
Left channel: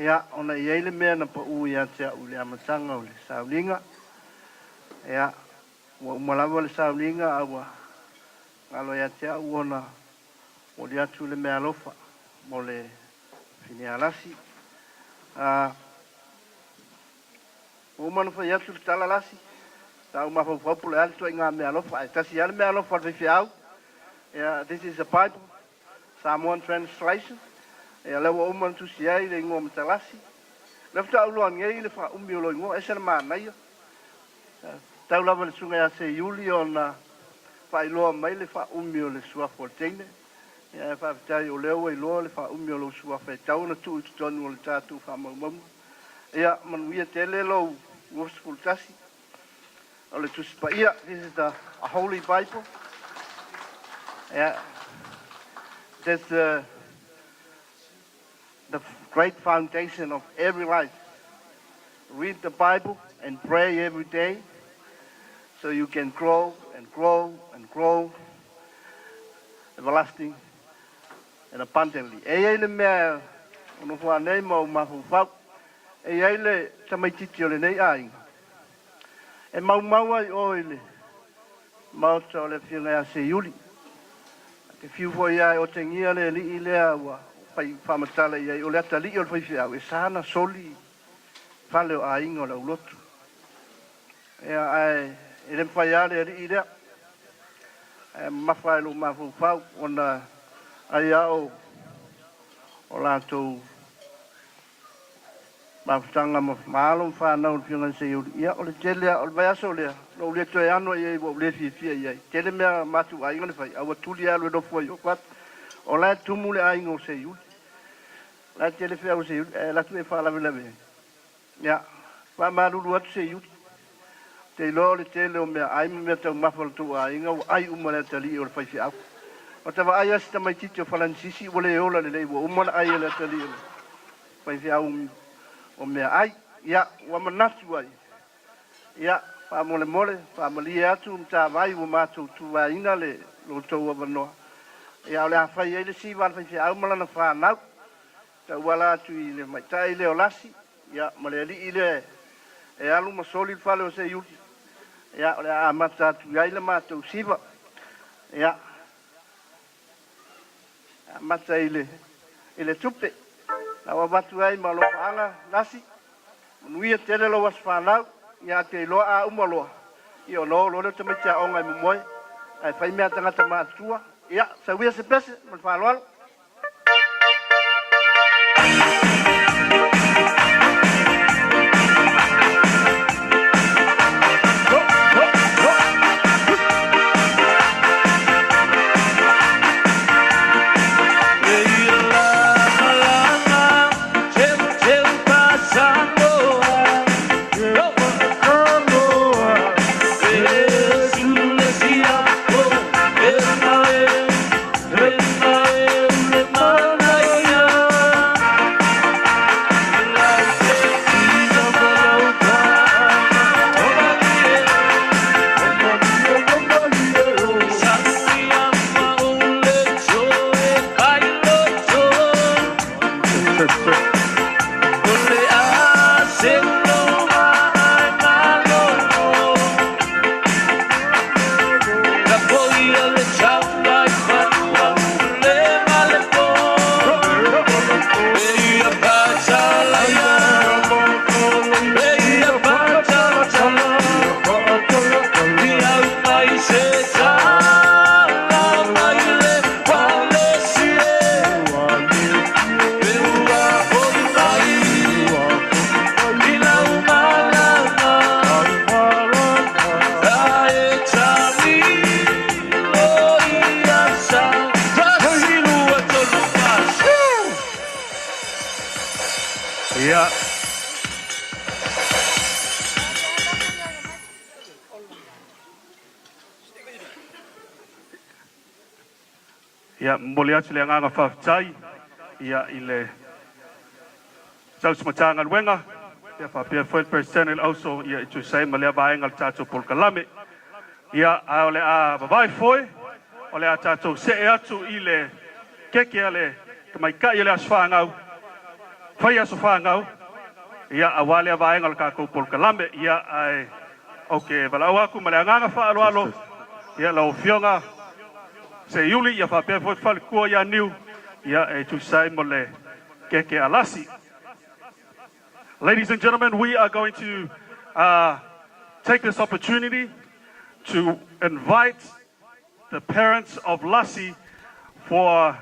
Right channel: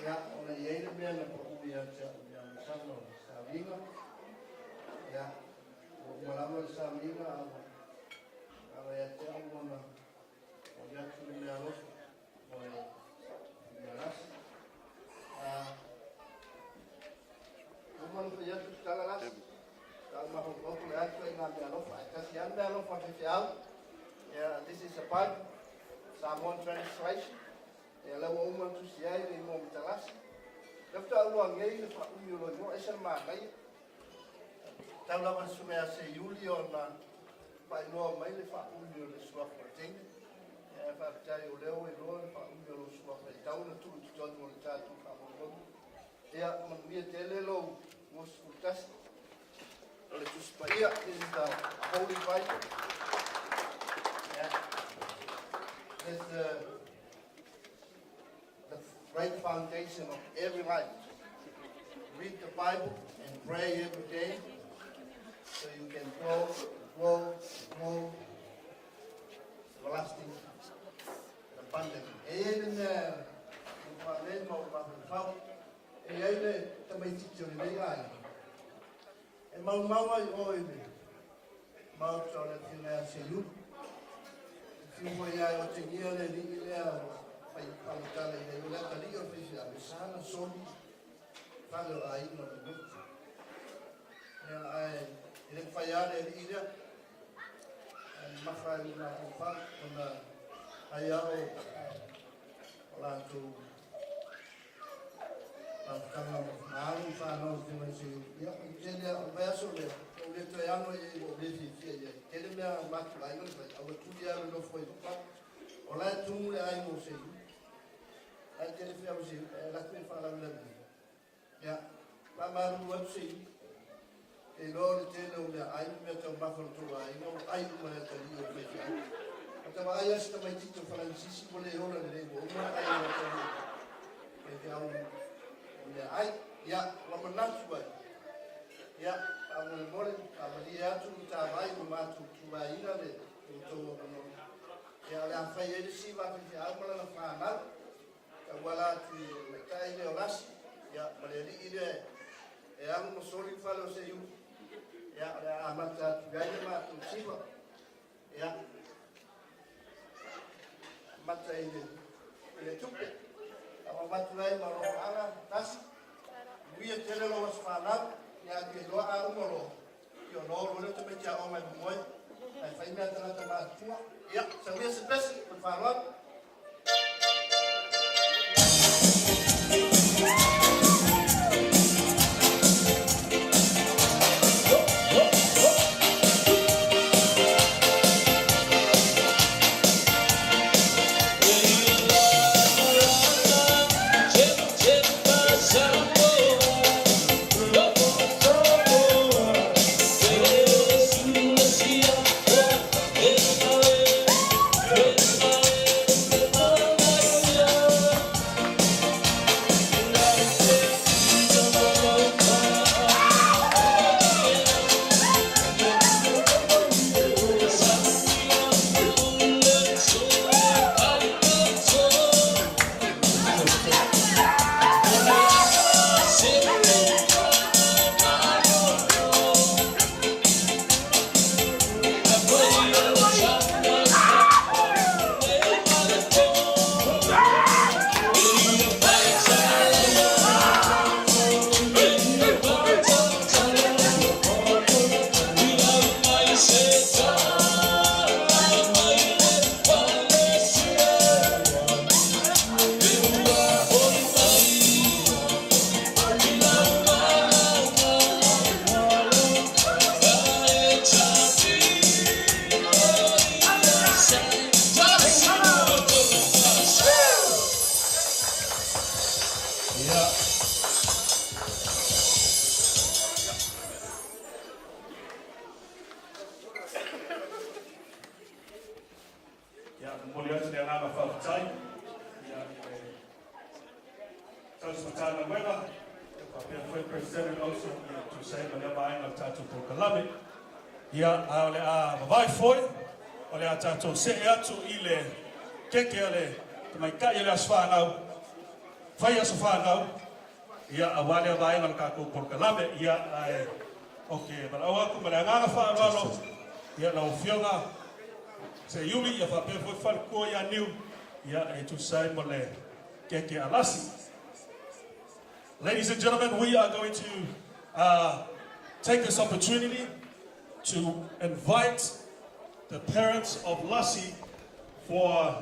ya ona yele me na pa u ya tia u le amasanga o le saulinga ya wa malava le saulinga awa alo ya tia u ona o le atu le me alofa mo le fini alasi o manu fa ya tu tala lasi ta u ma fa pu le alto inga me alofa ta si al me alofa fe fiau. Yeah, this is a Bible, Samoan translation. Yeah, lewa oman tu siai le ngom talasi. Lefta ulo ngei le fa umiolo ngo esel mana yo. Tau lava le sunga ya se yuli ona fa ilo mai le fa umiolo sua fortene. Yeah, fa tai o lewa ilo le fa umiolo sua fe tau na tu tonu le tatu fa mo. Yeah, man wi tele lo wo skultasi. Ole tu spa ia, this is the Holy Bible. Yeah, that's the great foundation of every life. Read the Bible and pray every day so you can grow and grow and grow everlasting and abundantly. Ele mea ono fa nei mo ma fa ele tamai titio le nei ai. E mau ai oile. Mau le fia se yuli. Te fiu foi ia o te ngia le li ilea ua fai whamatala ia i o lea tali o le fai whiau e sana soli whale o a ingo la ulotu. Ea ai e le mwhai ale li ilea mawhai lo mafu whau ona ai au o lātou mawhtanga maalum whanau le whiungan se iuri. Ia o le telea o le vaiaso lea no le toe ano ia i le fia ia i. Tele mea matu ainga le whai awa tuli alu e dofu ai o kwat o lai tumu le ainga o se iuri. Lai tele whia o se iuri e latu e whalawe lawe. Ia, wha maruru atu se iuri. te lo le tele o me ai me te mafal tu ainga ai uma le tali o le fai au o te vai sta mai tito Francis o le ola le wo uma ai le tali fai au o me ai ya wa manatu ai ya pa mole mole pa mali atu ta vai o matu tu ainga le lo to o no ya le fai ele si van fai au mala na fa na ta wala tu ile mai tai le olasi ya male ile e alu mo soli fale o se yu ya le amata tu ai le matu siva ya mata ile tupe na wa batu ai malo anga nasi nui tele lo was fana ya te lo a umalo io lo le te mecha onga mo ai fai me tanga te matua ya sa wi se pese mon fa lo Ya mole atu le nganga whawhitai ia i le tausimatanga luenga ia whapia First Personnel also ia i tu sei ma lea vaenga le tātou Polkalame ia o le a vavai foi o le a tātou se atu i le keke a le kamaikai le asu whangau whai asu whangau ia a wale a vaenga le kākou Polkalame ia ai ok walau aku ma le nganga whaaloalo ia lau fionga se yuli ia fa pe foi ko ya new ia e tu sai mole keke alasi. Ladies and gentlemen, we are going to take this opportunity to invite the parents of Lassie for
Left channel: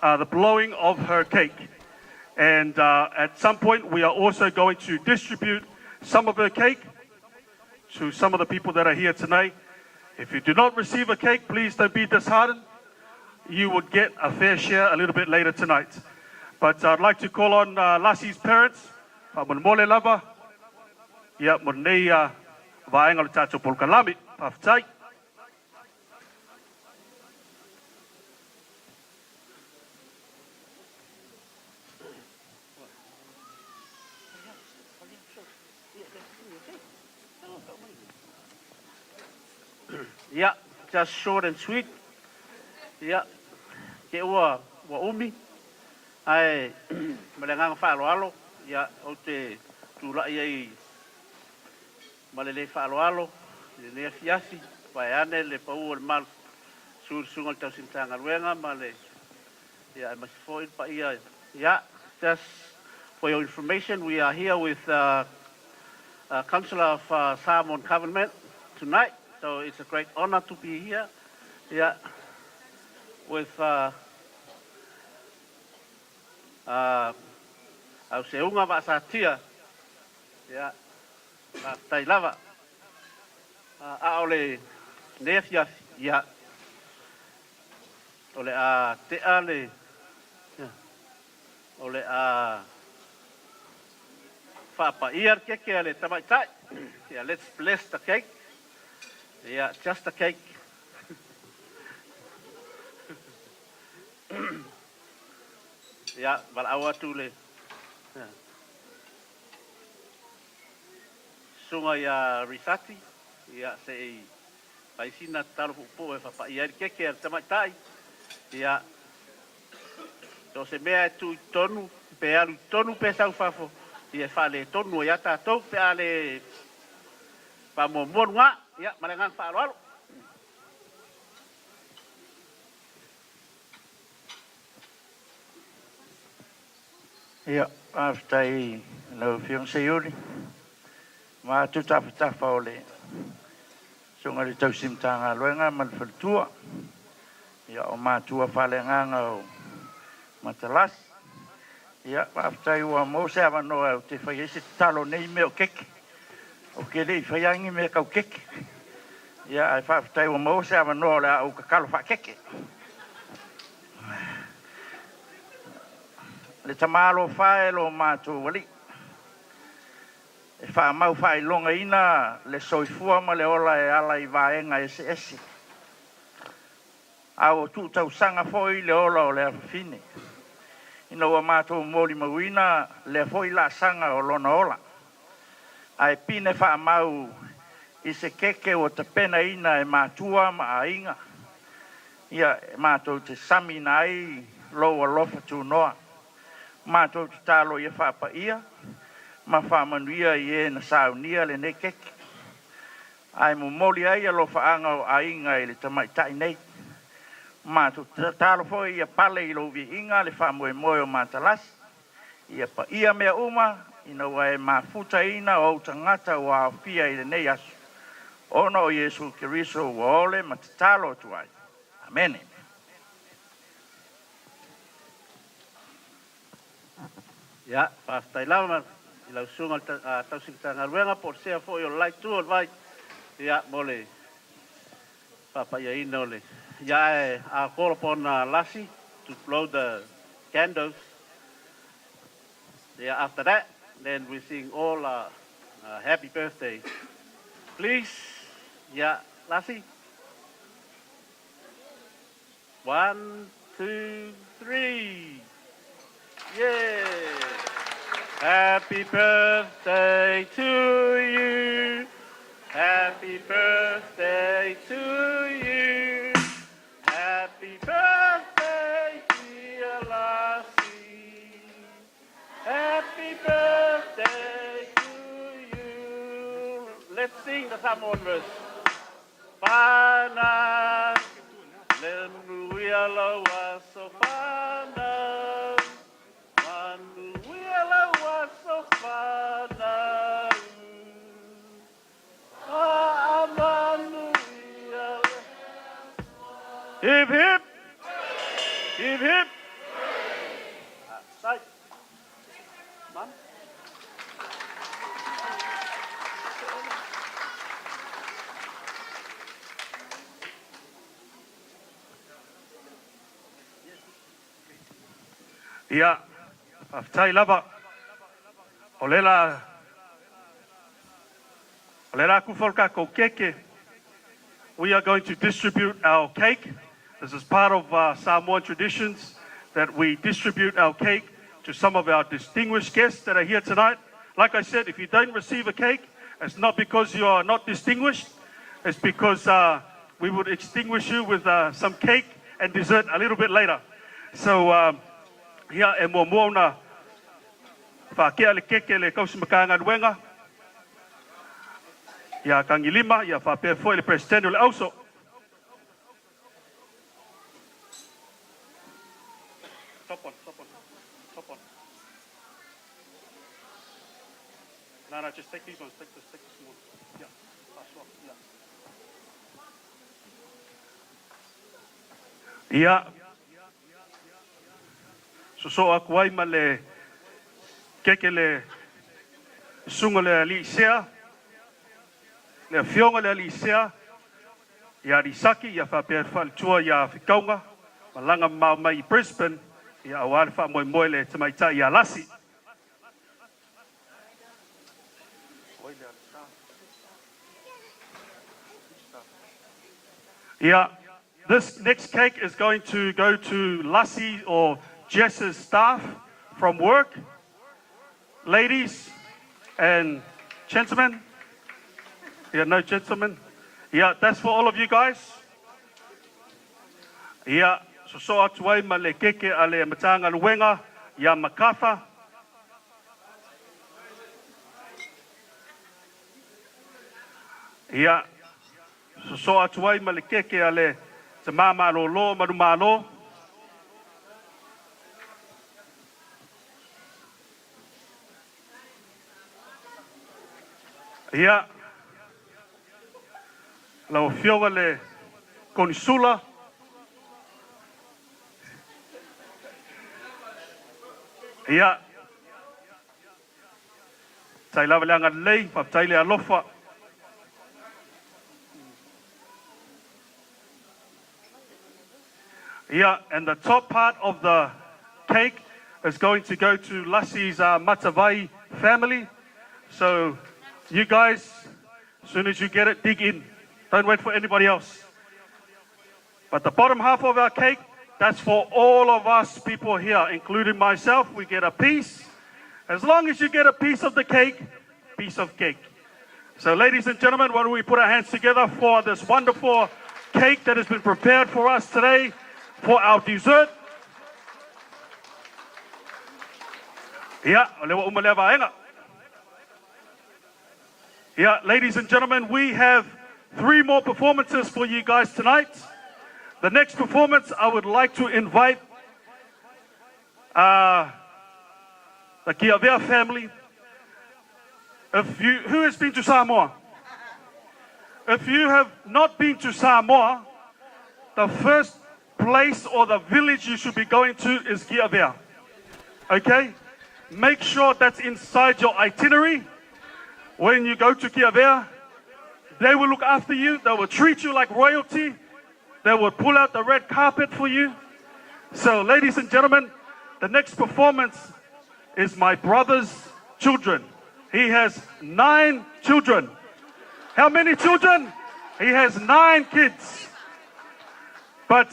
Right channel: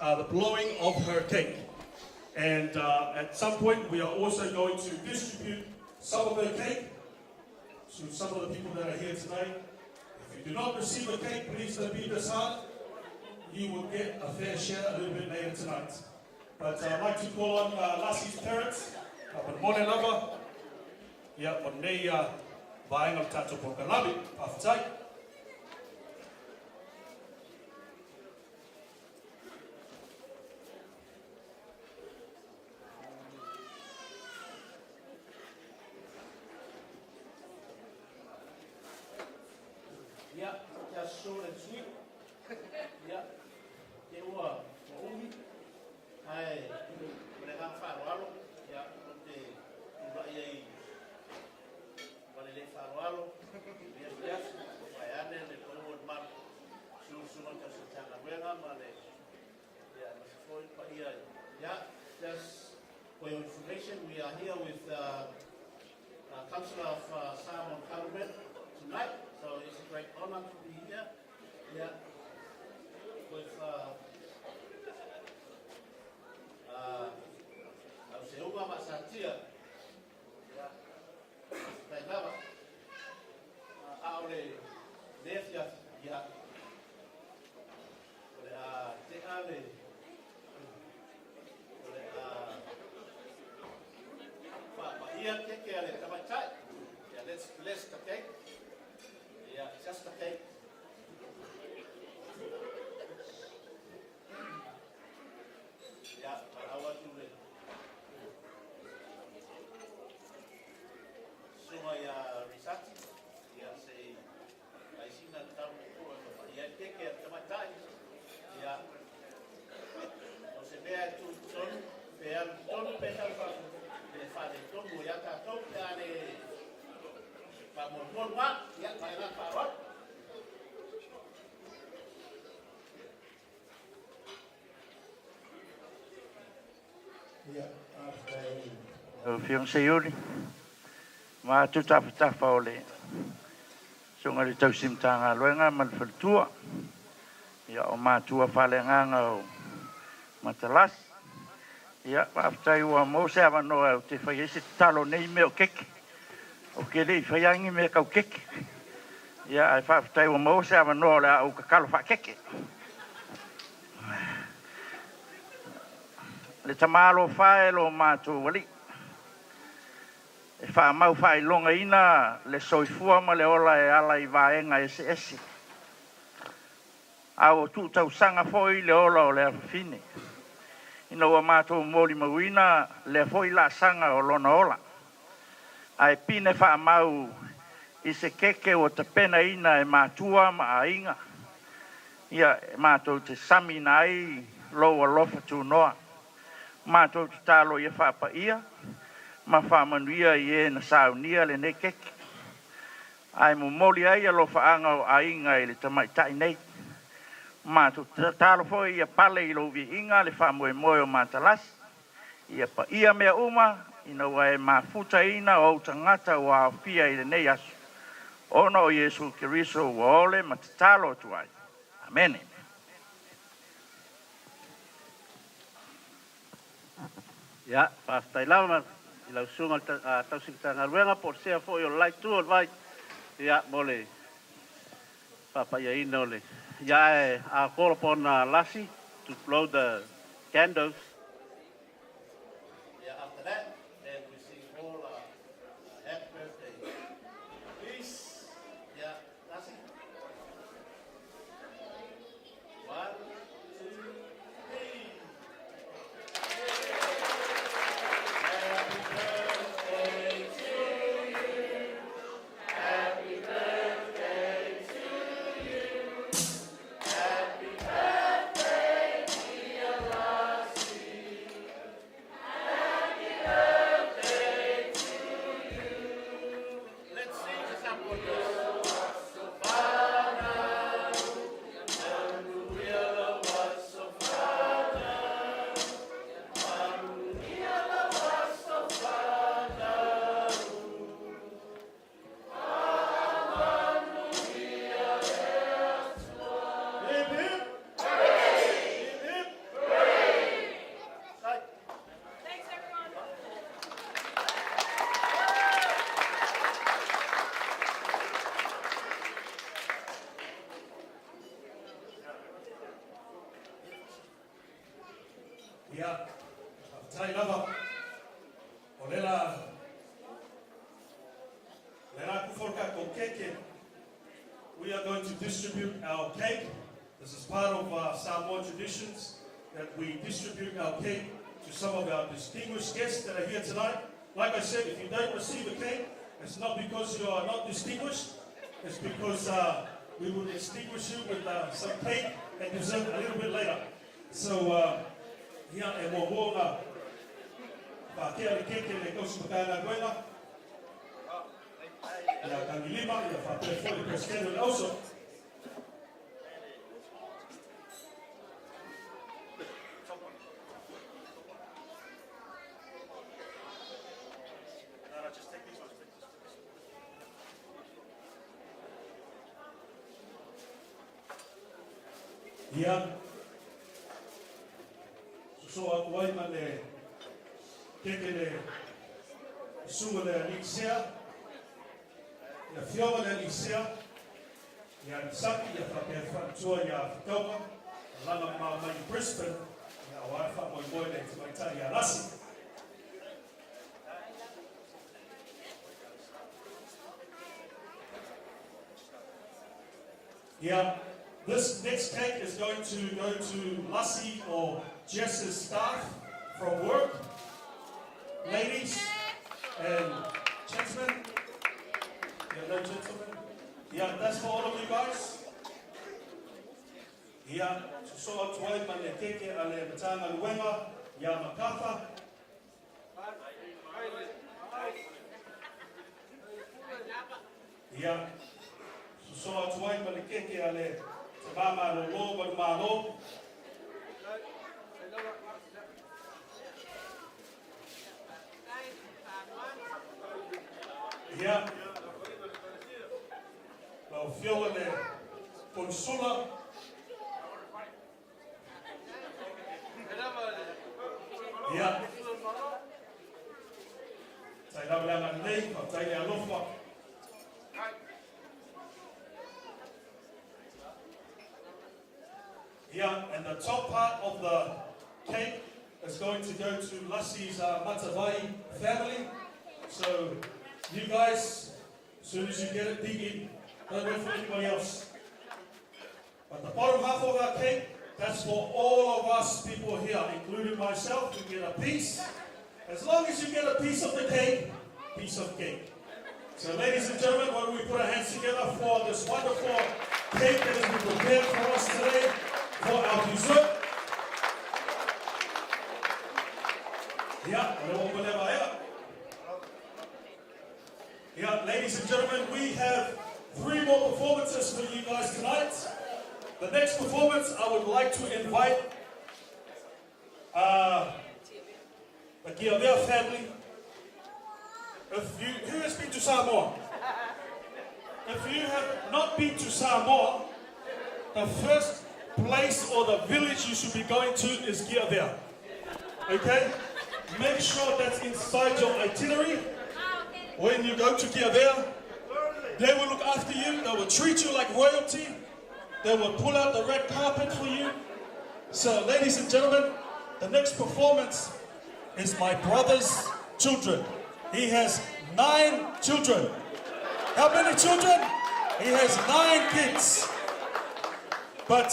the blowing of her cake. And at some point, we are also going to distribute some of her cake to some of the people that are here tonight. If you do not receive a cake, please don't be disheartened. You will get a fair share a little bit later tonight. But I'd like to call on Lassie's parents, Mole Lava, Monei Vaenga le tātou Polkalame, Pawhitai. Yeah, just short and sweet. Yeah, ke ua umi. Ai malanga whaaloalo. Yeah, o te tūrai ai malele whaaloalo. Le fiasi, vai ane le pau o mal. Sunga tau sintanga ruenga male. Yeah, I must forward pa ia. Yeah, just for your information, we are here with Councillor of Samoan Government tonight. So it's a great honor to be here. Yeah, with our seunga Vasatia. Yeah, Tailava. Aole Nefia. Yeah. Ole te ale. Ole Papa iar ke ale tamai tai. Yeah, let's bless the cake. Yeah, just the cake. Yeah, but I want to le. Sunga ya risati. Yeah, say ai sina talo po e papa. Yeah, keke tamatai. Yeah. So se mea tu tonu, pe alu tonu pe sau fafo. Ia fale tonu ia tātou pe ale pa momon nga. Ia malengan pa alo. Ia, aftai no fiancé uri. Ma tu tafa ole. Sunga le tau simtanga luenga mal faltua. Ia o matua fale nganga o matalas. Ia, aftai ua mo se avano au te whai ese talo nei me o keke. O ke rei whaiangi me kau keke. Ia, ai aftai ua mo se avano le au kakalo wha keke. Le tamalo whae lo mātou wali. E wha mau whae longa ina le soifua ma le ola e ala i vaenga ese ese. Au tu tau sanga foi le ola o le awhine. Ina ua mātou mori mawina le foi la sanga o lona ola. Ai pine wha mau i se keke o te pena ina e mātua ma a inga. Ia mātou te sami na ai loa lofa tu noa. Mātou te talo ia whapa ia, ma whamanuia i e na saunia le ne keke. Ai mo moli ai alo whaanga o ainga i le tamaitai nei. Mātou te talo foi ia pale i lovi inga le whamoe moe o mātalas. Ia pa ia mea uma, ina wa e mafuta ina o tangata o a fia i le nei asu. Ono o Yesu Kiriso wa ole ma te talo tuai. Amen. Ya, pastai lama i lau sunga tau sikitanga ruenga por sea fo yo like tu vai. Ya, mole. Papa ya ino le. Ya, I call upon Lassie to blow the candles. Yeah, after that, then we sing all happy birthday. Please, yeah, Lassie. 1, 2, 3. Yeah. Happy birthday to you. Happy birthday to you. Happy birthday, dear Lassie. Happy birthday to you. Let's sing the Samoan verse. Pana, Neruiala was so fana. Maruiala was so fana. Hip hip, hip hip. Ia, aftai lava. Olela kufolka ko keke. We are going to distribute our cake. This is part of Samoan traditions that we distribute our cake to some of our distinguished guests that are here tonight. Like I said, if you don't receive a cake, it's not because you are not distinguished. It's because we would extinguish you with some cake and dessert a little bit later. So, ia e mua na whakea le keke le kausimakanga nuenga. Ia kangi lima, ia whapea foi le presidente le auso. No, just take these ones, take this one. Yeah. So aku ai ma le keke le sunga le alisea le fionga le alisea ia risaki ia whapea whaltua ia whikaunga malanga mau mai Brisbane ia awari wha moe moe le tamaitai ia Lassie. Yeah, this next cake is going to go to Lassie or Jess's staff from work. Ladies and gentlemen. Yeah, no gentlemen. Yeah, that's for all of you guys. Yeah, so atu wai ma le keke a le matanga luenga, ya makatha. Yeah, so atu wai ma le keke a le te mama lo lo marumalo. Yeah. Lau fioga le consula. Ia. Tai lava le anga lei, pa tai le alofa. Yeah, and the top part of the cake is going to go to Lassie's Matavai family. So you guys, as soon as you get it, dig in. Don't wait for anybody else. But the bottom half of our cake, that's for all of us people here, including myself. We get a piece. As long as you get a piece of the cake, piece of cake. So ladies and gentlemen, why don't we put our hands together for this wonderful cake that has been prepared for us today for our dessert. Yeah, ladies and gentlemen, we have 3 more performances for you guys tonight. The next performance, I would like to invite the Kiavea family. Who has been to Samoa? If you have not been to Samoa, the first place or the village you should be going to is Kiavea. Okay? Make sure that's inside your itinerary. When you go to Kiavea, they will look after you. They will treat you like royalty. They will pull out the red carpet for you. So, ladies and gentlemen, the next performance is my brother's children. He has 9 children. How many children? He has 9 kids. But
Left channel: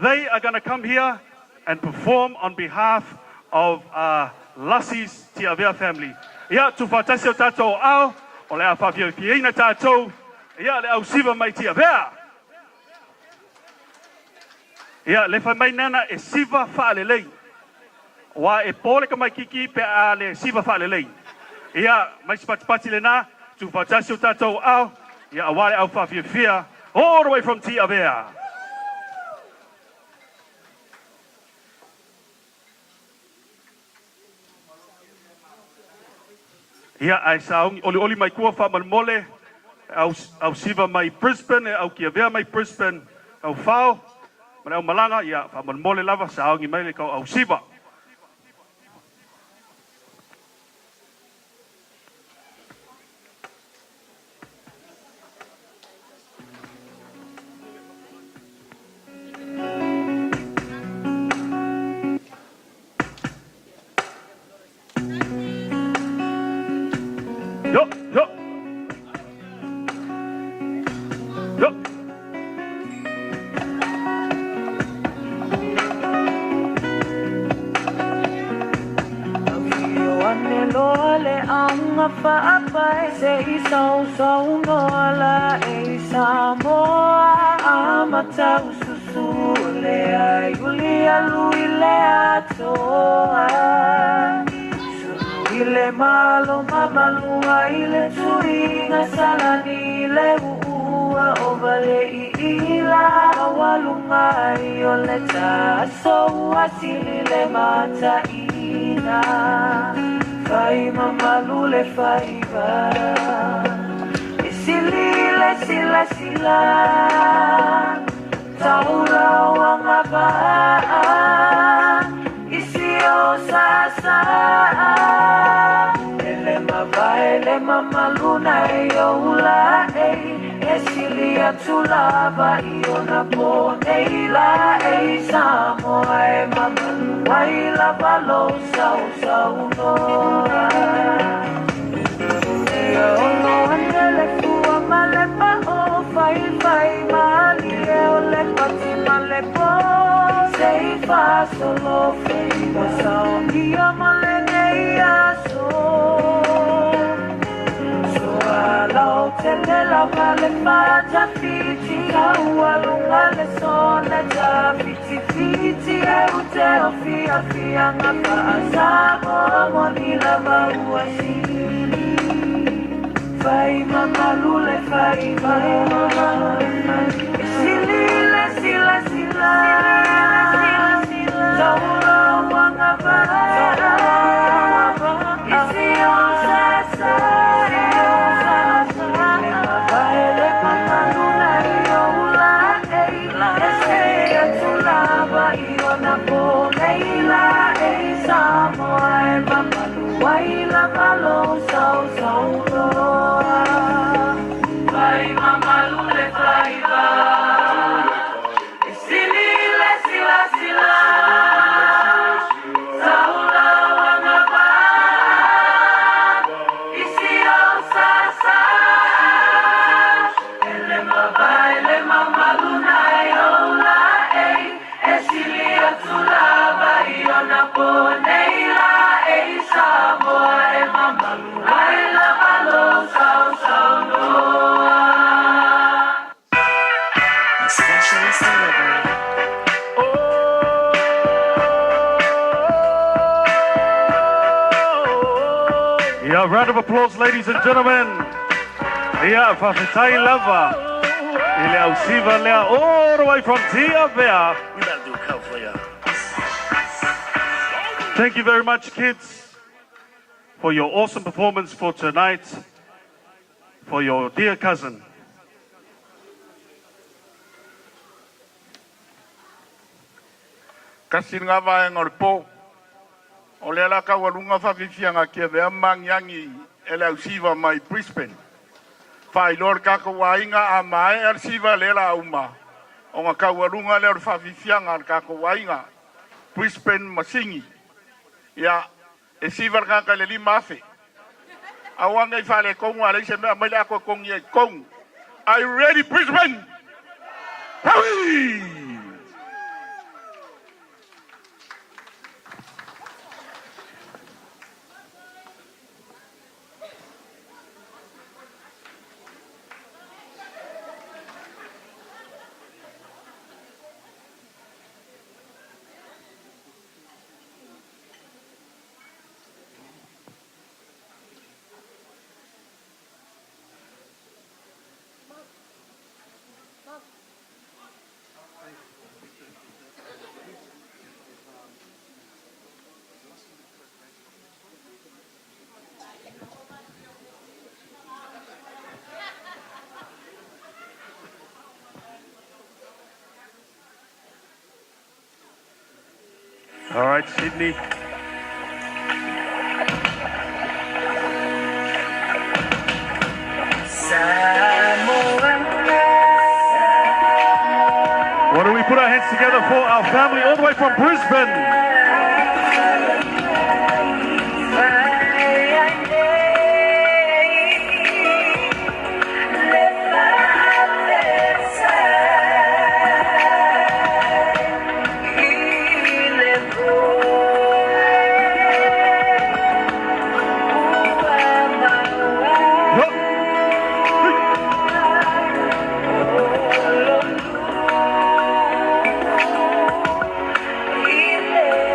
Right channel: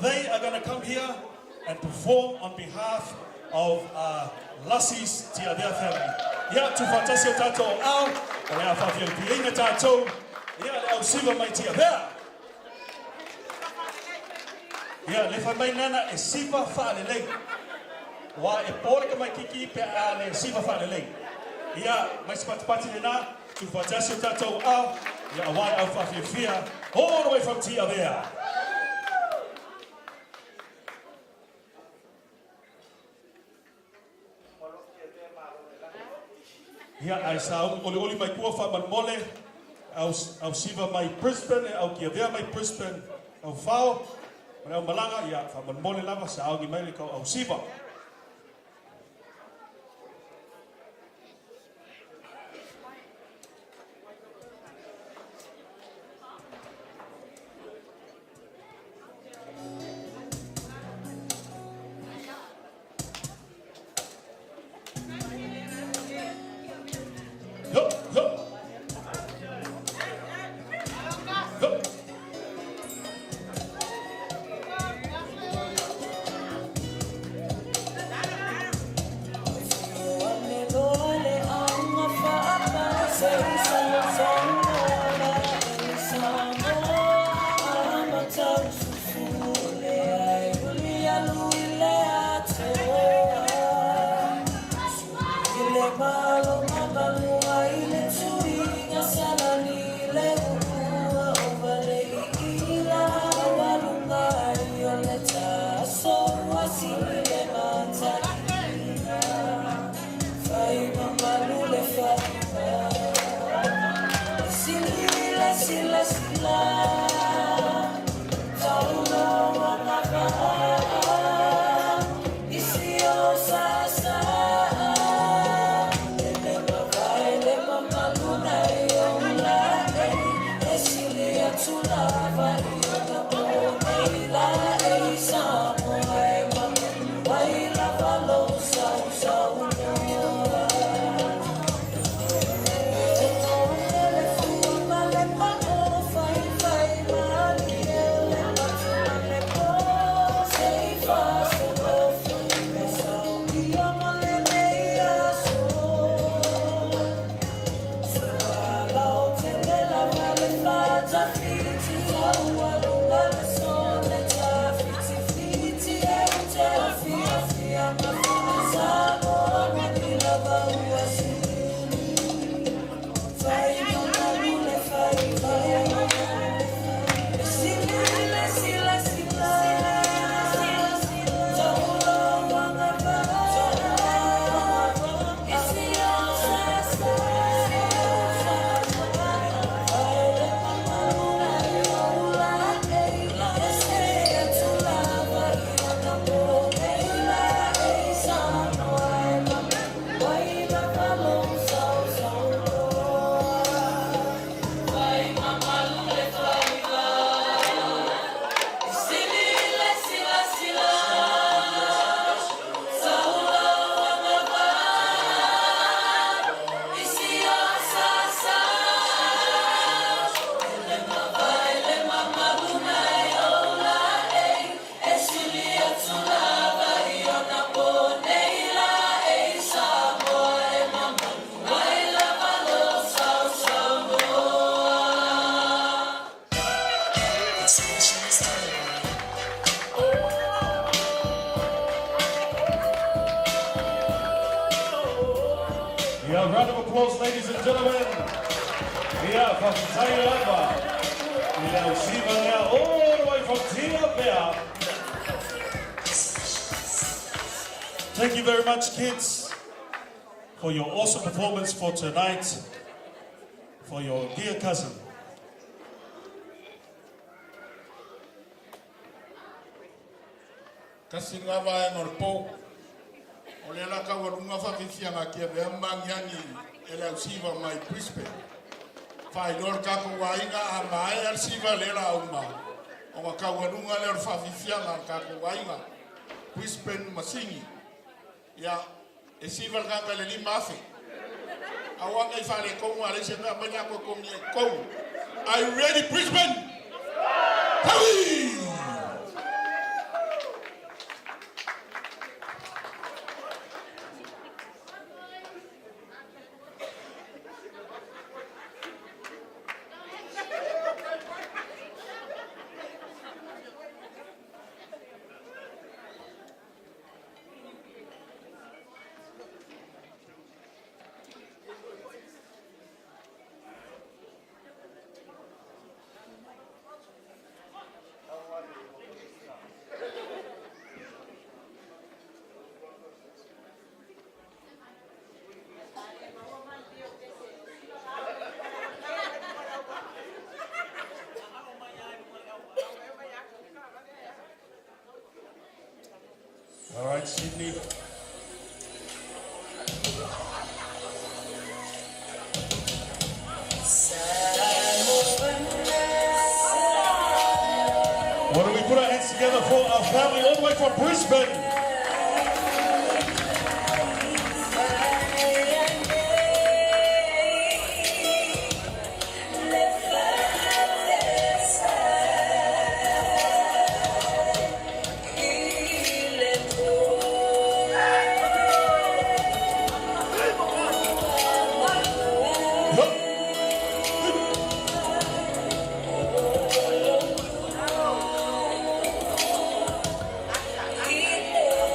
they are going to come here and perform on behalf of Lassie's Tiavea family. Yeah, tu fatasi o tatou au, o le afafia piena tatou. Yeah, le au siva mai Tiavea. Yeah, le fai mai nana e siva fa'alelei. Wa e pole ka mai kiki pe a le siva fa'alelei. Yeah, mai sipatipati le na, tu fatasi o tatou au. Yeah, wale au fa'afia all the way from Tiavea. Yeah, ai saung oli mai kua fa mole au siva mai Brisbane au Kiavea mai Brisbane au fao mana malanga ya fa mole lava saung mai le kau au siva. Tulava iona po eila e Samoa e mama waila valo sau sau no e ono anele fua male pa o fai fai male lava le mata fiti Taualunga le sona ta fiti fiti Euteo fia fia ngapa asamo Moni lava uasili Fai mama lule fai mama lule Silile sila sila Taula wanga para Isi osesa Yeah, round of applause, ladies and gentlemen. Yeah, Fafitai Lava. Ile ausiva lea all the way from Tia Vea. Thank you very much, kids, for your awesome performance for tonight, for your dear cousin. Kasinga va ngorpo. Ole la ka walunga fa fifianga ke ve manyangi ele usiva mai Brisbane. Fai lor ka ko wainga a mai el siva le la uma. O ma ka walunga le fa fifianga ka ko wainga Brisbane Masingi. Ya e siva ka le lima fe. Awanga fa le ko ngwa le se me mai la ko kong ye kong. Are you ready, Brisbane? Howie! All right, Sydney. Why don't we put our hands together for our family all the way from Brisbane? Ile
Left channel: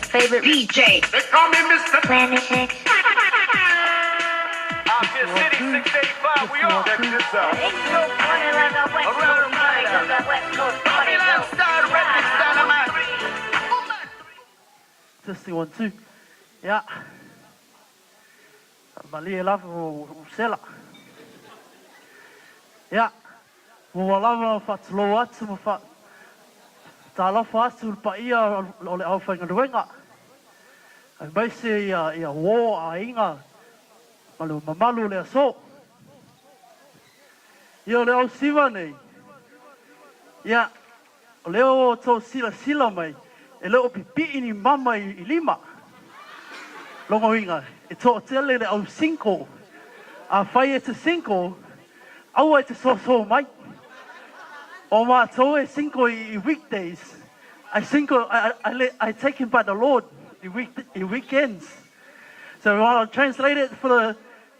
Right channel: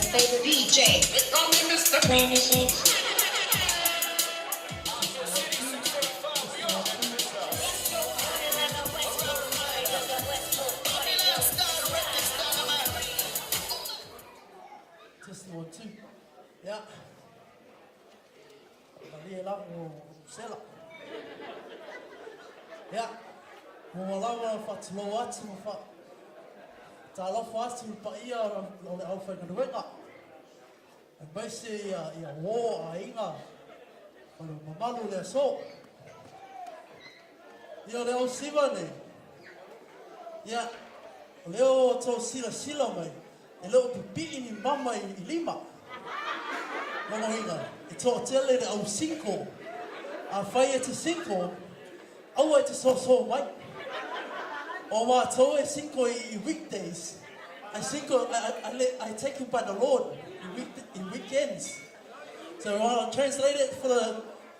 favorite DJ. They call me Mr. Planet Shake. City 685, we all. Check this out. Babylon style, record style, man. Testing 1, 2. Ja. Malia lava o sela. Ja. Mo lava fa tlo atu mo fa. Tala fa atu pa ia o le au whainga ruenga. Ai mai se ia wo a inga. Malu mamalu le so. Ia le au siwa nei. Ia. O leo tō sila mai. E leo pipi ni mama I lima. Longo inga. E tō tele le au 5. A whai e te 5. Au e te so mai. O mā tō e 5 I weekdays. I take him by the Lord in weekends. So we want to translate it for the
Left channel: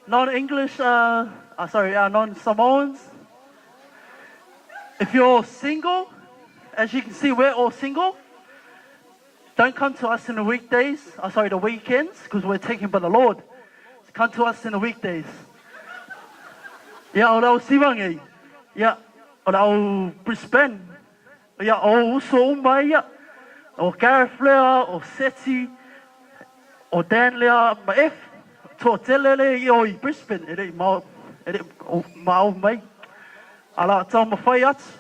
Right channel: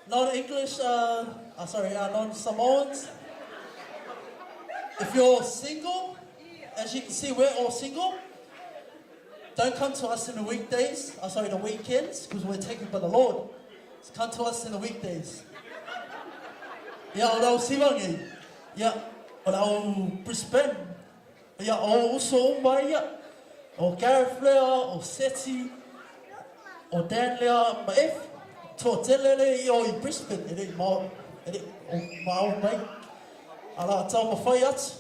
non-English, non-Samoans. If you're single, as you can see, we're all single. Don't come to us in the weekdays, the weekends, because we're taken by the Lord. So come to us in the weekdays. Yeah, o rau Siwangi. Yeah, o rau Brisbane. Yeah, o uso o mai, yeah. O Gareth lea, o Seti, o Dan lea, ma F. Tō tele le I o I Brisbane, e rei ma o mai. Ala tau ma whai atu.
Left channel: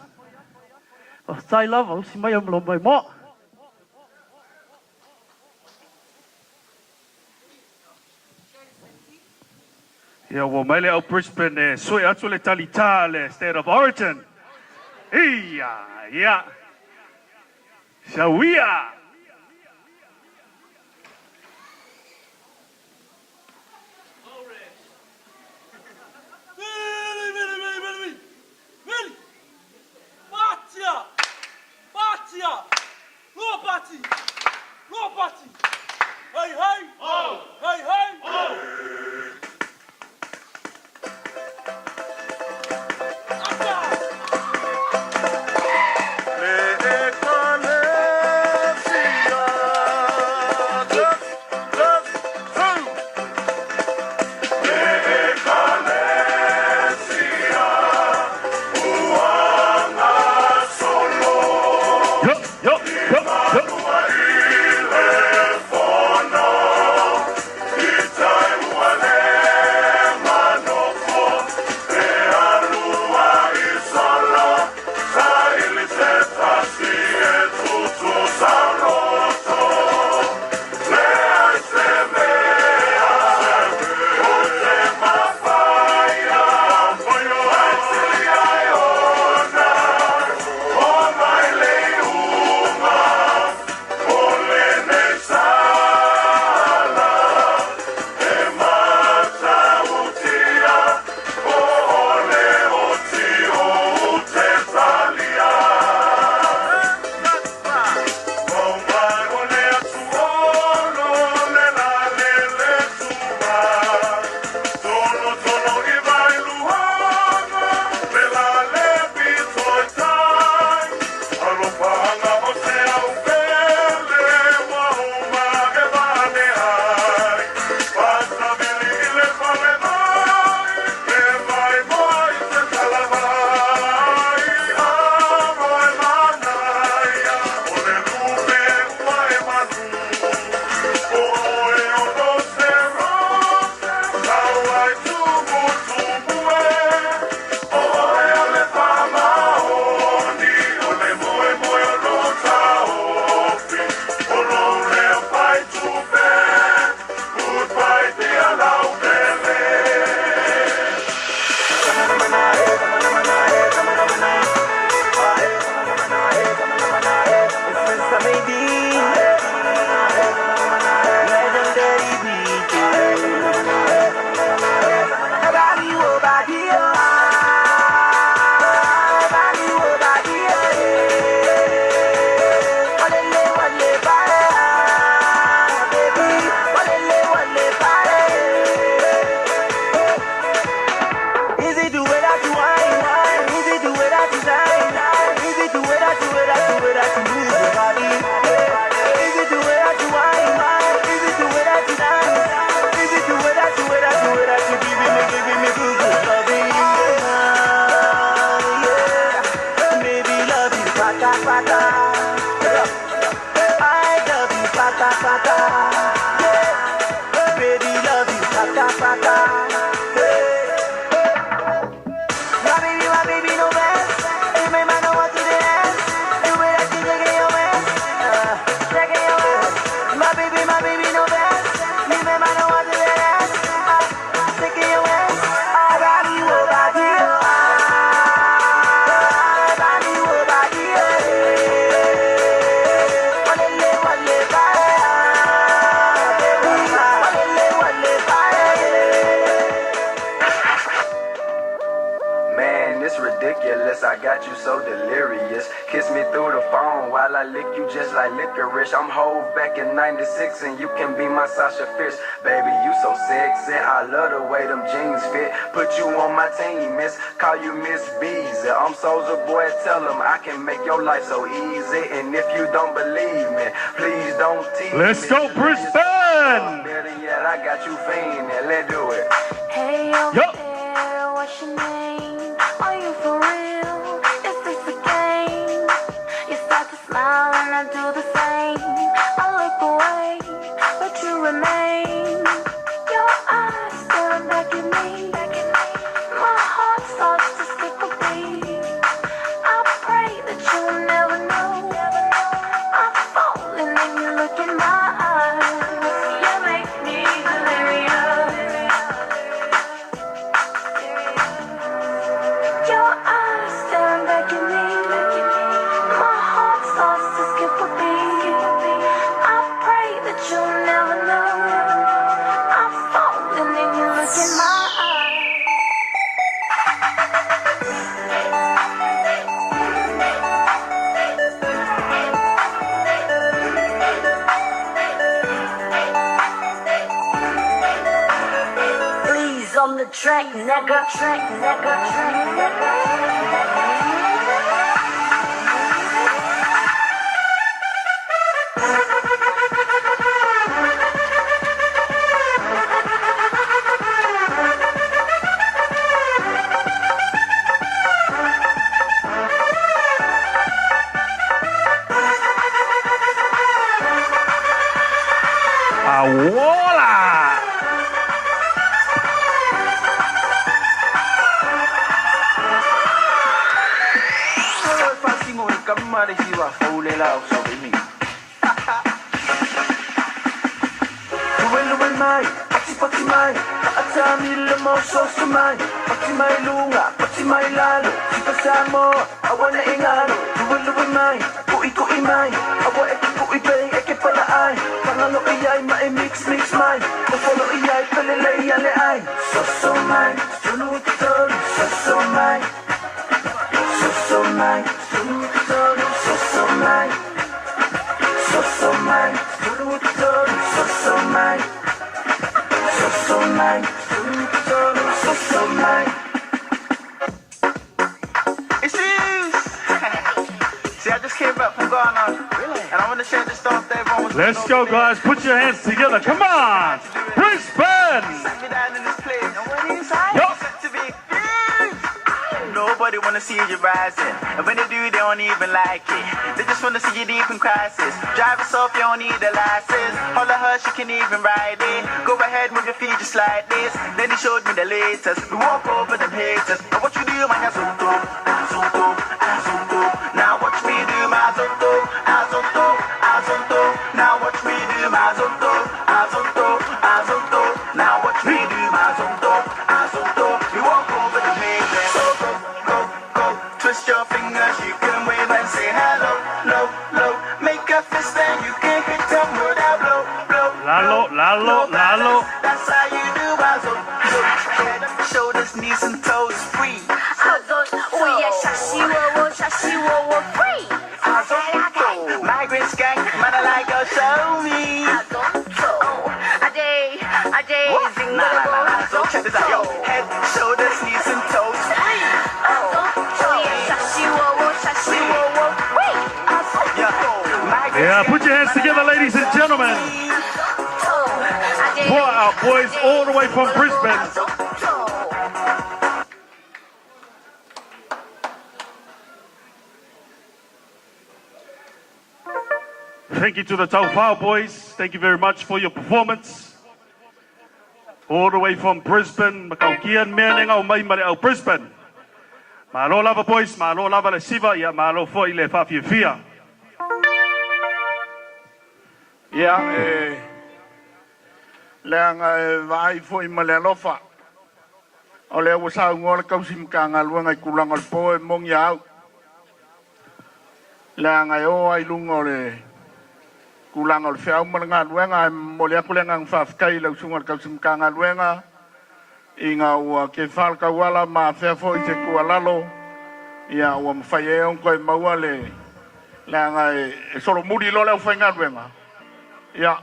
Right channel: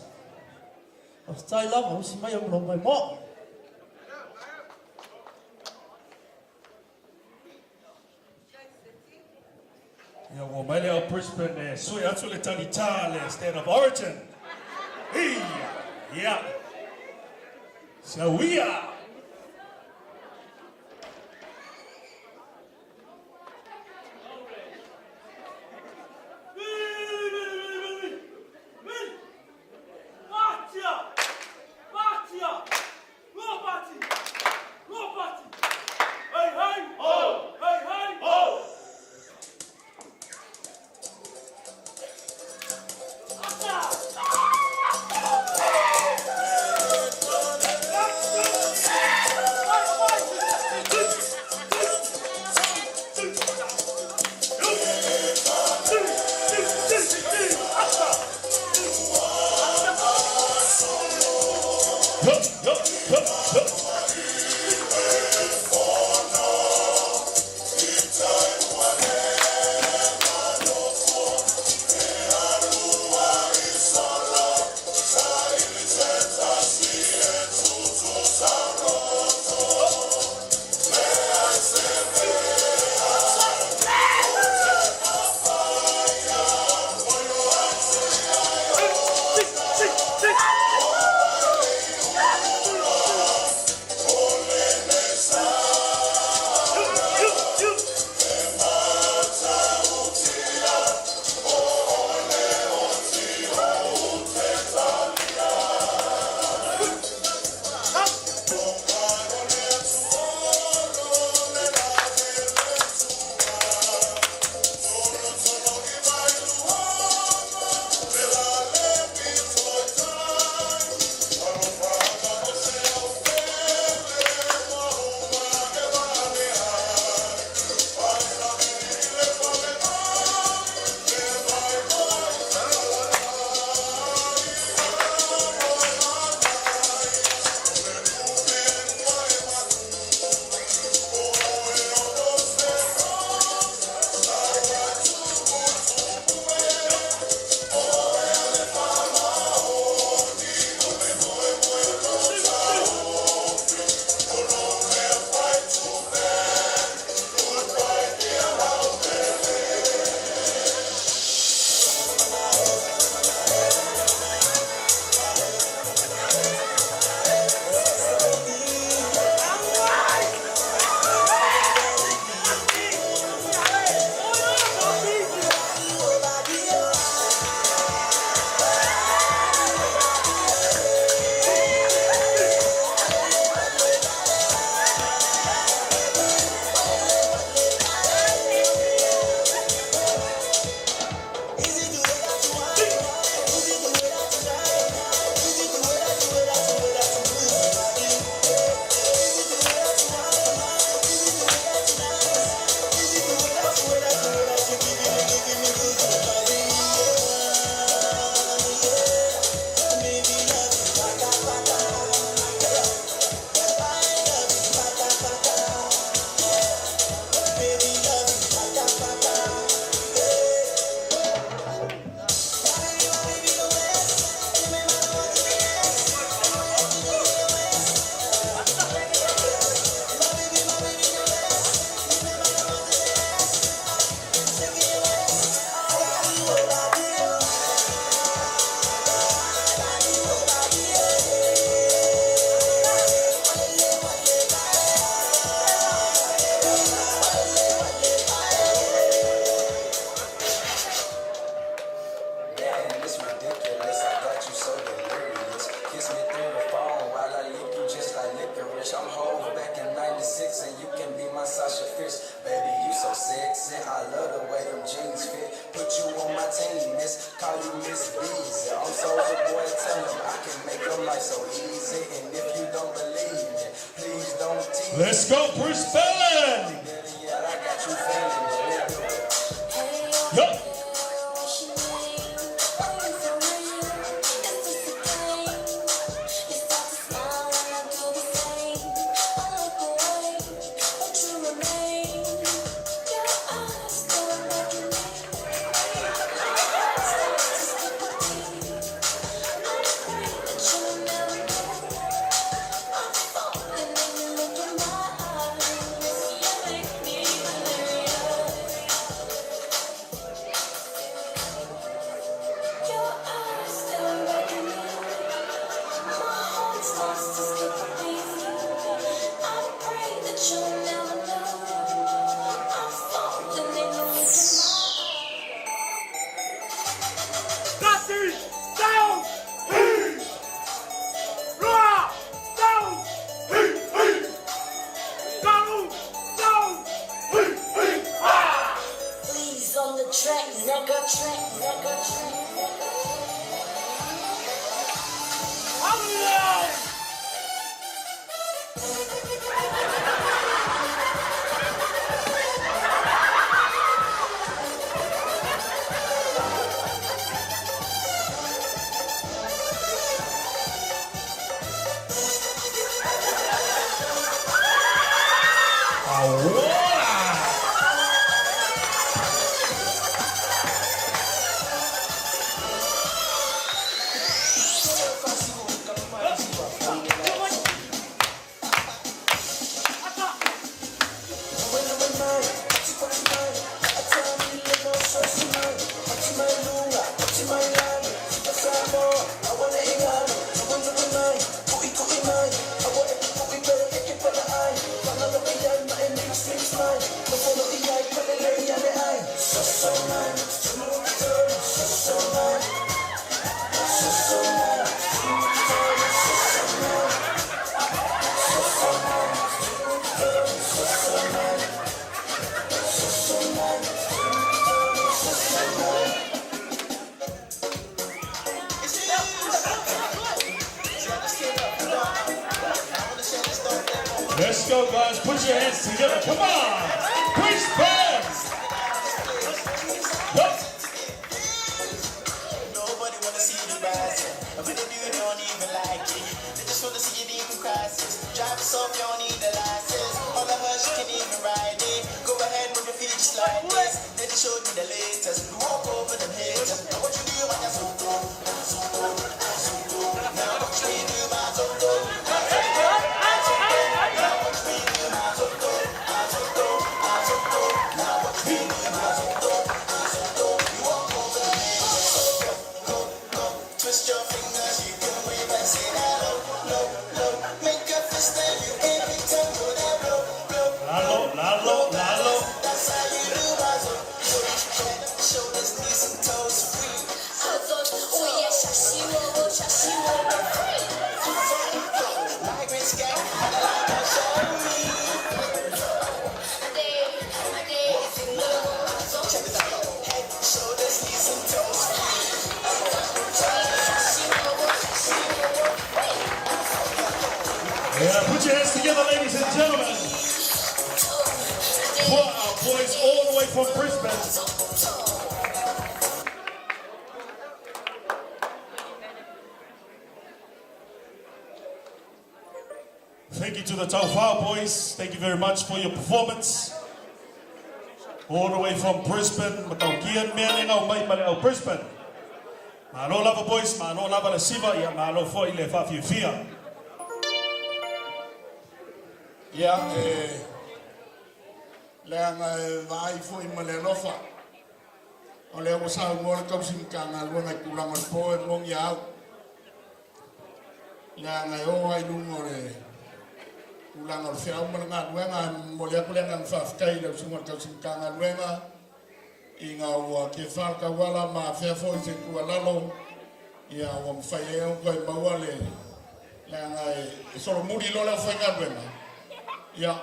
O tai lava, o si mai amlo mai mo. Ia ua mai le au Brisbane e sui atu le talita le state of origin. Ia. Shawia. like licorice. I'm hoes back in 96 and you can be my Sasha Fierce. Baby, you so sexy. I love the way them jeans fit. Put you on my team, miss. Call you Miss Beezy. I'm Soulja Boy, tell them I can make your life so easy. And if you don't believe me, please don't tease me. Let's go, Brisbane! Better yet, I got you fiending. Let's do it. Hey, over there, what's your name? Are you for real? Is this a game? You start to smile and I do the same. I look away, but you remain. Your eyes stare back at me. My heart starts to skip a beat. I pray that you'll never know. I'm falling and you look in my eyes. You make me delirious. Your eyes staring back at me. My heart starts to skip a beat. I pray that you'll never know. I'm falling and you look in my eyes. Please on the track, nigga. Awala! Let's go, guys. Put your hands together. Come on. Brisbane. Nobody wanna see you rising. And when they do, they don't even like it. They just wanna see you deep in crisis. Drive yourself, you don't need a license. Holler her, she can even ride it. Go ahead, move your feet just like this. Then they showed me the latest. We walk over them haters. And what you do, man, I zoom through. Now watch me do my zoom through. Now watch me do my zoom through. Now watch me do my zoom through. We walk over them haters. Twist your fingers, you can wave and say hello, low. Make a fist and you can hit them with a blow. Lalo. That's how you do Bazo. Head up, shoulders, knees and toes free. Free. Migrant skank, man, I like your show me. So check this out, yo. Head, shoulders, knees and toes free. Yeah, put your hands together, ladies and gentlemen. For our boys all the way from Brisbane. Thank you to the Taufao boys. Thank you very much for your performance. All the way from Brisbane, Makaukian, Meaninga, Mai Brisbane. Malo lava boys, malo lava le siva, ya malo foi le fia. Leanga vai foi malenofa. O le usa ngol kausim kanga luanga kulang al po mong yao. Leanga yo ai lungole kulang al fea mga luanga molia kulang faf kai lo sungal kausim kanga luanga. Inga ua ke fal kawala ma fea foi se kualalo. Ia ua mfaye on koi maua le la ngai solo muri lo le fenga wema ya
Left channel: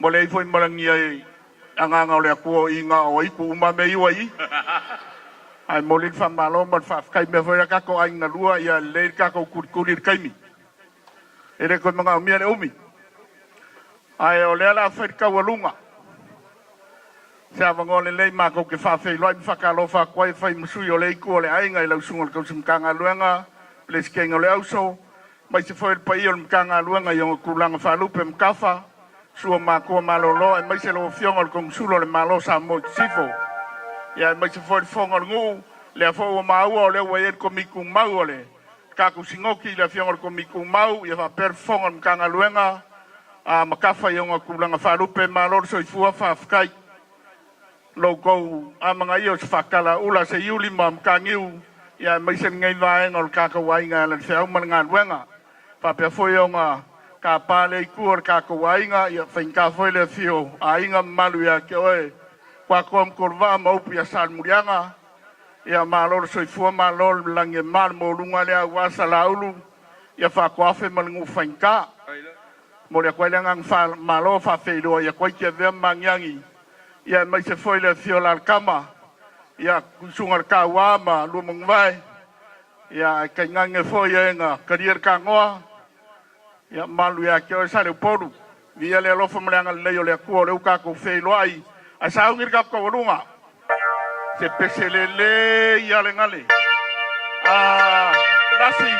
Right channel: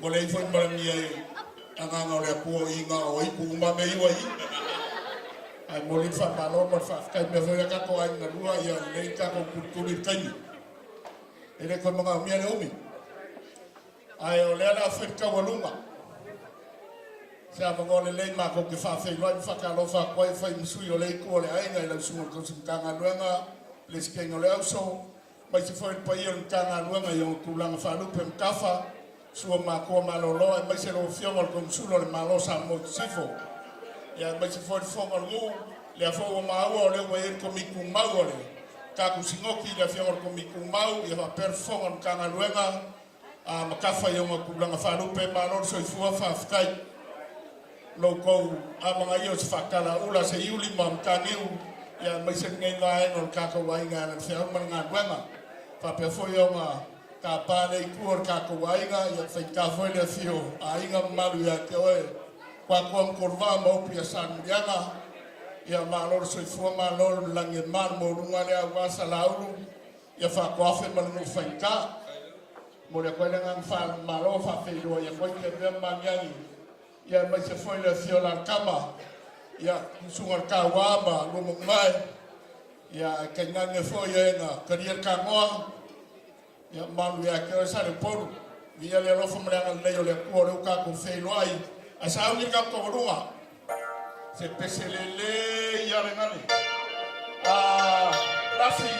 mo le foi marangi ai anga nga le ko inga o ipu ma me iwai ai mo le fa malo ma fa kai me foi ka ko ai na lua ya le ka ko kurir kai mi ele ko mga mi ne umi ai o le la fa ka walunga sa ngole le ma ko ke fa fe lo fa ka lo fa ko fa msui o le ko le ai ngai lo sungol ko sim kanga luanga les que ngole auso mai se foi pa i o kanga luanga yo kulanga fa lupe mkafa sua ma ko malolo mai se lo fiongol ko sulo le malo sa mo sifo ya mai se foi fongol ngu le fo ma o le we ko mi ku mau le ka ku singoki le fiongol ko mi ku mau ya fa per fongol kanga luanga a makafa yo kulanga fa lupe malo so fu fa fkai loko amanga yo fakala ula se yuli mam kangiu ya mai se ngai vai ngol ka ka wai nga le feu man nga wenga fa pe foi nga ka pa le kur ka ka wai nga ya fen ka foi le fio ai nga malu ya ke oe kwa kom kurva mo pu ya sal murianga ya malor so fu malor lange mar mo lunga le wa salaulu ya fa kwa fe man ngu fen ka mo le kwa nga fa malo fa fe do ya kwa ke ve manyangi ya mai se foi le fio la kama ya sungar kawama lumung vai ya kengange foi nga karier kangoa ya malu ya ke sa le poru via le lo fo mlanga le yo le ko le ka ko fe loai asa ngir ka ko lunga se peselele ya le ngale rasi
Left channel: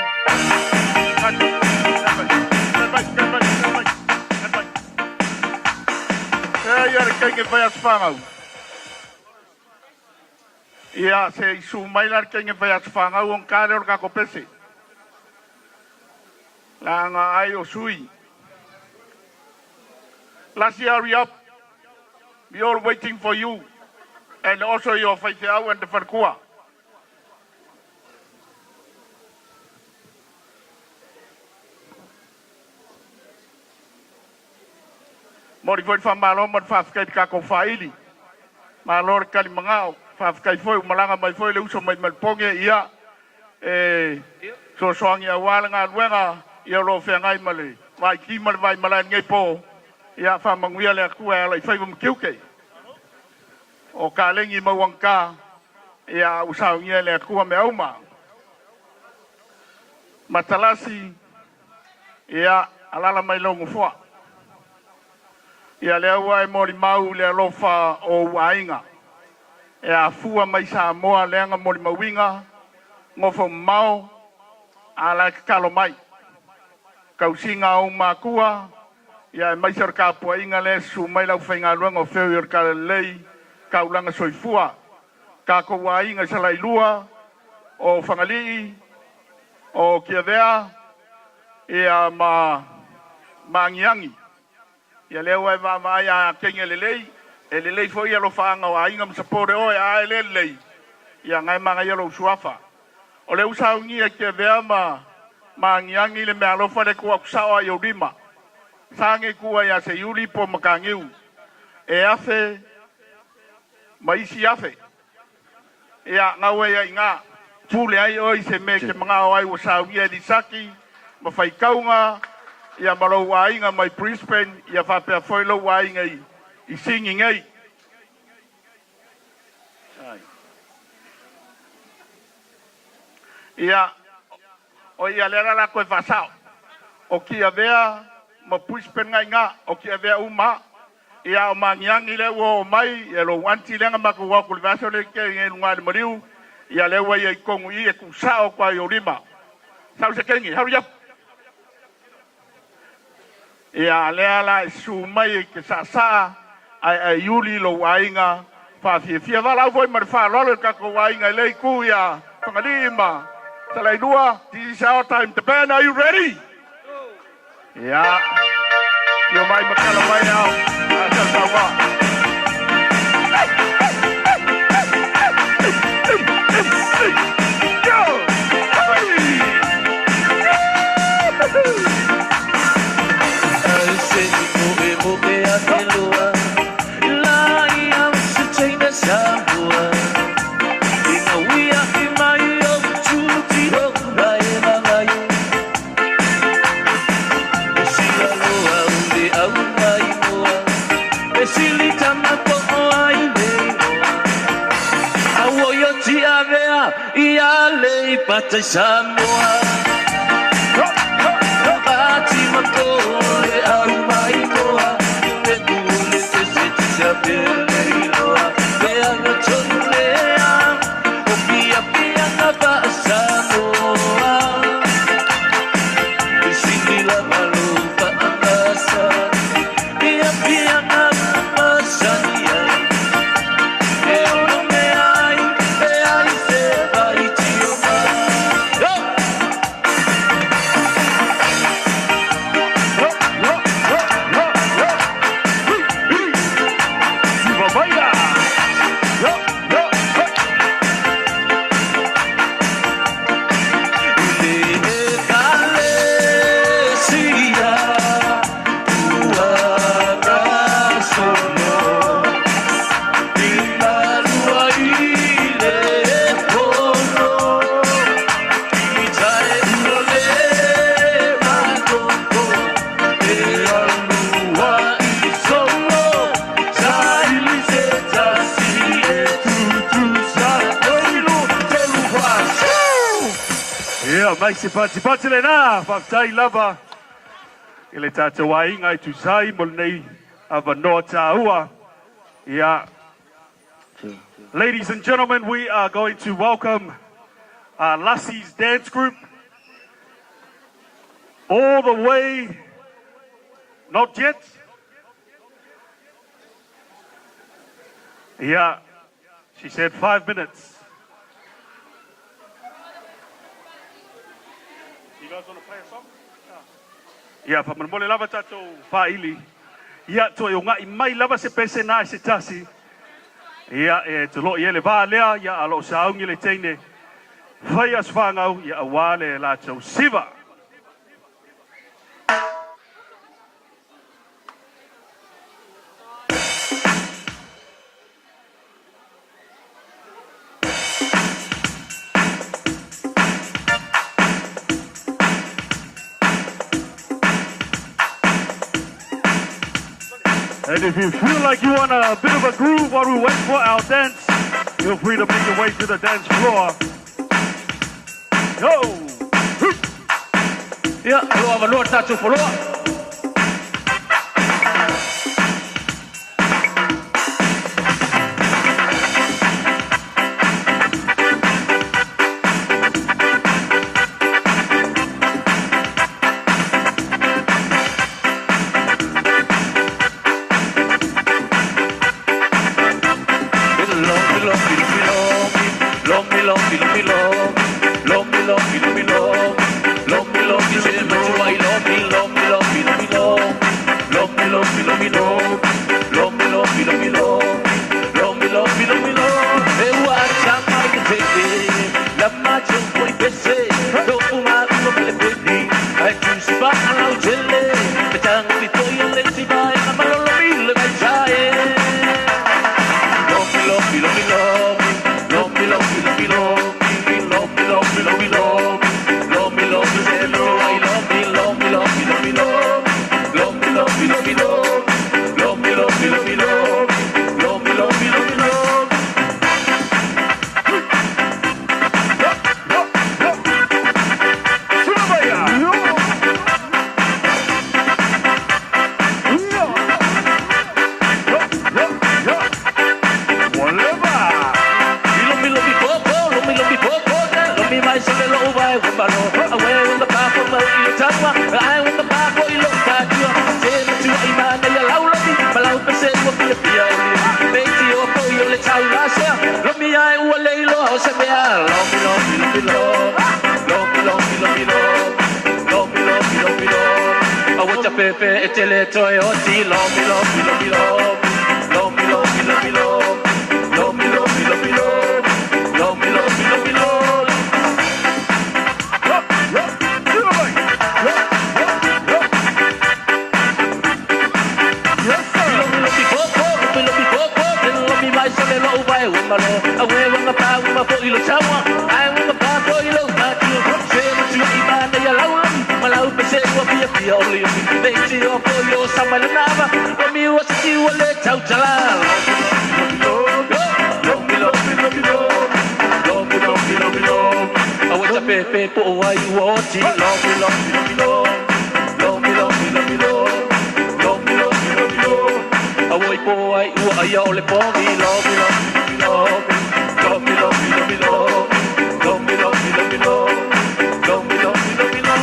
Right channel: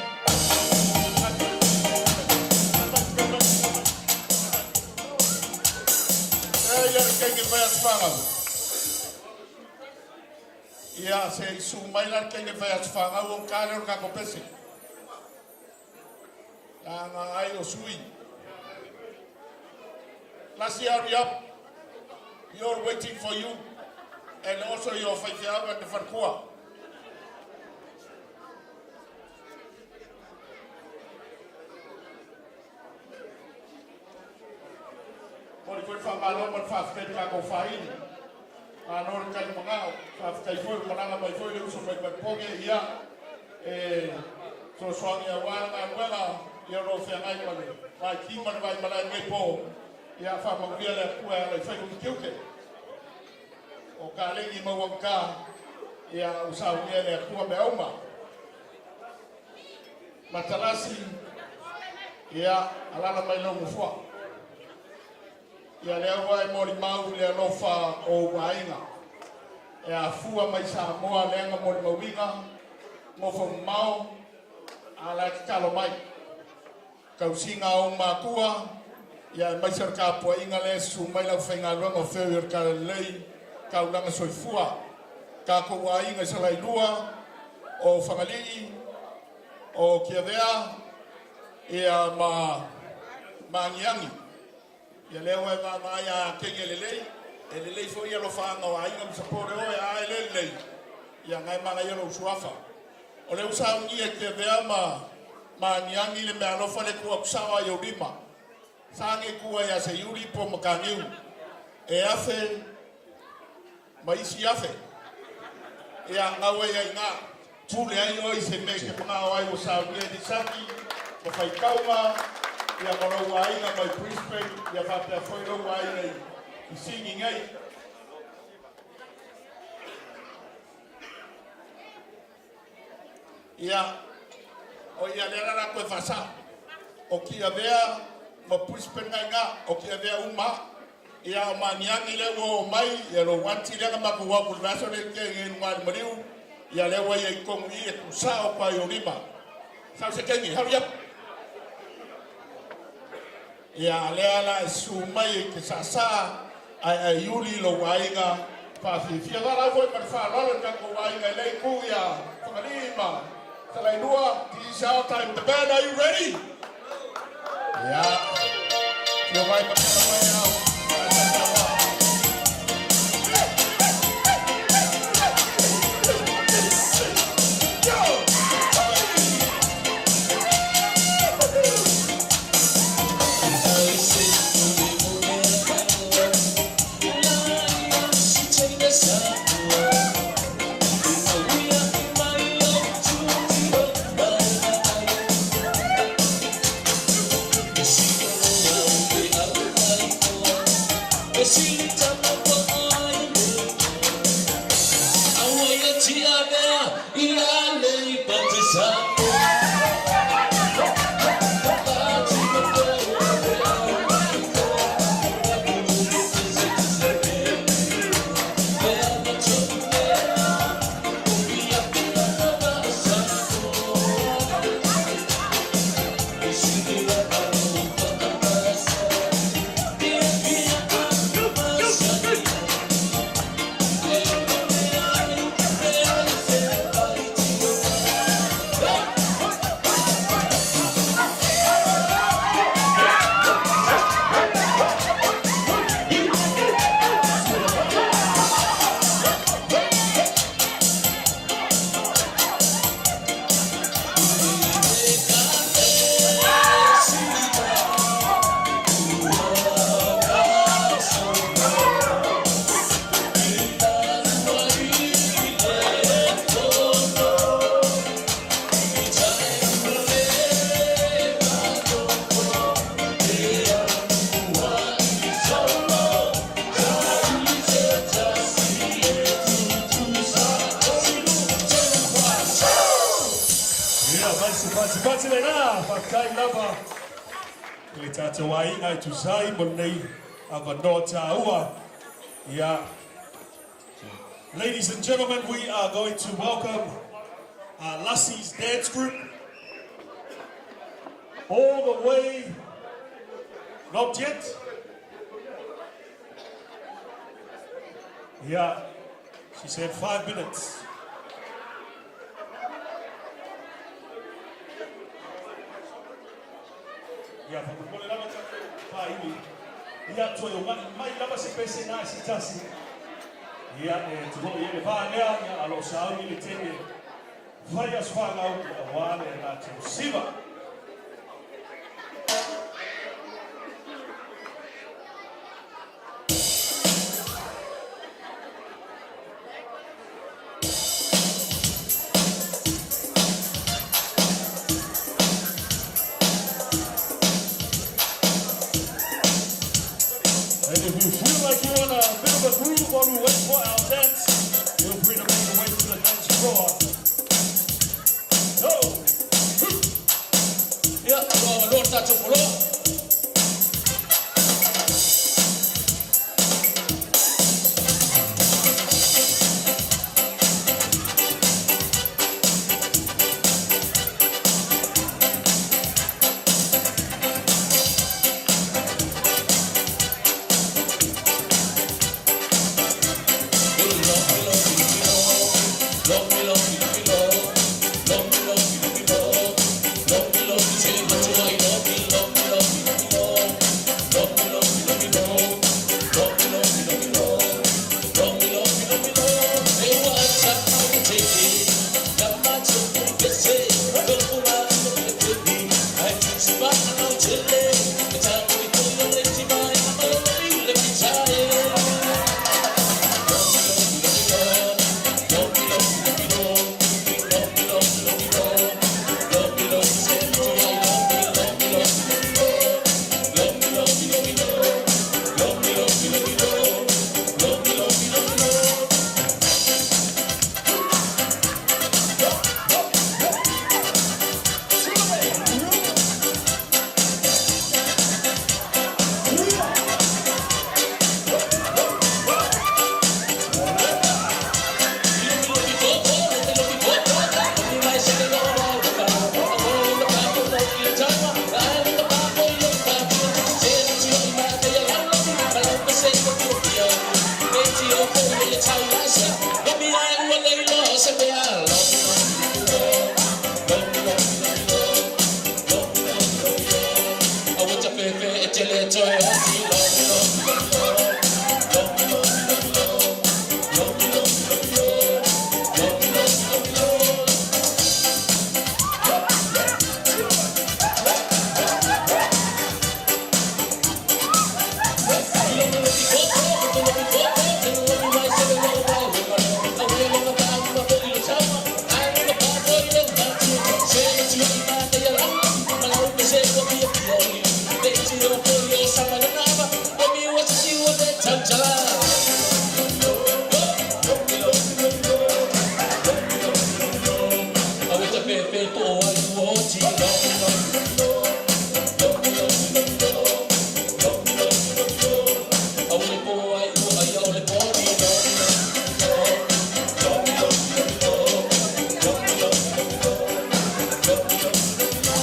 que vaya sfanga ia se sumailar que vaya sfanga un calor ka ko pese la nga ai o sui last year we are waiting for you and also your faith and the farkua mori foi fa malo mon fa kai ka ko faili malor kali mangao fa kai foi malanga mai foi le uso mai malponge ia so soang ya wal nga wenga ia lo fe ngai male mai ki mal vai mala ngai po ia fa manguia le ku ala fai mo kiuke o ka lengi mo wanka ia usau ngia le ku me uma matalasi ia alala mai lo ngufo ia le wai mori mau le lofa o wainga e a fua mai sa moa le nga mori mawinga ngofo mau ala kalo mai kausinga o makua ia mai ser ka puinga le su mai la fenga luanga feur ka lei kaulanga soifua ka ko wainga sa lai lua o fangali o kiavea ia mangiangi ya le wa va ya kenge lelei foi ya lo fanga wa inga msapore o ya lelei ya ngai manga ya lo suafa o le usa ngi ke vea mangiangi le me alo fa le ku aksawa yo rima sange ku ya se yuli po makangiu e afe maisi afe ya ngawe ya inga pule ai oi se me ke manga ai usa ngi di saki ma fai kaunga ia malo wainga mai Brisbane ia fa pe foi lo wainga I singing ai ia o ia lera na ko fasao o kia vea ma Brisbane nga o kia vea uma ia o mangiangi le wo mai e lo wanti le nga ko wa ku vaso le ke ngi ngwa de mariu ia le wa ia ko ngi e ku sao pa yo rima sao se kengi hurry up ia leala sumai ke sasa ai yuli lo wainga fa fia la voi mar fa lo ka ko wainga le ku ya pangalima salai dua this is our time the band are you ready yeah you might makala mai out Batai Samoa Bati Makole au mai koa Te pule te seti sa pele iloa Me ana tonu lea O pia pia na ba Samoa I siki la malupa angasa Pia pia na masani ai E ono me ai se vai tio Maisi pati le na, Baktai lava. Ele tata wainga I tuzai mo nei avanoa tāua. Yeah. Ladies and gentlemen, we are going to welcome Lassie's dance group. All the way, not yet. Yeah, she said 5 minutes. Ia pamanmole lava tatou faili. Ia to yo ngai mai lava se pese na se tasi. Ia e to lo ile va lea ia alo saungi le teine. Vai as fangau ia awale la tau siva. And if you feel like you want a bit of a groove while we wait for our dance, feel free to make your way to the dance floor. Go! Yeah, roa valor tato poloa. pe po wai wo ti lo mi lo mi lo lo mi lo mi lo mi lo lo mi lo mi lo mi lo a woi po ai u ai au le po mi lo mi lo mi lo lo mi lo mi lo mi lo lo mi lo mi lo mi lo lo mi lo mi lo mi lo.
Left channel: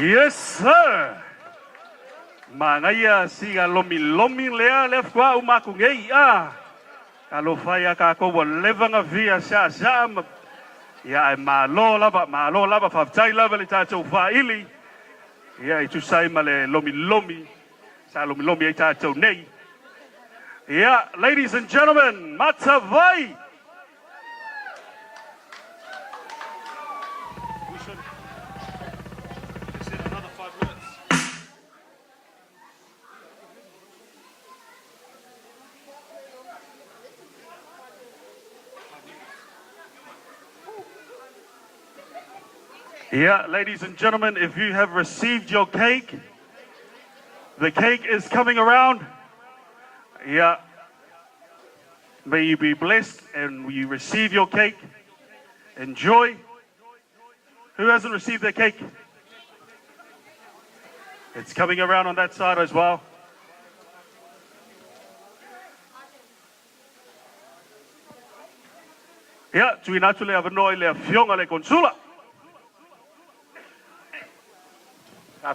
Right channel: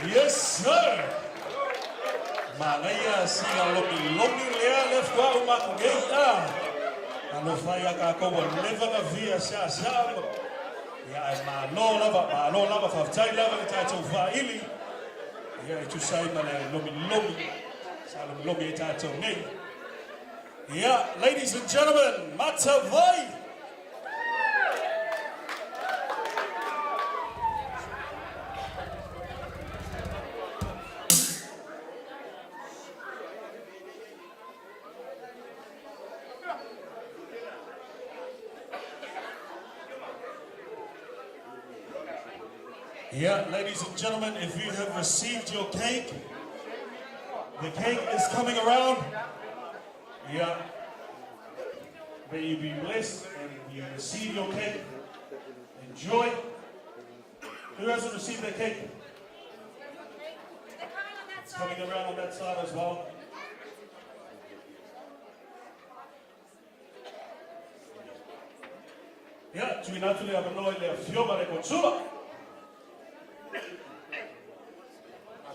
Yes, sir. Mangaya singa lomi lea lef kwa umaku ngei a. Alo faya ka ko levanga via sa sam. Ya ma lo lava fa tai lava le tata faili. Ya itu sai male lomi. Sa lomi e tata nei. Yeah, ladies and gentlemen, Matavai. Yeah, ladies and gentlemen, if you have received your cake, the cake is coming around. Yeah. May you be blessed and you receive your cake. Enjoy. Who hasn't received their cake? It's coming around on that side as well. Yeah, tui natule avanoi le fionga le consula. I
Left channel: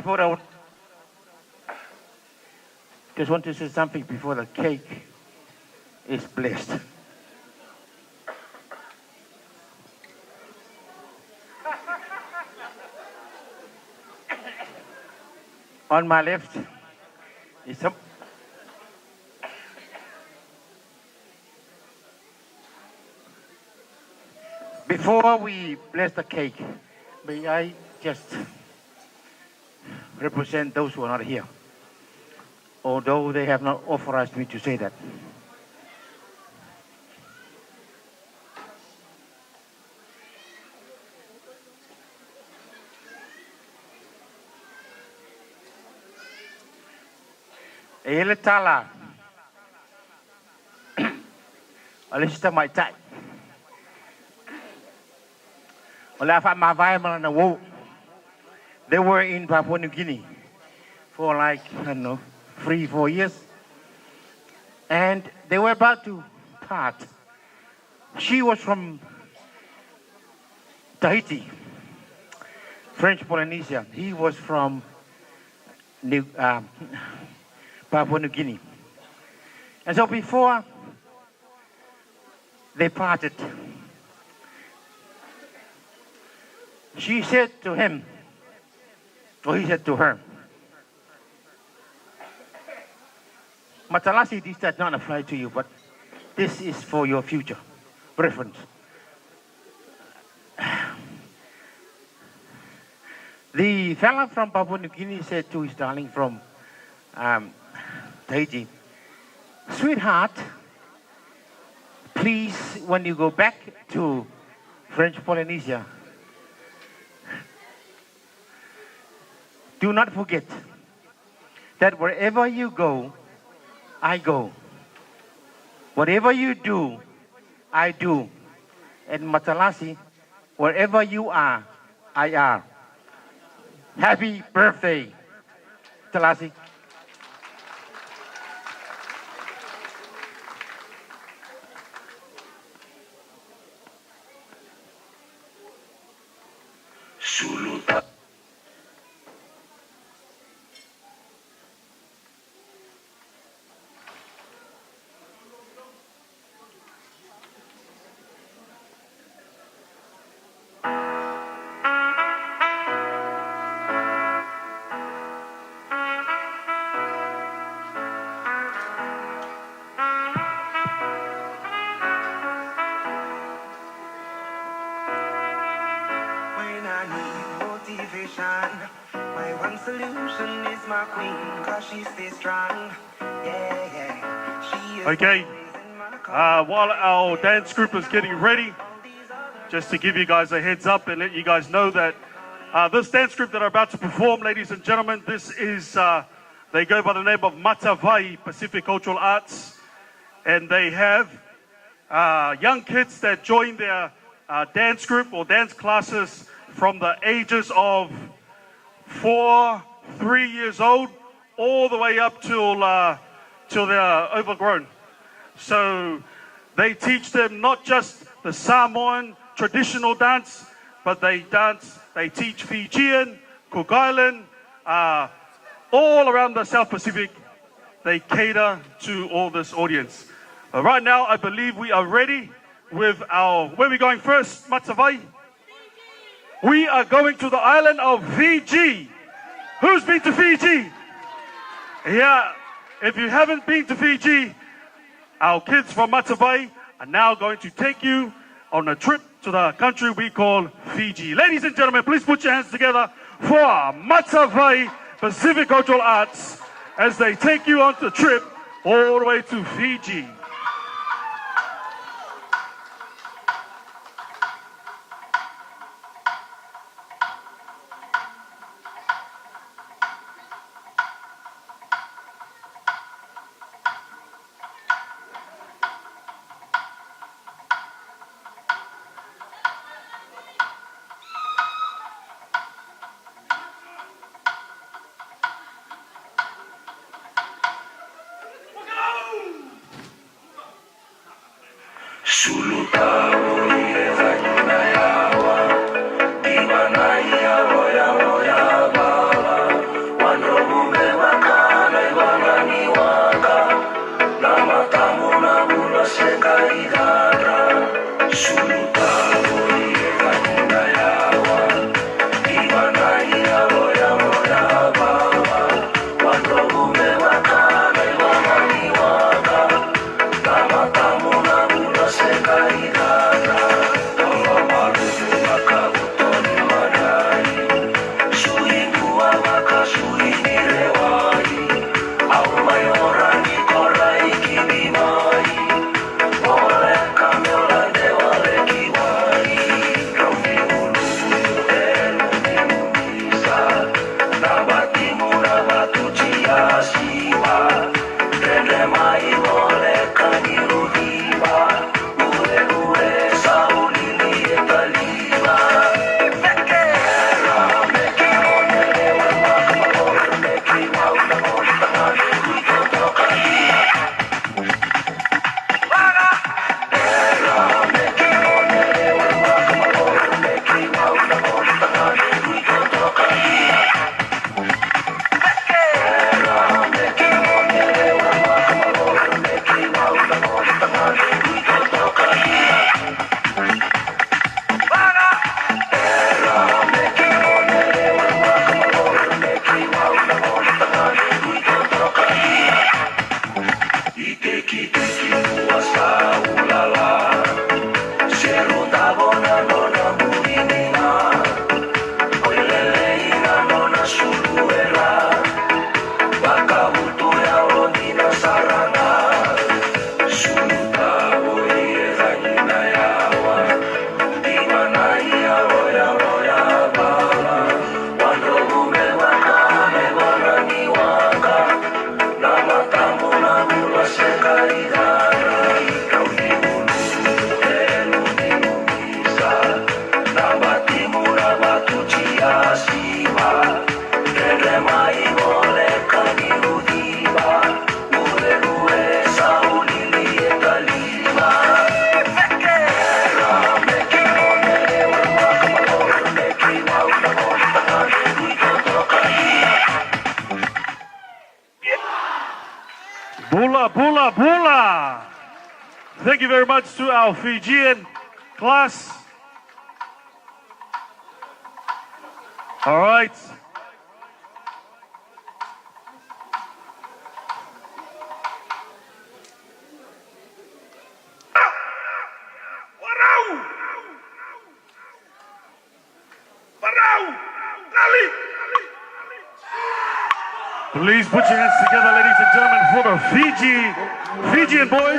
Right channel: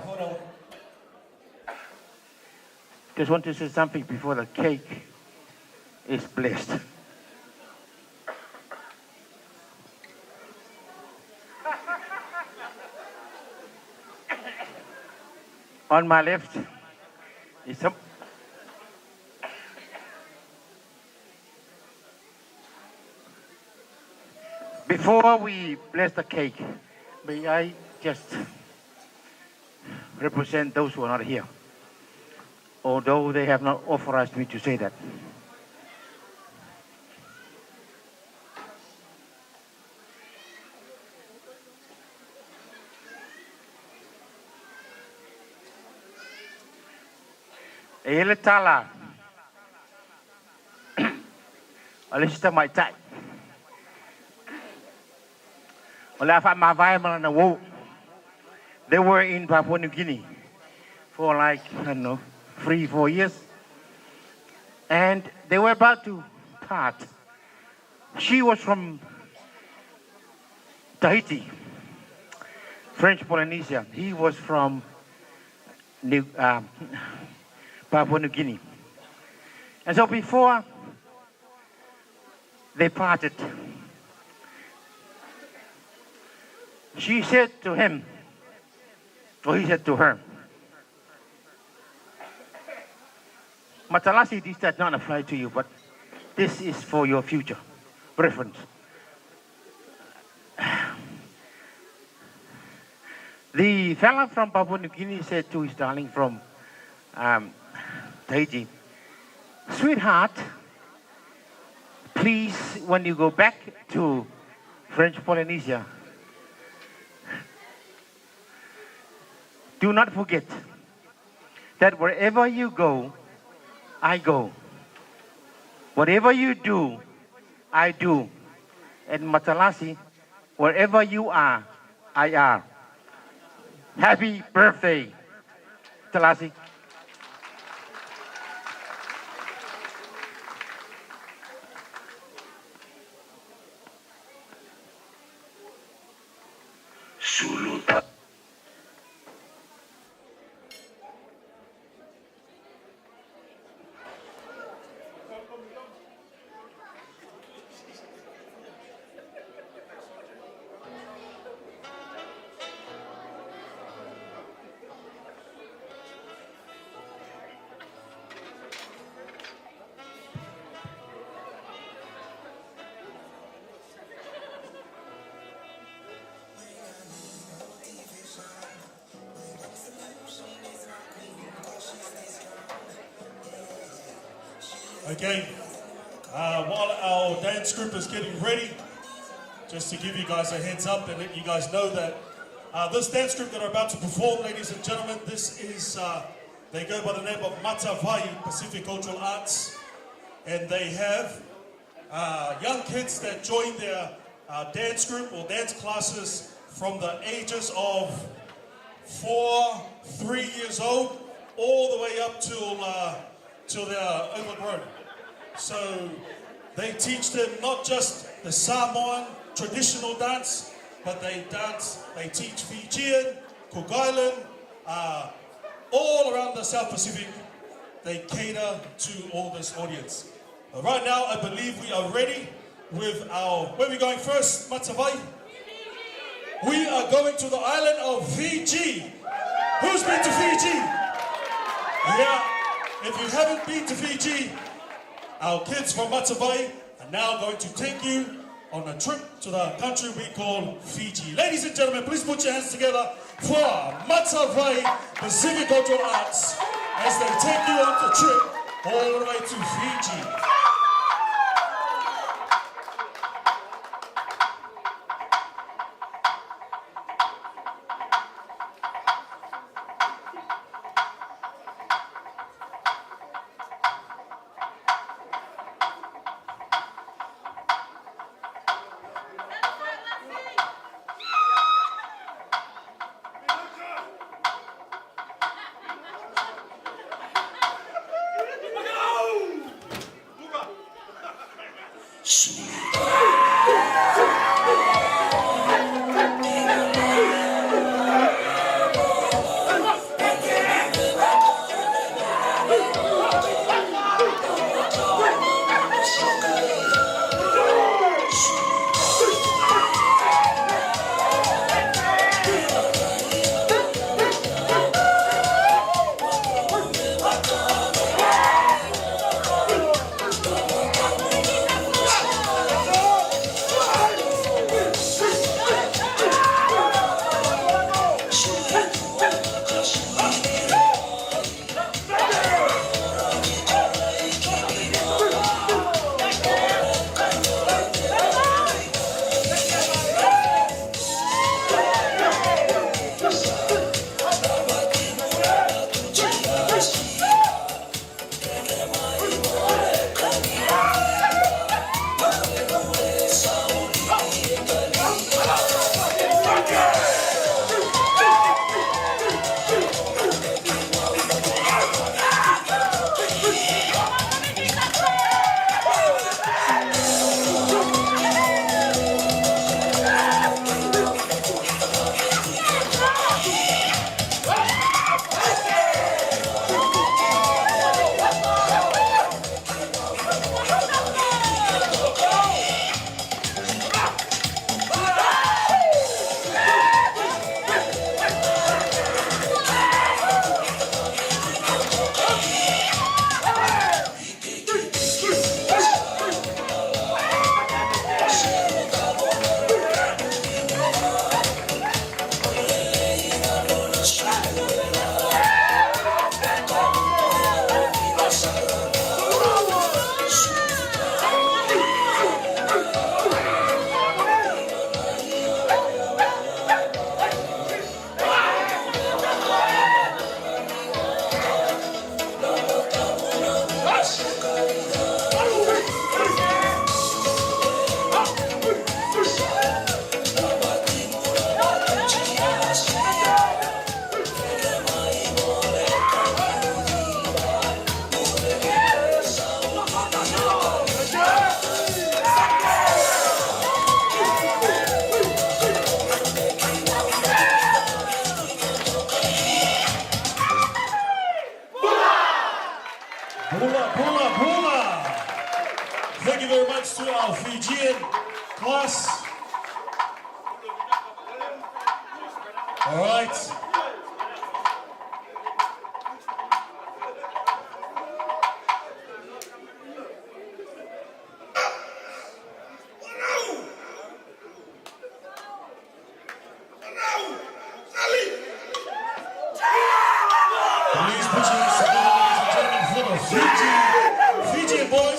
thought I would just want to say something before the cake is blessed. On my left is some before we bless the cake, may I just represent those who are not here, although they have not authorized me to say that. Ele tala, alista mai tai. They were in Papua New Guinea for like, I don't know, 3-4 years. And they were about to part. She was from Tahiti, French Polynesia. He was from Papua New Guinea. And so before they parted, she said to him, or he said to her, Matalasi, this does not apply to you, but this is for your future reference. The fella from Papua New Guinea said to his darling from Tahiti, sweetheart, please, when you go back to French Polynesia, do not forget that wherever you go, I go. Whatever you do, I do. And Matalasi, wherever you are, I are. Happy birthday, Matalasi. Suluta. When I need motivation, my One solution is my queen, cause she stays strong. Yeah, yeah. She is Okay. While our dance group is getting ready, just to give you guys a heads up and let you guys know that this dance group that are about to perform, ladies and gentlemen, this is, they go by the name of Matavai Pacific Cultural Arts, and they have young kids that join their dance group or dance classes from the ages of 3 years old, all the way up till they're overgrown. So they teach them not just the Samoan traditional dance, but they teach Fijian, Cook Island, all around the South Pacific. They cater to all this audience. Right now, I believe we are ready with where are we going first, Matavai? We are going to the island of Fiji. Who's been to Fiji? Yeah, if you haven't been to Fiji, our kids from Matavai are now going to take you on a trip to the country we call Fiji. Ladies and gentlemen, please put your hands together for Matavai Pacific Cultural Arts as they take you on the trip all the way to Fiji. Pula, pula. Thank you very much to our Fijian class. All right. Please put your hands together, ladies and gentlemen, for the Fijian boys.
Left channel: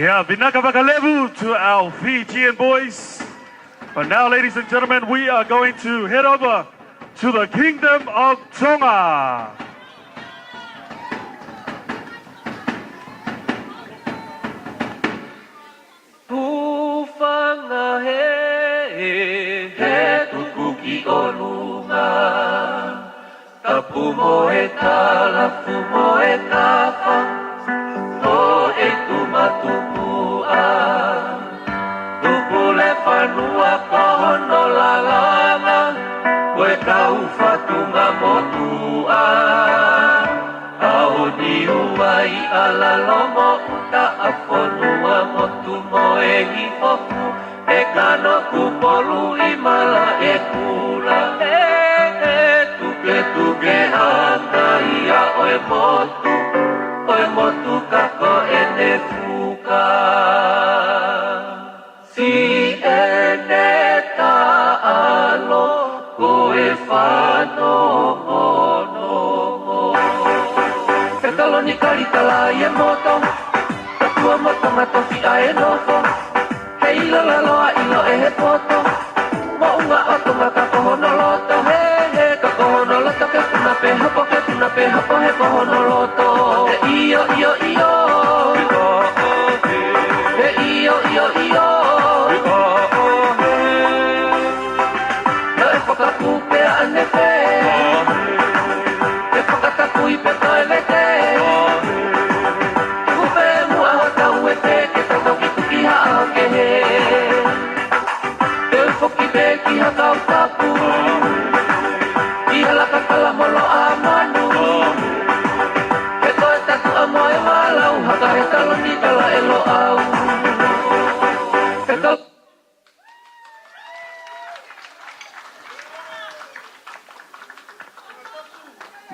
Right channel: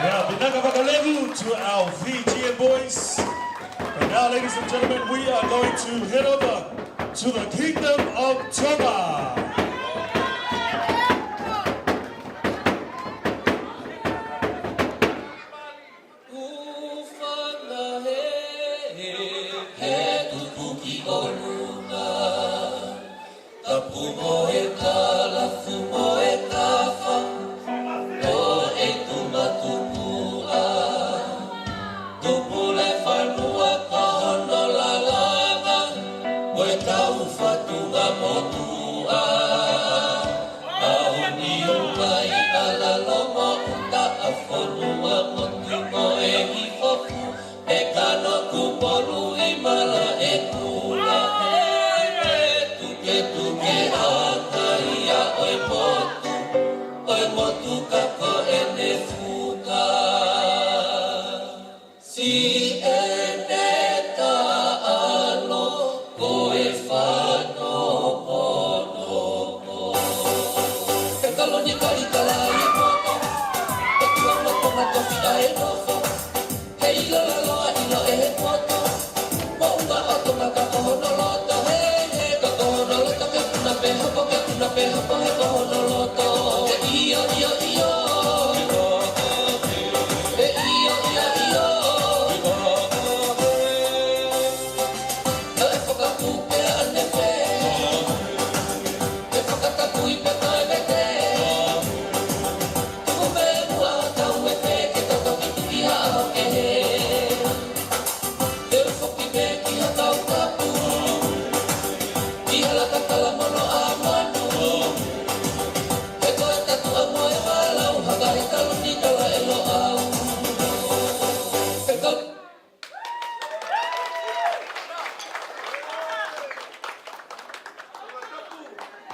Yeah, Binaka Bakalevu to our Fijian boys. But now, ladies and gentlemen, we are going to head over to the Kingdom of Tonga.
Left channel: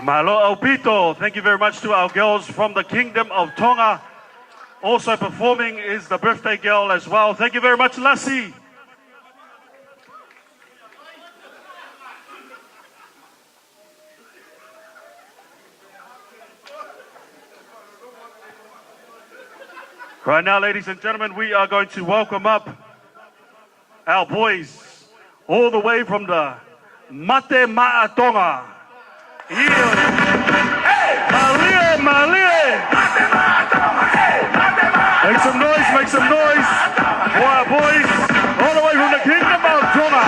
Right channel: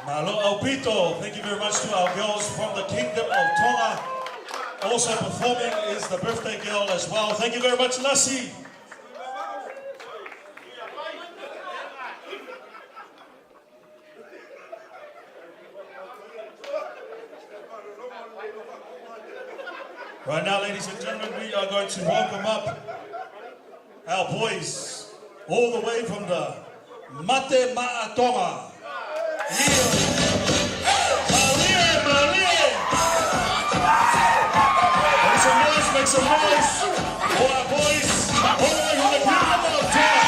Malo Aupito, thank you very much to our girls from the Kingdom of Tonga. Also performing is the birthday girl as well. Thank you very much, Lassie. Right now, ladies and gentlemen, we are going to welcome up our boys all the way from the Mate Ma'atonga. Malie, Malie! Make some noise, make some noise for our boys all the way from the Kingdom of Tonga.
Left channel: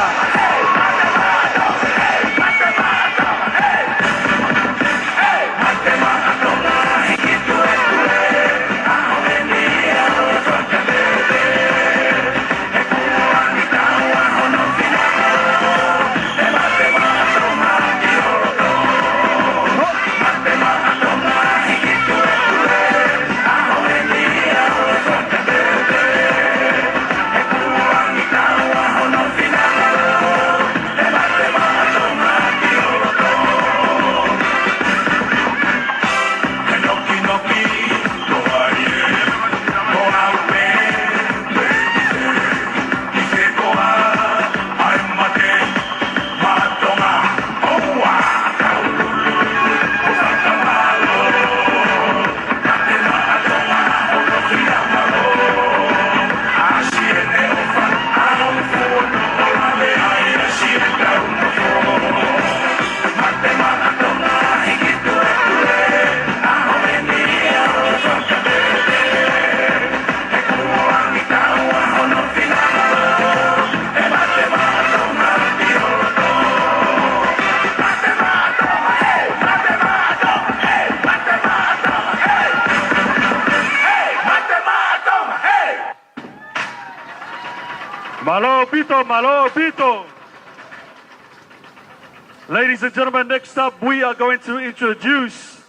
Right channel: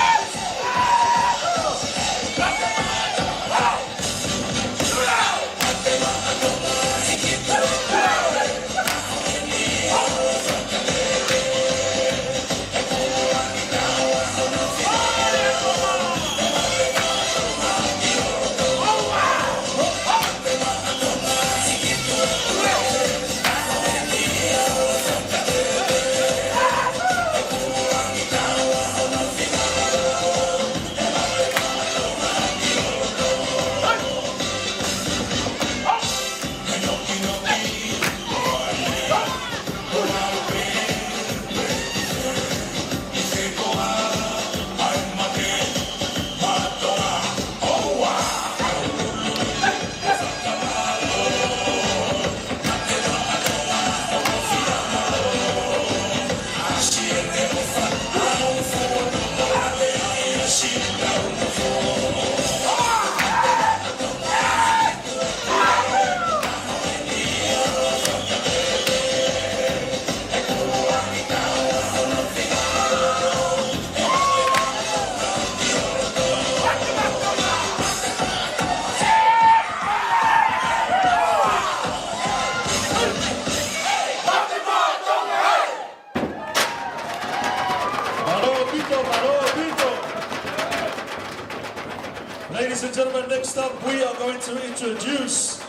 Ladies and gentlemen, next up we are going to introduce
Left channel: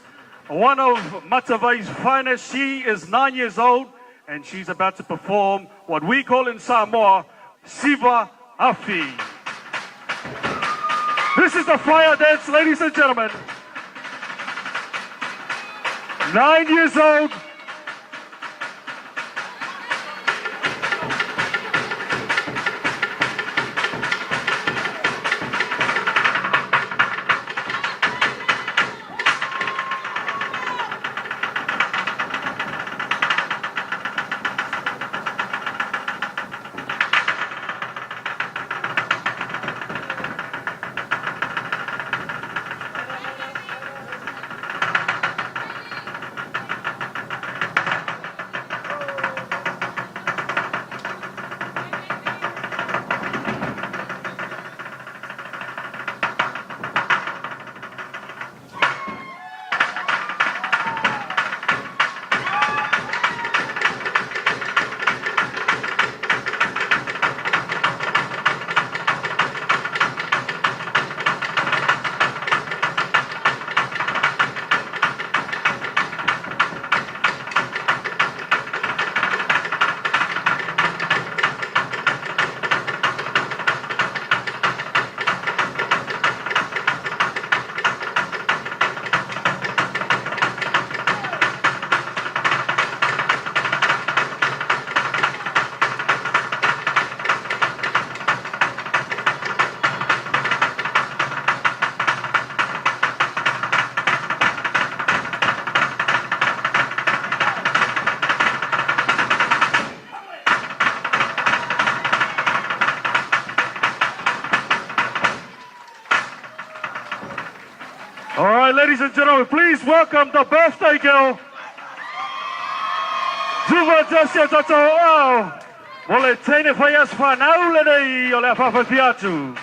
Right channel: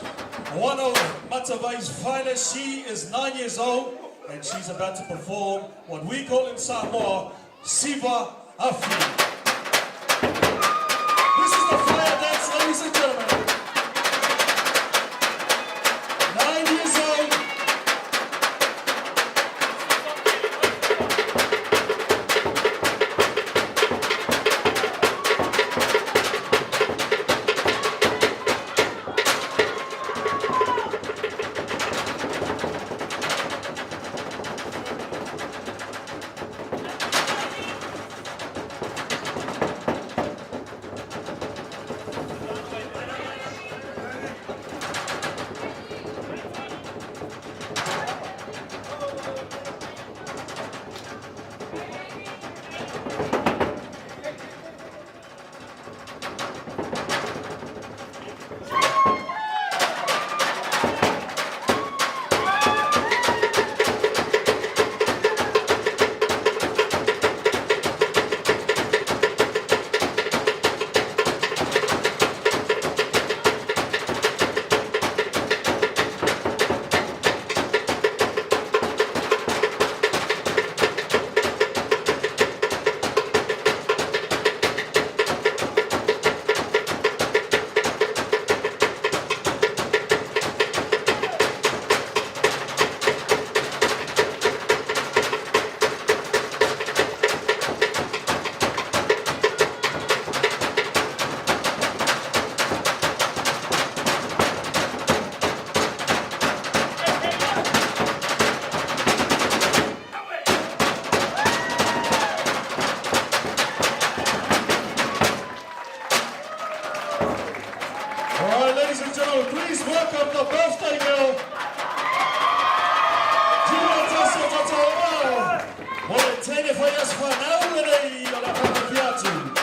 one of Matavai's finest. She is 9 years old and she's about to perform what we call in Samoa, Siva Afi. This is the fire dance, ladies and gentlemen. 9 years old. Ladies and gentlemen, please welcome the birthday girl. Tuvatasio Tatao. Wale tene faias whanau nei o le whawhawhiatu.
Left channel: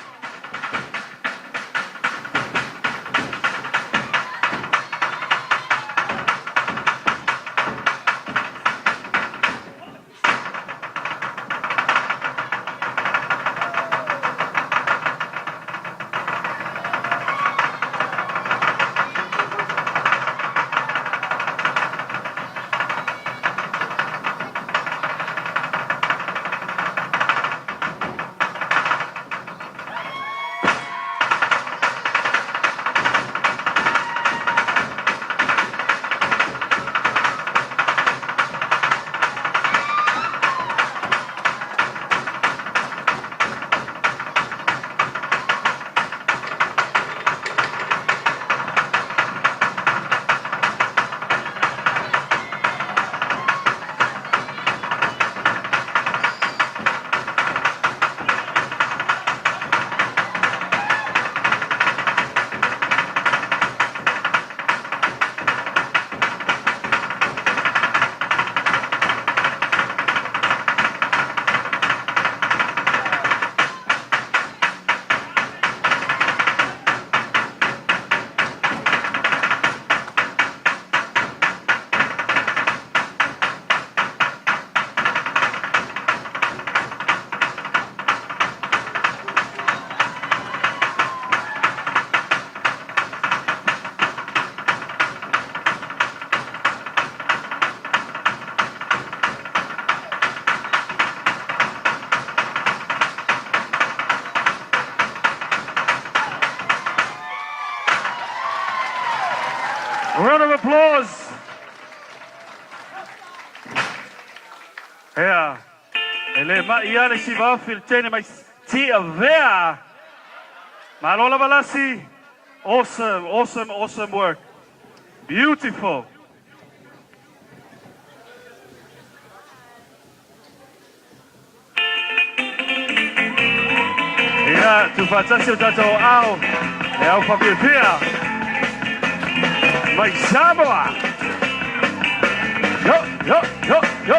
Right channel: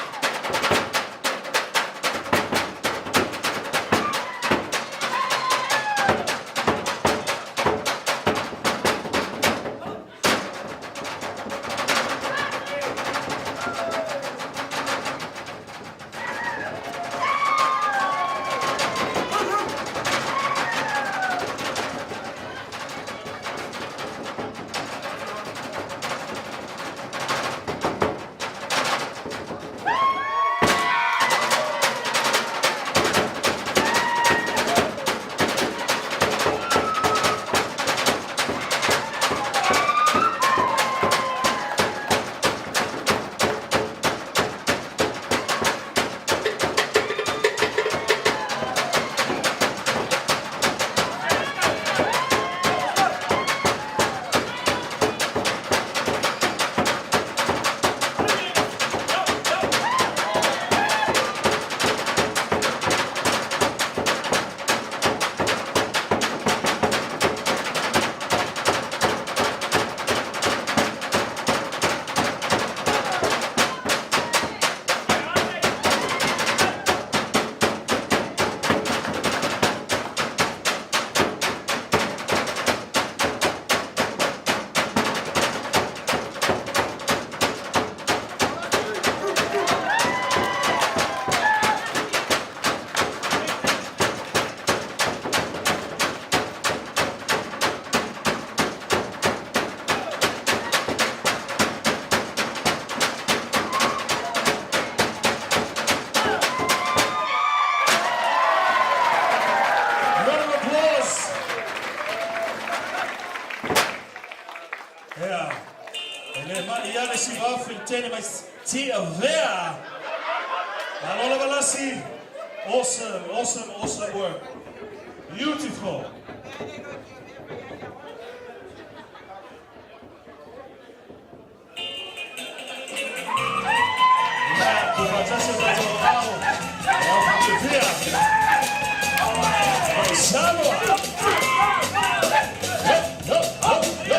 round of applause. Yeah. Ele maiane si va filtene mai tia vea. Malola Balasi. Awesome, awesome, awesome work. Beautiful. Yeah, tu facciamo dato ao. E ao famiglia via. Vai Samoa. Yo, yo, yo, yo.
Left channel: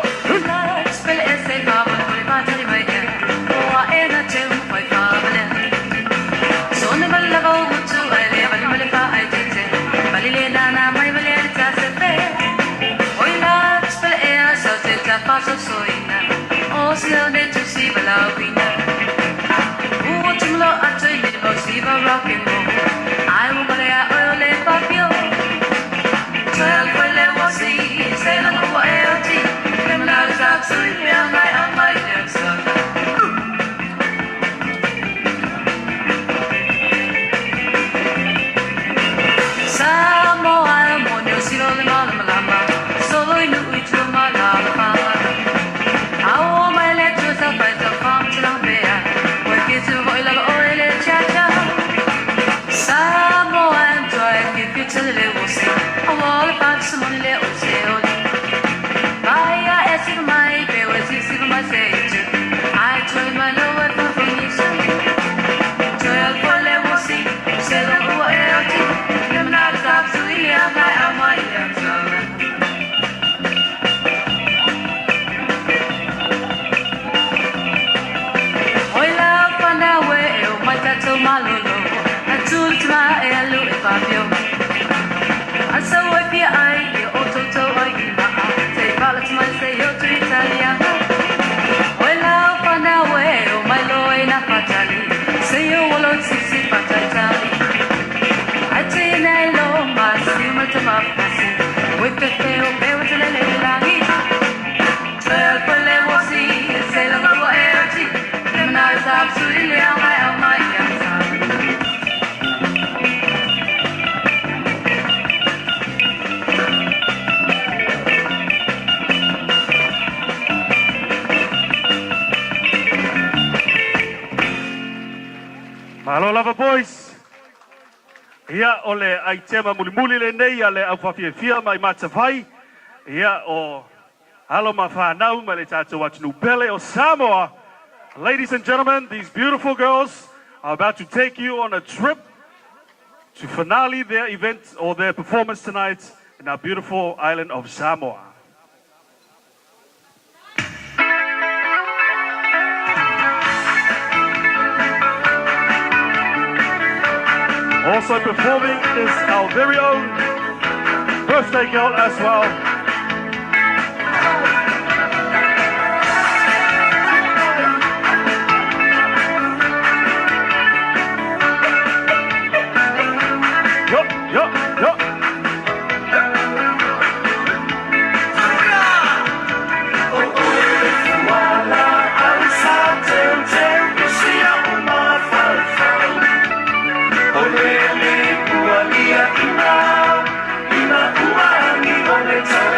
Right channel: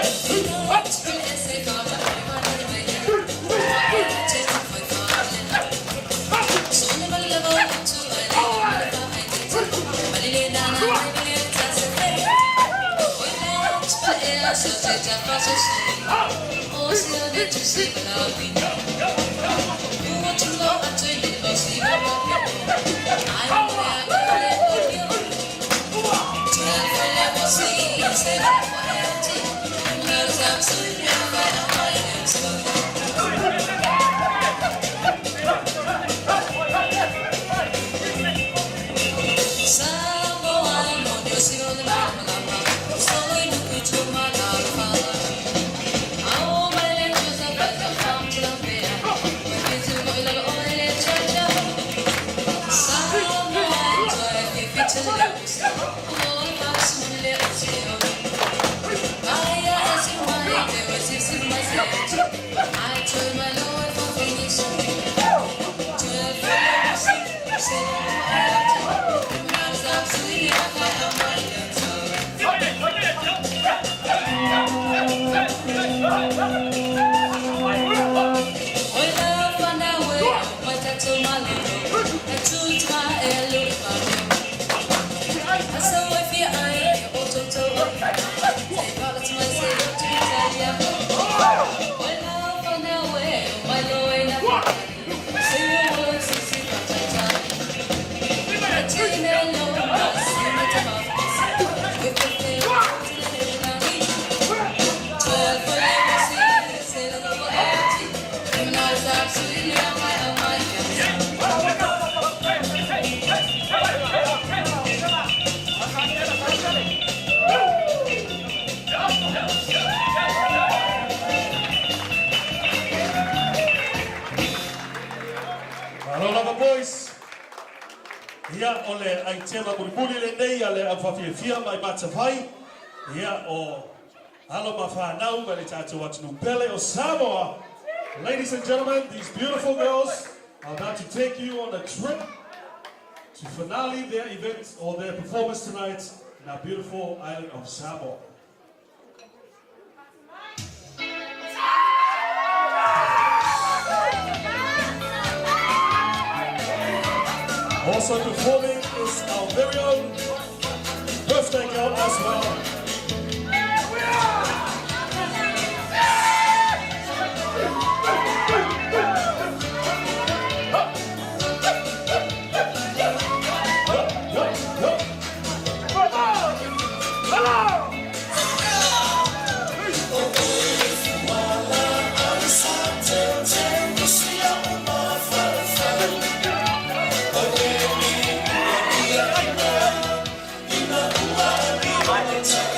Hello, lover boys. Ia o le aitema mulimuli le nei a le awhawhiawhia mai matawhai. Ia o halo ma whanau mai le tātou atunu pele o Samoa. Ladies and gentlemen, these beautiful girls are about to take you on a trip to finale their event or their performance tonight in our beautiful island of Samoa. Also performing is our very own birthday girl as well. Time.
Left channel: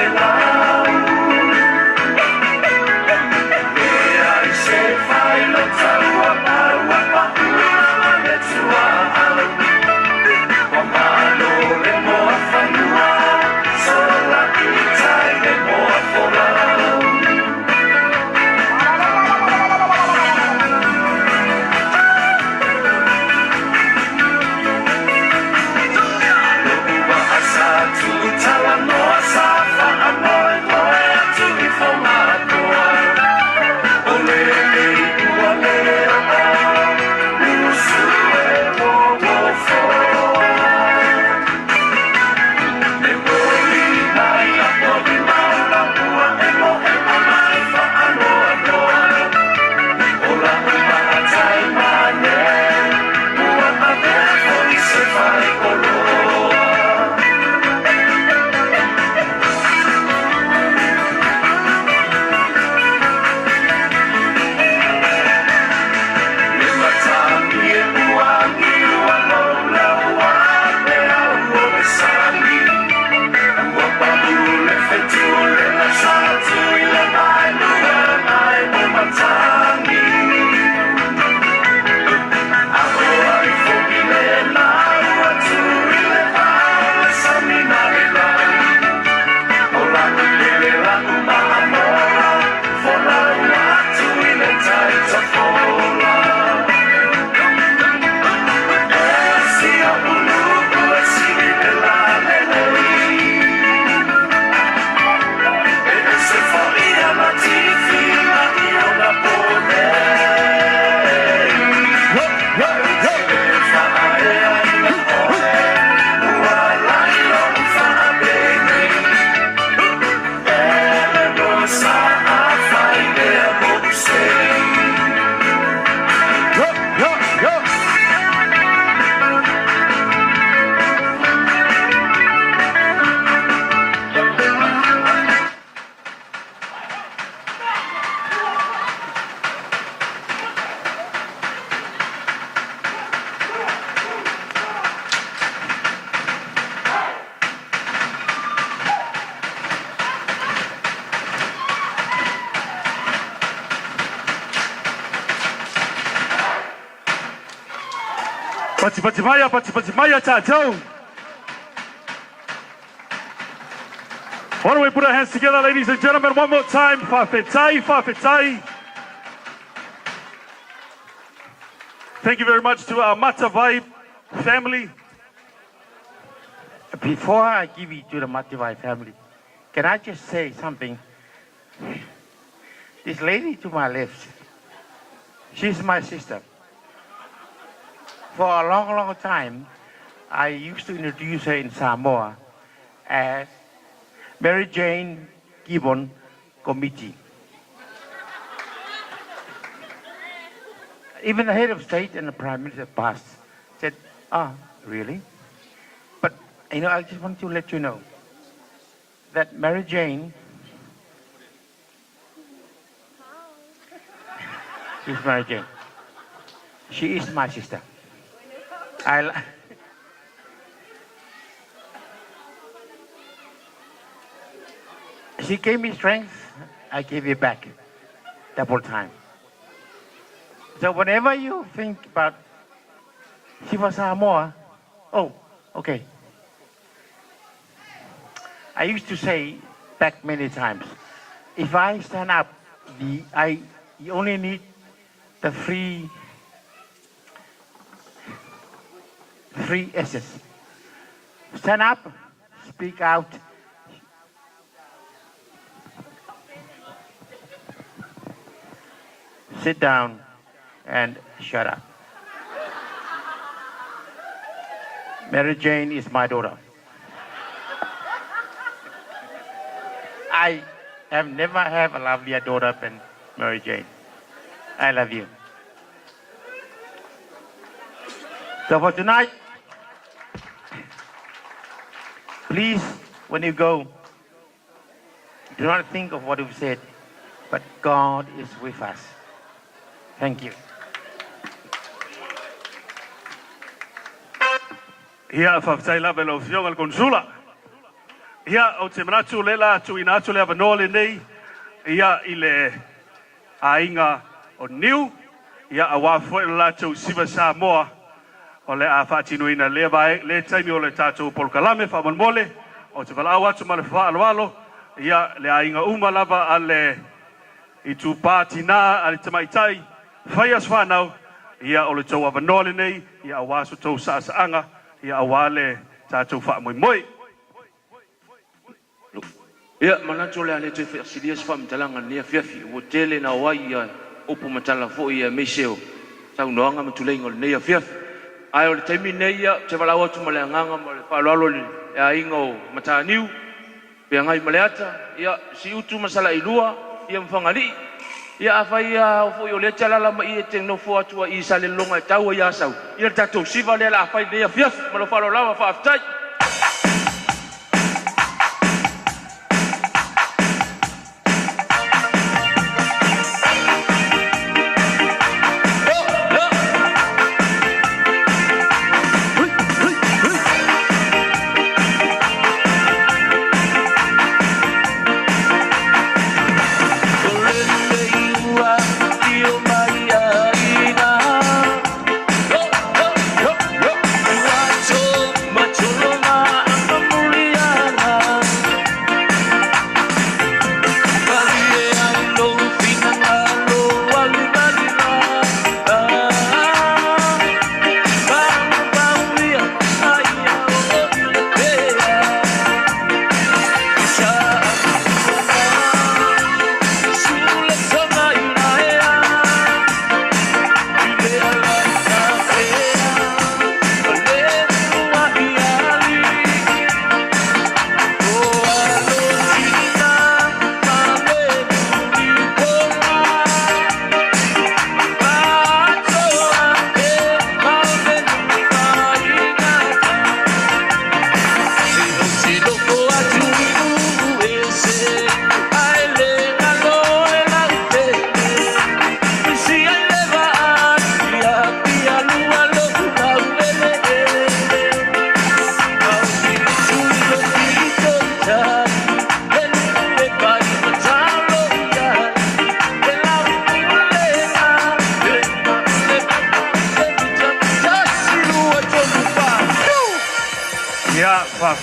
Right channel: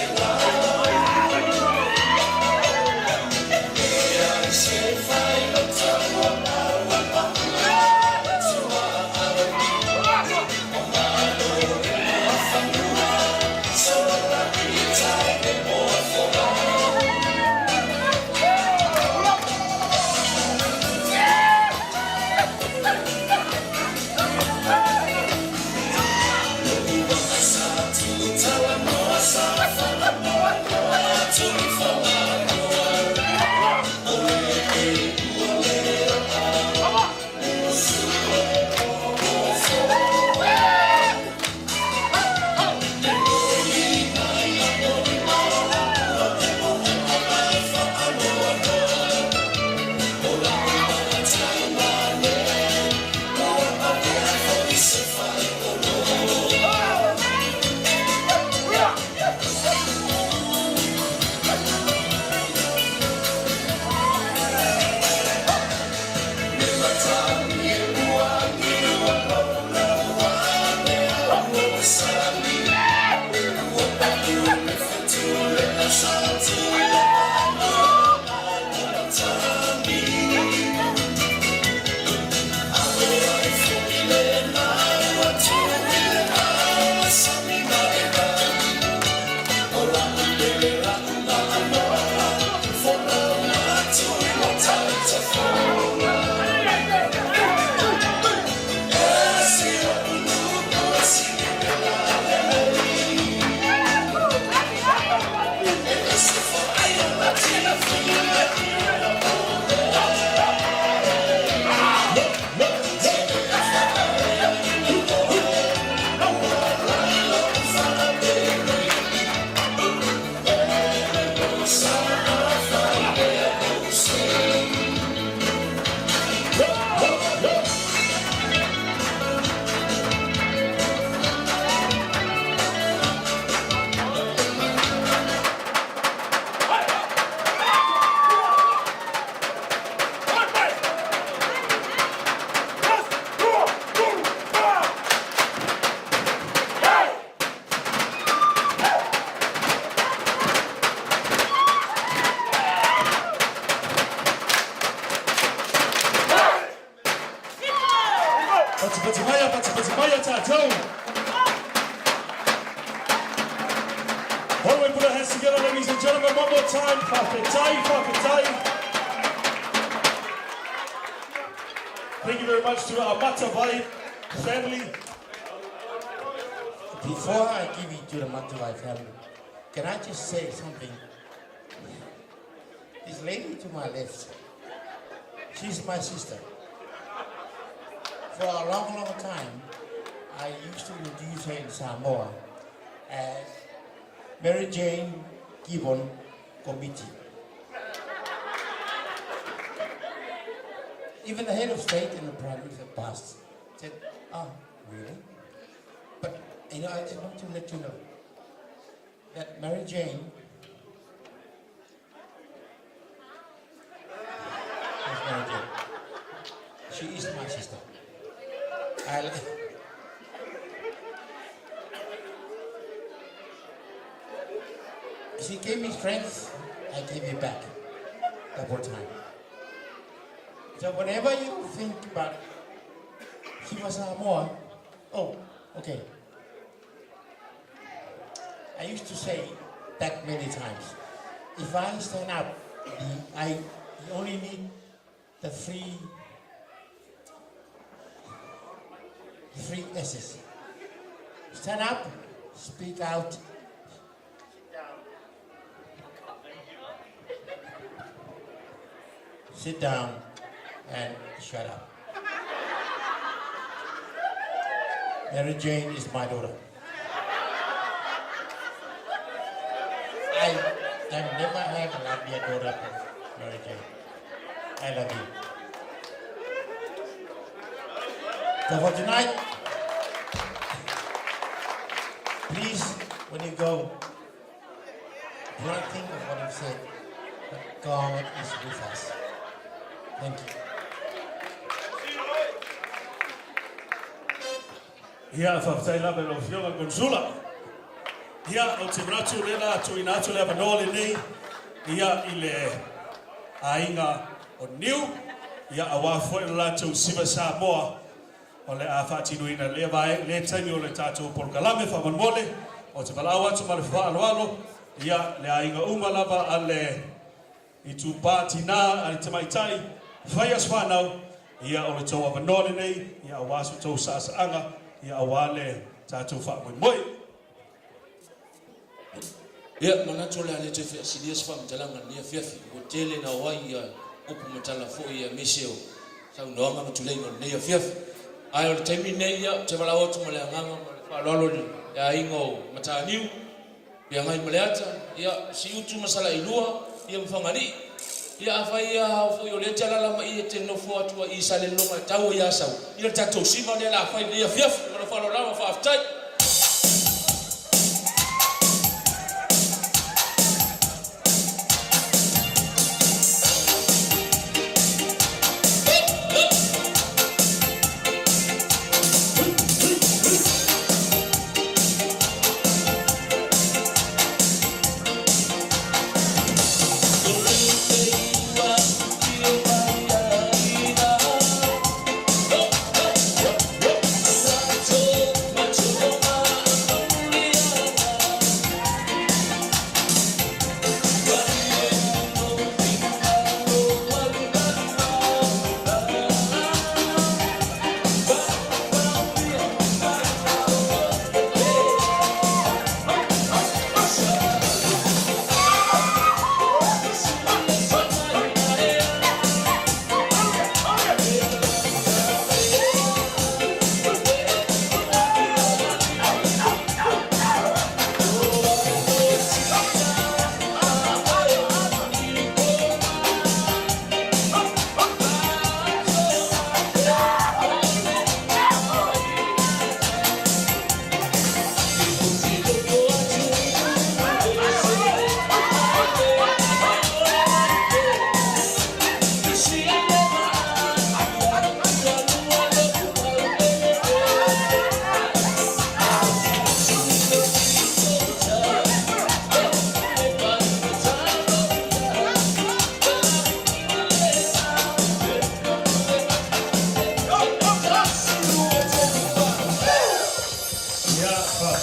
Pati maya tātou. Why don't we put our hands together, ladies and gentlemen, one more time. Whawhetai. Thank you very much to our Matavai family. Before I give it to the Matavai family, can I just say something? This lady to my left, she's my sister. For a long time, I used to introduce her in Samoa as Mary Jane Gibbon Committee. Even the head of state and the prime minister passed said, really? But, I just want to let you know that Mary Jane is Mary Jane. She is my sister. She gave me strength, I gave it back, double time. So whenever you think about Siva Samoa, okay. I used to say back many times, if I stand up, you only need the three S's. Stand up, speak out, sit down, and shut up. Mary Jane is my daughter. I have never had a lovelier daughter than Mary Jane. I love you. So for tonight, please, when you go, do not think of what you've said, but God is with us. Thank you. Ia whawhai la melo whionga konsula. Ia o te manatu lela tu inatu lea manole nei. Ia i le ainga o niu. Ia a wafoi la tu Siva Samoa. O le a whatinu ina lea vai. Le taimi o le tātou polkalame whamanmole. O te walawa tu mana whaaloalo. Ia le ainga uma lava a le i tu pāti nā a le tamaitai. Whaias whanau. Ia o le tau a manole nei. Ia a wasu tau saasaanga. Ia awale tātou wha moi moi. Ia manatu le ale te whaasirias wha mtalanga nia whiawhi. Ua tele na wai ia opo matala fo ia meseo. Tau noanga matuleinga le nia whiawhi. Ai o le temi nei ia te walawa tu male anganga ma le whaolalo le ia inga o mataniu. Pea ngai maleata. Ia si utu masala ilua. Ia mwhangani. Ia awhai a fo i o le talala ma i te nofo atua i sa le longa e tau i asau. Ia tatou siva le la awhai lea whiawhi. Ma lo whalo lawa whaaftai. Macho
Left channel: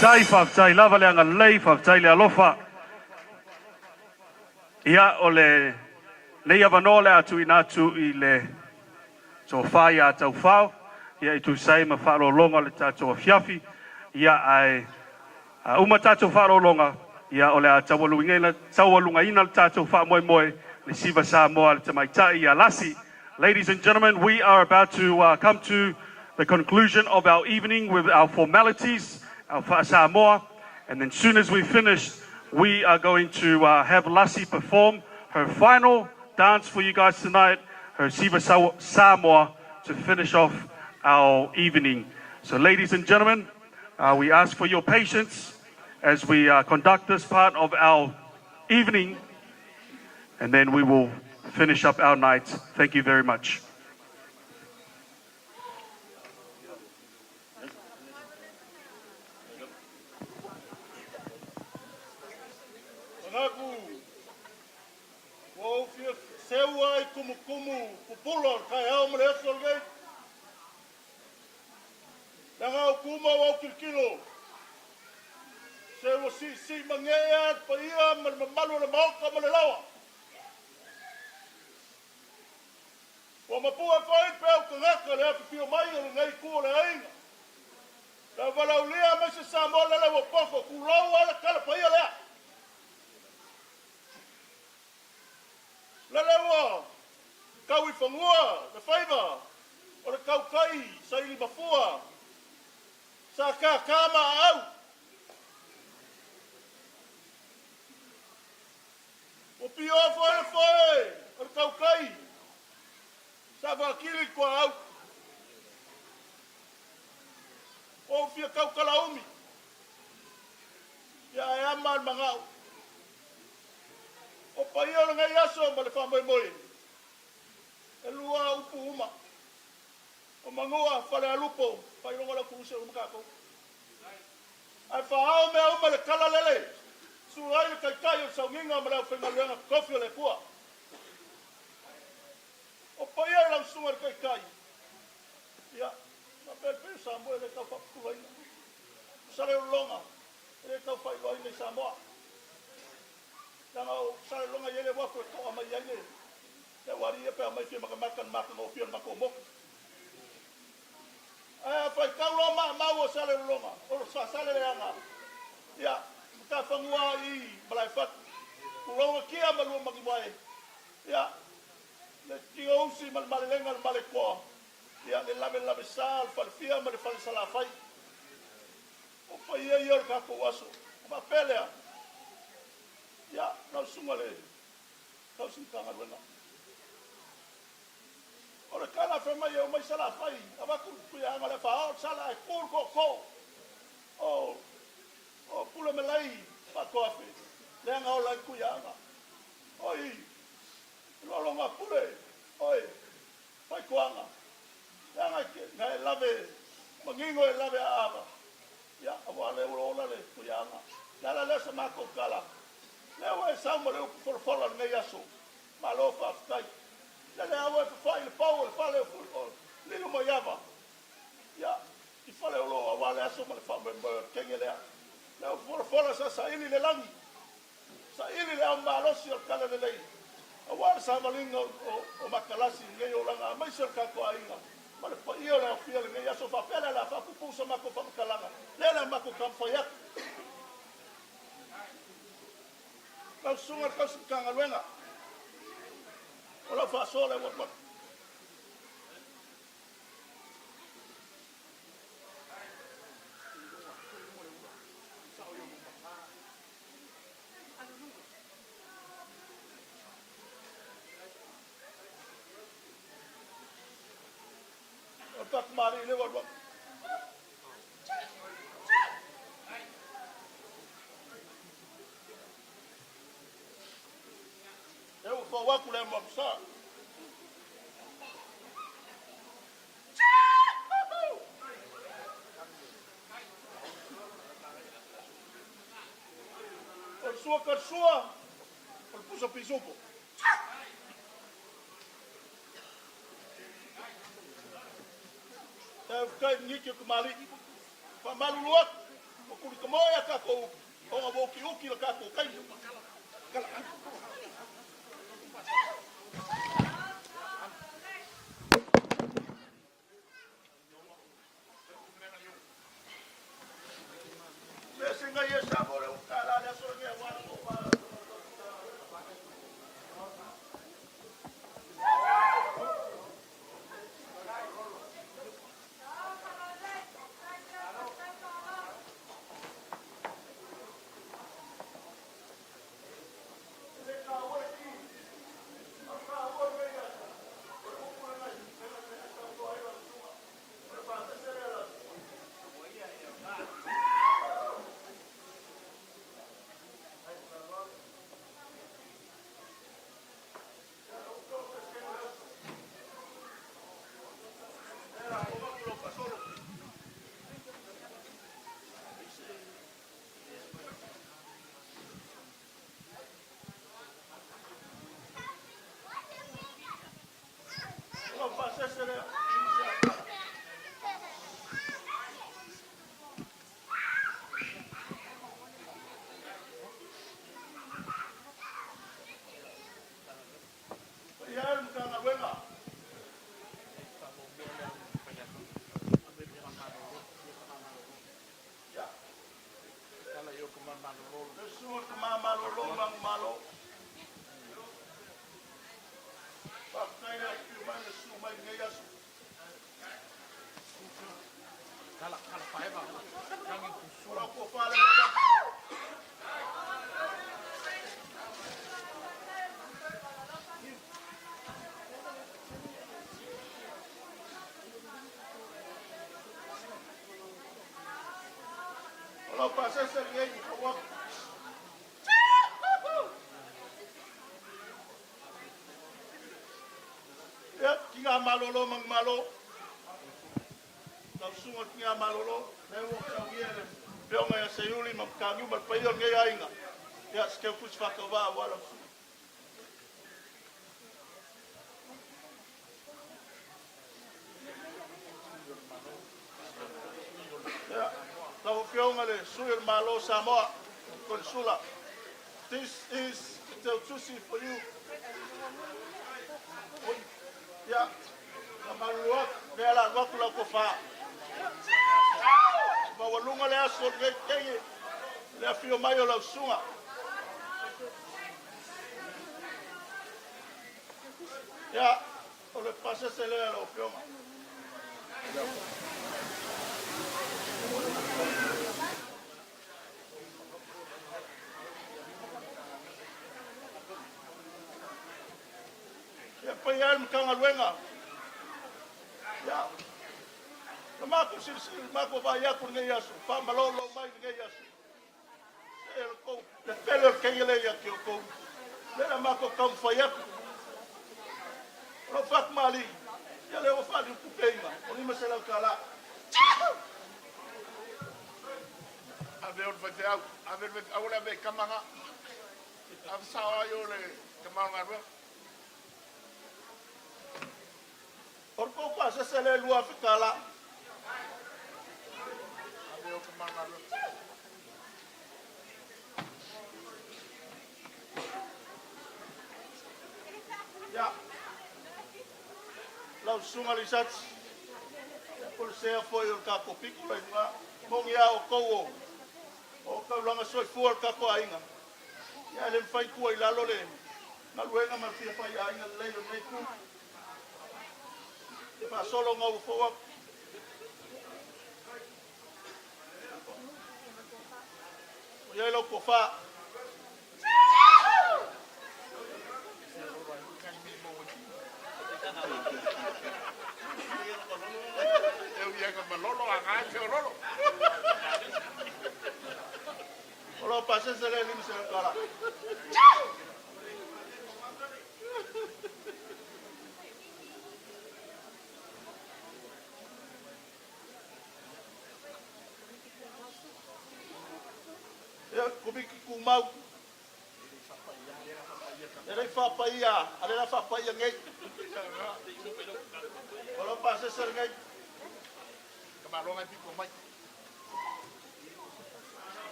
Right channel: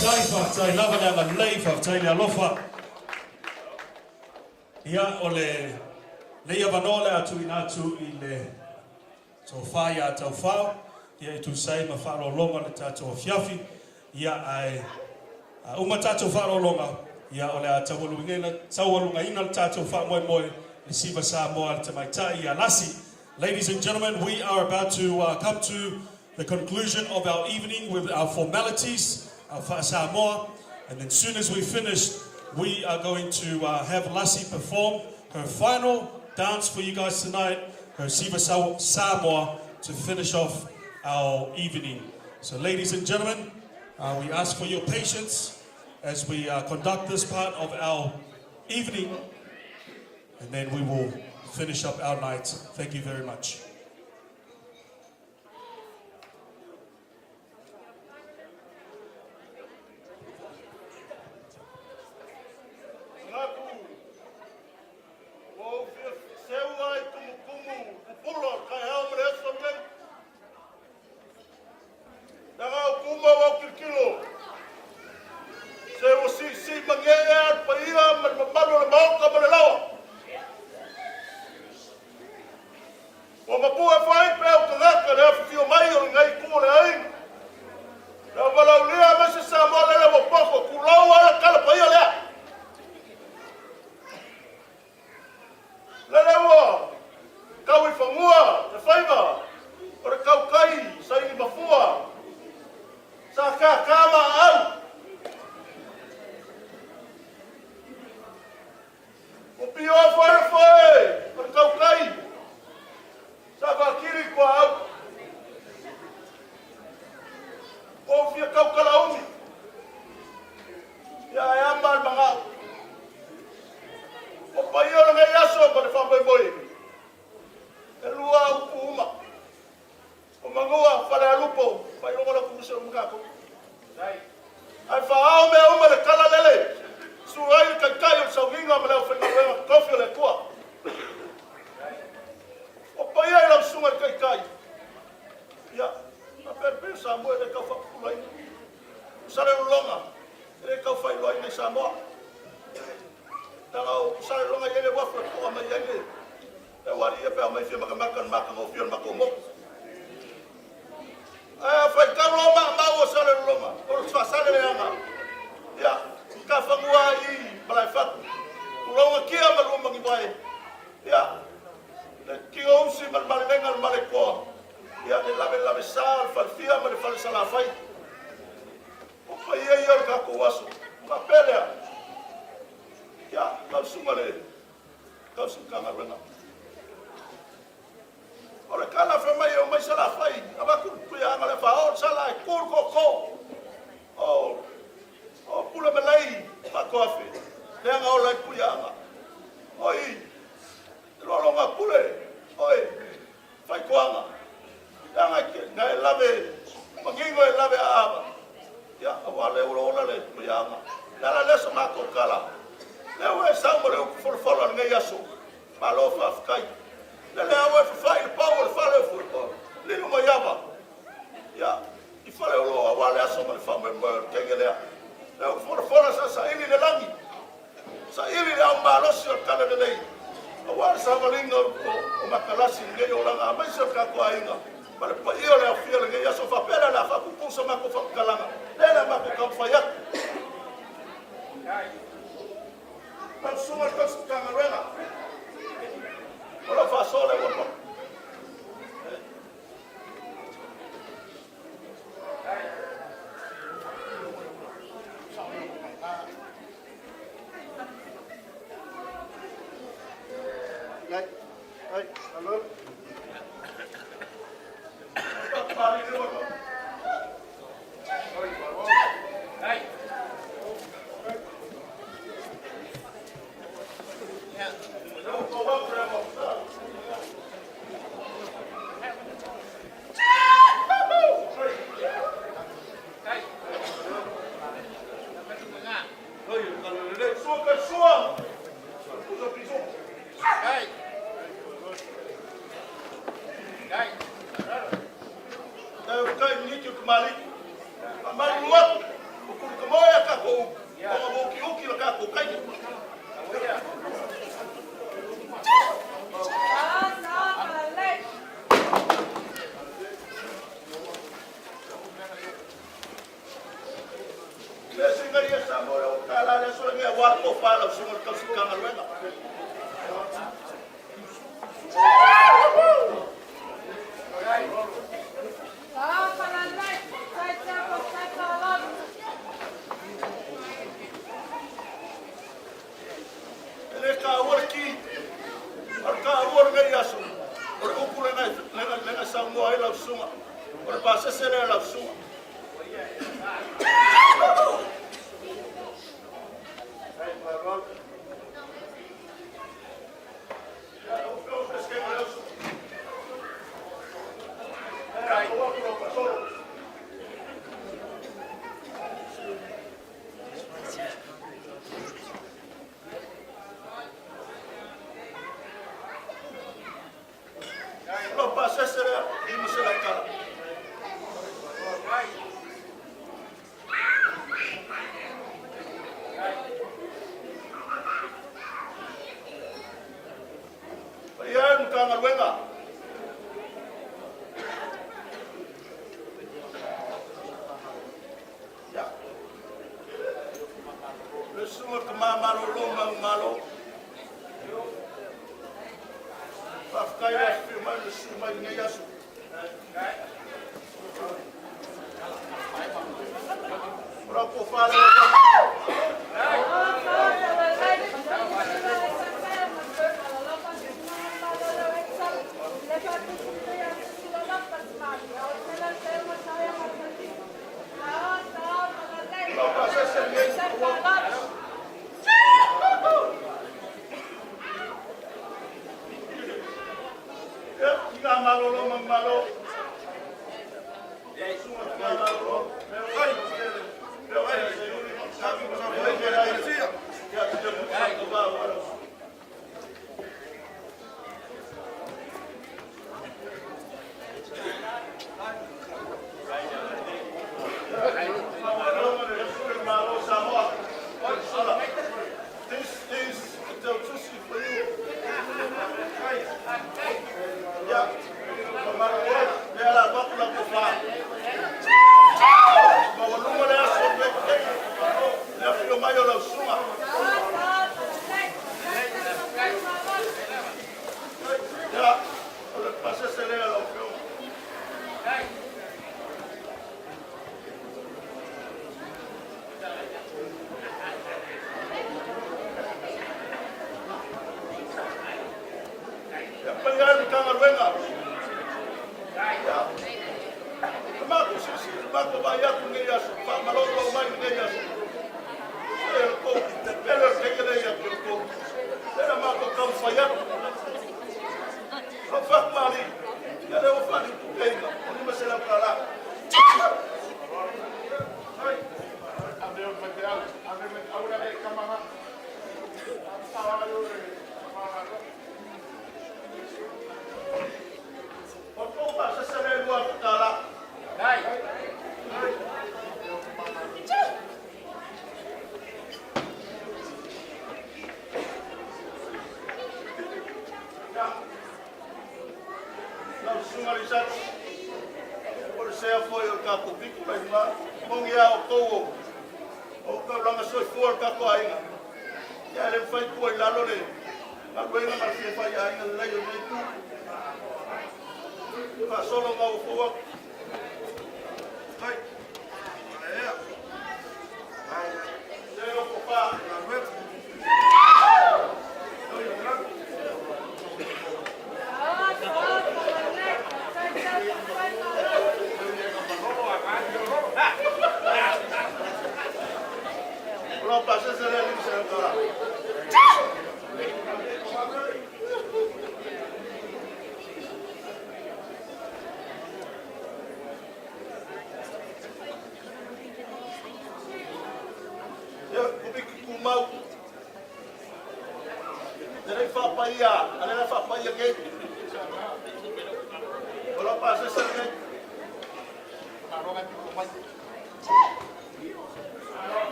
whaktai, lava leanga lei, whaktai le alofa. Ia o le leia vanole atu inatu I le tō whai a tau whao. Ia I tu sai ma wharo longa le tātou fiafi. Ia ai uma tātou wharo longa. Ia o le a tawalunga ina le tātou wha moe moe. Le siva Samoa le tamaitai ia lasi. Ladies and gentlemen, we are about to come to the conclusion of our evening with our formalities, our wha Samoa. And then soon as we finish, we are going to have Lassie perform her final dance for you guys tonight, her Siva Samoa, to finish off our evening. So ladies and gentlemen, we ask for your patience as we conduct this part of our evening, and then we will finish up our night. Thank you very much.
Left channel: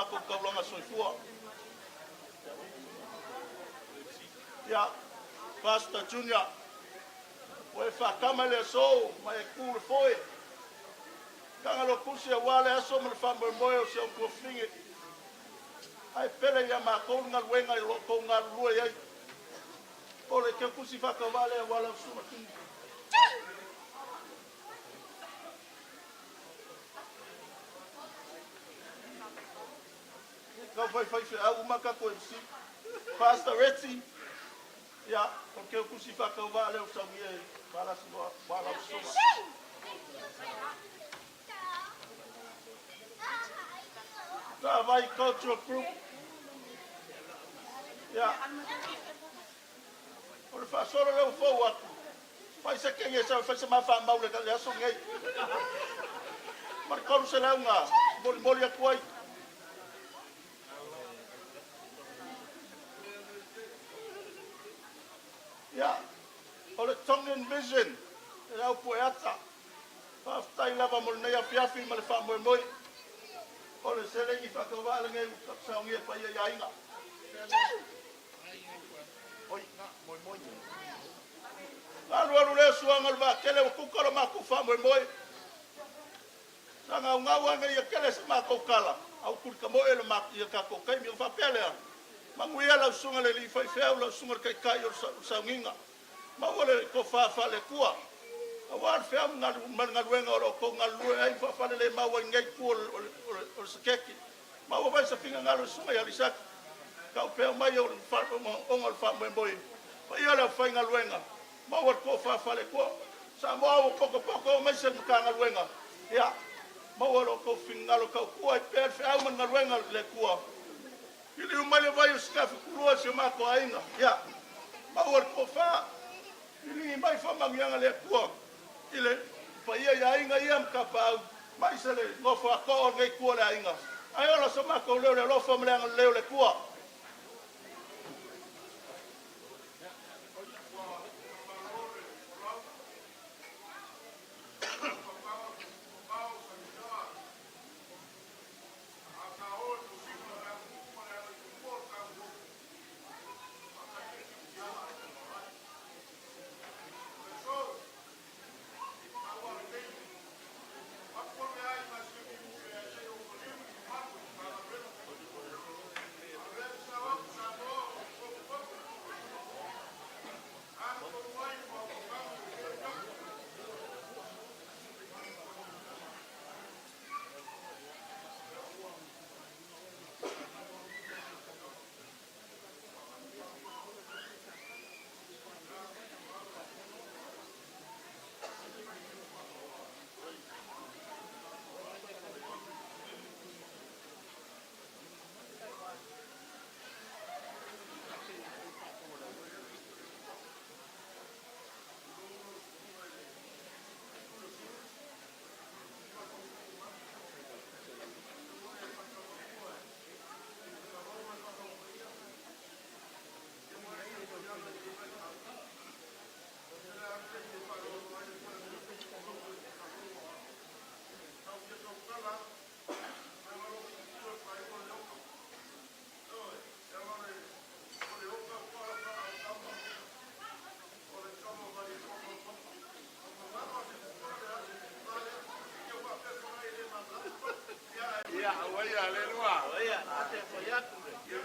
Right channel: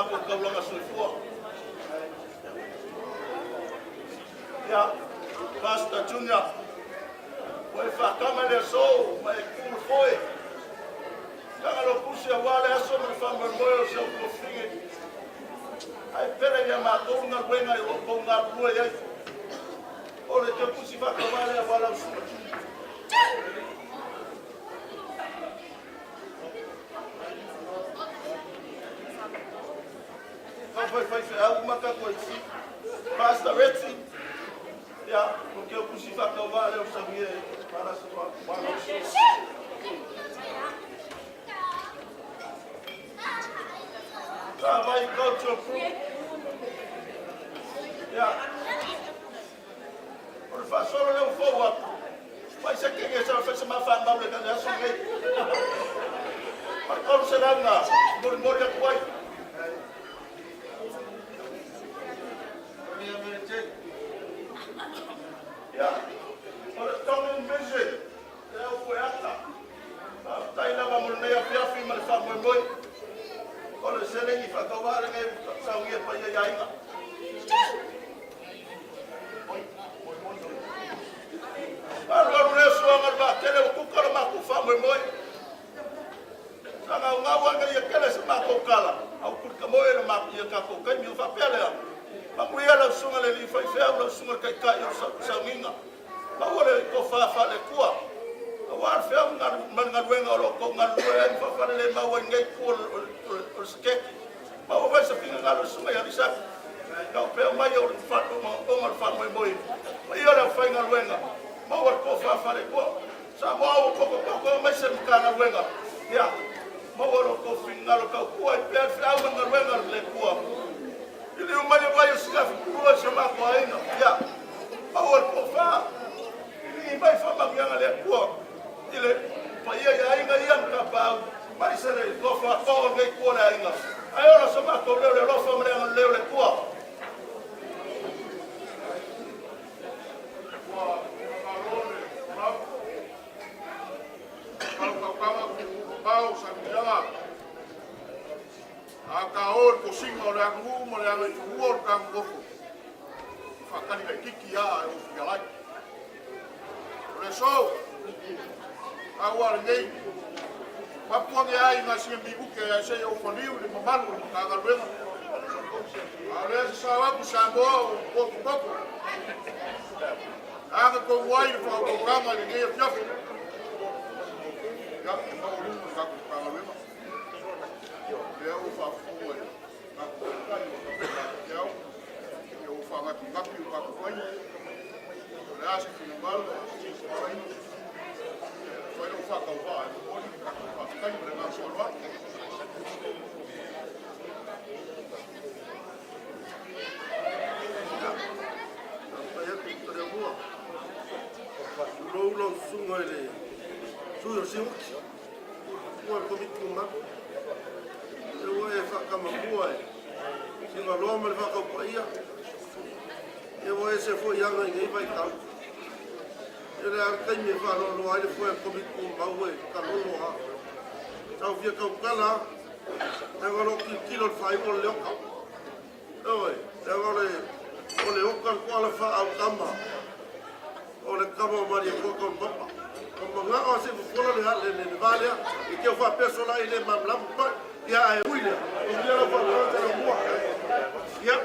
mako kaulanga soifua. Ya, Pastor Junior, wai whakama le so, mai kūr foi. Kanga lo kusia wale aso me whamwe moe o seu kofingi. Ai pele ya mako nga wenga i loko nga rua iai. O le te kusi whakawale a wala usura. Fai au maka koe. Pastor Retzi. Ya, porque eu puxei para calvar, eu sabia para a sua para vai go to fruit. Ya. Por favor, solo le forward. Vai ser que essa fez uma fan mal que já sou gay. Mas como será na? Mori a coi. Ya, ora tongen vision, ya foi ata. Tai na mamul na ya pia fi mal fa moi. Ora sele ni fa kawale ngai sa ngi pa ya ina. Alo le so ngal ba tele ku kala ma ku fa moi. Sanga nga wa ngai ya kele sa ma ko kala. Au ku ka moi ma ya ka ko kai mi fa pele. Manguia la sunga le fai fea la sunga kai kai o sa minga. Ma ore ko fa le kua. Wa fea nga wenga o ko nga ai fa le ma wenga ku o skeki. Ma o vai sa pinga nga sunga ya risa. Ka pe mai o fa o ma fa moi. Ma ia la fa nga wenga. Ma o ko fa le kua. Sa mo o ko mai se ka nga wenga. Ya. Ma o ko finga lo ka kua pe fea nga wenga le kua. Ili umane vai uskafi kurua chama kwa ina ya awal kofa ili vai fama mianga le kwa ile pa ya inga ia mkapa mai sere lofa ko le kwa la inga ayora soma ko le lofa mrenga le kwa Akaol ko singo le angu mo le angu uor kam gofo. Fakani le kiki ya o galai. Le so. Awar nei. Papua nge ai na sim bibu ke se o foliu le mamalu ka galwena. Ale sa wa ku sambo ko ko. Aga ko wai fa ko kama le nge fiaf. Ya no lu ka galwena. Ya o fa fu e. Ya o fa ga ki ga ki ba ko ai. Ya se ki mal. Foi o fa ka ba. O ni ka ka ka ni na so ba. Lo sungo ele. Suyo simu. Por comi kuma. Eu vou fazer uma boa. Se não loma ele vai companhia. Eu vou esse foi já ninguém vai estar. Ele até me falou no ele foi comi kuma ué, calor no ar. Então via que o cara agora o quilo faz o leoca. Oi, agora o leoca qual fa ao cama. O le cama Maria com papa. Como lá o se for le vale e que eu vou pessoa ele mamla. Ya, William. Ya.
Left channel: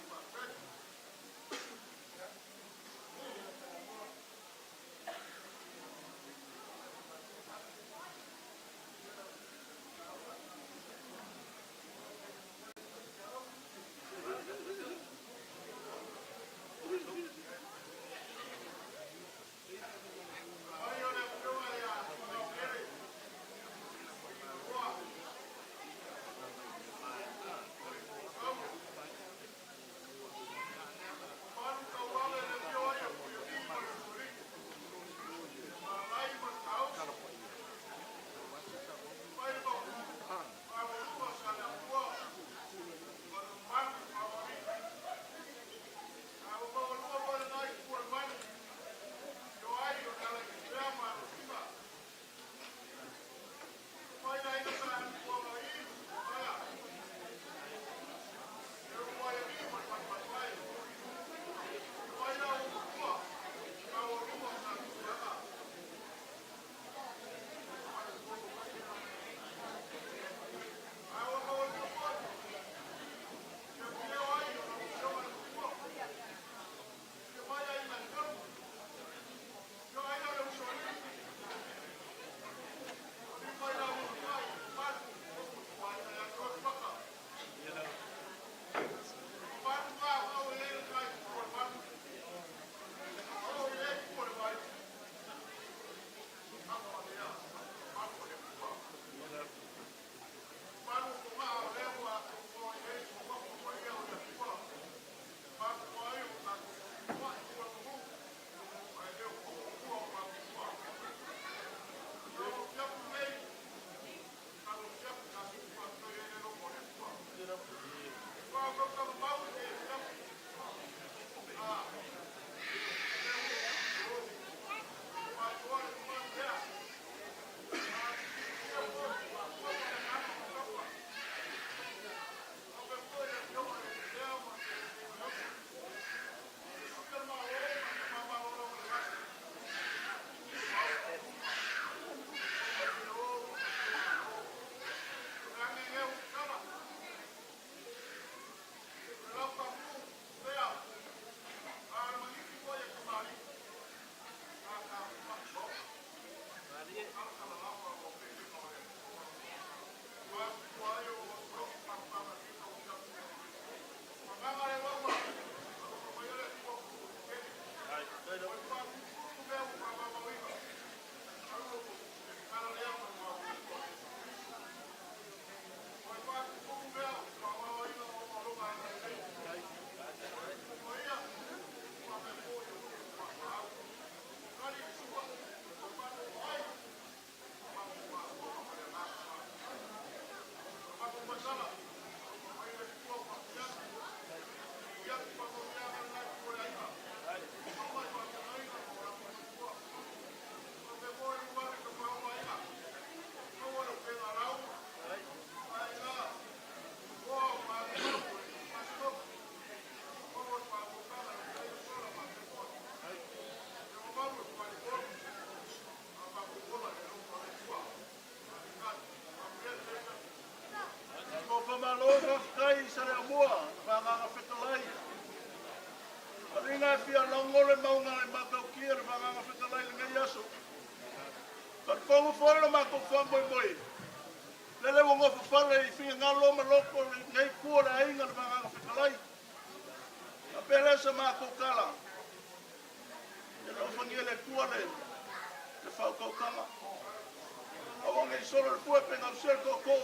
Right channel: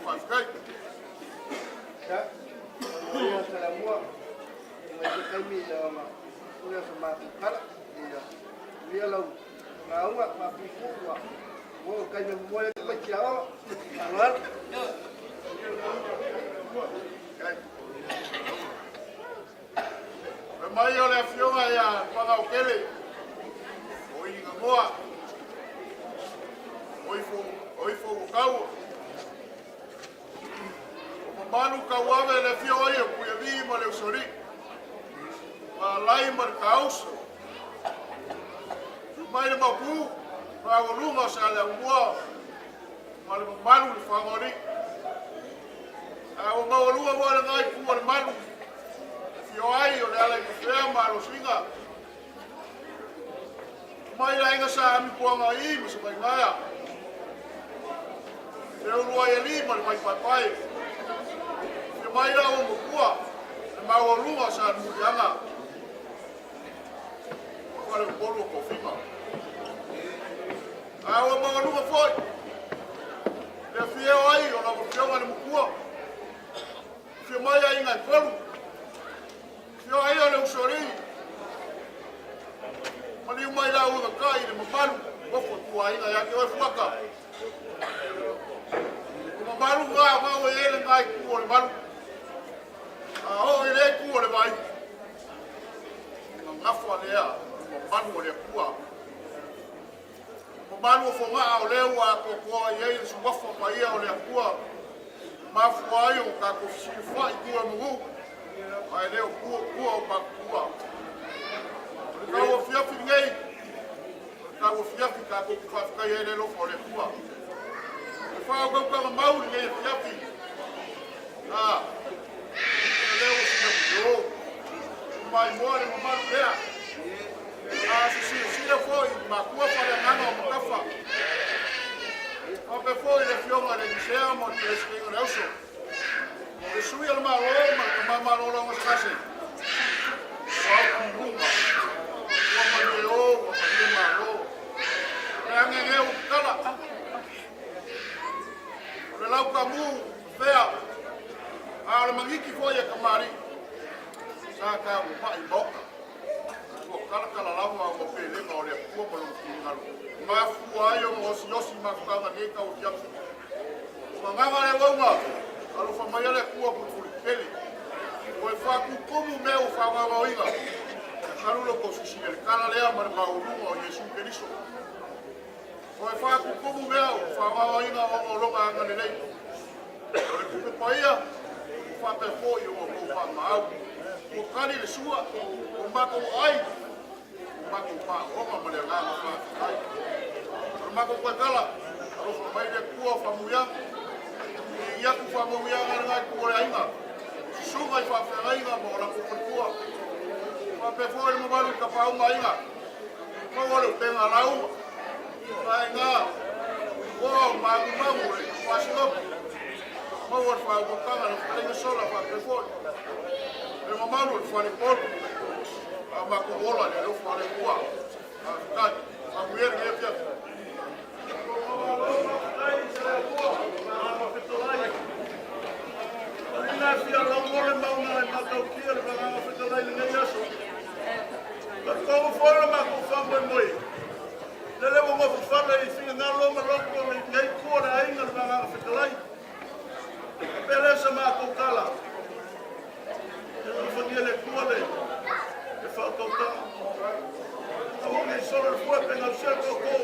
whawhikai. Ia tala mua. Mai te kaimi ia ma. Ia sa ma kala. Ia lau. Nga unga ma pipua. Mo kaimi mua ia mai kia o. Angar. Mai o le fionga ia whakaukele. O i ngā moa. O i fōku kau. O manu kau awe le fionga ia kuia vi ma le usori. Ma lai ma le kauso. Mai le mapu. Whaorunga sa le umua. Ma le manu le whangori. O maorunga mo le ngai kua le manu. Fio ai o le ala i kawhea ma alo singa. Mai la inga sa ami puanga i ma sa mai ngaya. Te urua i ali ma le mai pai. Te mai la o mokua. Le maua runga sa murianga. Kwa le mpolu o kofima. A o maua runga foi. Le fio ai o la mokua le mokua. Fio mai a inga i polu. Fio ai o le usori. Mani umai la unga kai le mamalu. Kofo tua inga ya ke oi fuaka. Mamalu ngā o e ele ngai kua le malu. O e le kua le mai. Ngafua lea. Mamalu o le kua. Mamalu o fonga o le ua kokoa i eile suwafo pa ia o le kua. Mafua ai o ka kofisi fai kua mungu. Ai leo kua o pa kua. Kau o fiafi ngei. Kau o fiafi ka koku whawhikai e le lofo le kua. E whao kau kama mauri ngei fiafi. Leo o fiafi o. Mai moa le mamaru lea. Sisia foi, ma kua whare nganga o makafa. Ope foi le fionga le disea mo te eskinga le uso. E sui ala maa loo, ma ka maa maa loo longa skase. Wau kumbunga. Wama le o, wama le maa loo. E ange ngeu kala. Le lau ka mu, fea. A le mangiki foi e kamari. Sa ka upa i boka. Kala kala lama o pele ma o le kua ma lo kingalu. Ma fua ai o osi osi ma kanga nei ka o tiapu. Manganga le wonga. Alo whamai ale kua pukuri peli. Ko e whakukumu me o whanganga o inga. Karulo ko sisine. Kana lea ma le maurunga o Yesu Keriso. Ko e whakukumu me o whanganga o inga o longa anga le nei. Ko le kupe paia. Whate po i o whamau. Ko kari le sua. Ko mako ai. Ko mako pa. Onga ma le nganga whakai. Ko mako koe kala. Alo whamai le kua whamuyanga. Ia ku whamohia ngai kore ainga. Sunga i whawhera inga mo la kupukua. Whapefo i mawalu ka whaunga inga. Mawalu tenga lauma. Whai ngā. Wau magu mamu e whasikopu. Mawalu whaukanga na whainga sola whapefo. E mamalu e whare polu. A maku ola le lo whare kua. A kai. Mamuere e pia. Ina fia longole maunga e kakau kia le whanga o whitalai le ngei aso. La kongo whora ma ko whamwe moi. Le lewa ngā whawhare i whia ngā longa loko le ngei kore ainga le whanga o whitalai. A peresa ma ko kala. E whangia le kore. E whakau tanga. A hongi sora fue penga o seko ko.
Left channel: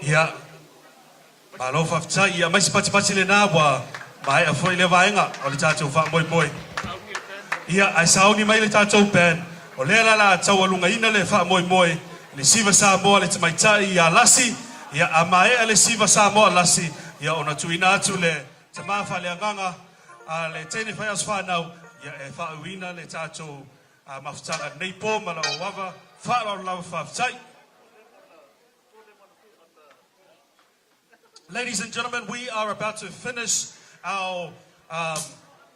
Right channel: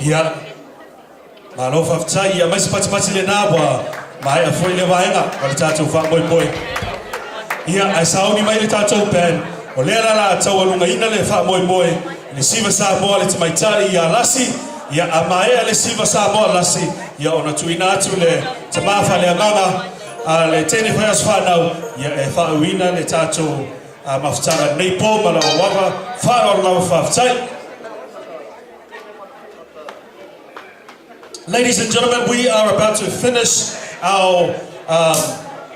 Ia. Malo whaftai, ia maisi pati le nāwa, mai a fwoi le waenga, o le tātou wha moi moi. Ia, ai saoni mai le tātou pen, o lea la tau alunga ina le wha moi moi, le siva Samoa le tamaitai ia lasi, ia a maea le siva Samoa lasi, ia ona tuina atu le tamafa le anganga, a le tene whaias whanau, ia e whauina le tātou mawhtanga nei pō, ma lau wawa, whanau lau whaftai. Ladies and gentlemen, we are about to finish our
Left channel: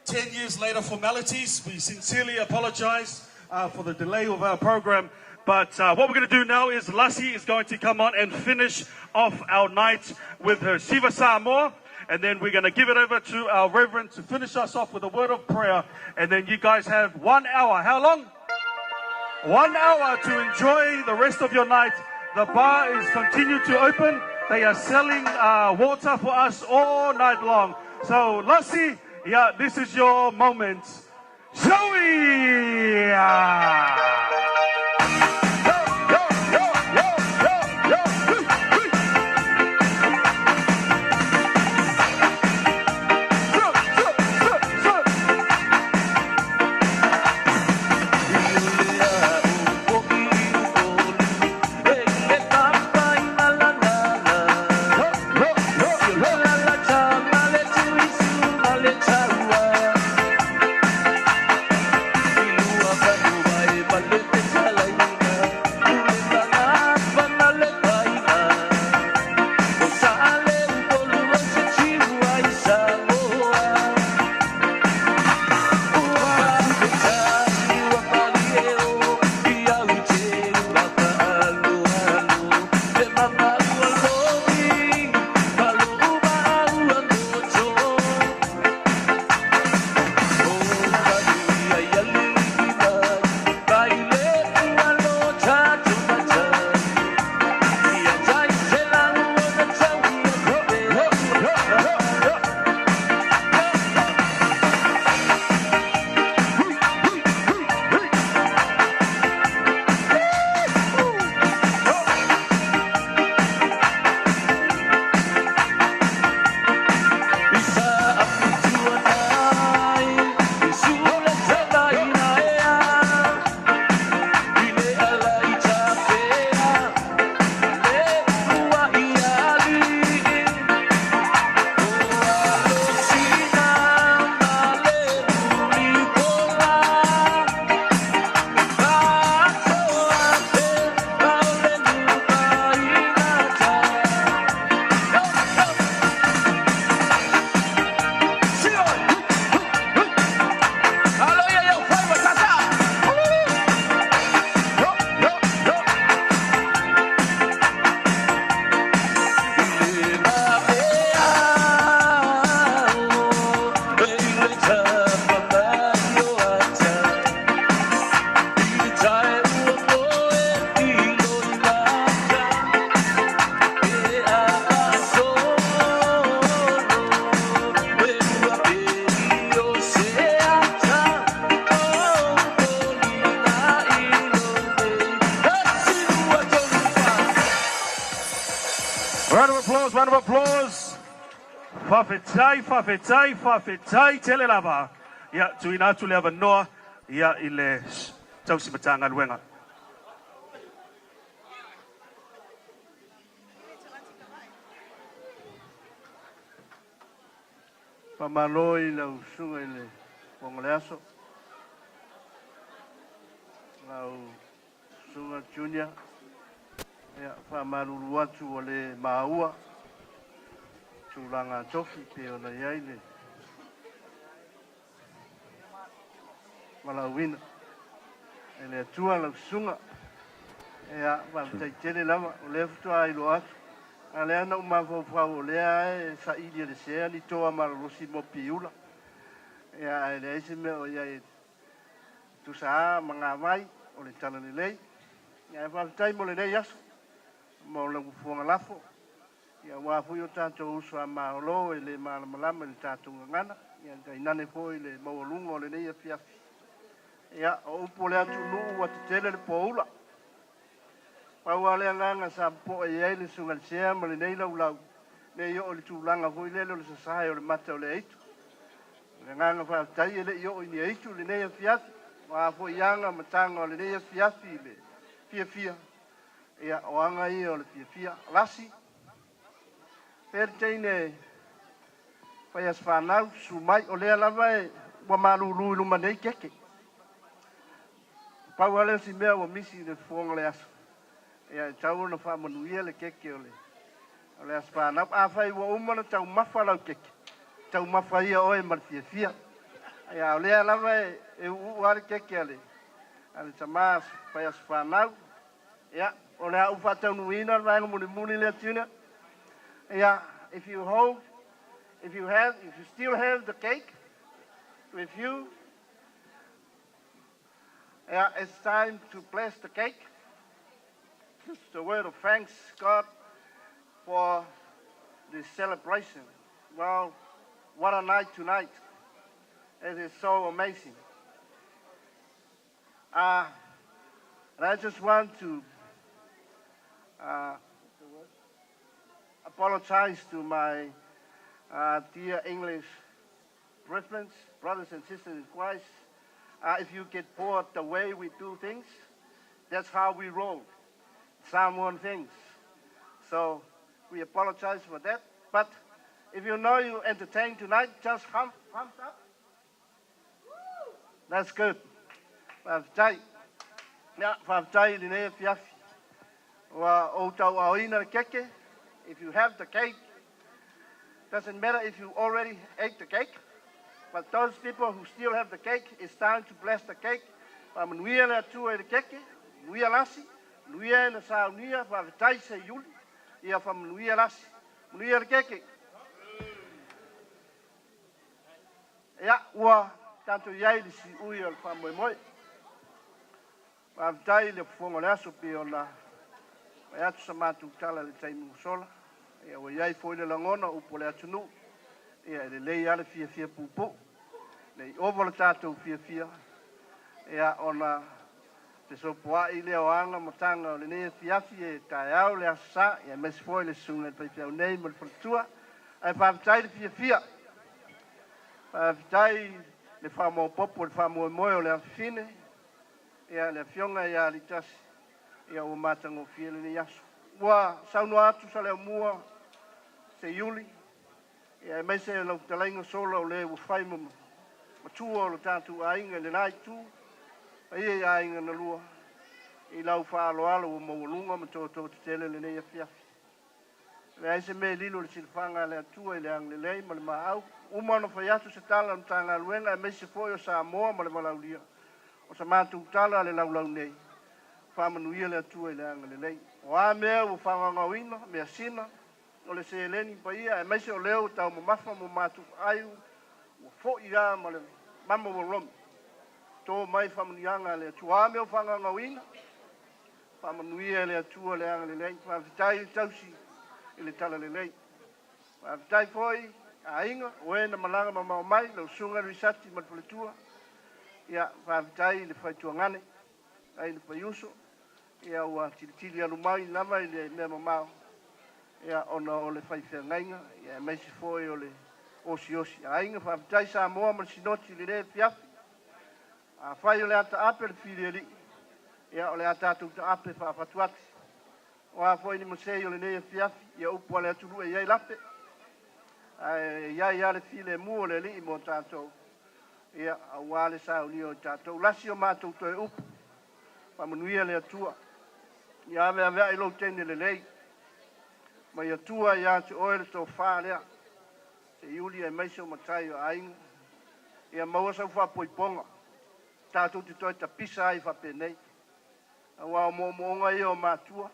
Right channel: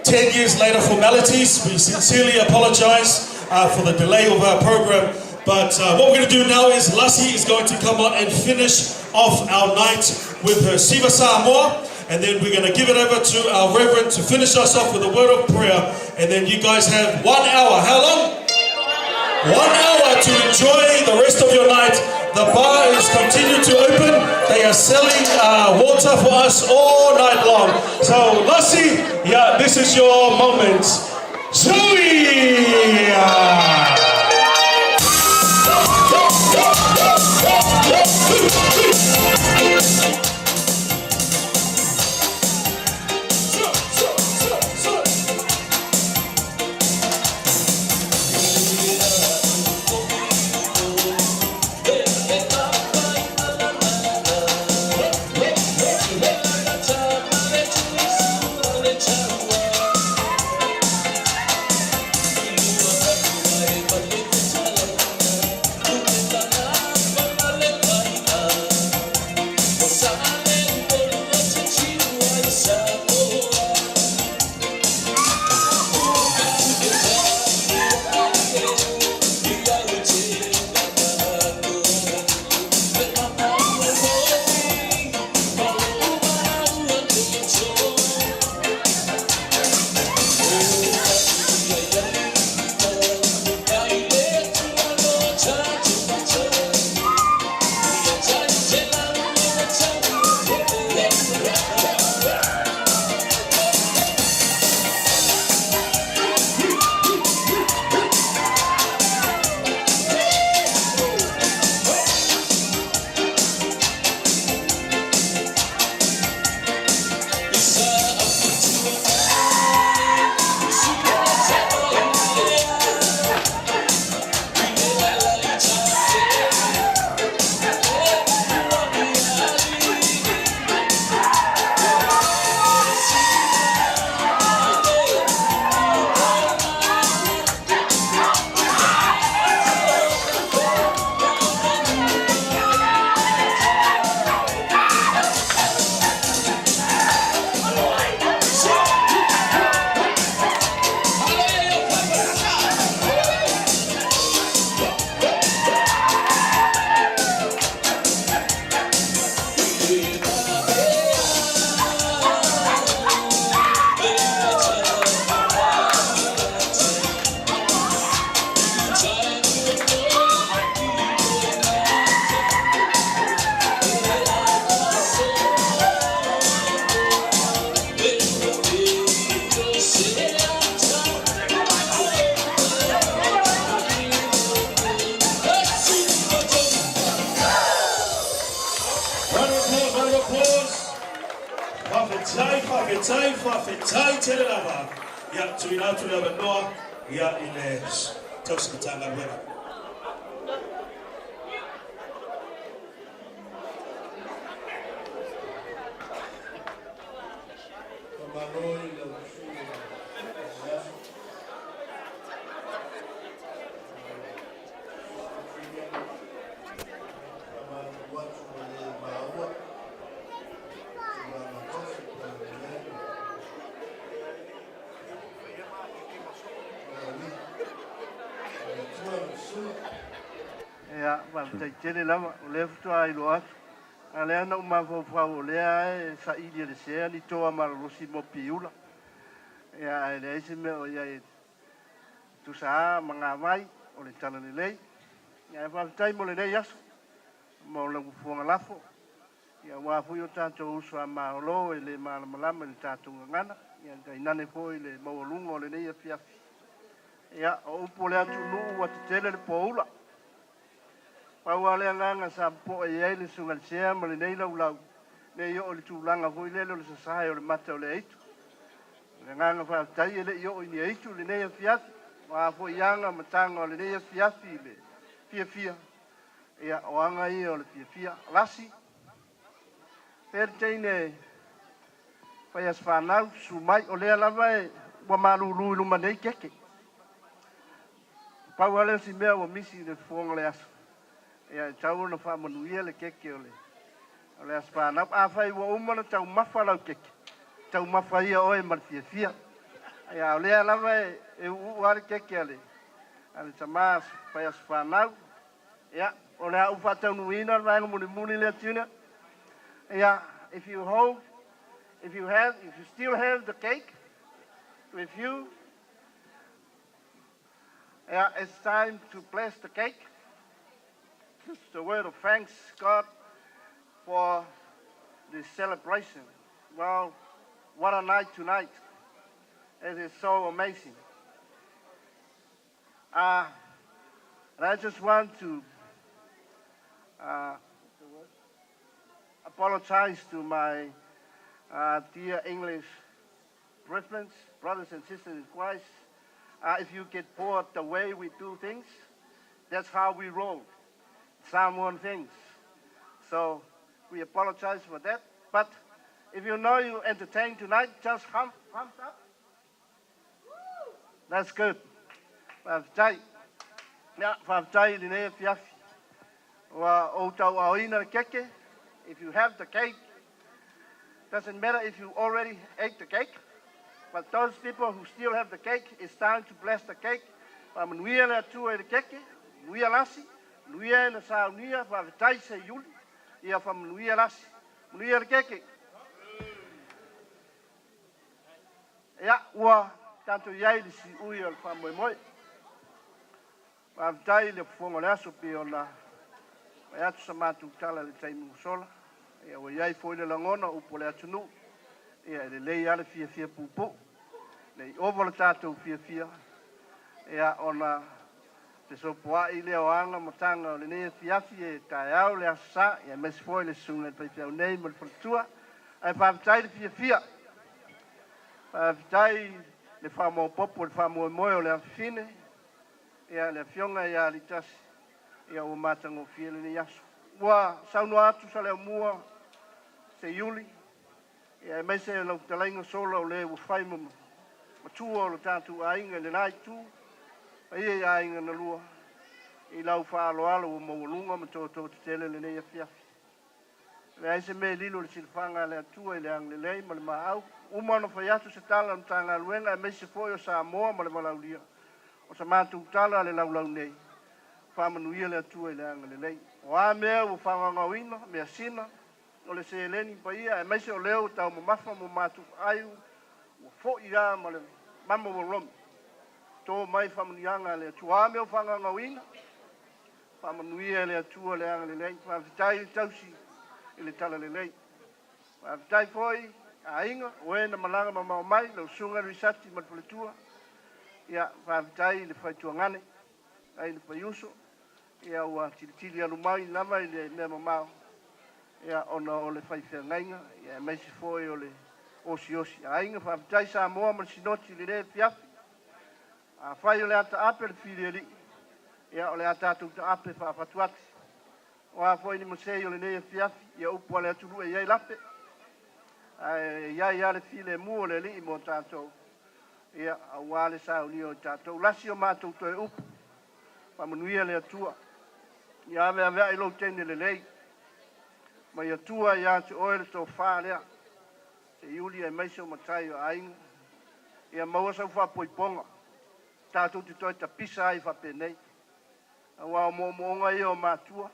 10 years later formalities. We sincerely apologize for the delay of our program. But what we're going to do now is Lassie is going to come on and finish off our night with her Siva Samoa. And then we're going to give it over to our Reverend to finish us off with a word of prayer. And then you guys have 1 hour. How long? 1 hour to enjoy the rest of your night. The bar is continuing to open. They are selling water for us all night long. So, Lassie, yeah, this is your moment. Zoe! Whawhetai tele lava. Ia tuina atu lea manoa. Ia I le tausimatanga luenga. Pamalo I le usunga I le ongoleaso. Au sunga junior. Ia pamalu atu o le maua. Tulanga tofi te o le iai le. Wala wina. E tua la sunga. Ea, tai tele lava, o le futua I lo atu. A lea na umawhau o lea e sa ili le sea ni toa mararosi mo piula. Ea e le eise me o ia e tusaa mga mai o le tala le lei. Ea e whawhitai mo le lei aso. Mo le ufuanga lafo. Ia wafui o tātou usua maolo e le malamalama le tātou ngana. Ia kai nane po I le maualunga o le nei a fiafi. Ia o upo le atu nuu wa te tele le poula. Paua le nganga sa po e ele sunga sea ma le nei lau ne yo o le tūlanga hui le le sasai o le mata o le eitu. Le nganga wha tai e le yo i ni eitu le nei a fiafi. Wa po ianga matanga o le nei a fiafi le fia. Ia o anga i o le fia. Lasi. Per teine whai as whanau su mai o lea lava e wa malulu luma nei keke. Paua le si mea wa misi le fuonga le aso. Ia tau na wha manuia le keke o le as whanau. A whai wa umana tau mawha lau keke. Tau mawha ia oe mar fia. Ia o lea lava e uare keke ale. Ale tamas whai as whanau. Ia o lea ufa tau nuina ranga muni lea tuna. Yeah, if you still have the cake with you, yeah, it's time to bless the cake. It's the word of thanks, God, for this celebration. Well, what a night tonight. It is so amazing. And I just want to apologize to my dear English brethren, brothers and sisters in Christ. If you get bored the way we do things, that's how we roll. Someone things. So we apologize for that. But if you know you entertain tonight, just thumbs up. That's good. If you have the cake, doesn't matter if you already ate the cake, but those people who still have the cake, it's time to bless the cake. Manuia le atua le keke, nuia lasi, nuia na sa unia, whavitai se yuli, ia whamanuia lasi, nuia le keke. Ia, ua, tanto iai li si ui o le whamoemoe. Whavitai le whongo le aso pi o na, mai atu sa mātu tala le taimu sola. Ia o iai foi le langona upo le atunu. Ia le lei ale fia pupo. Nei ovo le tātou fia. Ia ona te sopoa i le oanga matanga o le nea fiafi e tae au le asa. Ia mesi foi le sunga le paipiau nei mo le whalatua. Ai whaavitai le fia. Whaavitai le whamao popo le whamao moe o le awhine. Ia le fionga ia li tasi. Ia o matango fia le ni aso. Ua saunua atu sa leo mua se iuli. Ia mai se lau talainga sola o le whai matua o le tātu ainga le nai tū. Ia ainga na lua. I lau whaaloalo o mawalunga ma tō te tele le nei a fiafi. Le aise me lilo le silfanga le atua i le ang le lei ma le maau. Umana whai atu se tala na tanga luenga e mai se foi o Samoa ma le malaulia. O sa mātu tala le laulau nei. Whamanuia le atua i le anga le lei. O a mea o whangangawina, mea sina, o le se eleni pa ia, e maise o leo tau mo mafa mo matu aiu, o fo ia ma le mama o romi. Tō mai whamanianga le atua. A mea o whangangawina, whamanuia le atua le anga le lei, whavitai tausi i le tala le lei. Whavitai foi, a inga, o e na malanga ma mau mai, lau sunga risati ma le paletua, ia whavitai le whaitua ngane, ai le paiuso, ia ua tili alumai lava i le mea mamao. Ia ona o le whaifea ngainga, ia meisi foi o le osi. A inga whaavitai Samoa ma le sinoti le rea fiafi. A whai o le ata ape le whiri li. Ia o le ata atu ta ape whaafatuati. O a foi ni mosei o le rea fiafi, ia upua le aturu e iai lape. Iai ale file mua le li mo tātou. Ia a wale sa uni o tātou. Lasi o mātou toi upu. Whamanuia le atua. Ia vea i lo tene le lei. Ma ia tua ia te oe le tō whā lea. Te iuli e meise o matai o ainga. Ia maua sau whapoiponga. Tātou te toi ta pisa ai whapenei. A wā o moonga ia o mātua.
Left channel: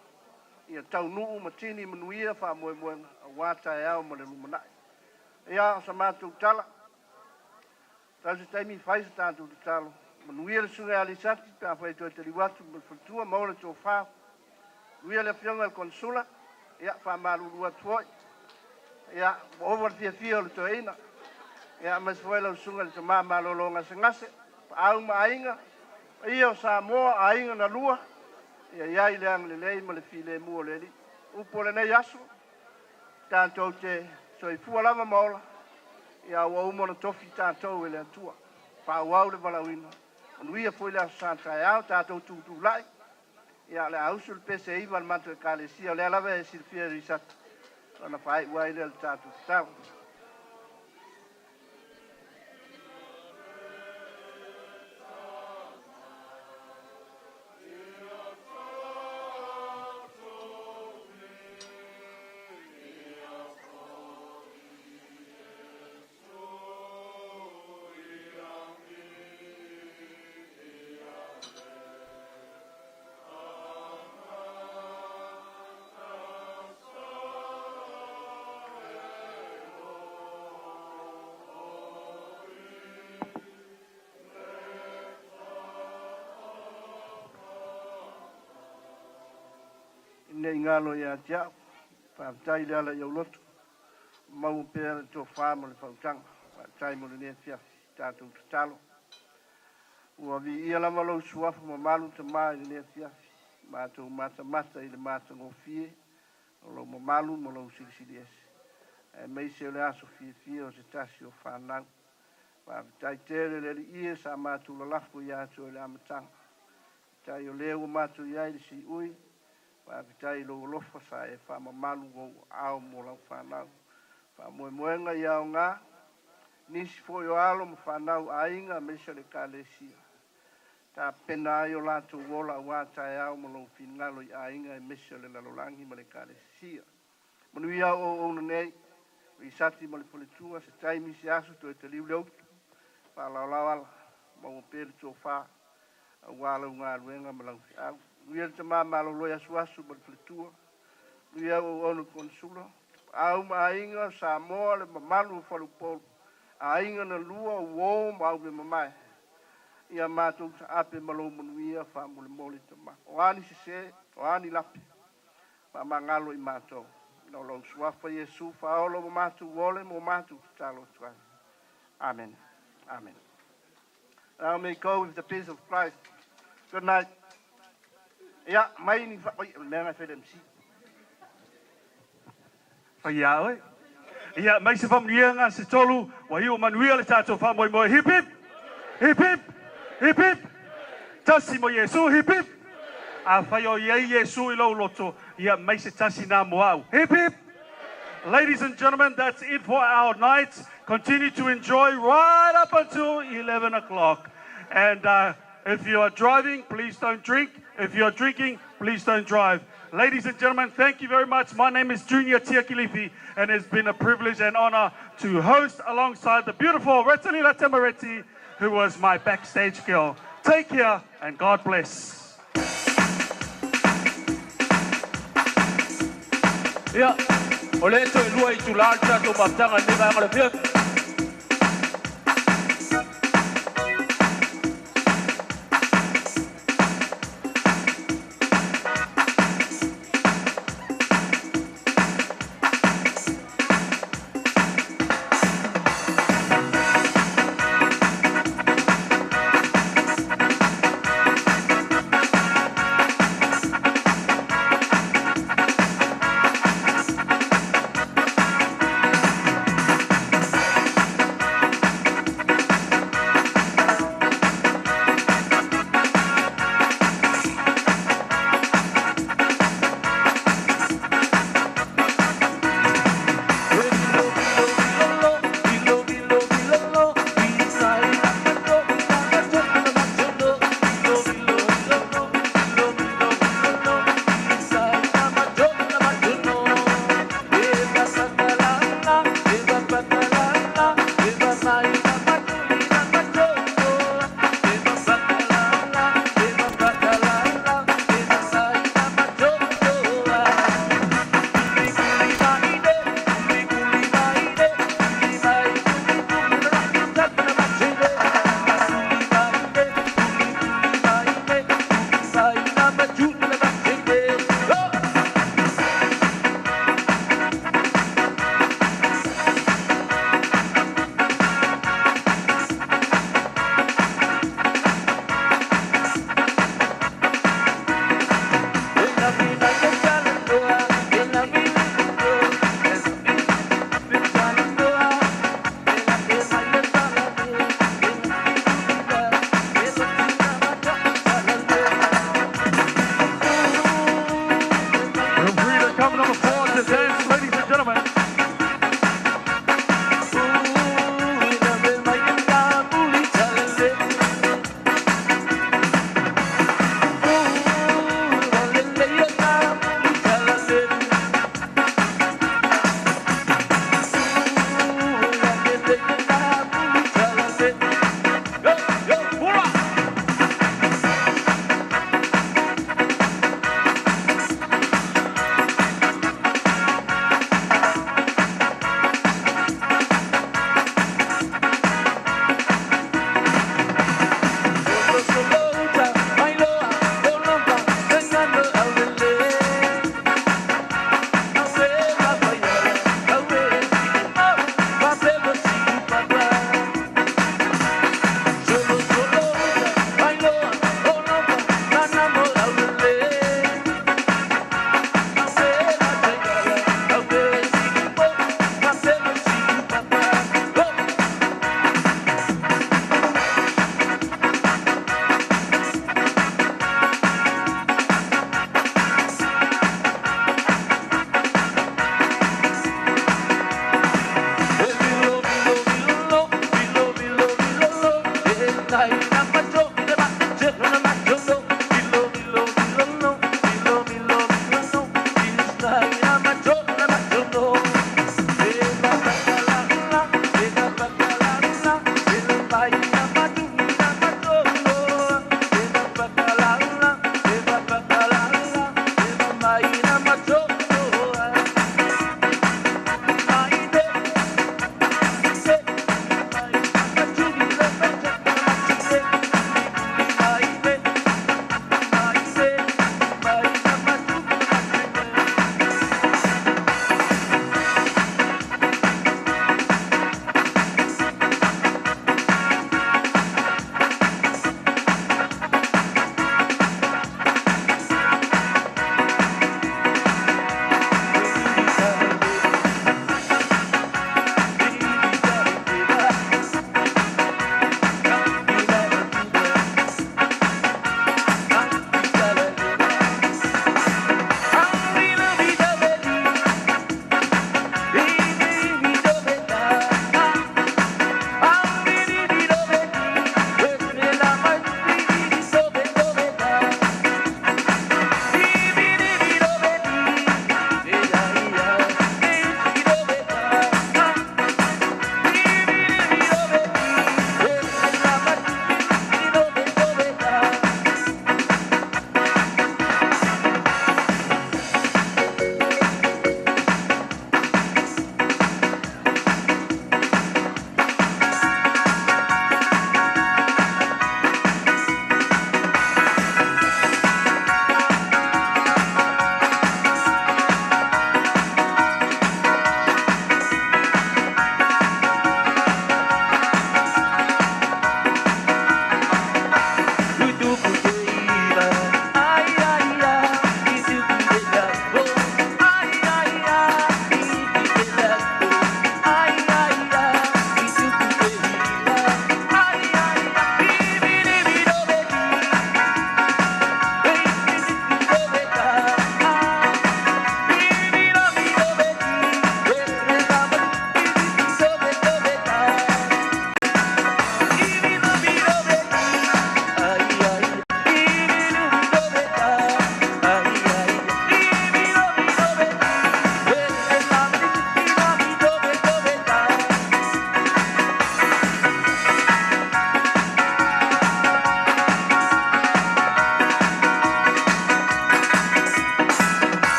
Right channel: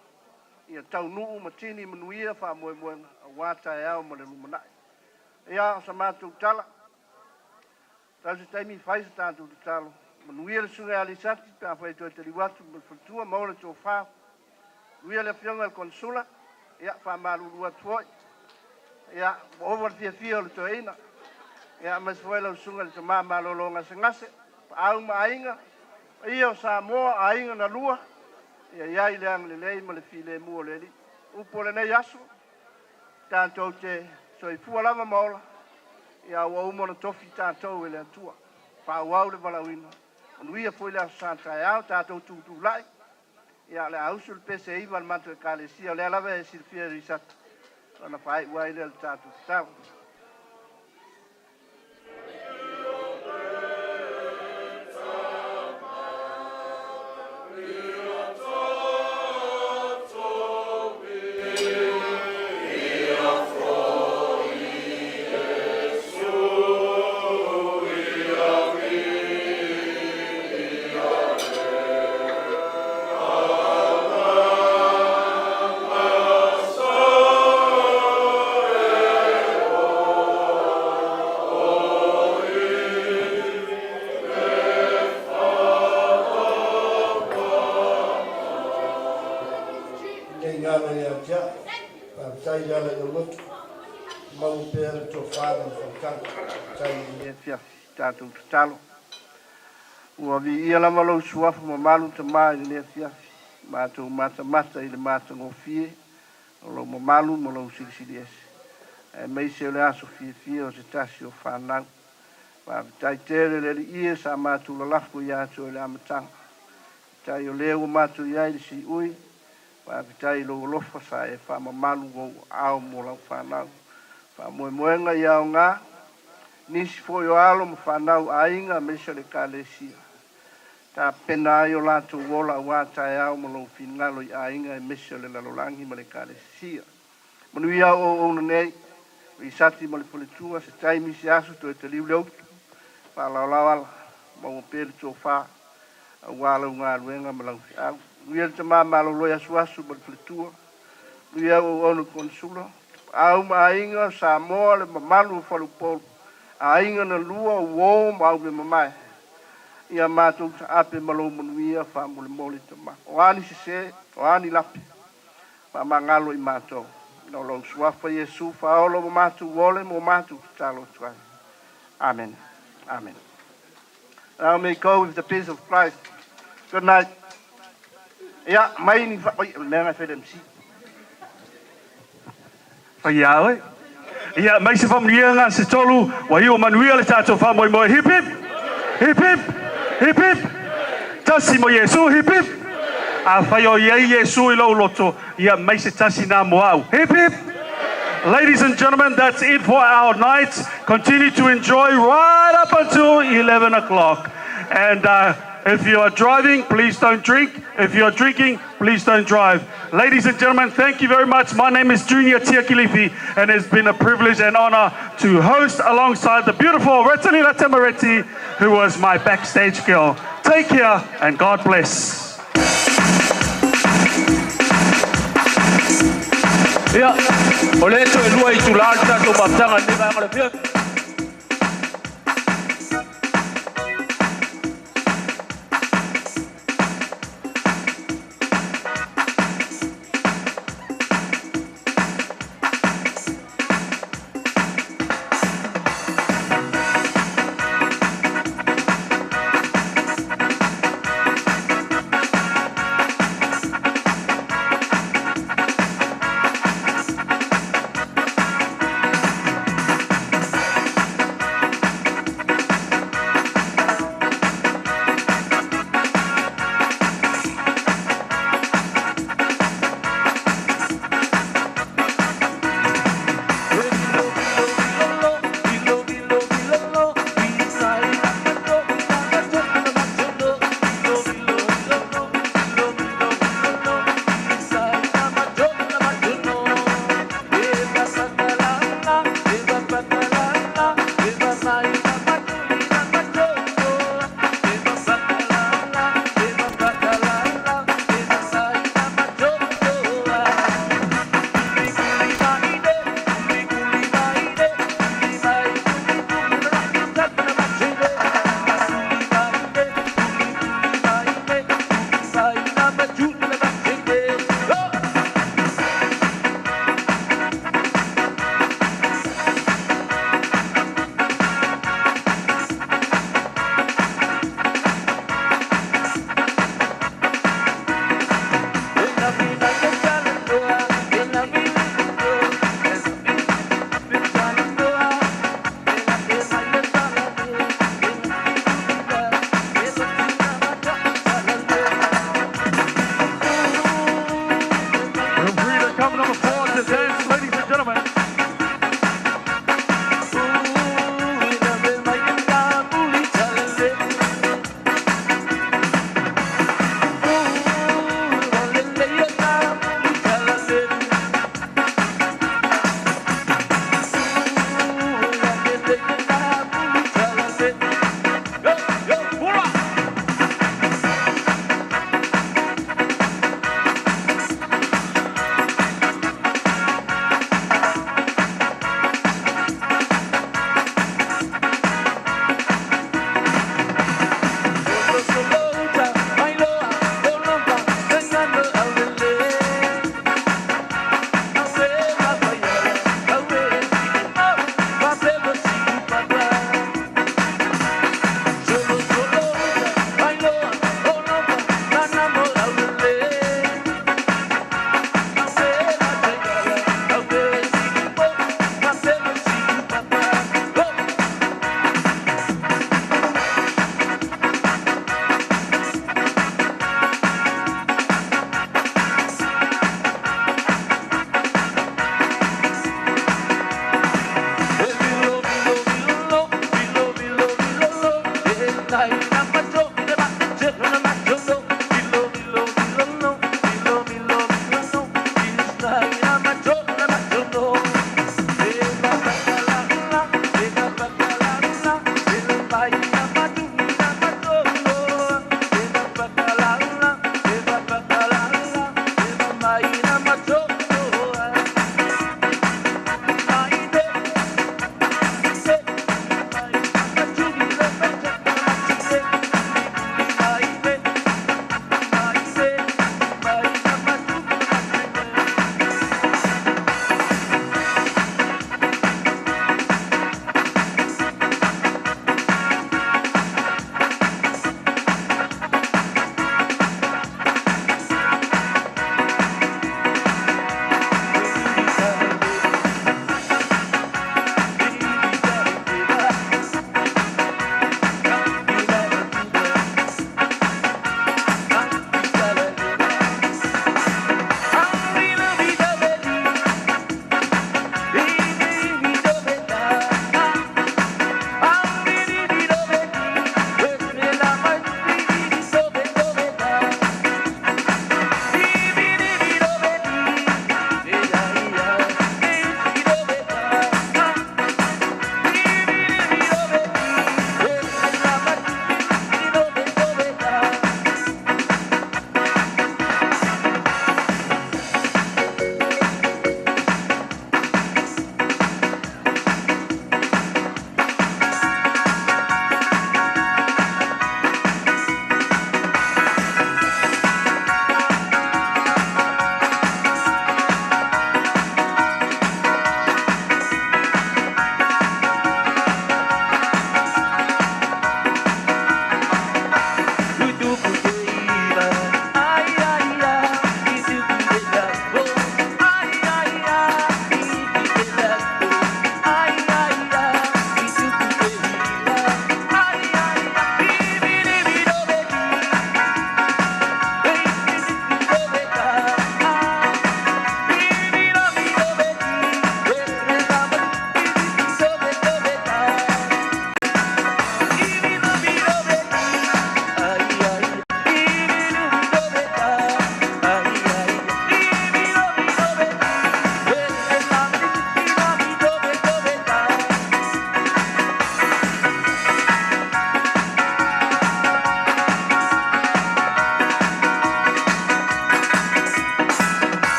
Ia tau nuu matini manuia whamoemoenga. A wātai au ma le lumanai. Ia sa mātou tala. Tau se taimi whaisa tātou te talo. Manuia le sunga alisati. Pea whai toi te liwatu. Ma whatua maua le tō whā. Nuia le fionga le konsula. Ia whamarurua tuoi. Ia over fia o le toeina. Ia mas foi lau sunga le tamā malolonga se ngase. Au ma ainga. Ia o Samoa ainga na lua. Ia i le ang le lei ma le file mua le li. Upo le nei aso. Tātou te soifua lava maola. Ia ua umona tofi tātou e le atua. Pāuau le walawina. Manuia foi le aso santai au tātou tūtū lai. Ia le ausu le pese iwa le mantu e kālesia. Le alawe e silfia risata. Lana whai uai le tātou tātou. Ngalo ya tia, tai ya la yo lot, mau pera to fama fankan, tai ya tia, tatu talo. Ua vi ia la malo suafu ma malu te mai le tia, matu mata ile mata ngofie, lo ma malu mo lo sili es. E mai se le aso fie o se tasi o fanang. Pa tai tere le ia sa matu la lafu ya to le amatang. Tai o leo matu ya ile si ui. Wa vitai lo lofa sa e fa mamalu go ao mo la fanau fa moenga ia nga nisi fo yo alo mo fanau ainga mesha le kalesia ta pena yo la tu wola wa ta ao mo lo finalo ainga e mesha le lalolangi mo le kalesia mo ia o nei vi sati mo le politua se tai mi si asu to te liu fa la mo pe to fa wa lo nga luenga mo lo Ia te mamalo loia suasu mo le politua. Ia o ono konsula. Au mainga Samoa le mamalu falupolu. Ainga na lua uo mau me mamai. Ia mātou ta ape malo manuia wha mole mole te ma. O ani se, o ani lape. Wha mangalo i mātou. No lo suafa Yesu wha olo mo mātou wole mo mātou talo tuai. Amen. Amen. Now may go with the peace of Christ. Good night. Ja, mai ni fa lenga fe dem si. Fa ya oi. Ja, mai se familia nga se tolu wa hiu manuia le tato fa moi moi hip hip. Hip hip. Hip hip. Tasi mo Yesu hip hip. A fa yo ye Yesu I lo loto. Ja, mai se tasi na mo au. Hip hip. Ladies and gentlemen, that's it for our night. Continue to enjoy right up until 11 o'clock. And if you are driving, please don't drink. If you are drinking, please don't drive. Ladies and gentlemen, thank you very much. My name is Junior Tiakilifi, and it's been a privilege and honor to host alongside the beautiful Retalila Temareti, who was my backstage girl. Take care, and God bless. Yeah, oleto elua I tularta to baptanga ni ba ngale pia.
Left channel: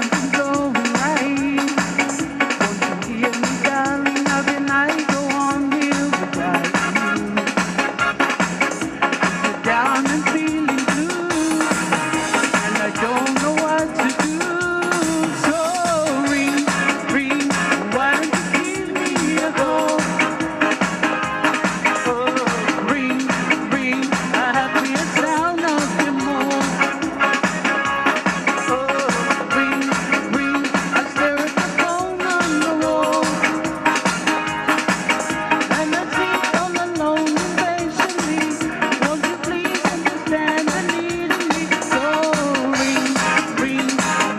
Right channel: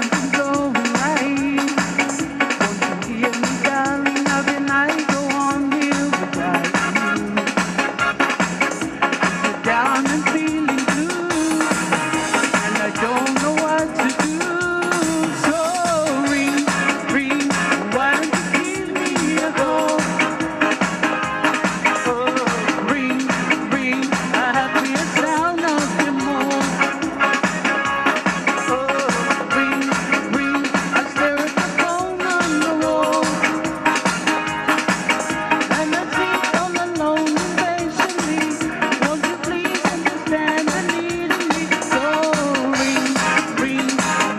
something's going right. Won't you hear me, darling? How can I go on here without you? Sit down and feeling blue, and I don't know what to do. So ring, ring, why don't you give me a call? Ring, ring, I have the sound of your more. Ring, ring, I stare at the phone on the wall, and I sit all alone impatiently. Won't you please understand the need in me? So ring, ring,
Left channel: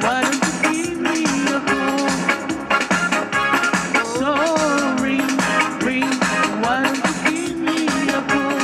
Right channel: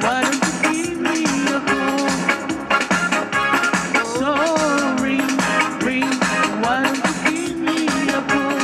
why don't you give me a call? So ring, ring, why don't you give me a call?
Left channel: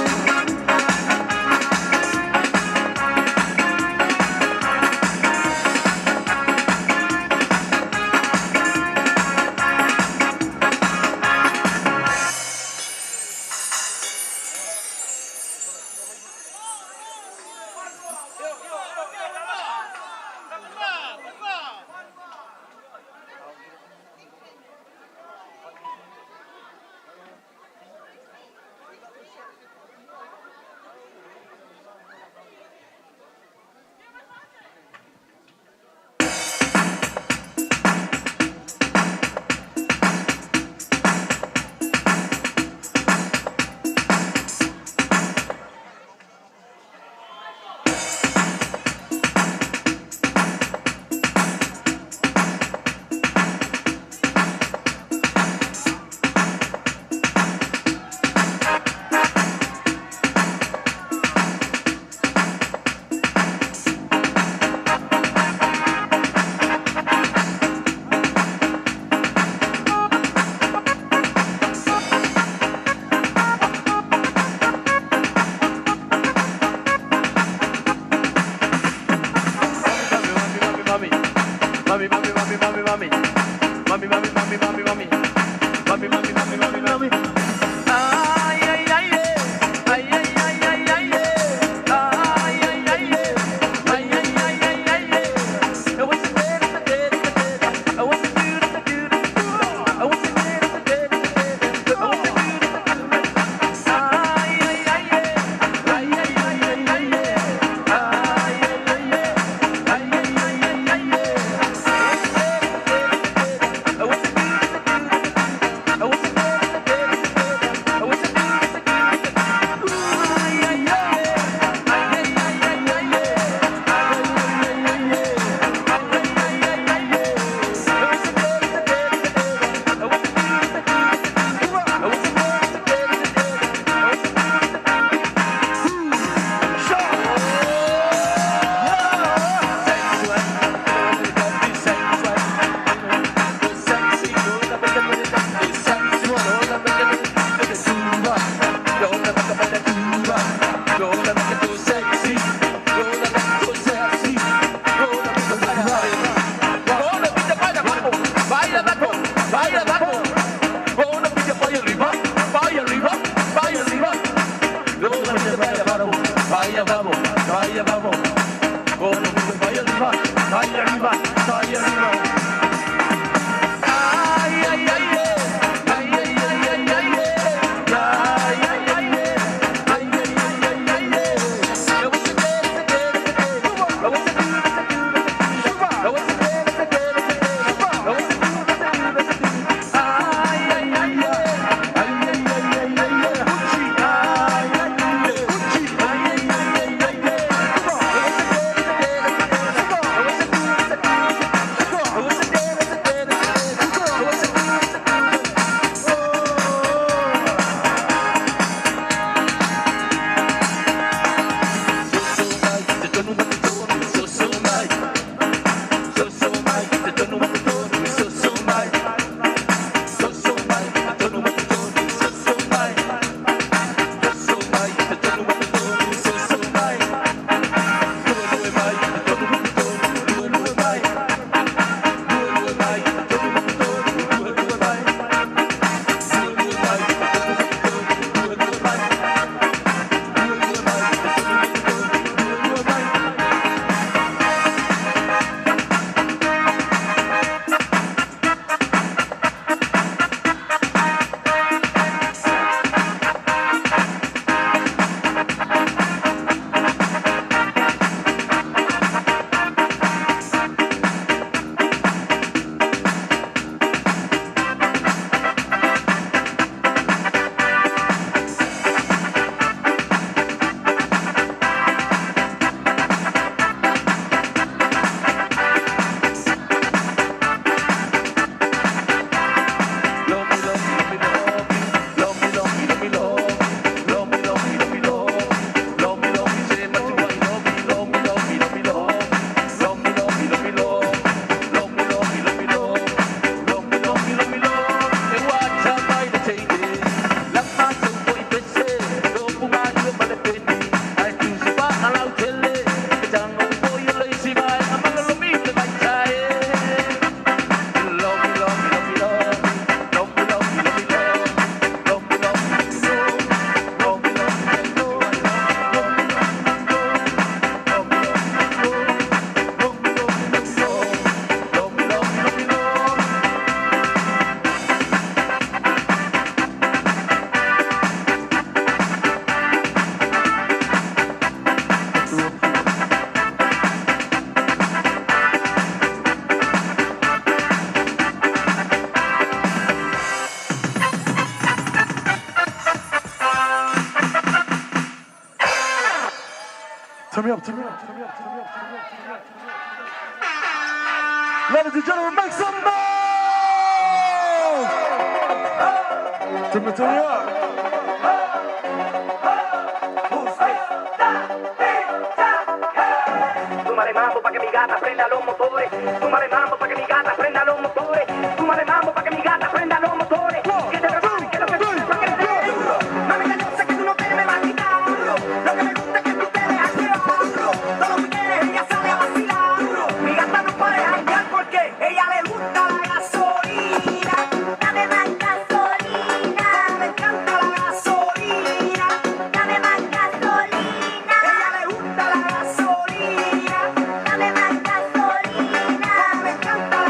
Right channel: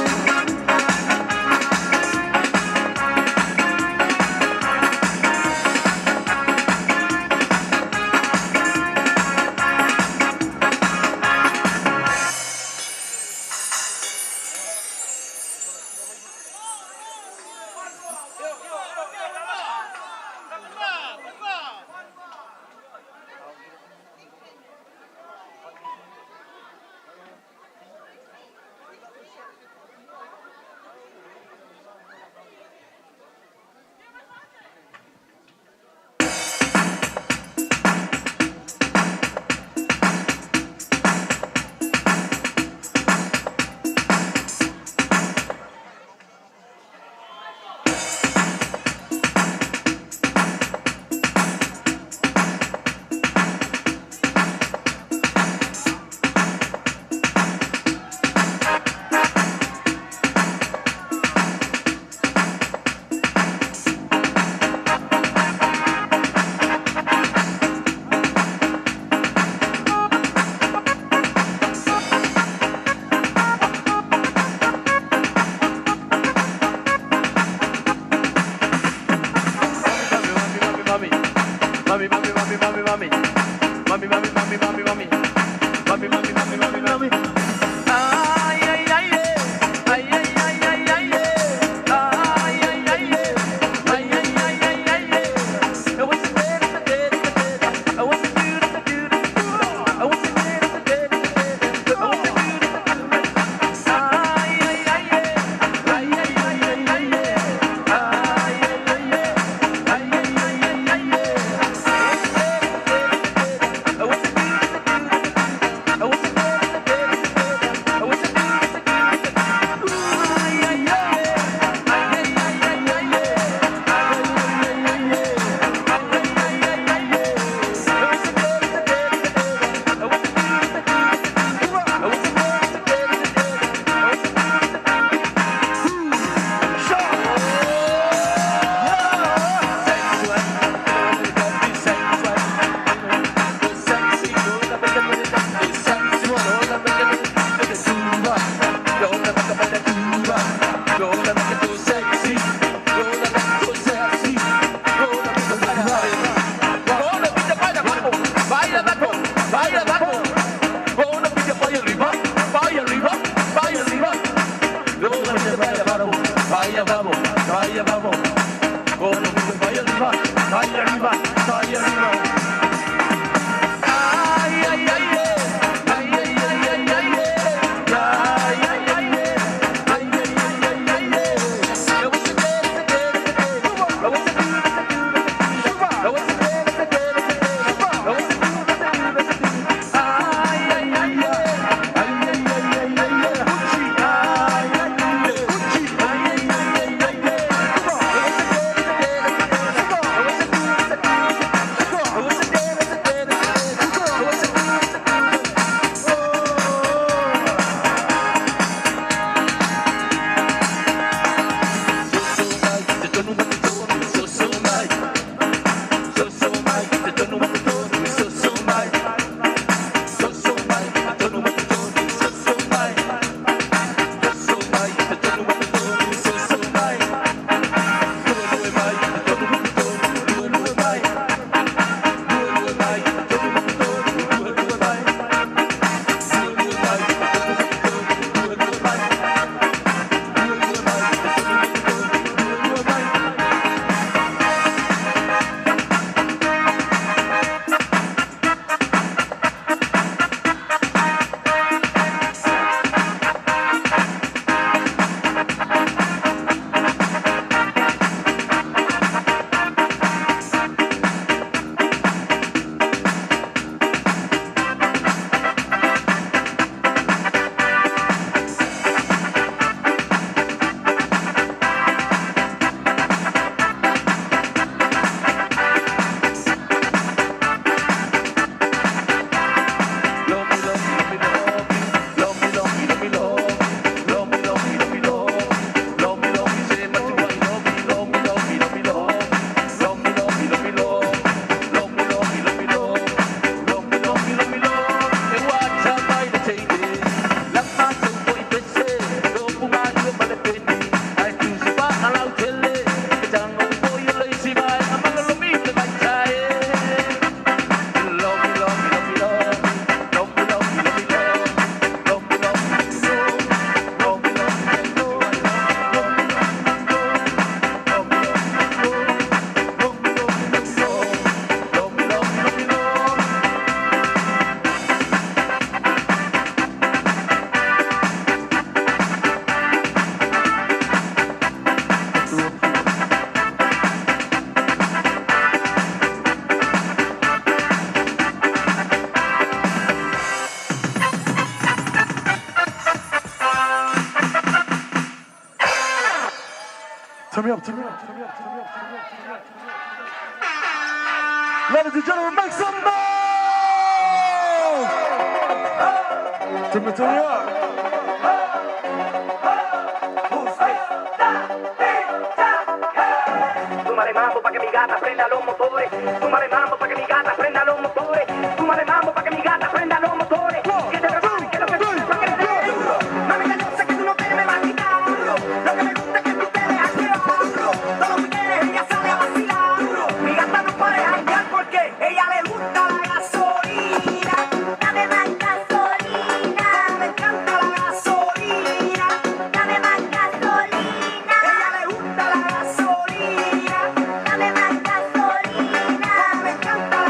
me up, turn me up. Ladies and gentlemen, make some noise! Turn me up. Súmale mambo pa' que mi gata prenda los motores. Súmale mambo pa' que mi gata prenda los motores. Súmale mambo pa' que mi gata prenda los motores. Que te prepare, que lo que tú pa' que te dé duro. Mami, ya yo sé que tú no te me vas a quitar. Lo que me gusta es que tú te dejas llevar. Todos los weekends ella sale a vacilar. Mi gata no puede janguear porque ella le gusta la gasolina. Dame más gasolina. Me encanta la gasolina. Dame más gasolina. Ella le gusta la gasolina. Dame más gasolina. Me encanta la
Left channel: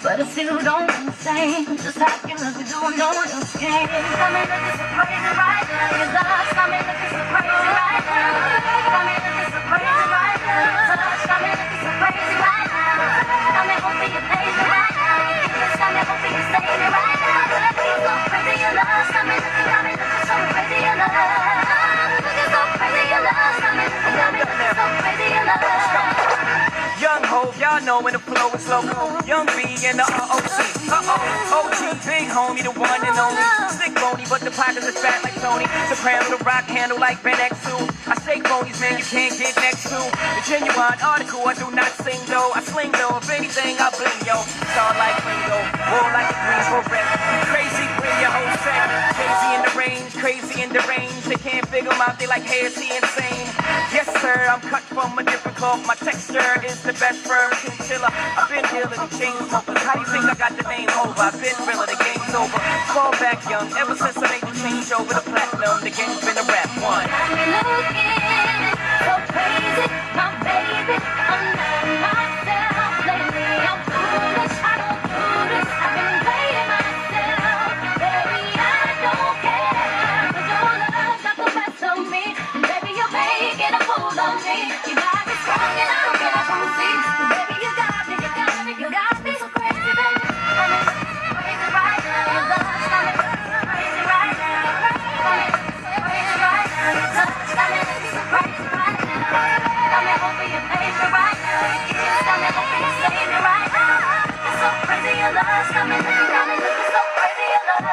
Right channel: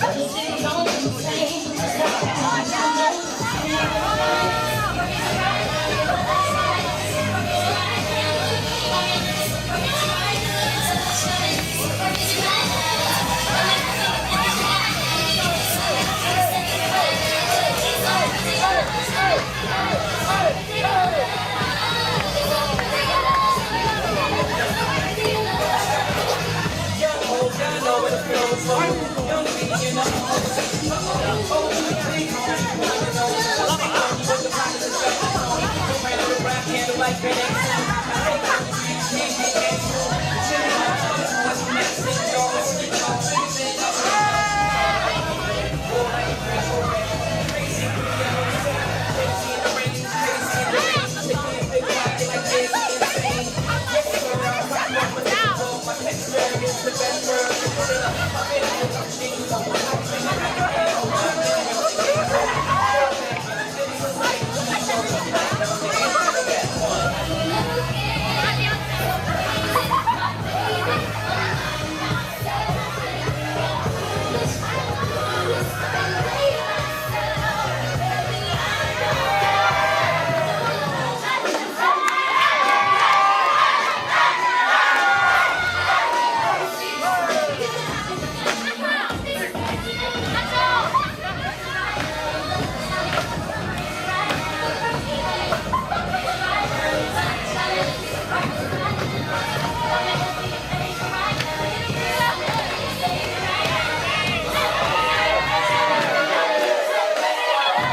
But you don't say Young hope, y'all know when the flow is so young B and the OC. Oh, you big homie, the one and only. Stick only, but the pockets are fat like Sony. Soprano, the rock handle like Ben X2. I take homies, man, you can't get next to. Genuine article, I do not sing though. I sling though, if anything, I bling yo. Star like Ringo, roll like a green correct. Crazy, bring your whole sound. Crazy in the range, crazy in the range. They can't figure out, they like, hey, is he insane? Yes, sir, I'm coming off my difficult. My texture is the best word. Still, I've been dealing with shades over. How you think I got the name over? I've been ripping the game's over. Fall back young, ever since I made the TV show with a platinum, the game's been a rap one. So crazy, my baby, I'm not myself lately. I'm foolish, I don't foolish. I've been playing myself, baby, I don't care. Don't love, not the best of me. Baby, I hate get a hold on me. You know I'm strong and I don't get a whole seat. Baby, you got me, you got me, you got me. Crazy right now, your love, crazy right now, crazy right now, your love, crazy right now. Tell me who'll be your favorite right now. Tell me who'll be your savior right now. So crazy your love, tell me who'll be so crazy your love.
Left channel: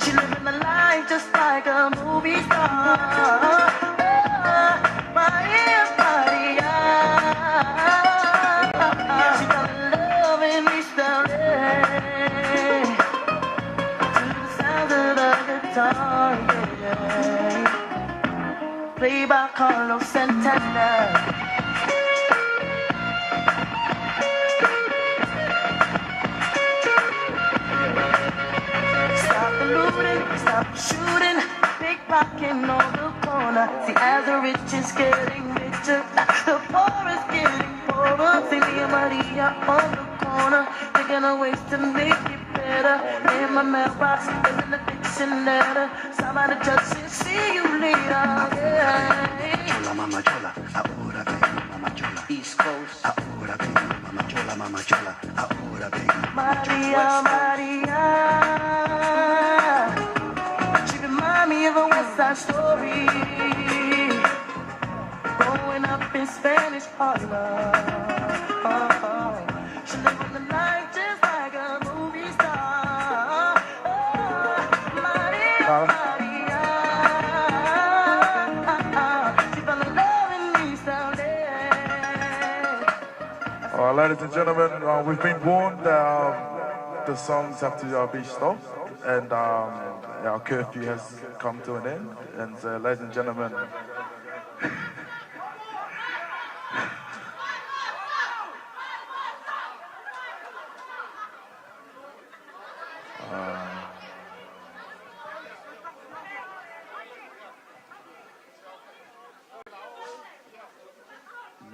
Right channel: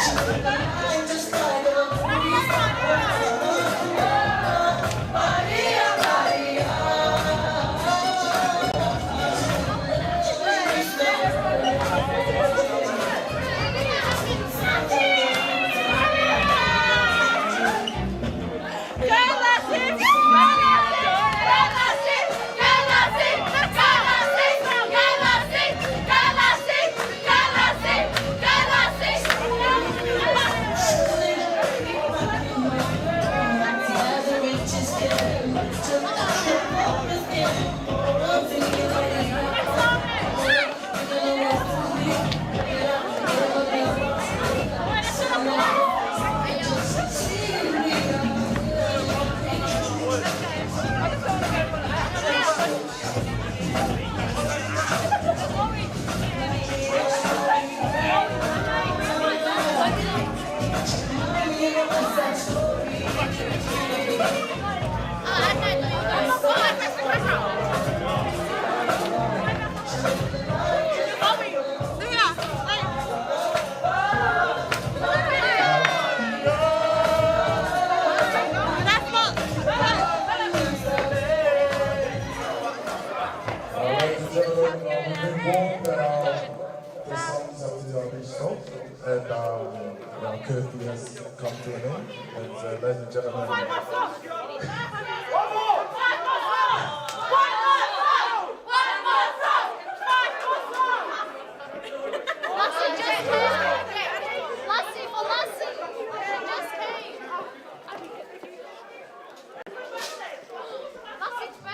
She lived the life just like a movie star. Maria, Maria, loving me still. Sounds of the dark. Play by Carlos Santana. Shooting, big rockin' on the corner. The average is getting richer, the poor is getting poorer. See me and Maria on the corner, taking a ways to make better. In my mailbox, in the Chanel. Somebody just see you later. Maria, Maria. Remind me of a West Side Story. Growing up in Spanish Harlem. She lived the life just like a movie star. Ladies and gentlemen, we've been warned. The songs have to be stopped, and our curfew has come to an end. And ladies and gentlemen,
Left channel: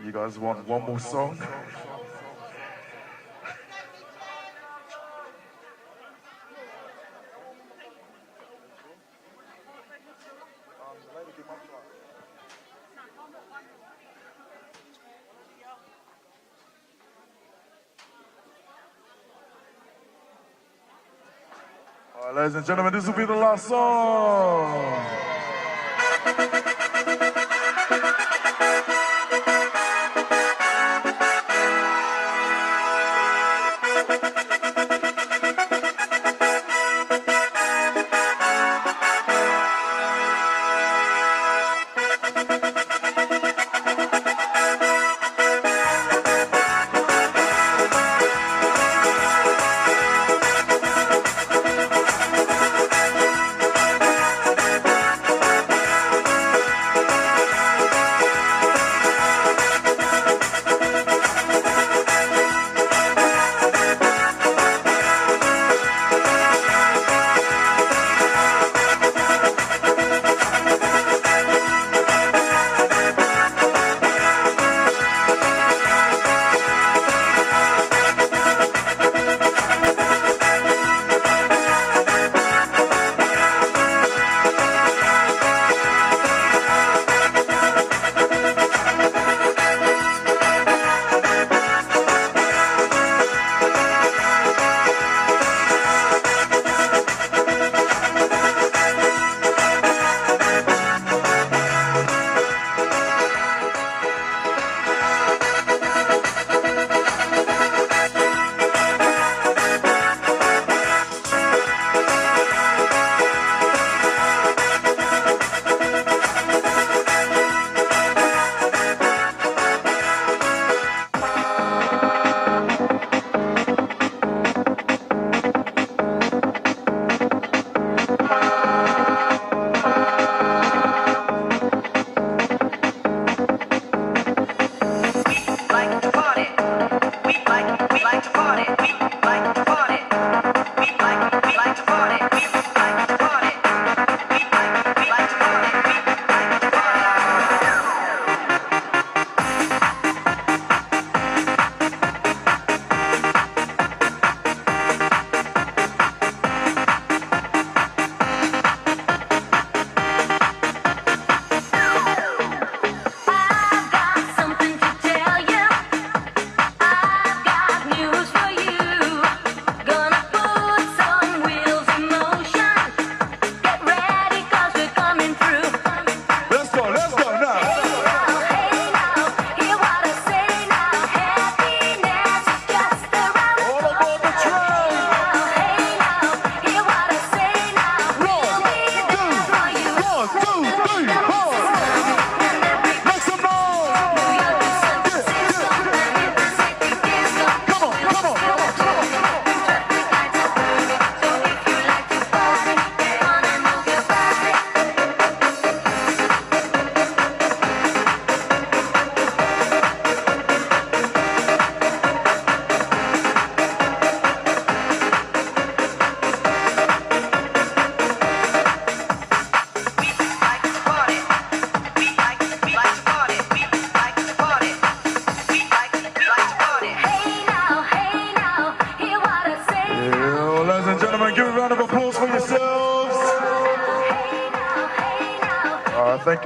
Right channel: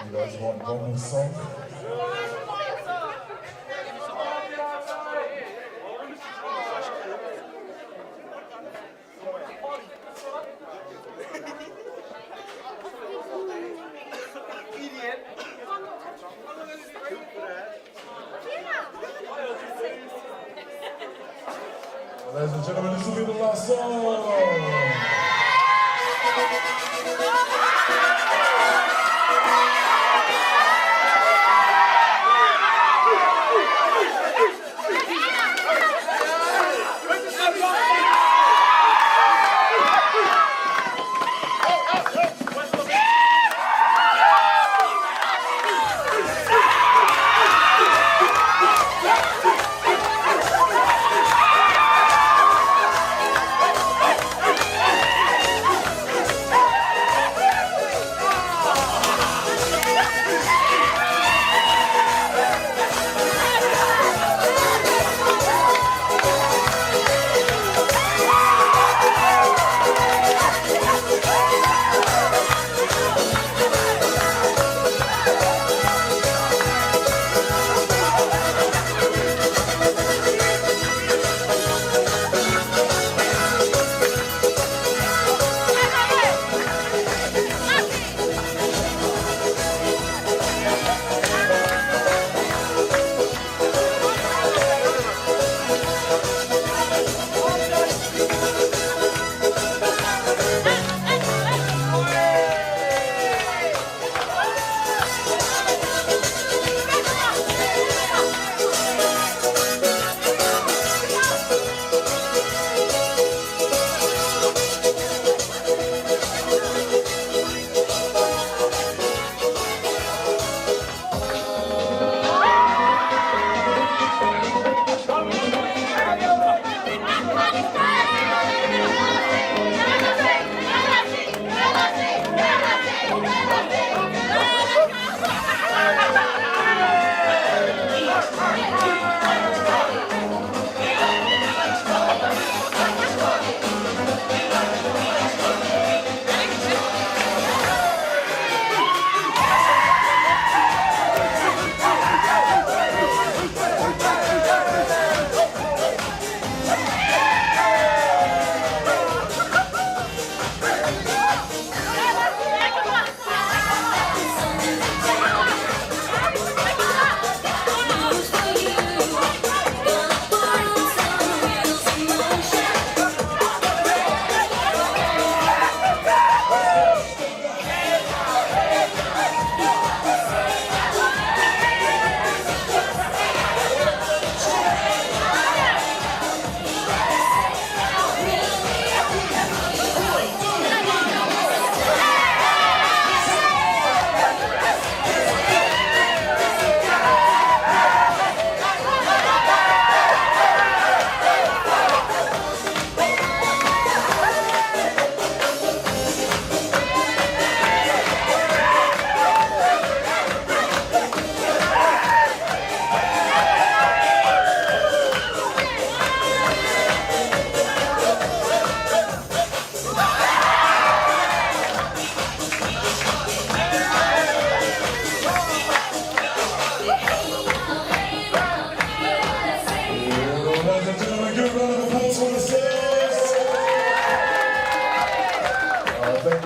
you guys want one more song? Ladies and gentlemen, this will be the last song.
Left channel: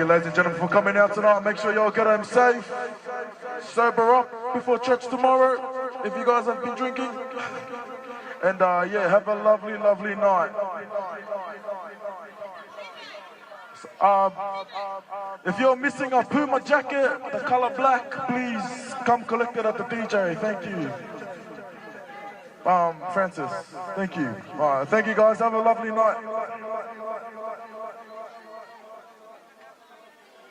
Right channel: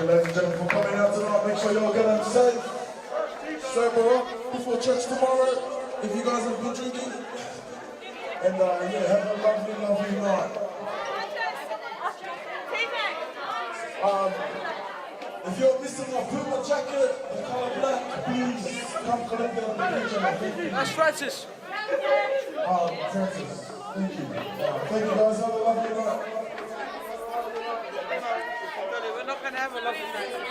you, ladies and gentlemen, for coming out tonight. Make sure you all get home safe. Sober up before church tomorrow, if you guys have been drinking. And yeah, have a lovely, lovely night. If you're missing a Puma jacket, the color black, please come collect it at the DJ. Thank you. That's Francis. Francis, thank you. All right, thank you guys. Have a lovely night. We're not going to have a lovely night.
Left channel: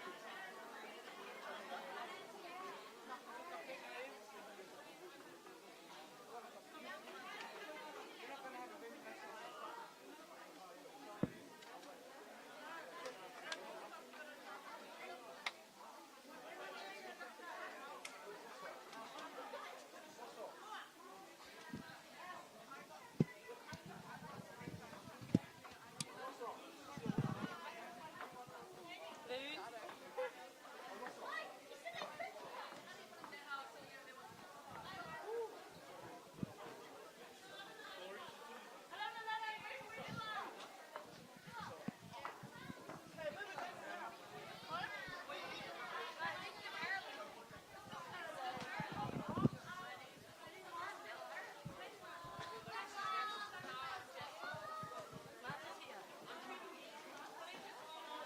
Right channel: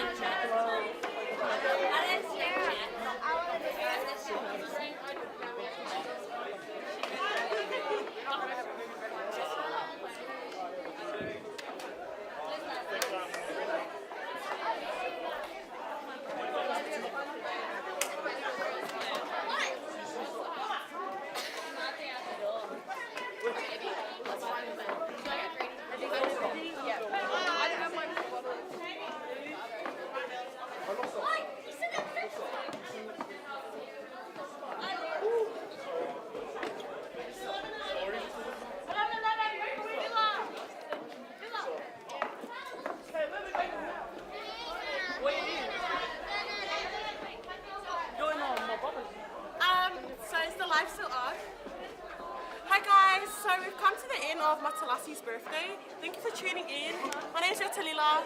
of Matalassi's birthday. Thank you for tuning in. My name is Yatalila.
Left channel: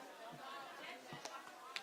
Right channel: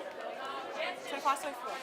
So far, so good.